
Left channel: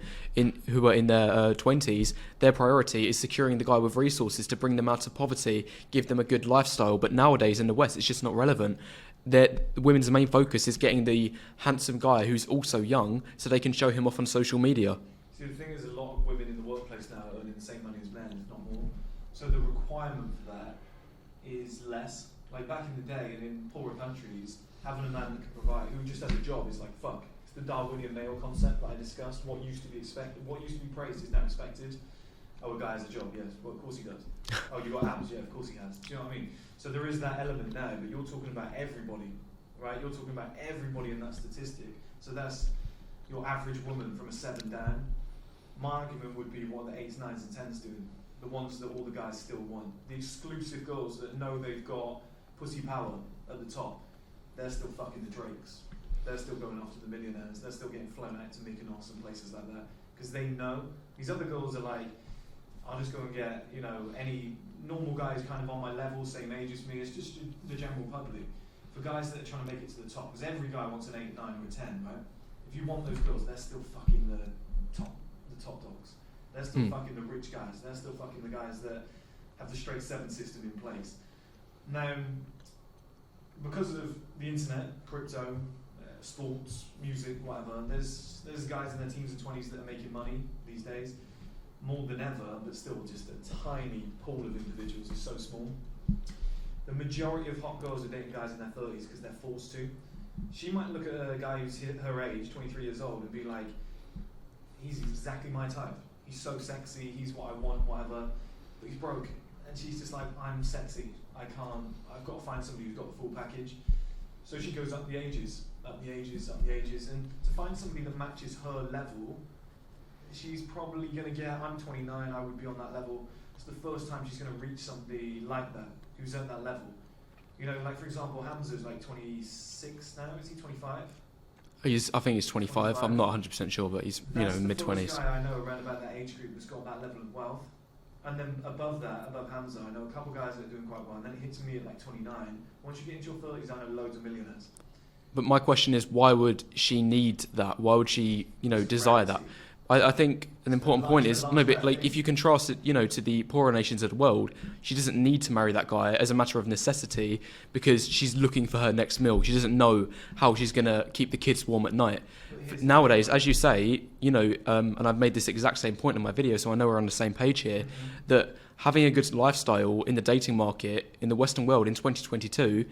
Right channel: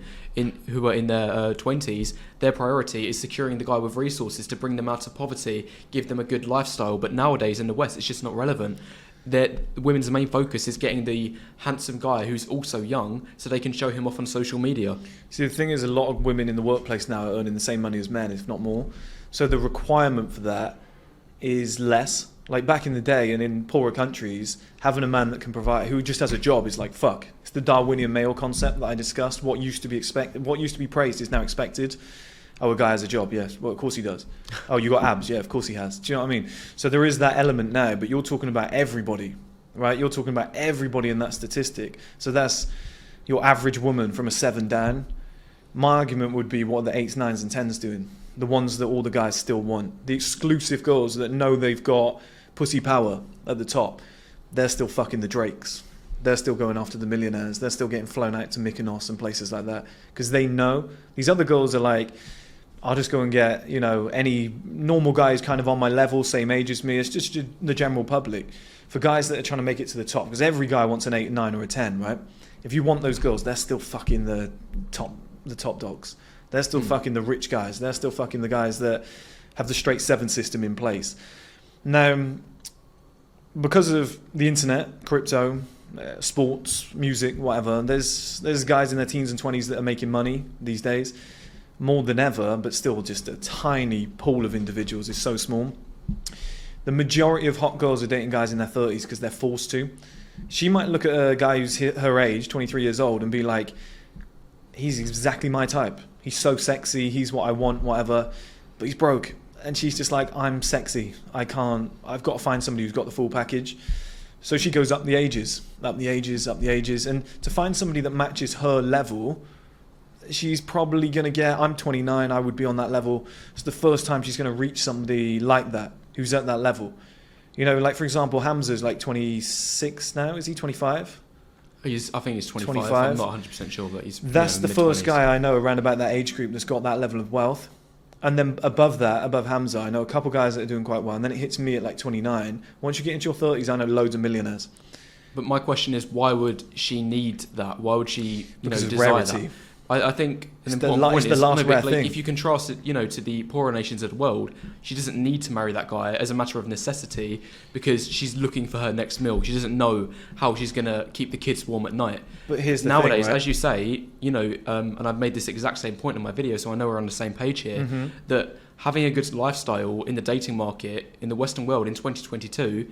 who are in their 20s. Their priority is securing the guy with resources to bring them out of poverty, give them a good lifestyle. But nowadays in the West, it's just not relevant. Women's main focus is getting the handsome guy who's also young so they can show him off on social media. See, the thing is, a lot of women in the workplace now are earning the same money as men, if not more. So the requirement for that is less. Like back in the day and in poorer countries, having a man that can provide, who just has a job, is like, fuck. It's the Darwinian male concept that I discussed. What used to be expected, what used to be praised is now expected. Oh, a guy has a job, yes. Well, of course he does. Oh, you got abs, yeah, of course he has. Do you know what I mean? So there is that element now, but you're talking about everybody, right? You're talking about everybody in that statistic. So that's your average woman from a 7 down. My argument would be what are the 8s, 9s and 10s doing? The ones that all the guys still want. The exclusive girls that know they've got pussy power at the top. They're still fucking the Drakes. They're still going after the millionaires. They're still getting flown out to Mykonos and places like that. Because they know. These other girls are like, I'll just go and get, any normal guy who's kind of on my level, same age as me. It's just the general public. For guys that are trying to make it to the top, because every guy wants an 8, 9 or a 10, right? If you want those girls, they're still fucking the top dogs. They're still fucking the rich guys. They're still fucking the guys that have the straight 7 system in place. Now, because of the internet, crypto, sports, music, whatever, there's guys in their teens and 20s that are making money these days. More than ever, but still just a tiny pool of individuals. Is so small. The majority of hot girls are dating guys in their 30s because they're forced to. She might look at a guy who's her age, 23 years old, and be like, he's exactly my type. He's so sexy, he's what I want, whatever, but he's broke. And she's just like, I'm sexy. I've got to find somebody who's got the full package. So she goes up the ages. And to find somebody that matches her level, she's probably going to get, I'm 29, I would be on that level. It's the first time she's going to reach somebody like that, who's at that level. Like for example, Hamza's like 26 now, is he 25? I think he's 25. I'm not 100% sure, but he's That's the mid-20s. first guy I know around about that age group that's got that level of wealth. And then above Hamza, I know a couple guys that are doing quite well. And then it hits me at like 29. Once you get into your 30s, I know loads of millionaires. But my question is, why would she need that? Why would she, Because desire rarity. that? I think an important point is, thing. if you contrast it, to the poorer nations of the world, she doesn't need to marry that guy as a matter of necessity because she's looking for her next meal. She doesn't know how she's going to keep the kids warm at night. But here's the Nowadays, thing, right? as you say, and I've made this exact same point in my video, so I know we're on the same page here, that having a good lifestyle in the dating market in the Western world in 2022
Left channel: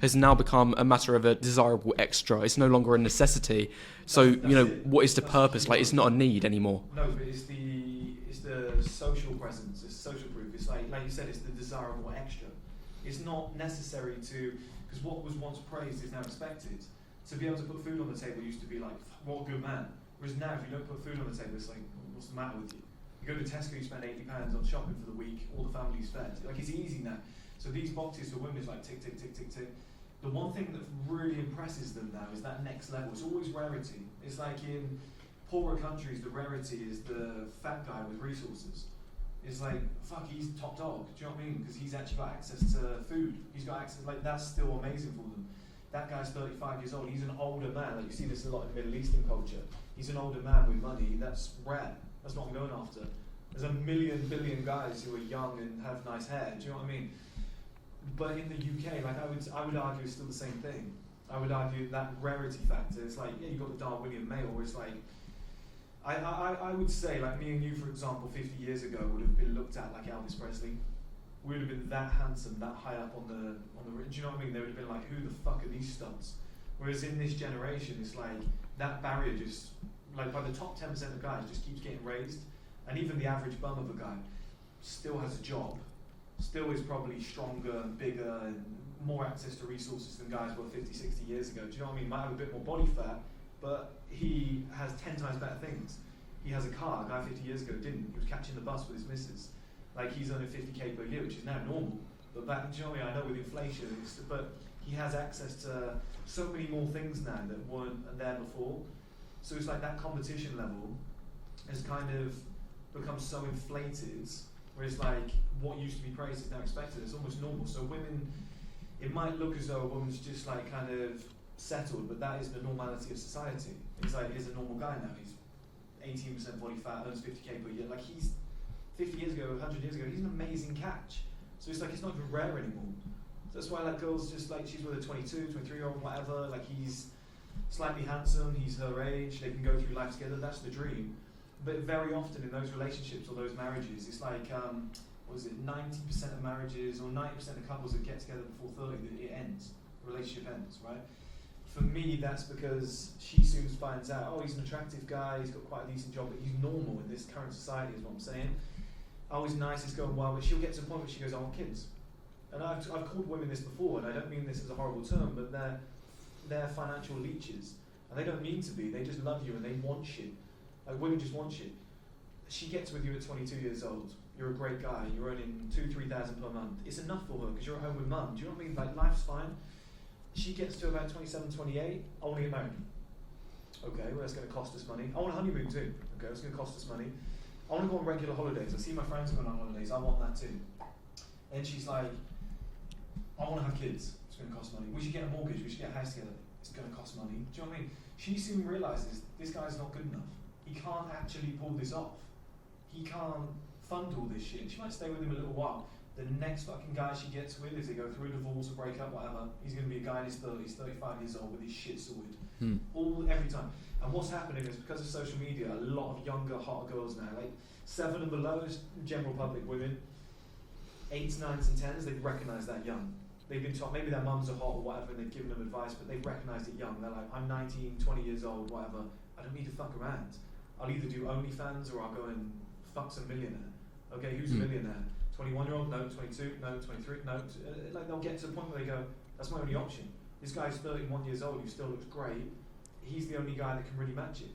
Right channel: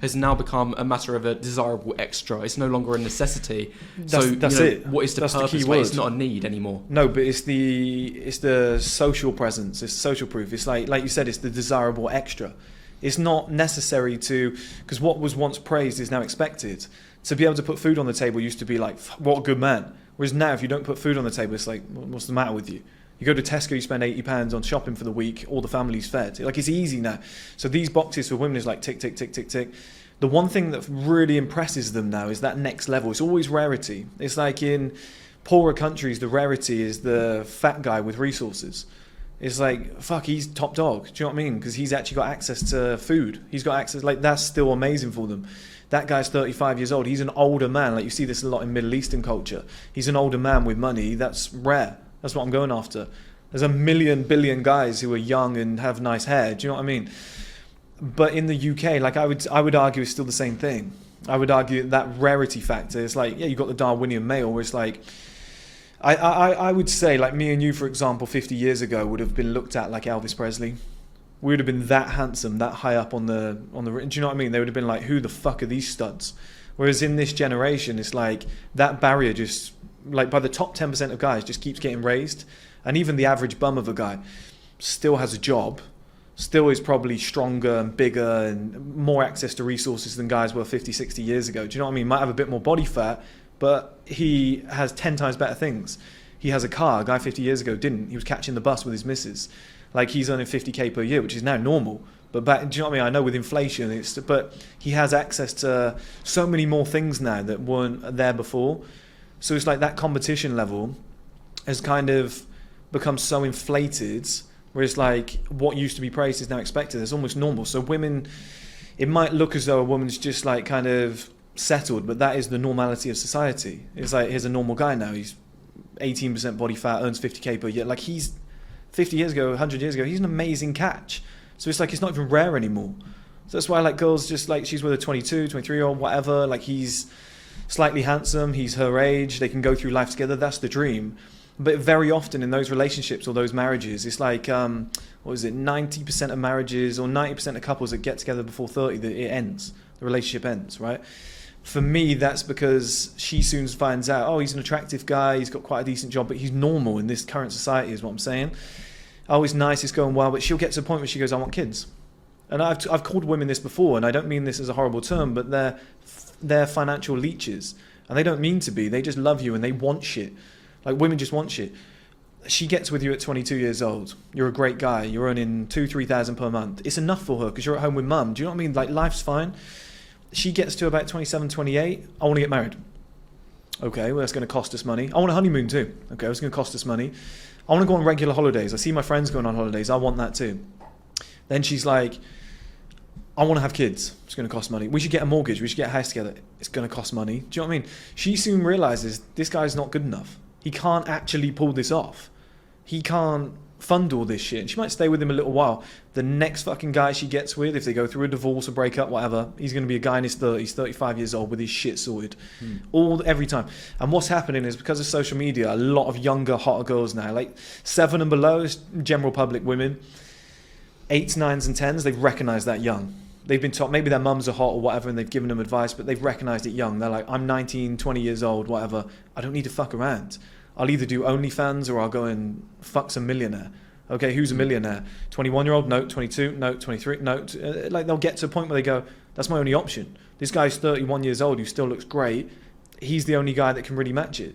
has now become a matter of a desirable extra. It's no longer a necessity. That's it. What is the That's purpose? the key It's word. not a need anymore. No, but it's the social presence. It's social proof. It's like you said, it's the desirable extra. It's not necessary because what was once praised is now expected. To be able to put food on the table used to be like, what a good man. Whereas now, if you don't put food on the table, it's like, what's the matter with you? You go to Tesco, you spend £80 on shopping for the week, all the family's fed. Like, it's easy now. So these boxes for women is like tick, tick, tick, tick, tick. The one thing that really impresses them now is that next level. It's always rarity. It's like in poorer countries, the rarity is the fat guy with resources. It's like, fuck, he's top dog. Do you know what I mean? Because he's actually got access to food. He's got access, like, that's still amazing for them. That guy's 35 years old. He's an older man. Like, you see this a lot in Middle Eastern culture. He's an older man with money. That's rare. That's what I'm going after. There's a billion guys who are young and have nice hair. Do you know what I mean? But in the UK, like, I would argue it's still the same thing. I would argue that rarity factor. It's like, yeah, you've got the Darwinian male, where it's like, I would say, like, me and you, for example, 50 years ago would have been looked at like Elvis Presley. We would have been that handsome, that high up on the. Do you know what I mean? They would have been like, who the fuck are these studs? Whereas in this generation, it's like that barrier just, like, by the top 10% of guys just keeps getting raised. And even the average bum of a guy still has a job, still is probably stronger and bigger and more access to resources than guys were 50, 60 years ago. Do you know what I mean? Might have a bit more body fat, but he has 10 times better things. He has a car. A guy 50 years ago didn't. He was catching the bus with his missus. Like, he's earning 50k per year, which is now normal. But back, do you know what I mean? I know with inflation, but he has access to so many more things now that weren't there before. So it's like that competition level has kind of becomes so inflated, where it's like what used to be praised is now expected. It's almost normal. So women, it might look as though a woman's just like kind of settled, but that is the normality of society. It's like, here's a normal guy now. He's 18% body fat, earns 50k per year. Like, he's 50 years ago, 100 years ago, he's an amazing catch. So it's like, it's not even rare anymore. So that's why, like, girls just like, she's with a 22, 23-year-old, whatever. Like, he's slightly handsome, he's her age, they can go through life together. That's the dream. But very often in those relationships or those marriages, it's like, what is it, 90% of marriages or 90% of couples that get together before 30, that it ends. The relationship ends, right? For me, that's because she soon finds out, oh, he's an attractive guy, he's got quite a decent job, but he's normal in this current society, is what I'm saying. Oh, he's nice, it's going well, but she'll get to a point where she goes, I want kids. And I've called women this before, and I don't mean this as a horrible term, but they're financial leeches. And they don't mean to be, they just love you and they want shit. Like, women just want shit. She gets with you at 22 years old. You're a great guy. You're earning 2,000-3,000 per month. It's enough for her because you're at home with mum. Do you know what I mean? Like, life's fine. She gets to about 27, 28. I want to get married. Okay, well, that's going to cost us money. I want a honeymoon too. Okay, it's going to cost us money. I want to go on regular holidays. I see my friends going on holidays. I want that too. Then she's like, I want to have kids. It's going to cost money. We should get a mortgage. We should get a house together. It's going to cost money. Do you know what I mean? She soon realizes this guy's not good enough. He can't actually pull this off. He can't fund all this shit. She might stay with him a little while. The next fucking guy she gets with, if they go through a divorce or break up, whatever, he's going to be a guy in his 30s, 35 years old with his shit sorted. Every time. And what's happening is, because of social media, a lot of younger, hotter girls now, like 7 and below, is general public women, 8s, 9s and 10s, they've recognised that young. They've been taught, maybe their mums are hot or whatever, and they've given them advice, but they've recognised it young. They're like, I'm 19, 20 years old, whatever. I don't need to fuck around. I'll either do OnlyFans or I'll go and fuck some millionaire. Okay, who's a millionaire? 21-year-old? No. 22? No. 23? No. Like, they'll get to a point where they go, that's my only option. This guy's 31 years old who still looks great. He's the only guy that can really match it.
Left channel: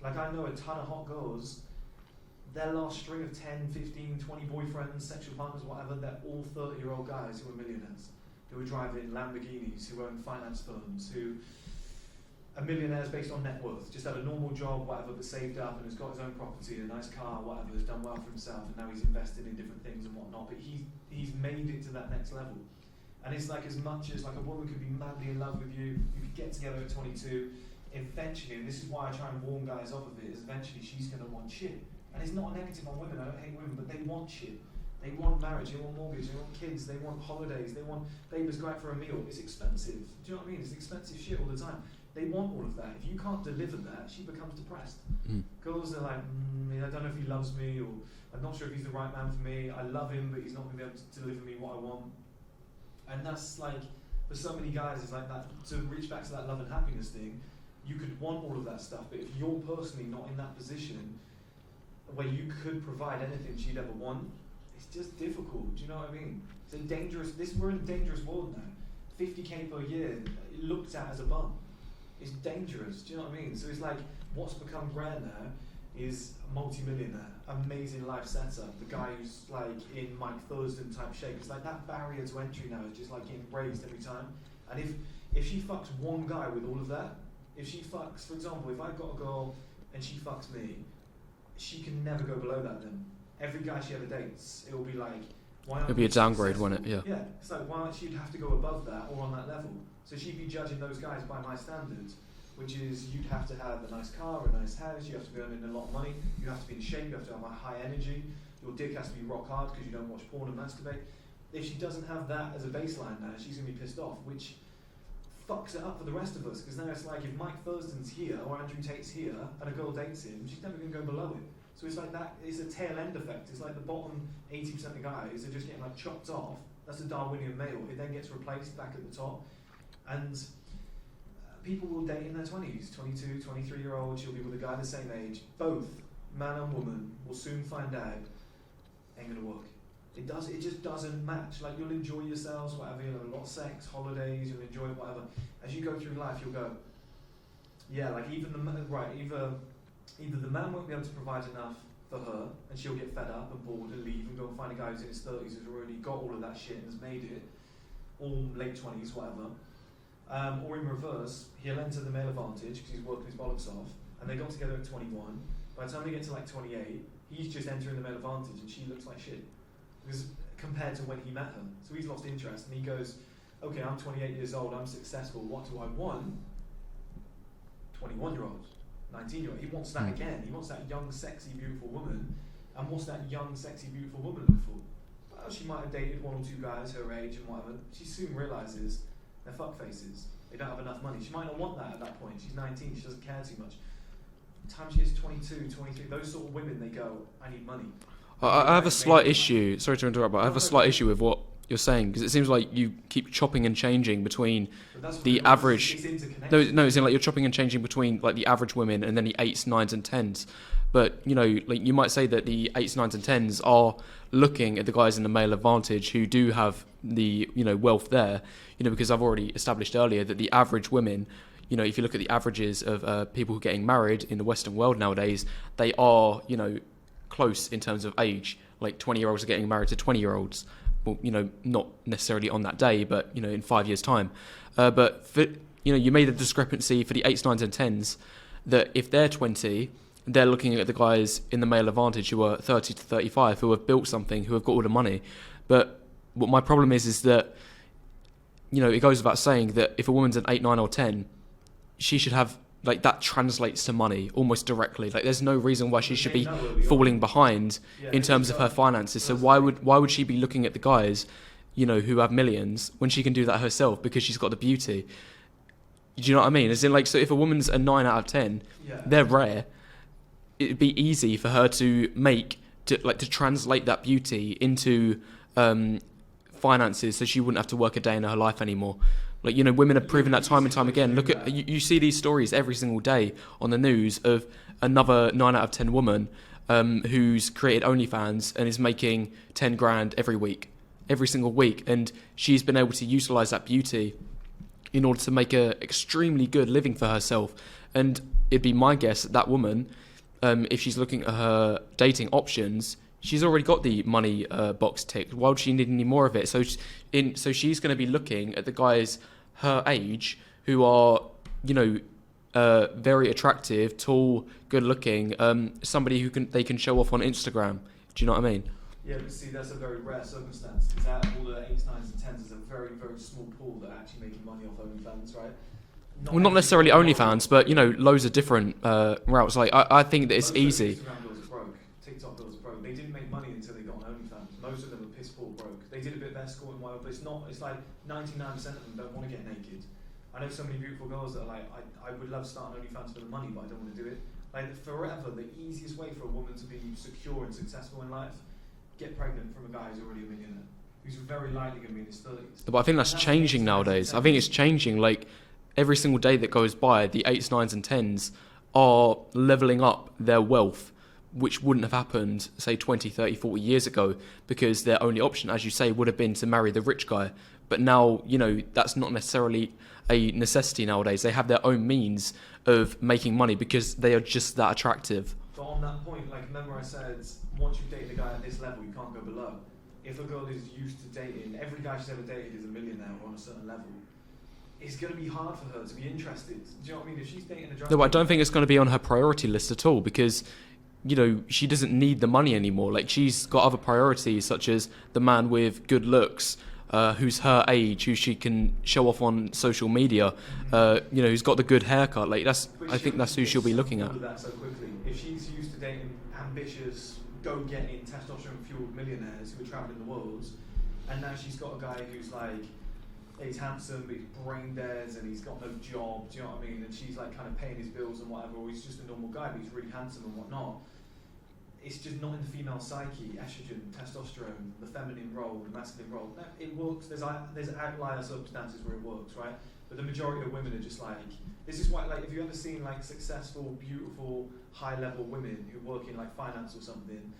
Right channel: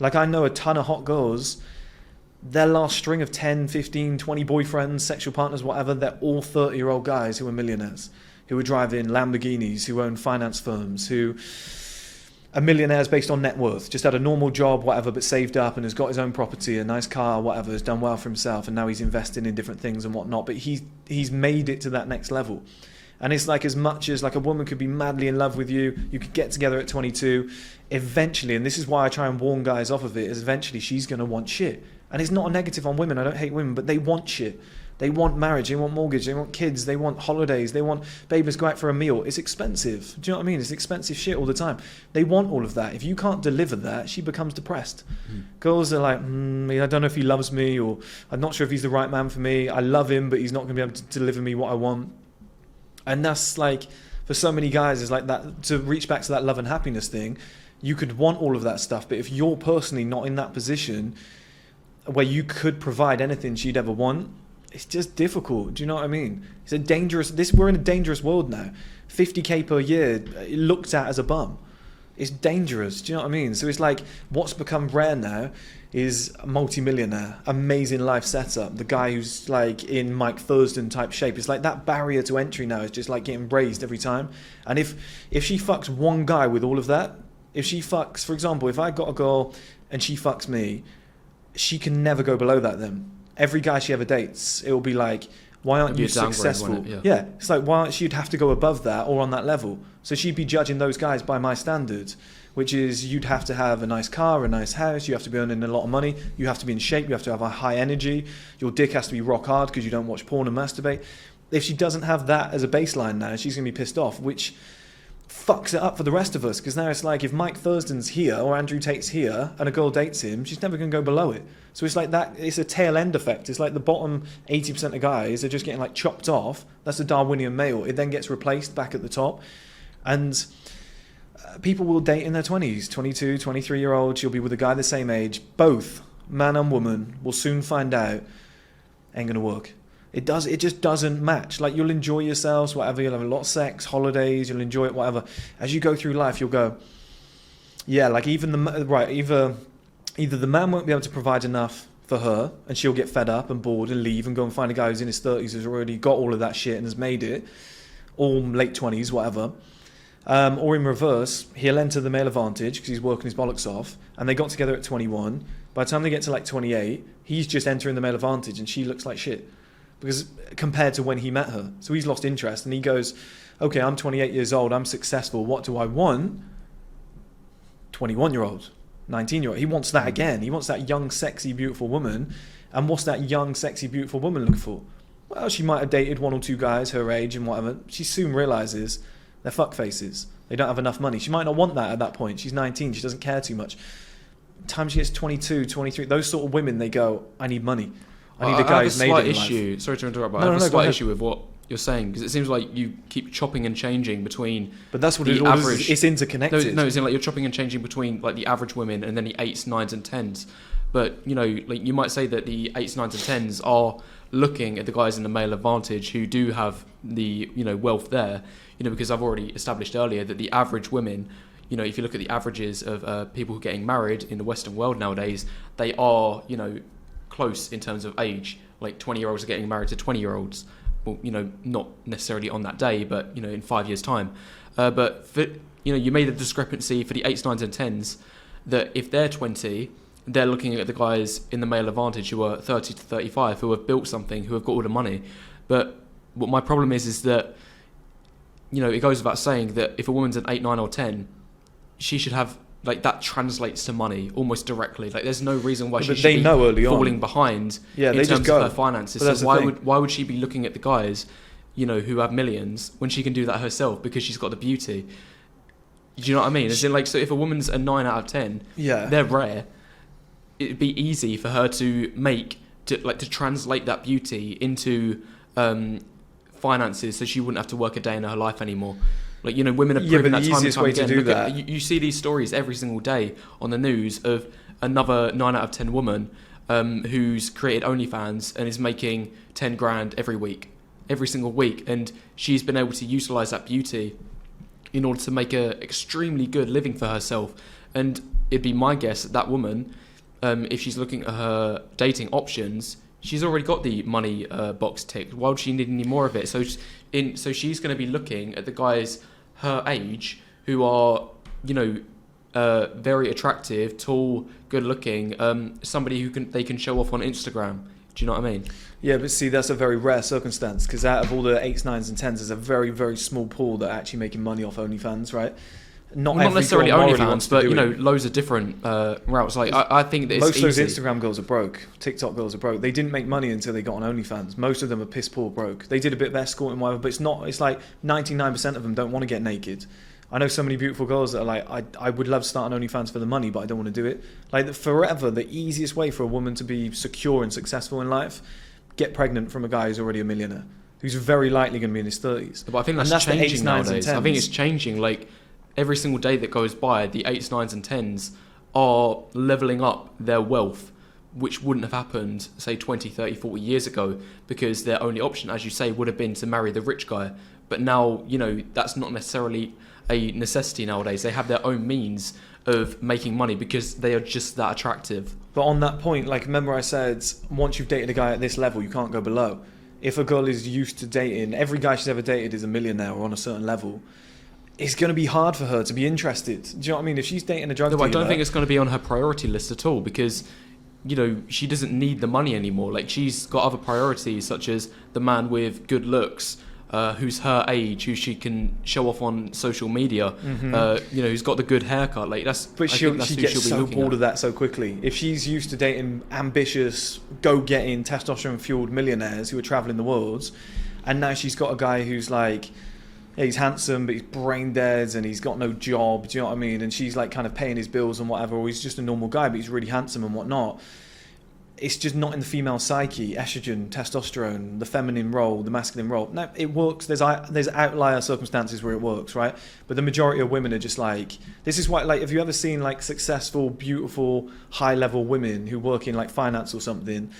Like, I know a ton of hot girls, their last string of 10, 15, 20 boyfriends, sexual partners, whatever, they're all 30-year-old guys who are millionaires, who are driving Lamborghinis, who own finance firms, who are millionaires based on net worth, just had a normal job, whatever, but saved up and has got his own property, a nice car, whatever, has done well for himself, and now he's investing in different things and whatnot, but he's made it to that next level. And it's like, as much as like a woman could be madly in love with you, you could get together at 22, eventually, and this is why I try and warn guys off of it, is eventually she's going to want shit. And it's not a negative on women, I don't hate women, but they want shit. They want marriage, they want mortgage, they want kids, they want holidays, they want, babe, let's go out for a meal. It's expensive. Do you know what I mean? It's expensive shit all the time. They want all of that. If you can't deliver that, she becomes depressed. Girls are like, I don't know if he loves me, or I'm not sure if he's the right man for me. I love him, but he's not going to be able to deliver me what I want. And that's like, for so many guys, it's like that, to reach back to that love and happiness thing, you could want all of that stuff, but if you're personally not in that position where you could provide anything she'd ever want, it's just difficult. Do you know what I mean? It's a dangerous, we're in a dangerous world now. 50k per year looked at as a bum. It's dangerous. Do you know what I mean? So it's like, what's become rare now is a multi-millionaire, amazing life setup, the guy who's like in Mike Thurston type shape. It's like that barrier to entry now is just like getting raised every time. And if she fucks one guy with all of that, if she fucks, for example, if I got a girl and she fucks me, she can never go below that then. Every guy she ever dates, it will be like, why aren't you successful? Won't it? Yeah, it's like, why she'd have to go above that or on that level. So she'd be judging those guys by my standards, which is you'd have to have a nice car, a nice house, you have to be earning a lot of money, you have to be in shape, you have to have a high energy, your dick has to be rock hard because you don't watch porn and masturbate. If she doesn't have that as a baseline now, she's going to be pissed off, which fucks it up for the rest of us, because now it's like, if Mike Thurston's here or Andrew Tate's here and a girl dates him, she's never going to go below it. So it's like that, it's a tail end effect. It's like the bottom 80% of guys are just getting like chopped off. That's the Darwinian male. It then gets replaced back at the top. And people will date in their 20s, 22, 23-year-olds. You'll be with a guy the same age. Both, man and woman, will soon find out ain't going to work. It just doesn't match. Like, you'll enjoy yourselves, whatever. You'll have a lot of sex, holidays. You'll enjoy it, whatever. As you go through life, you'll go, yeah, like either the man won't be able to provide enough for her and she'll get fed up and bored and leave and go and find a guy who's in his 30s who's already got all of that shit and has made it, or late 20s, whatever. Or in reverse, he'll enter the male advantage because he's working his bollocks off, and they got together at 21. By the time they get to like 28, He's just entering the male advantage, and she looks like shit because compared to when he met her. So he's lost interest, and he goes, okay, I'm 28 years old, I'm successful. What do I want? 21-year-old, 19-year-old. He wants that again. He wants that young, sexy, beautiful woman. And what's that young, sexy, beautiful woman looking for? Well, she might have dated 1 or 2 guys her age and whatever. She soon realizes they're fuck faces. They don't have enough money. She might not want that at that point. She's 19. She doesn't care too much. Time she gets 22, 23, those sort of women, they go, I need money. I have a slight issue. Sorry to interrupt, but I have a slight issue with what you're saying, because it seems like you keep chopping and changing between but that's what the average. It's interconnected. No, it's in like you're chopping and changing between like the average women and then the 8s, 9s, and 10s. But you know, like you might say that the 8s, 9s, and 10s are looking at the guys in the male advantage who do have the wealth there. You know, because I've already established earlier that the average women, you know, if you look at the averages of people who are getting married in the Western world nowadays, they are close in terms of age. Like 20-year-olds are getting married to 20-year-olds. Well, not necessarily on that day, but in 5 years' time. But for, you made a discrepancy for the 8s, 9s, and 10s that if they're 20, they're looking at the guys in the male advantage who are 30 to 35, who have built something, who have got all the money. But what my problem is that it goes without saying that if a woman's an 8, 9, or 10, she should have that translates to money almost directly. Like there's no reason why she should be falling behind in terms of her finances. So why would she be looking at the guys, who have millions when she can do that herself because she's got the beauty? Do you know what I mean? As in so if a woman's a 9 out of 10, they're rare. It'd be easy for her to translate that beauty into finances, so she wouldn't have to work a day in her life anymore. Women have proven that time and time again. Look at you see these stories every single day on the news of another 9 out of 10 woman who's created OnlyFans and is making 10 grand every single week, and she's been able to utilize that beauty in order to make a extremely good living for herself. And it'd be my guess that woman, if she's looking at her dating options, she's already got the money box ticked. Why would she need any more of it? So she's going to be looking at the guys her age who are, very attractive, tall, good looking, somebody they can show off on Instagram. Do you know what I mean? Yeah, but see, that's a very rare circumstance, because out of all the 8s, 9s, and 10s, there's a very, very small pool that are actually making money off OnlyFans, right? Not necessarily OnlyFans, but loads of different routes. I think that it's easy. Most of those Instagram girls are broke. TikTok girls are broke. They didn't make money until they got on OnlyFans. Most of them are piss poor broke. They did a bit of escorting, whatever, but it's not. It's like 99% of them don't want to get naked. I know so many beautiful girls that are like, I would love to start an OnlyFans for the money, but I don't want to do it. Forever, the easiest way for a woman to be secure and successful in life, get pregnant from a guy who's already a millionaire, who's very likely going to be in his 30s. But I think that's changing nowadays. I think it's changing. Every single day that goes by, the 8s, 9s, and 10s are leveling up their wealth, which wouldn't have happened, say, 20, 30, 40 years ago, because their only option, as you say, would have been to marry the rich guy. But now, that's not necessarily a necessity nowadays. They have their own means of making money because they are just that attractive. But on that point, remember I said, once you've dated a guy at this level, you can't go below. If a girl is used to dating, every guy she's ever dated is a millionaire or on a certain level, it's going to be hard for her to be interested. Do you know what I mean? If she's dating a drug dealer... I don't think it's going to be on her priority list at all, because, she doesn't need the money anymore. She's got other priorities, such as the man with good looks, who's her age, who she can show off on social media, who's got the good haircut. I think that's who she'll be looking at. She gets so bored of that so quickly. If she's used to dating ambitious, go-getting, testosterone-fueled millionaires who are travelling the world, and now she's got a guy who's he's handsome, but he's brain dead and he's got no job, do you know what I mean? And she's kind of paying his bills and whatever, or he's just a normal guy, but he's really handsome and whatnot. It's just not in the female psyche. Estrogen, testosterone, the feminine role, the masculine role. No, it works. There's outlier circumstances where it works, right? But the majority of women are just this is why, have you ever seen successful, beautiful, high-level women who work in finance or something?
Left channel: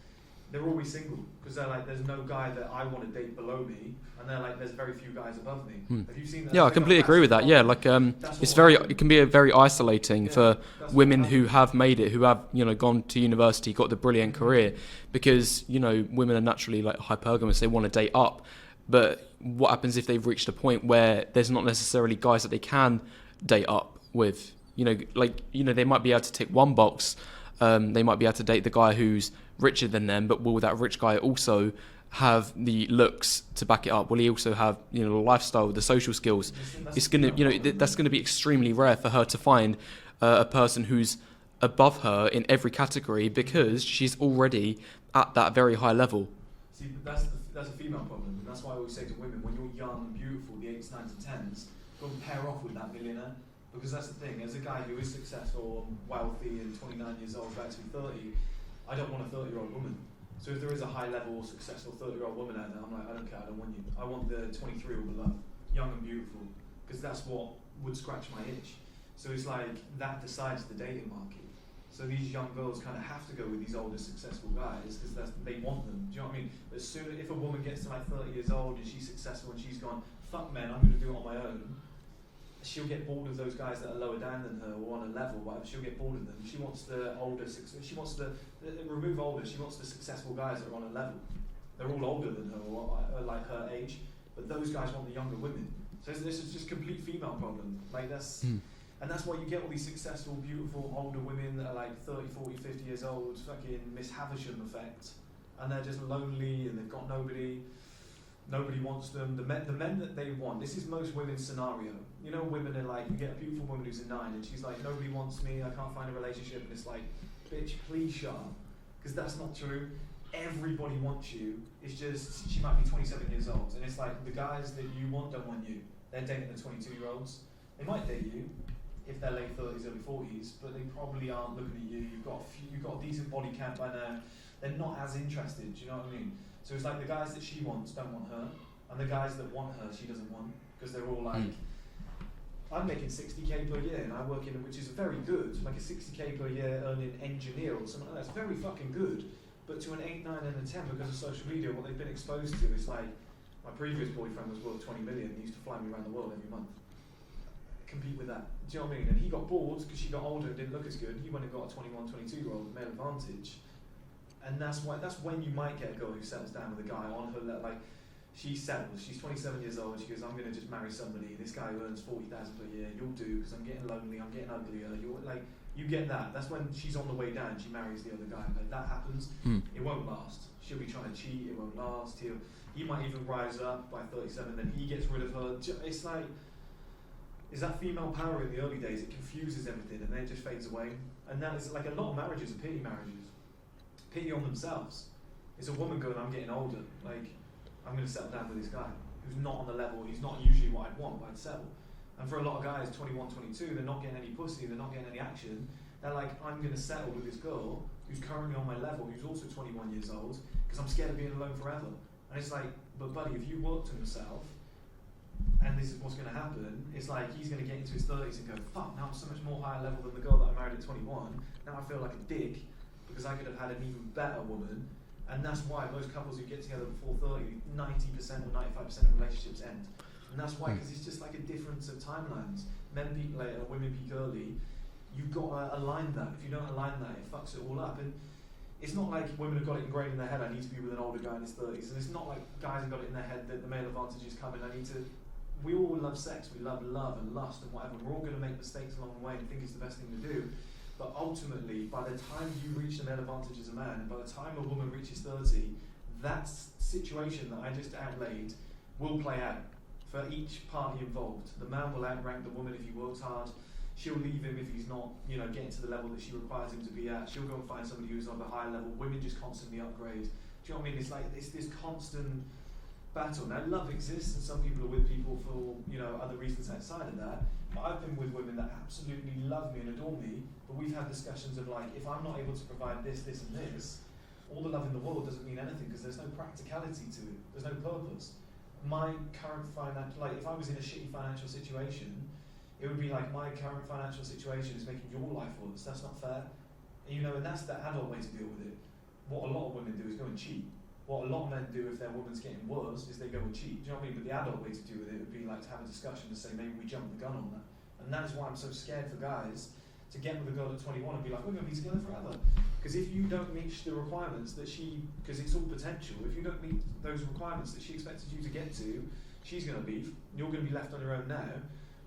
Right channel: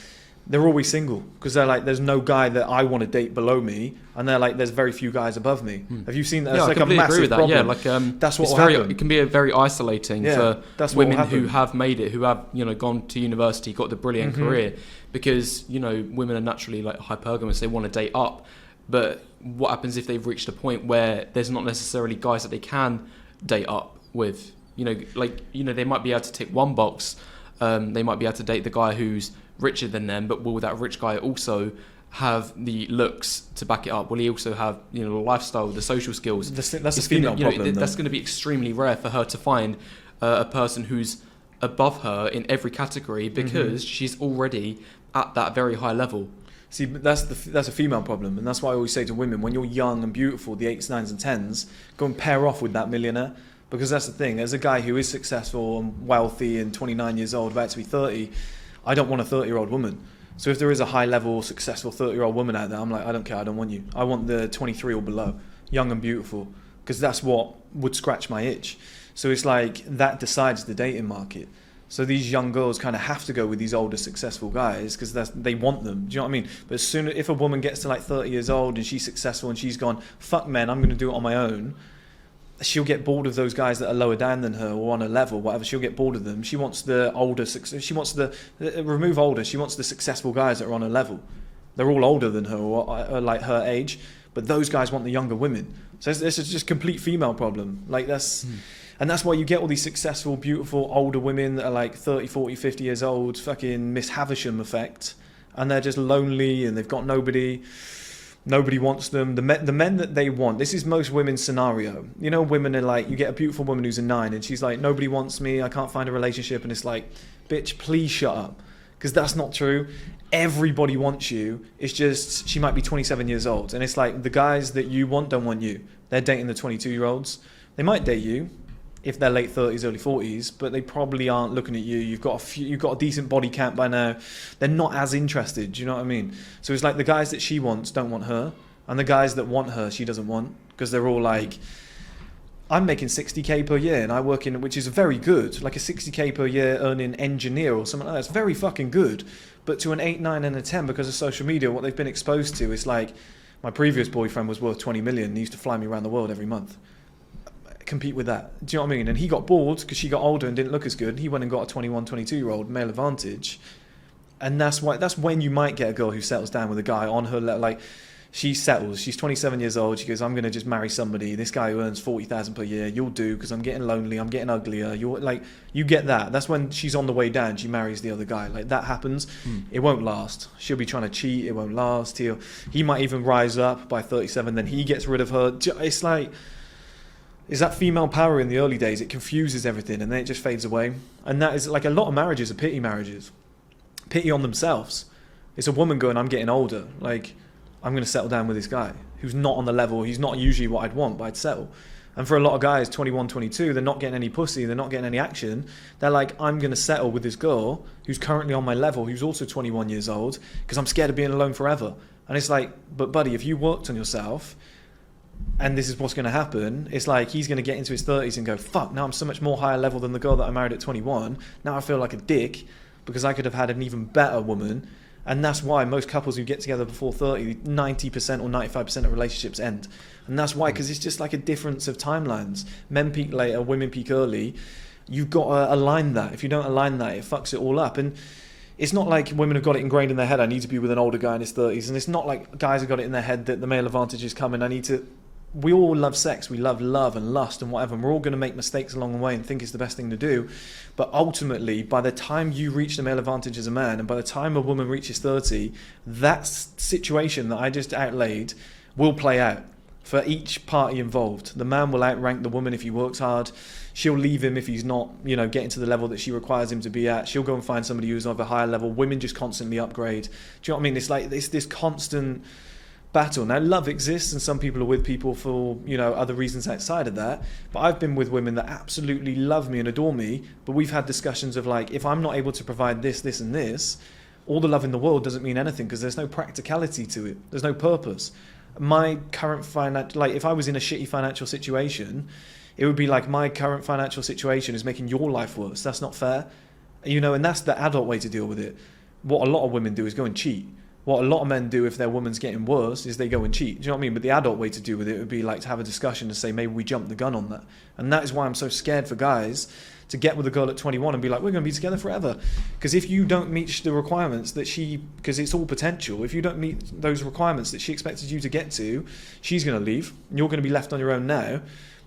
They're always single because they're there's no guy that I want to date below me, and they're there's very few guys above me. Have you seen that? Yeah, I completely agree with that. Problem. Yeah, that's what it can be very isolating for women who have made it, who have gone to university, got the brilliant career, because women are naturally hypergamous. They want to date up, but what happens if they've reached a point where there's not necessarily guys that they can date up with? They might be able to tick one box. They might be able to date the guy who's richer than them, but will that rich guy also have the looks to back it up? Will he also have, the lifestyle, the social skills? That's It's a female gonna, problem, that's though. going to be extremely rare for her to find a person who's above her in every category, because she's already at that very high level. See, but that's a female problem, and that's why I always say to women, when you're young and beautiful, the 8s, 9s and 10s, go and pair off with that millionaire, because that's the thing. As a guy who is successful and wealthy and 29 years old, about to be 30, I don't want a 30-year-old woman. So if there is a high-level, successful 30-year-old woman out there, I'm like, I don't care, I don't want you. I want the 23 or below, young and beautiful, because that's what would scratch my itch. So it's like, that decides the dating market. So these young girls kind of have to go with these older, successful guys because they want them. Do you know what I mean? But as soon if a woman gets to like 30 years old and she's successful and she's gone, fuck men, I'm going to do it on my own, she'll get bored of those guys that are lower down than her or on a level, whatever. She'll get bored of them. She wants the older, she wants the, remove older, she wants the successful guys that are on a level. They're all older than her or like her age, but those guys want the younger women. So this is just complete female problem. Like that's... And that's why you get all these successful, beautiful, older women that are like 30, 40, 50 years old, fucking Miss Havisham effect. And they're just lonely and they've got nobody. Nobody wants them. The men that they want, this is most women's scenario. You know, women are like, you get a beautiful woman who's a 9 and she's like, nobody wants me, I can't find a relationship. And it's like, bitch, please shut up. Because that's not true. Everybody wants you. It's just, she might be 27 years old. And it's like, the guys that you want don't want you. They're dating the 22-year-olds. They might date you if they're late 30s, early 40s, but they probably aren't looking at you. You've got a decent body count by now. They're not as interested. Do you know what I mean? So it's like the guys that she wants don't want her, and the guys that want her she doesn't want, because they're all like, I'm making 60k per year and I work in, which is very good, like a 60k per year earning engineer or something like that. It's very fucking good. But to an 8, 9 and a 10, because of social media, what they've been exposed to is like, my previous boyfriend was worth 20 million. He used to fly me around the world every month. Compete with that. Do you know what I mean? And he got bored because she got older and didn't look as good. He went and got a 21, 22-year-old, male advantage. And that's when you might get a girl who settles down with a guy on her, like, she settles. She's 27 years old. She goes, I'm going to just marry somebody. This guy who earns 40,000 per year. You'll do, because I'm getting lonely. I'm getting uglier. You get that. That's when she's on the way down. She marries the other guy. Like, that happens. It won't last. She'll be trying to cheat. It won't last. He might even rise up by 37. Then he gets rid of her. It's like, is that female power in the early days? It confuses everything and then it just fades away. And that is like, a lot of marriages are pity marriages. Pity on themselves. It's a woman going, I'm getting older. Like, I'm going to settle down with this guy who's not on the level. He's not usually what I'd want, but I'd settle. And for a lot of guys, 21, 22, they're not getting any pussy. They're not getting any action. They're like, I'm going to settle with this girl who's currently on my level, who's also 21 years old, because I'm scared of being alone forever. And it's like, but buddy, if you worked on yourself, and this is what's going to happen, it's like he's going to get into his 30s and go, fuck, now I'm so much more higher level than the girl that I married at 21. Now I feel like a dick because I could have had an even better woman. And that's why most couples who get together before 30, 90% or 95% of relationships end. And that's why, because it's just like a difference of timelines. Men peak later, women peak early. You've got to align that. If you don't align that, it fucks it all up. And it's not like women have got it ingrained in their head, I need to be with an older guy in his 30s. And it's not like guys have got it in their head that the male advantage is coming. We all love sex, we love love and lust and whatever, and we're all going to make mistakes along the way and think it's the best thing to do. But ultimately, by the time you reach the male advantage as a man, and by the time a woman reaches 30, that situation that I just outlaid will play out for each party involved. The man will outrank the woman if he works hard. She'll leave him if he's not, getting to the level that she requires him to be at. She'll go and find somebody who's of a higher level. Women just constantly upgrade. Do you know what I mean? It's like this constant battle. Now, love exists and some people are with people for, other reasons outside of that. But I've been with women that absolutely love me and adore me. But we've had discussions of like, if I'm not able to provide this, this and this, all the love in the world doesn't mean anything because there's no practicality to it. There's no purpose. My current if I was in a shitty financial situation, it would be like my current financial situation is making your life worse. That's not fair. And that's the adult way to deal with it. What a lot of women do is go and cheat. What a lot of men do if their woman's getting worse is they go and cheat. Do you know what I mean? But the adult way to deal with it would be like to have a discussion and say, maybe we jump the gun on that. And that is why I'm so scared for guys to get with a girl at 21 and be like, we're going to be together forever. Because if you don't meet the requirements that because it's all potential, if you don't meet those requirements that she expected you to get to, she's going to leave. And you're going to be left on your own now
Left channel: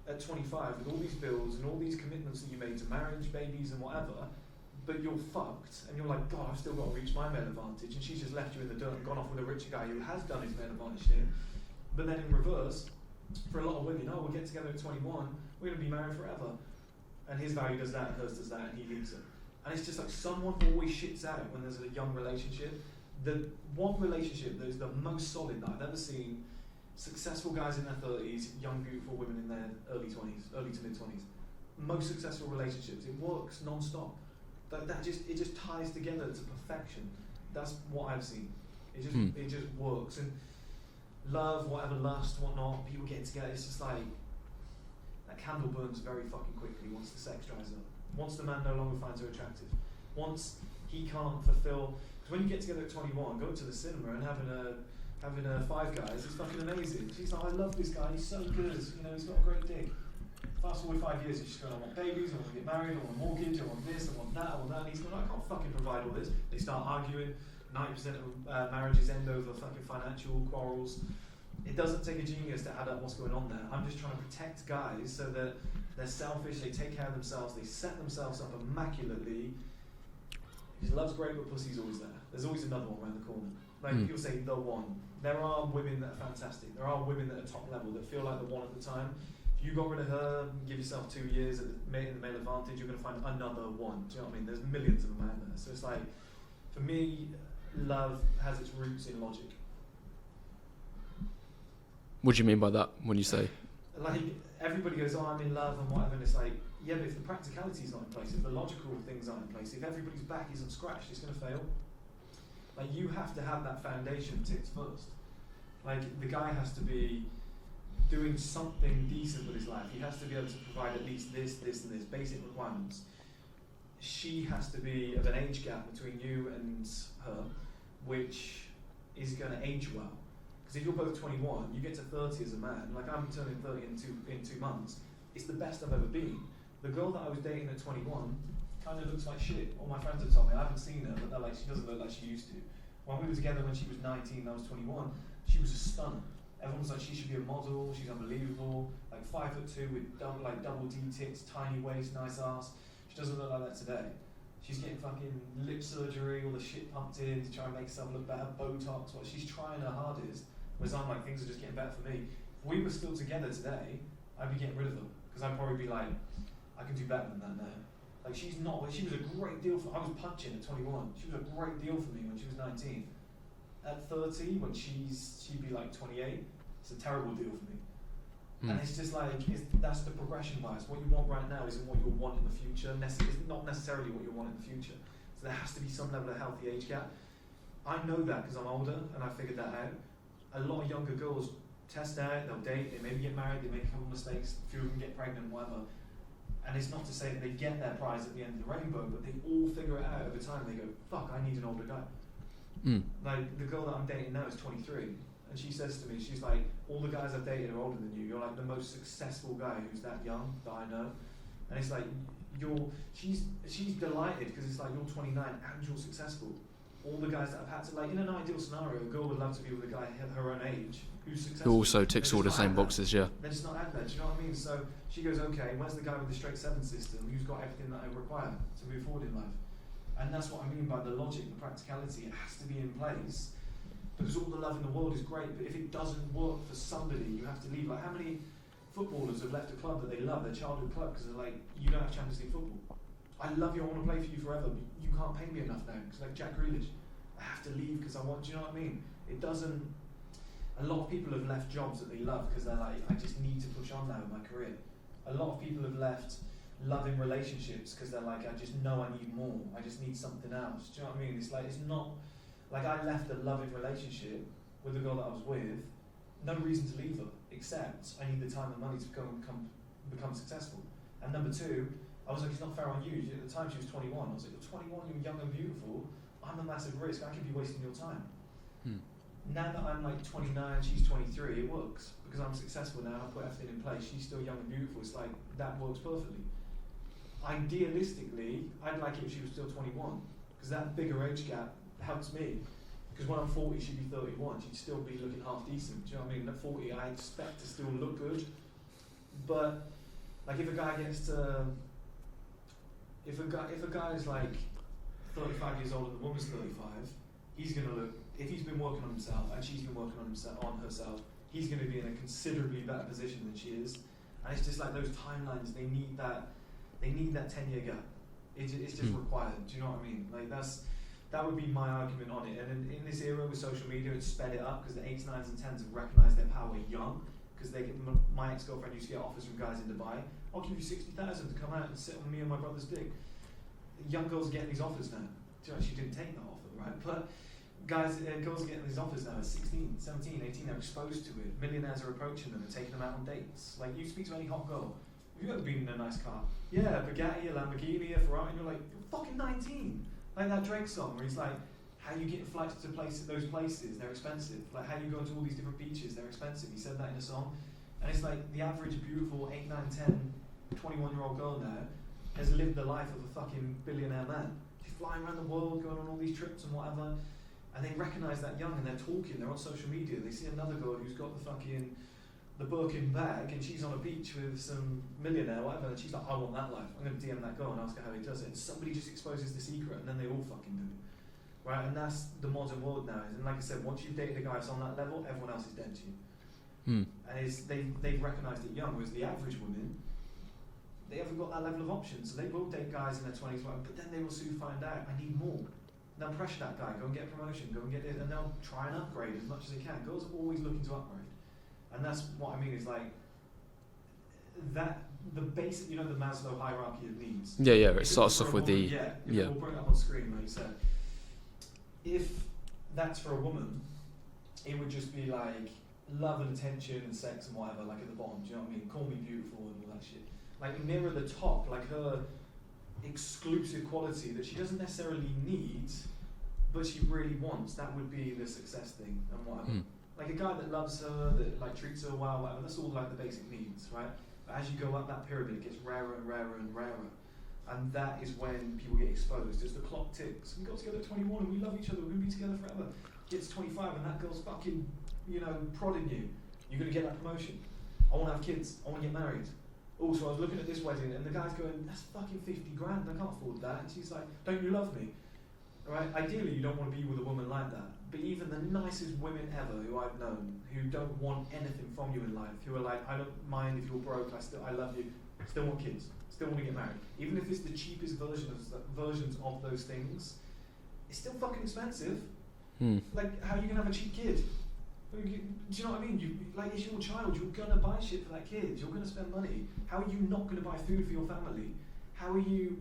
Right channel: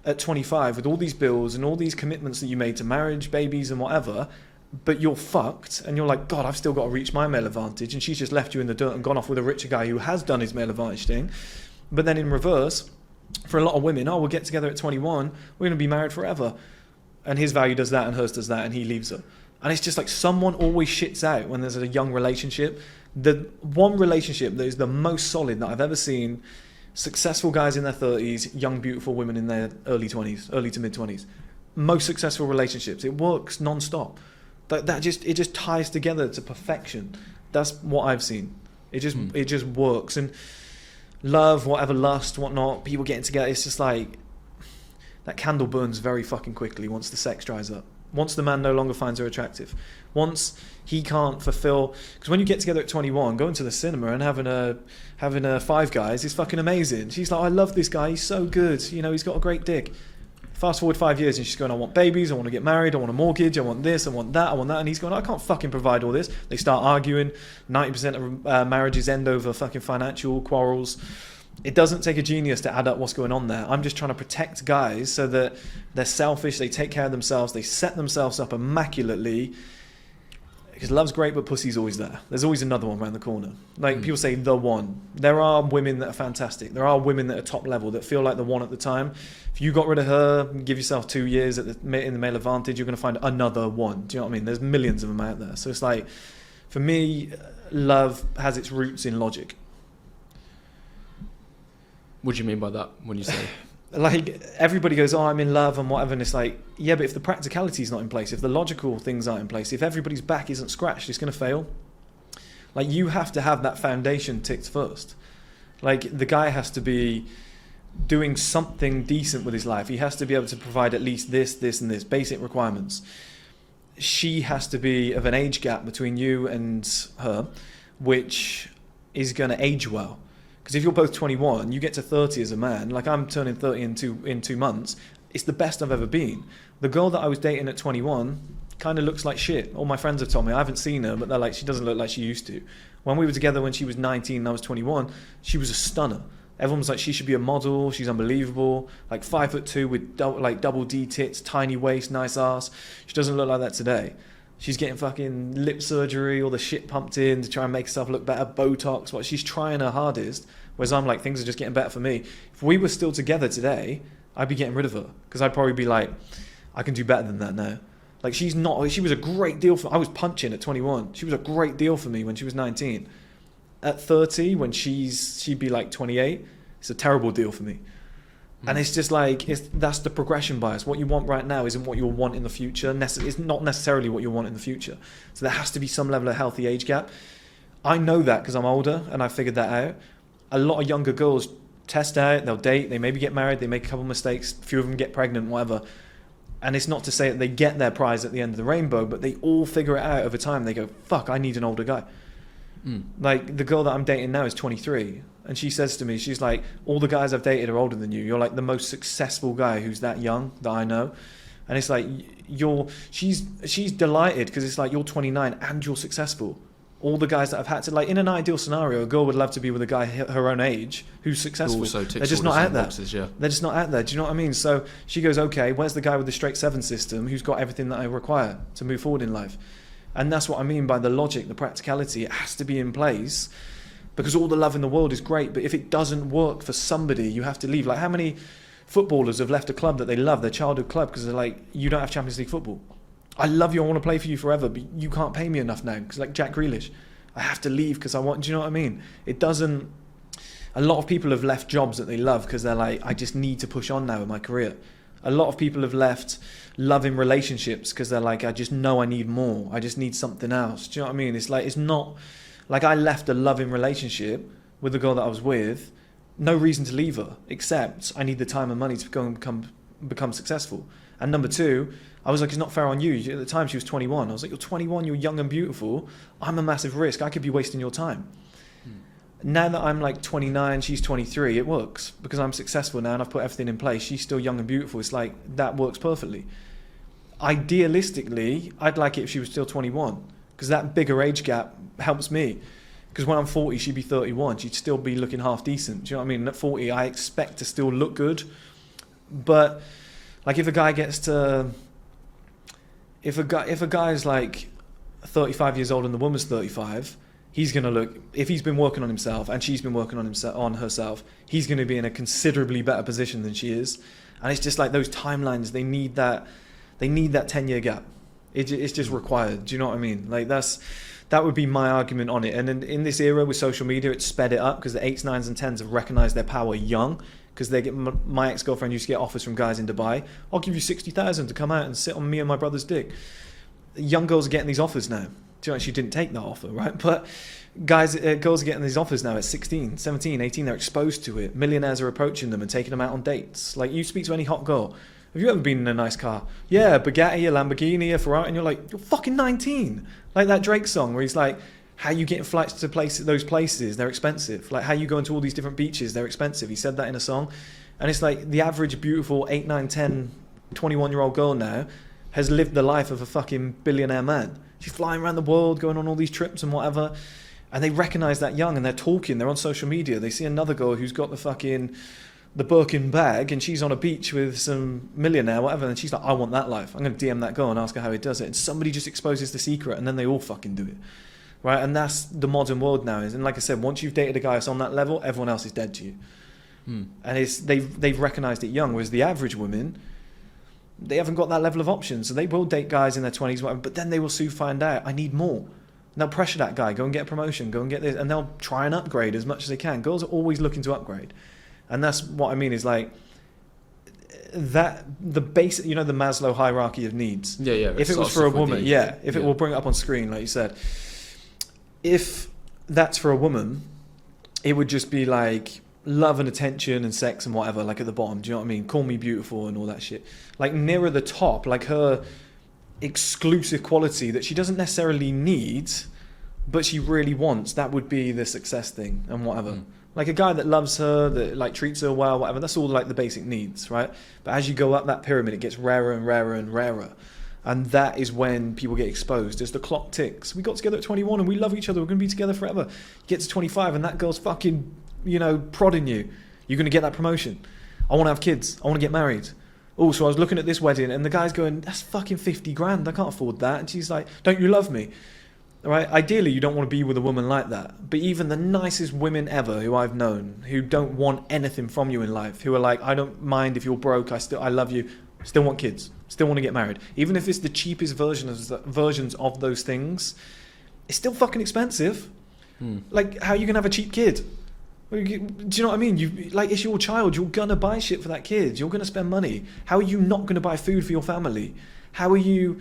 at 25 with all these bills and all these commitments that you made to marriage, babies and whatever. but you're fucked, and you're like, God, I've still got to reach my male advantage, and she's just left you in the dirt and gone off with a richer guy who has done his male advantage thing. But then in reverse, for a lot of women, we'll get together at 21, we're going to be married forever. And his value does that, and hers does that, and he leaves her. And it's just like someone always shits out when there's a young relationship. The one relationship that is the most solid that I've ever seen, successful guys in their 30s, young, beautiful women in their early 20s, early to mid 20s. Most successful relationships. It works non-stop. It just ties together to perfection. That's what I've seen. It just works. And love, whatever, lust, whatnot, people getting together, it's just like that candle burns very fucking quickly once the sex dries up. Once the man no longer finds her attractive. Once he can't fulfill, because when you get together at 21, going to the cinema and having a Five Guys is fucking amazing. She's like, I love this guy, he's so good, he's got a great dick. Fast forward 5 years and she's going, I want babies, I want to get married, I want a mortgage, I want this, I want that, and he's going, I can't fucking provide all this. They start arguing. 90% of marriages end over fucking financial quarrels. It doesn't take a genius to add up what's going on there. I'm just trying to protect guys so that they're selfish, they take care of themselves, they set themselves up immaculately. Because love's great, but pussy's always there. There's always another one around the corner. Like people say, the one. There are women that are fantastic. There are women that are top level that feel like the one at the time. If you got rid of her, give yourself 2 years in the male advantage, you're going to find another one. Do you know what I mean? There's millions of them out there. So it's like, for me, love has its roots in logic. What do you mean by that when you say? Like, everybody goes, I'm in love and whatever, and it's like, yeah, but if the practicality is not in place, if the logical things aren't in place, if everybody's back isn't scratched, it's going to fail. Like, you have to have that foundation ticked first. Like, the guy has to be doing something decent with his life. He has to be able to provide at least this, and this, basic requirements. She has to be of an age gap between you and her, which is going to age well. Because if you're both 21, you get to 30 as a man. Like, I'm turning 30 in 2 months. It's the best I've ever been. The girl that I was dating at 21 kind of looks like shit. All my friends have told me. I haven't seen her, but they're like, she doesn't look like she used to. When we were together when she was 19 and I was 21, she was a stunner. Everyone was like, she should be a model. She's unbelievable. Like 5'2" with double D tits, tiny waist, nice ass. She doesn't look like that today. She's getting fucking lip surgery, all the shit pumped in to try and make herself look better, Botox. What she's trying her hardest. Whereas I'm like, things are just getting better for me. If we were still together today, I'd be getting rid of her because I'd probably be like, I can do better than that now. Like, she was a great deal for. I was punching at 21. She was a great deal for me when she was 19. At 30, when she'd be like 28, it's a terrible deal for me. And it's just like, that's the progression bias. What you want right now isn't what you'll want in the future. It's not necessarily what you'll want in the future. So there has to be some level of healthy age gap. I know that because I'm older and I figured that out. A lot of younger girls test out, they'll date, they maybe get married, they make a couple of mistakes, a few of them get pregnant, whatever. And it's not to say that they get their prize at the end of the rainbow, but they all figure it out over time. They go, fuck, I need an older guy. Like, the girl that I'm dating now is 23. And she says to me, she's like, all the guys I've dated are older than you. You're like the most successful guy who's that young that I know. And it's like, she's delighted because it's like, you're 29 and you're successful. All the guys that I've had to, like, in an ideal scenario, a girl would love to be with a guy her own age who's successful. Who also ticks all the same boxes, yeah. They're just not out there. Do you know what I mean? So she goes, okay, where's the guy with the straight 7 system who's got everything that I require to move forward in life? And that's what I mean by the logic, the practicality. It has to be in place because all the love in the world is great, but if it doesn't work for somebody, you have to leave. Like, how many footballers have left a club that they love, their childhood club, because they're like, you don't have Champions League football. I love you, I want to play for you forever, but you can't pay me enough now. Because like Jack Grealish, I have to leave because I want, do you know what I mean? It doesn't, a lot of people have left jobs that they love because they're like, I just need to push on now in my career. A lot of people have left loving relationships because they're like, I just know I need more. I just need something else. Do you know what I mean? It's like, it's not, like I left a loving relationship with the girl that I was with, no reason to leave her, except I need the time and money to go and become successful. And number two, I was like, it's not fair on you. At the time, she was 21. I was like, you're 21, you're young and beautiful. I'm a massive risk. I could be wasting your time. Now that I'm like 29, she's 23, it works because I'm successful now and I've put everything in place. She's still young and beautiful. It's like, that works perfectly. Idealistically, I'd like it if she was still 21 because that bigger age gap helps me. Because when I'm 40, she'd be 31. She'd still be looking half decent. Do you know what I mean? And at 40, I expect to still look good. But like if a guy gets to... if a guy's like 35 years old and the woman's 35, he's gonna look. If he's been working on himself and she's been working on herself, he's gonna be in a considerably better position than she is. And it's just like those timelines. They need that 10-year gap. It's just required. Do you know what I mean? Like that would be my argument on it. And in this era with social media, it's sped it up because the 8s, 9s, and 10s have recognized their power young. Because they get my ex-girlfriend used to get offers from guys in Dubai. I'll give you 60,000 to come out and sit on me and my brother's dick. Young girls are getting these offers now. Do you know, she didn't take that offer, right? But girls are getting these offers now at 16, 17, 18. They're exposed to it. Millionaires are approaching them and taking them out on dates. Like, you speak to any hot girl. Have you ever been in a nice car? Yeah, a Bugatti, a Lamborghini, a Ferrari. And you're like, you're fucking 19. Like that Drake song where he's like, how you getting flights to those places? They're expensive. Like, how you going to all these different beaches? They're expensive. He said that in a song. And it's like the average beautiful 8, 9, 10, 21-year-old girl now has lived the life of a fucking billionaire man. She's flying around the world, going on all these trips and whatever. And they recognize that young, and they're talking. They're on social media. They see another girl who's got the Birkin bag, and she's on a beach with some millionaire, whatever. And she's like, I want that life. I'm going to DM that girl and ask her how he does it. And somebody just exposes the secret, and then they all fucking do it. Right? And that's the modern world now. And like I said, once you've dated a guy that's on that level, everyone else is dead to you. And they've recognized it young, whereas the average women, they haven't got that level of options. So they will date guys in their 20s, whatever, but then they will soon find out, I need more. And they'll pressure that guy, go and get a promotion, go and get this, and they'll try and upgrade as much as they can. Girls are always looking to upgrade. And that's what I mean is like, that the basic, you know, the Maslow hierarchy of needs. Yeah. If it was for a woman, it will bring it up on screen, like you said. If that's for a woman, it would just be like love and attention and sex and whatever, like at the bottom. Do you know what I mean? Call me beautiful and all that shit. Like nearer the top, like her exclusive quality that she doesn't necessarily need, but she really wants, that would be the success thing and whatever. Like a guy that loves her, that like treats her well, whatever, that's all like the basic needs, right? But as you go up that pyramid, it gets rarer and rarer and rarer. And that is when people get exposed. As the clock ticks. We got together at 21 and we love each other. We're going to be together forever. You get to 25 and that girl's fucking, prodding you. You're going to get that promotion. I want to have kids. I want to get married. Oh, so I was looking at this wedding and the guy's going, that's fucking 50 grand. I can't afford that. And she's like, don't you love me? All right? Ideally, you don't want to be with a woman like that. But even the nicest women ever who I've known, who don't want anything from you in life, who are like, I don't mind if you're broke. I love you. Still want kids. Still want to get married. Even if it's the cheapest versions of those things, it's still fucking expensive. Like, how are you going to have a cheap kid? Do you know what I mean? It's your child. You're going to buy shit for that kid. You're going to spend money. How are you not going to buy food for your family? How are you...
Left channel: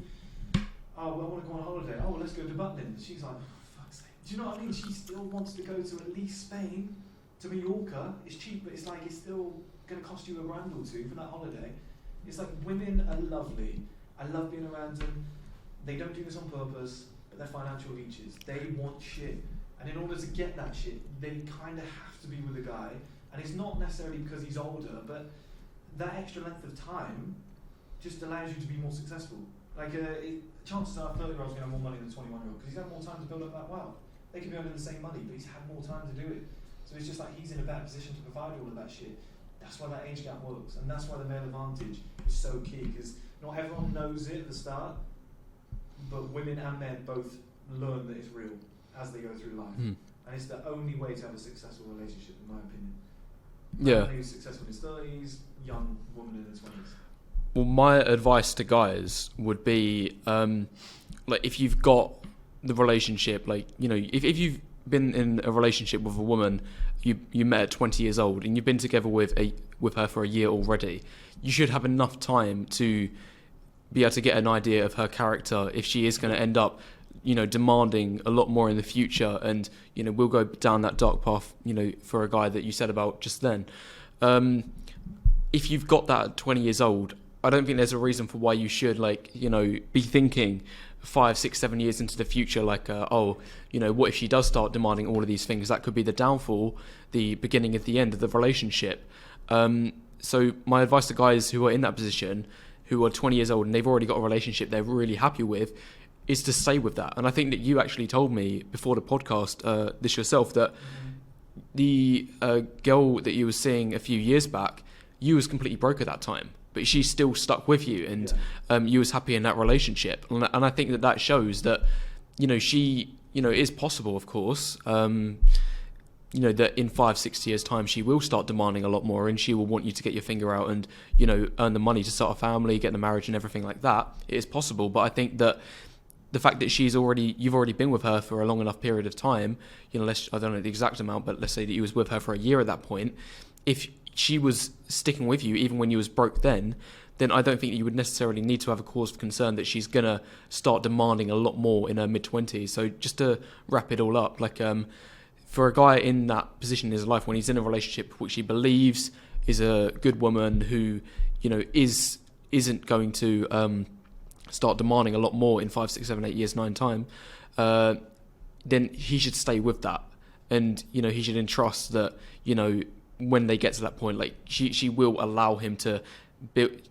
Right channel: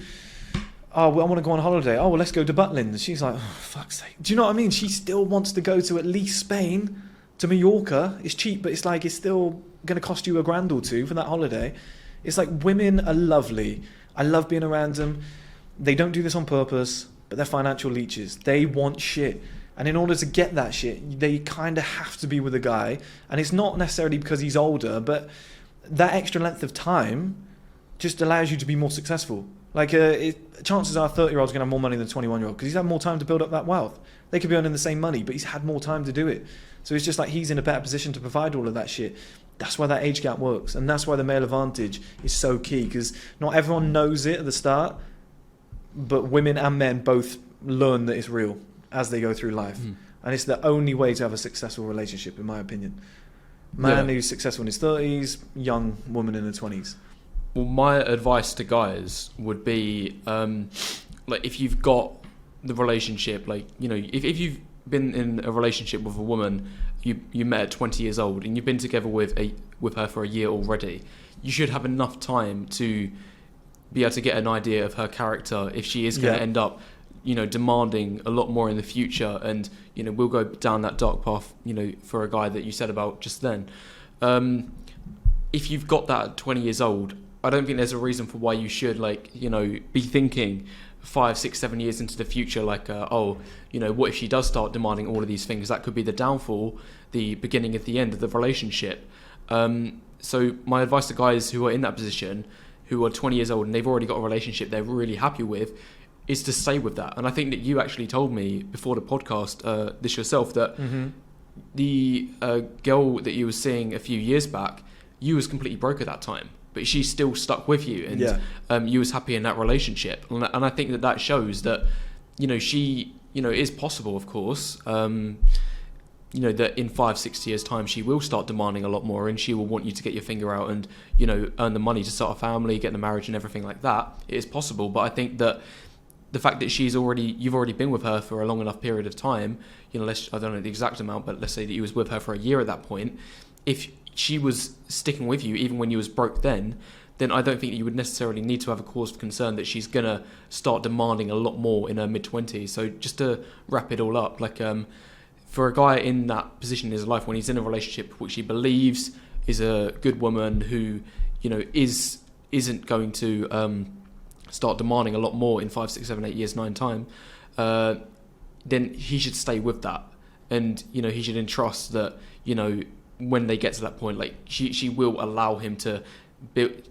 Oh, well, I want to go on holiday. Oh, well, let's go to Butlins. She's like, oh, fuck's sake. Do you know what I mean? She still wants to go to at least Spain, to Mallorca. It's cheap, but it's like it's still going to cost you $1,000 or $2,000 for that holiday. It's like women are lovely. I love being around them. They don't do this on purpose, but they're financial leeches. They want shit. And in order to get that shit, they kind of have to be with a guy. And it's not necessarily because he's older, but that extra length of time just allows you to be more successful. Like, chances are a 30-year-old's going to have more money than a 21-year-old because he's had more time to build up that wealth. They could be earning the same money, but he's had more time to do it. So it's just like he's in a better position to provide all of that shit. That's why that age gap works, and that's why the male advantage is so key, because not everyone knows it at the start, but women and men both learn that it's real as they go through life. And it's the only way to have a successful relationship, in my opinion. Man who's successful in his 30s, young woman in her 20s. Well, my advice to guys would be, like, if you've got the relationship, like, if you've been in a relationship with a woman you met at 20 years old and you've been together with her for a year already, you should have enough time to be able to get an idea of her character if she is going to end up demanding a lot more in the future, and we'll go down that dark path for a guy that you said about just then. If you've got that at 20 years old, I don't think there's a reason for why you should be thinking 5, 6, 7 years into the future, what if she does start demanding all of these things? That could be the downfall, the beginning of the end of the relationship. So my advice to guys who are in that position, who are 20 years old and they've already got a relationship they're really happy with, is to stay with that. And I think that you actually told me before the podcast, this yourself, that the girl that you were seeing a few years back, you was completely broke at that time. but she's still stuck with you, and Yeah. you was happy in that relationship. And I think that shows that, she, it is possible, of course, that in 5-6 years time she will start demanding a lot more, and she will want you to get your finger out and earn the money to start a family, get the marriage and everything like that. It is possible, but I think that the fact that you've already been with her for a long enough period of time, I don't know the exact amount, but let's say that you was with her for a year at that point. If she was sticking with you even when you was broke, then I don't think that you would necessarily need to have a cause for concern that she's gonna start demanding a lot more in her mid-20s. So just to wrap it all up, for a guy in that position in his life when he's in a relationship which he believes is a good woman who, isn't going to start demanding a lot more in 5, 6, 7, 8 years, 9 time, then he should stay with that. And, he should entrust that, when they get to that point, she will allow him to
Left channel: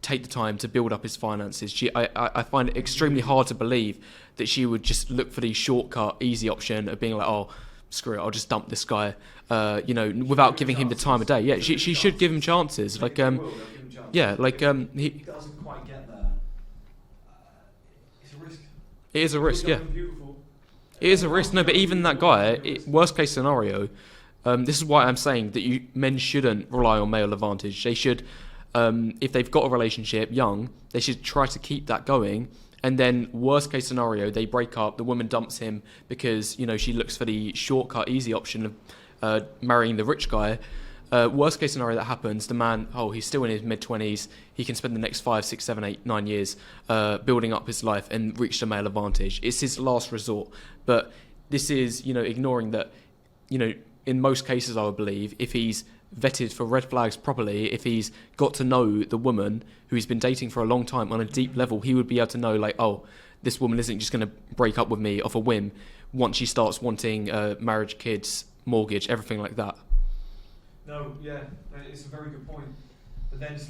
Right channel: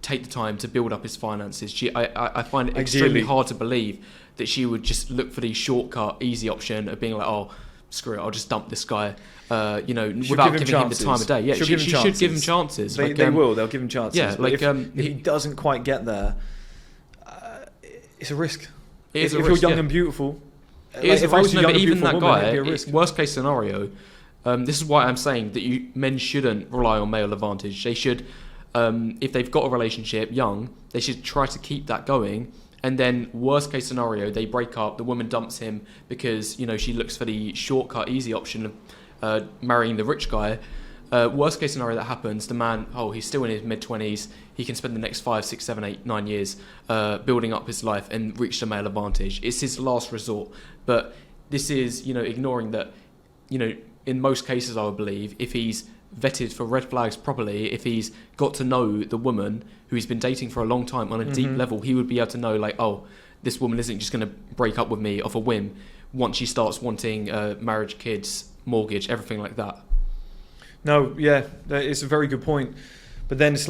take the time to build up his finances. I find it extremely hard to believe that she would just look for the shortcut, easy option of being like, oh, screw it, I'll just dump this guy, without giving him the time of day. Yeah, she should give him chances. They'll give him chances. Yeah, if he doesn't quite get there, it's a risk. It is a risk. If you're young and beautiful, it is a risk. No, but even that guy, worst case scenario, this is why I'm saying that men shouldn't rely on male advantage. They should, if they've got a relationship young, they should try to keep that going. And then worst case scenario, they break up, the woman dumps him because, she looks for the shortcut, easy option of marrying the rich guy. Worst case scenario that happens, the man, he's still in his mid-20s, he can spend the next 5, 6, 7, 8, 9 years building up his life and reach the male advantage. It's his last resort. But this is, ignoring that, in most cases, I would believe, if he's vetted for red flags properly, if he's got to know the woman who he's been dating for a long time on a deep level, he would be able to know, this woman isn't just going to break up with me off a whim once she starts wanting marriage, kids, mortgage, everything like that. No, yeah, it's a very good point. But then it's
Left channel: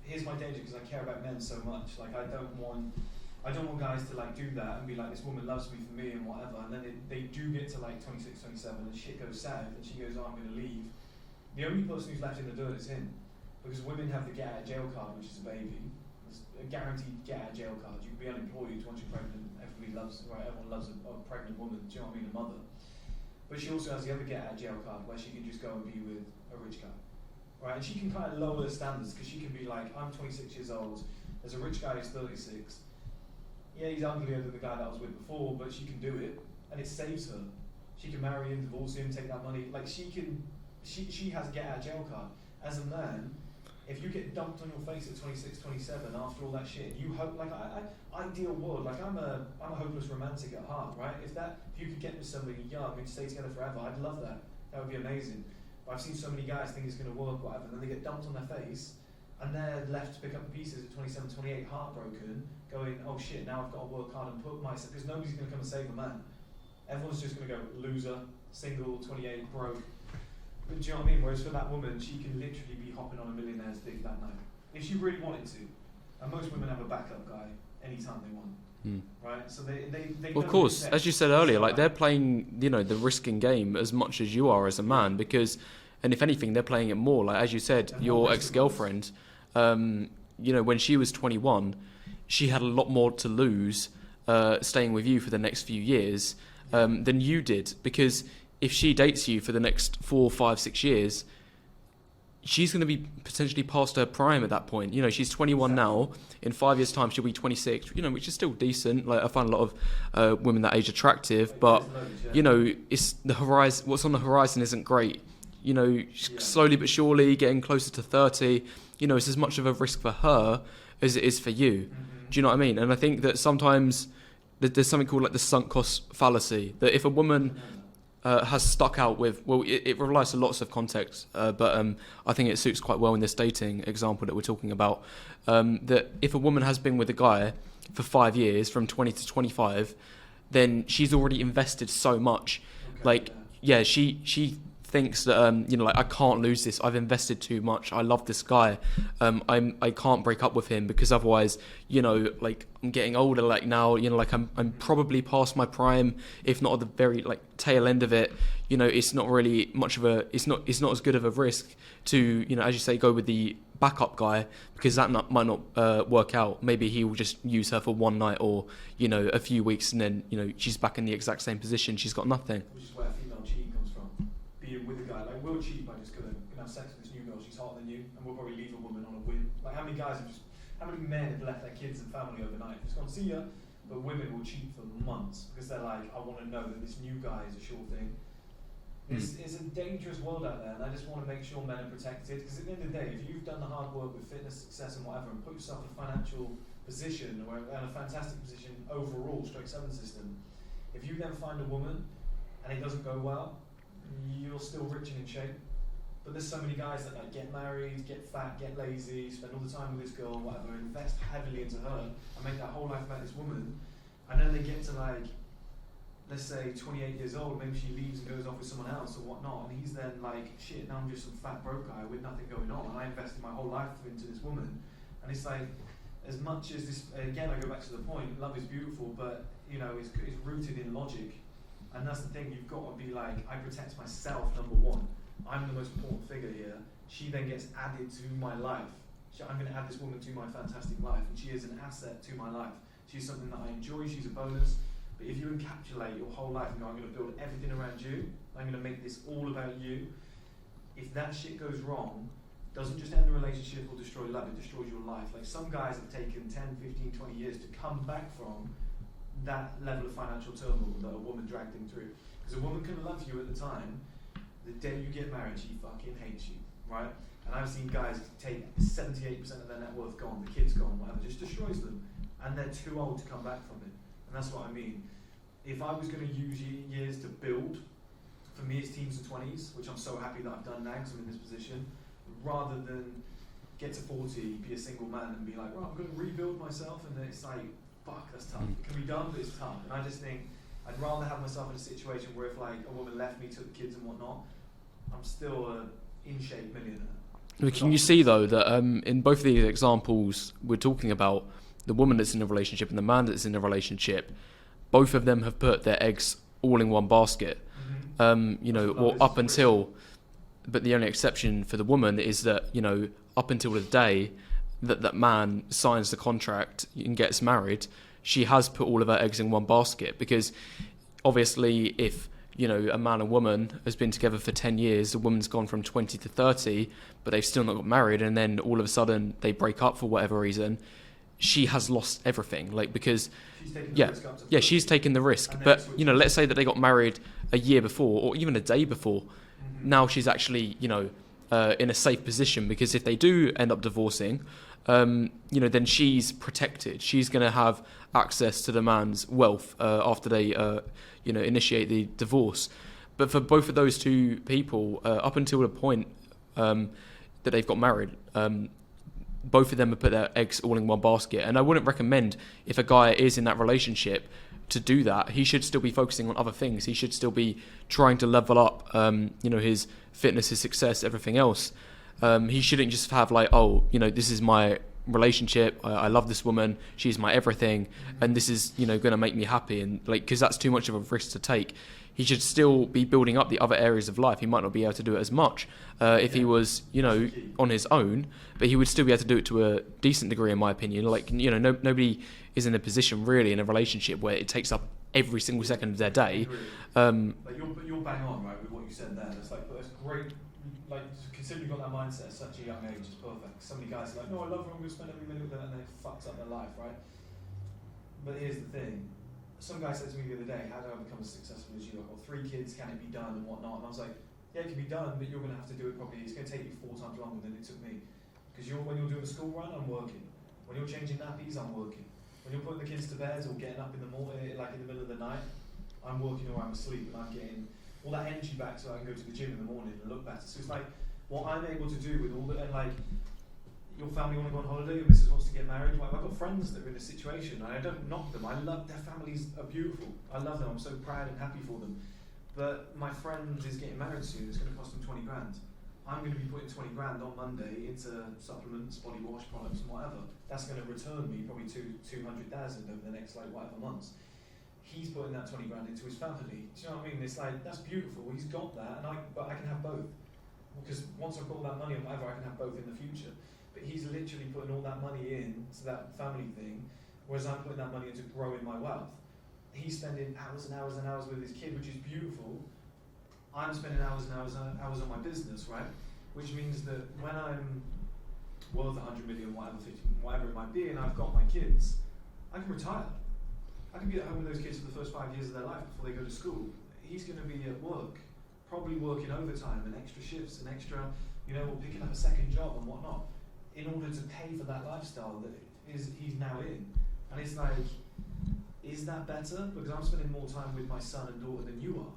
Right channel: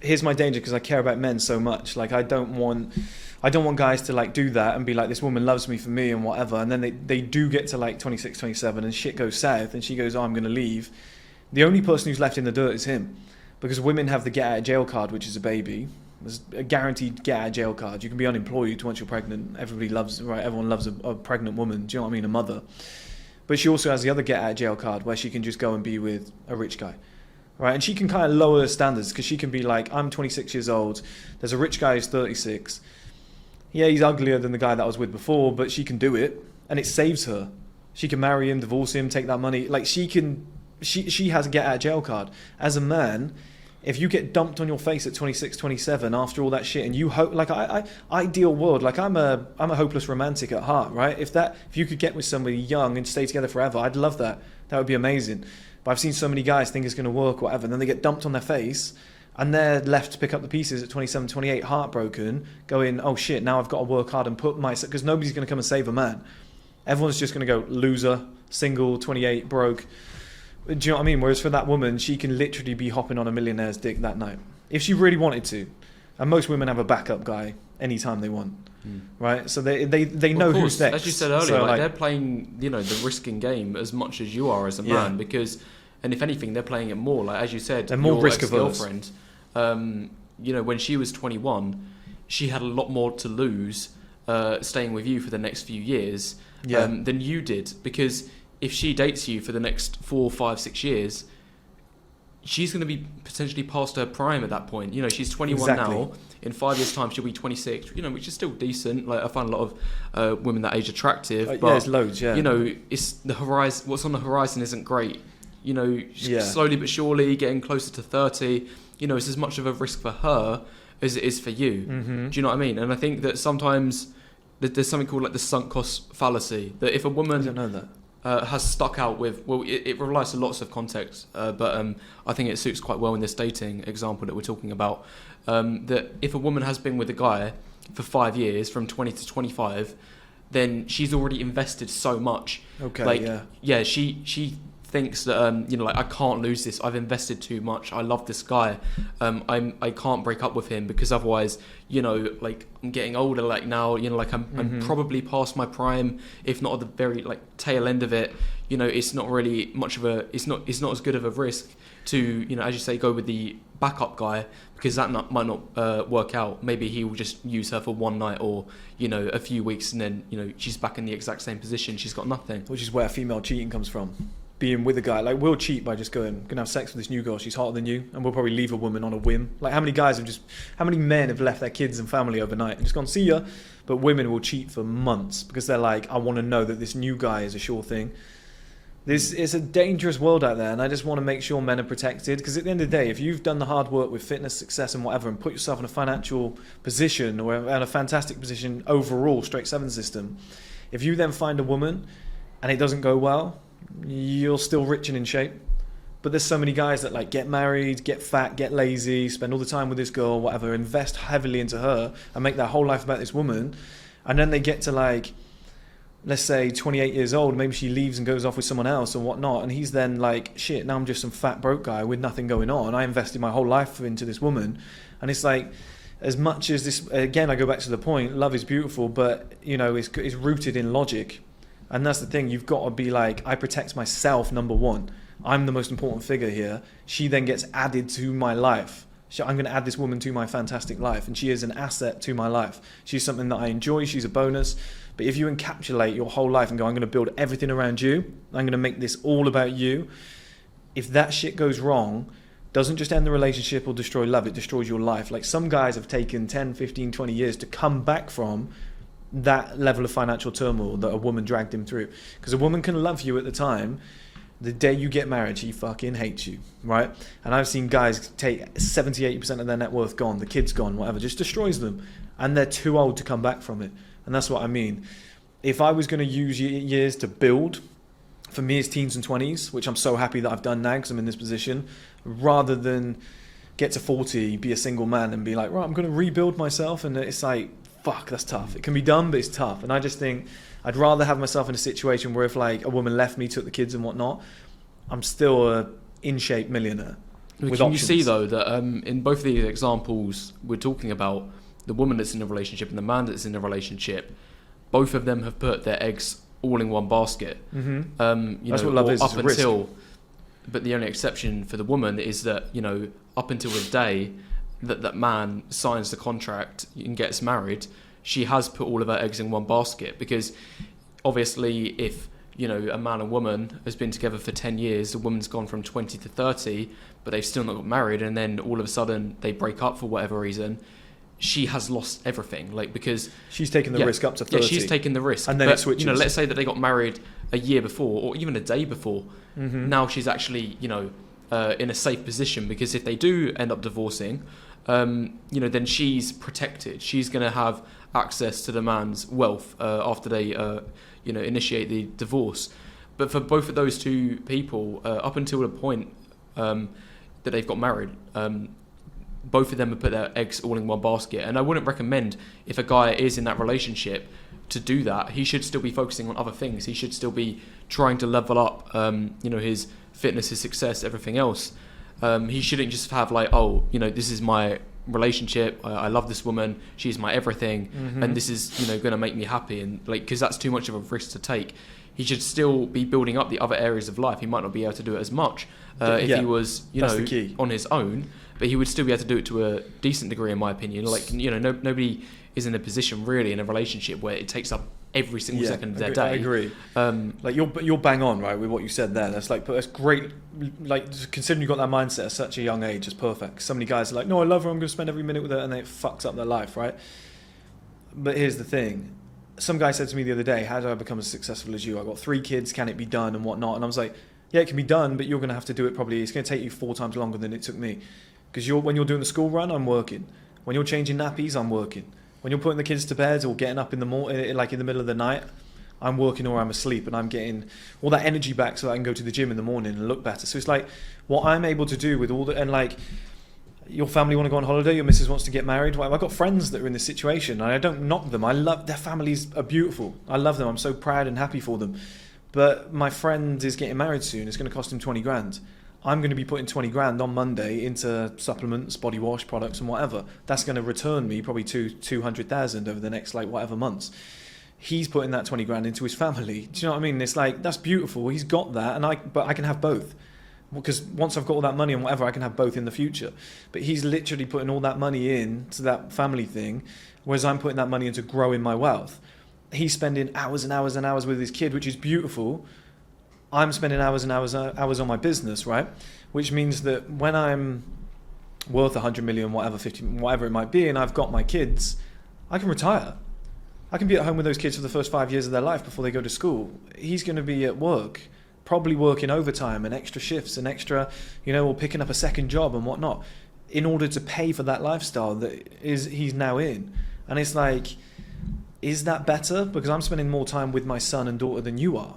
here's my danger, because I care about men so much. I don't want guys to do that and be like, this woman loves me for me and whatever, and then they do get to 26, 27 and shit goes south and she goes, I'm going to leave. The only person who's left in the dirt is him, because women have the get out of jail card, which is a baby. There's a guaranteed get out of jail card. You can be unemployed once you're pregnant. Everyone loves a pregnant woman. Do you know what I mean? A mother. But she also has the other get out of jail card, where she can just go and be with a rich guy, right? And she can kind of lower her standards, because she can be like, I'm 26 years old. There's a rich guy who's 36. Yeah, he's uglier than the guy that I was with before, but she can do it, and it saves her. She can marry him, divorce him, take that money. She has a get out of jail card. As a man, if you get dumped on your face at 26, 27 after all that shit, and you hope, ideal world, I'm a hopeless romantic at heart, right? If you could get with somebody young and stay together forever, I'd love that. That would be amazing. But I've seen so many guys think it's going to work, whatever, and then they get dumped on their face, and they're left to pick up the pieces at 27, 28, heartbroken, going, oh shit, now I've got to work hard and put myself, because nobody's going to come and save a man. Everyone's just going to go loser, single, 28, broke. Do you know what I mean? Whereas for that woman, she can literally be hopping on a millionaire's dick that night, if she really wanted to. And most women have a backup guy anytime they want, right? So they know who's next. As you said earlier, they're playing, the risking game as much as you are as a man, because, and if anything, they're playing it more. As you said, your ex-girlfriend, when she was 21, she had a lot more to lose staying with you for the next few years than you did, because if she dates you for the next 4, 5, 6 years, she's going to be potentially past her prime at that point. She's 21 now. In 5 years' time, she'll be 26. Which is still decent. I find a lot of women that age attractive, but there's loads. Yeah. It's the horizon. What's on the horizon isn't great. Slowly but surely getting closer to 30. It's as much of a risk for her as it is for you. Mm-hmm. Do you know what I mean? And I think that sometimes there's something called the sunk cost fallacy. That if a woman, I don't know that. Has stuck out with, it relies on lots of context, but I think it suits quite well in this dating example that we're talking about, that if a woman has been with a guy for 5 years, from 20 to 25, then she's already invested so much. Okay, she thinks that I can't lose this. I've invested too much. I love this guy. I can't break up with him, because otherwise, I'm getting older. Now, I'm probably past my prime, if not at the very tail end of it. It's not really much of a. It's not as good of a risk to, as you say, go with the backup guy because that might not work out. Maybe he will just use her for one night or, you know, a few weeks, and then, you know, she's back in the exact same position. She's got nothing. Which is where female cheating comes from. Being with a guy, like, we'll cheat by just gonna have sex with this new girl, she's hotter than you, and we'll probably leave a woman on a whim. Like, how many men have left their kids and family overnight and just gone, see ya? But women will cheat for months because they're like, I want to know that this new guy is a sure thing. This is a dangerous world out there, and I just want to make sure men are protected, because at the end of the day, if you've done the hard work with fitness, success and whatever, and put yourself in a financial position or in a fantastic position overall, straight 7 system, if you then find a woman and it doesn't go well, you're still rich and in shape. But there's so many guys that like get married, get fat, get lazy, spend all the time with this girl, whatever, invest heavily into her and make their whole life about this woman, and then they get to like, let's say 28 years old, maybe she leaves and goes off with someone else or whatnot, and he's then like, shit, now I'm just some fat broke guy with nothing going on. I invested my whole life into this woman. And it's like, as much as this, again, I go back to the point, love is beautiful, but you know, it's rooted in logic. And that's the thing, you've got to be like, I protect myself, number one. I'm the most important figure here. She then gets added to my life. I'm going to add this woman to my fantastic life, and she is an asset to my life. She's something that I enjoy, she's a bonus. But if you encapsulate your whole life and go, I'm going to build everything around you, I'm going to make this all about you, if that shit goes wrong, doesn't just end the relationship or destroy love, it destroys your life. Like, some guys have taken 10, 15, 20 years to come back from that level of financial turmoil that a woman dragged him through. Because a woman can love you at the time, the day you get married, she fucking hates you, right? And I've seen guys take 70, 80% of their net worth gone, the kids gone, whatever, just destroys them. And they're too old to come back from it. And that's what I mean. If I was going to use years to build, for me it's teens and 20s, which I'm so happy that I've done now because I'm in this position, rather than get to 40, be a single man and be like, right, I'm going to rebuild myself. And it's like, fuck, that's tough. It can be done, but it's tough. And I just think I'd rather have myself in a situation where if like a woman left me, took the kids and whatnot, I'm still a in shape millionaire. Can you see though that in both of these examples we're talking about, the woman that's in a relationship and the man that's in a relationship, both of them have put their eggs all in one basket. Mm-hmm. Up until, but the only exception for the woman is that, you know, up until the day that that man signs the contract and gets married, she has put all of her eggs in one basket. Because obviously, if, you know, a man and woman has been together for 10 years, the woman's gone from 20 to 30, but they've still not got married, and then all of a sudden they break up for whatever reason, she has lost everything. Like, because she's taken the risk up to 30. Yeah, she's taken the risk. And then but, you know, let's say that they got married a year before or even a day before. Mm-hmm. Now she's actually, you know, in a safe position, because if they do end up divorcing, you know, then she's protected. She's going to have access to the man's wealth after they, you know, initiate the divorce. But for both of those two people, up until the point that they've got married, both of them have put their eggs all in one basket. And I wouldn't recommend, if a guy is in that relationship, to do that. He should still be focusing on other things. He should still be trying to level up, you know, his fitness, his success, everything else. He shouldn't just have like, oh, you know, this is my relationship. I love this woman. She's my everything. Mm-hmm. And this is, you know, going to make me happy. And like, because that's too much of a risk to take. He should still be building up the other areas of life. He might not be able to do it as much if he was, you know, on his own, but he would still be able to do it to a decent degree, in my opinion. Like, you know, nobody is in a position really in a relationship where it takes up every single second of their day. I agree. Like, you're bang on, right, with what you said there. That's like, but that's great. Like, considering you got that mindset at such a young age, is perfect. So many guys are like, no, I love her, I'm going to spend every minute with her, and it fucks up their life, right? But here's the thing. Some guy said to me the other day, how do I become as successful as you? I've got 3 kids, can it be done and whatnot? And I was like, yeah, it can be done, but you're going to have to do it probably. It's going to take you 4 times longer than it took me. Because when you're doing the school run, I'm working. When you're changing nappies, I'm working. When you're putting the kids to bed or getting up in the morning, like in the middle of the night, I'm working or I'm asleep, and I'm getting all that energy back so I can go to the gym in the morning and look better. So it's like what I'm able to do with all the, and like, your family want to go on holiday, your missus wants to get married. Well, I've got friends that are in this situation, and I don't knock them. I love their families are beautiful. I love them. I'm so proud and happy for them. But my friend is getting married soon. It's going to cost him 20 grand. I'm going to be putting 20 grand on Monday into supplements, body wash products, and whatever. That's going to return me probably 200,000 over the next like whatever months. He's putting that 20 grand into his family. Do you know what I mean? It's like, that's beautiful. He's got that, but I can have both. because once I've got all that money and whatever, I can have both in the future. But he's literally putting all that money into that family thing, whereas I'm putting that money into growing my wealth. He's spending hours and hours and hours with his kid, which is beautiful. I'm spending hours and hours on my business, right? Which means that when I'm worth 100 million, whatever, 50, whatever it might be, and I've got my kids, I can retire. I can be at home with those kids for the first 5 years of their life before they go to school. He's going to be at work, probably working overtime and extra shifts and extra, or picking up a second job and whatnot, in order to pay for that lifestyle that he's now in. And it's like, is that better? Because I'm spending more time with my son and daughter than you are,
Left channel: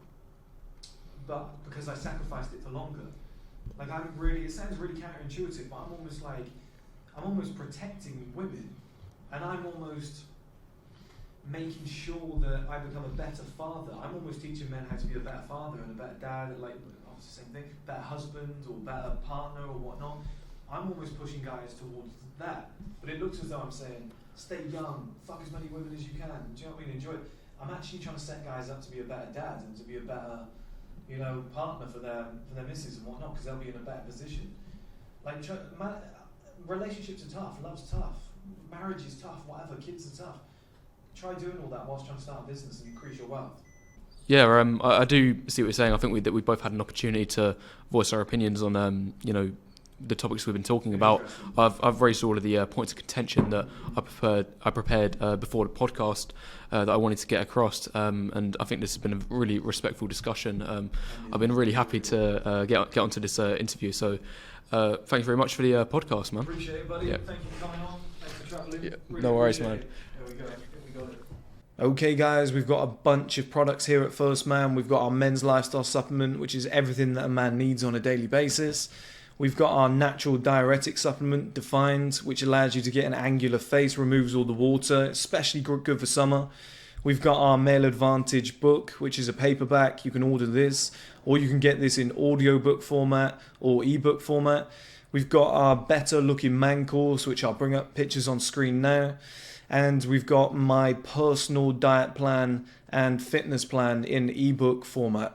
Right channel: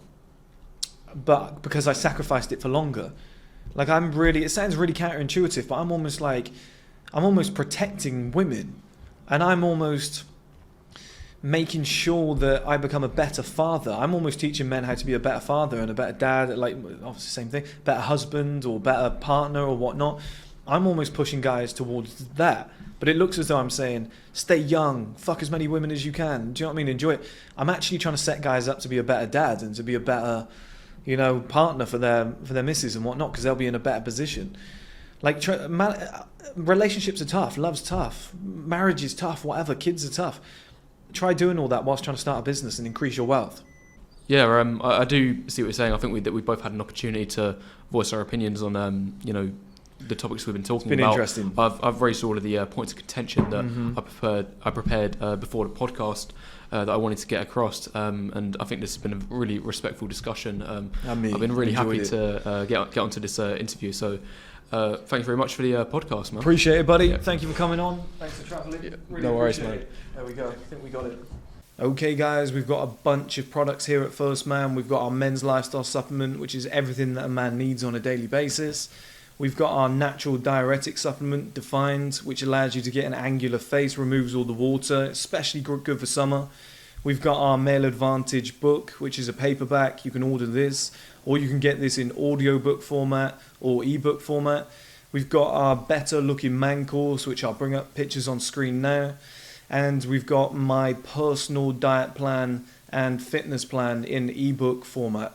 but because I sacrificed it for longer. Like it sounds really counterintuitive, but I'm almost protecting women, and I'm almost making sure that I become a better father. I'm almost teaching men how to be a better father and a better dad, like obviously same thing, better husband or better partner or whatnot. I'm almost pushing guys towards that. But it looks as though I'm saying, stay young, fuck as many women as you can. Do you know what I mean? Enjoy it. I'm actually trying to set guys up to be a better dad and to be a better, partner for their missus and whatnot, because they'll be in a better position. Like, relationships are tough, love's tough, marriage is tough, whatever, kids are tough. Try doing all that whilst trying to start a business and increase your wealth. Yeah, I do see what you're saying. I think we both had an opportunity to voice our opinions on, the topics we've been talking about. Interesting. I've raised all of the points of contention that I prepared before the podcast that I wanted to get across, and I think this has been a really respectful discussion. I've been really happy to get onto this interview. So thank you very much for the podcast, man. Appreciate it, buddy. Yeah. Thank you for coming on. Thanks for traveling. Yeah, Really no worries, appreciate man. it. There we go. I think we got it. Okay, guys, we've got a bunch of products here at 1STMAN. We've got our men's lifestyle supplement, which is everything that a man needs on a daily basis. We've got our natural diuretic supplement, Defined, which allows you to get an angular face, removes all the water, especially good for summer. We've got our Male Advantage book, which is a paperback. You can order this, or you can get this in audiobook format or ebook format. We've got our Better Looking Man course, which I'll bring up pictures on screen now. And we've got my personal diet plan and fitness plan in ebook format.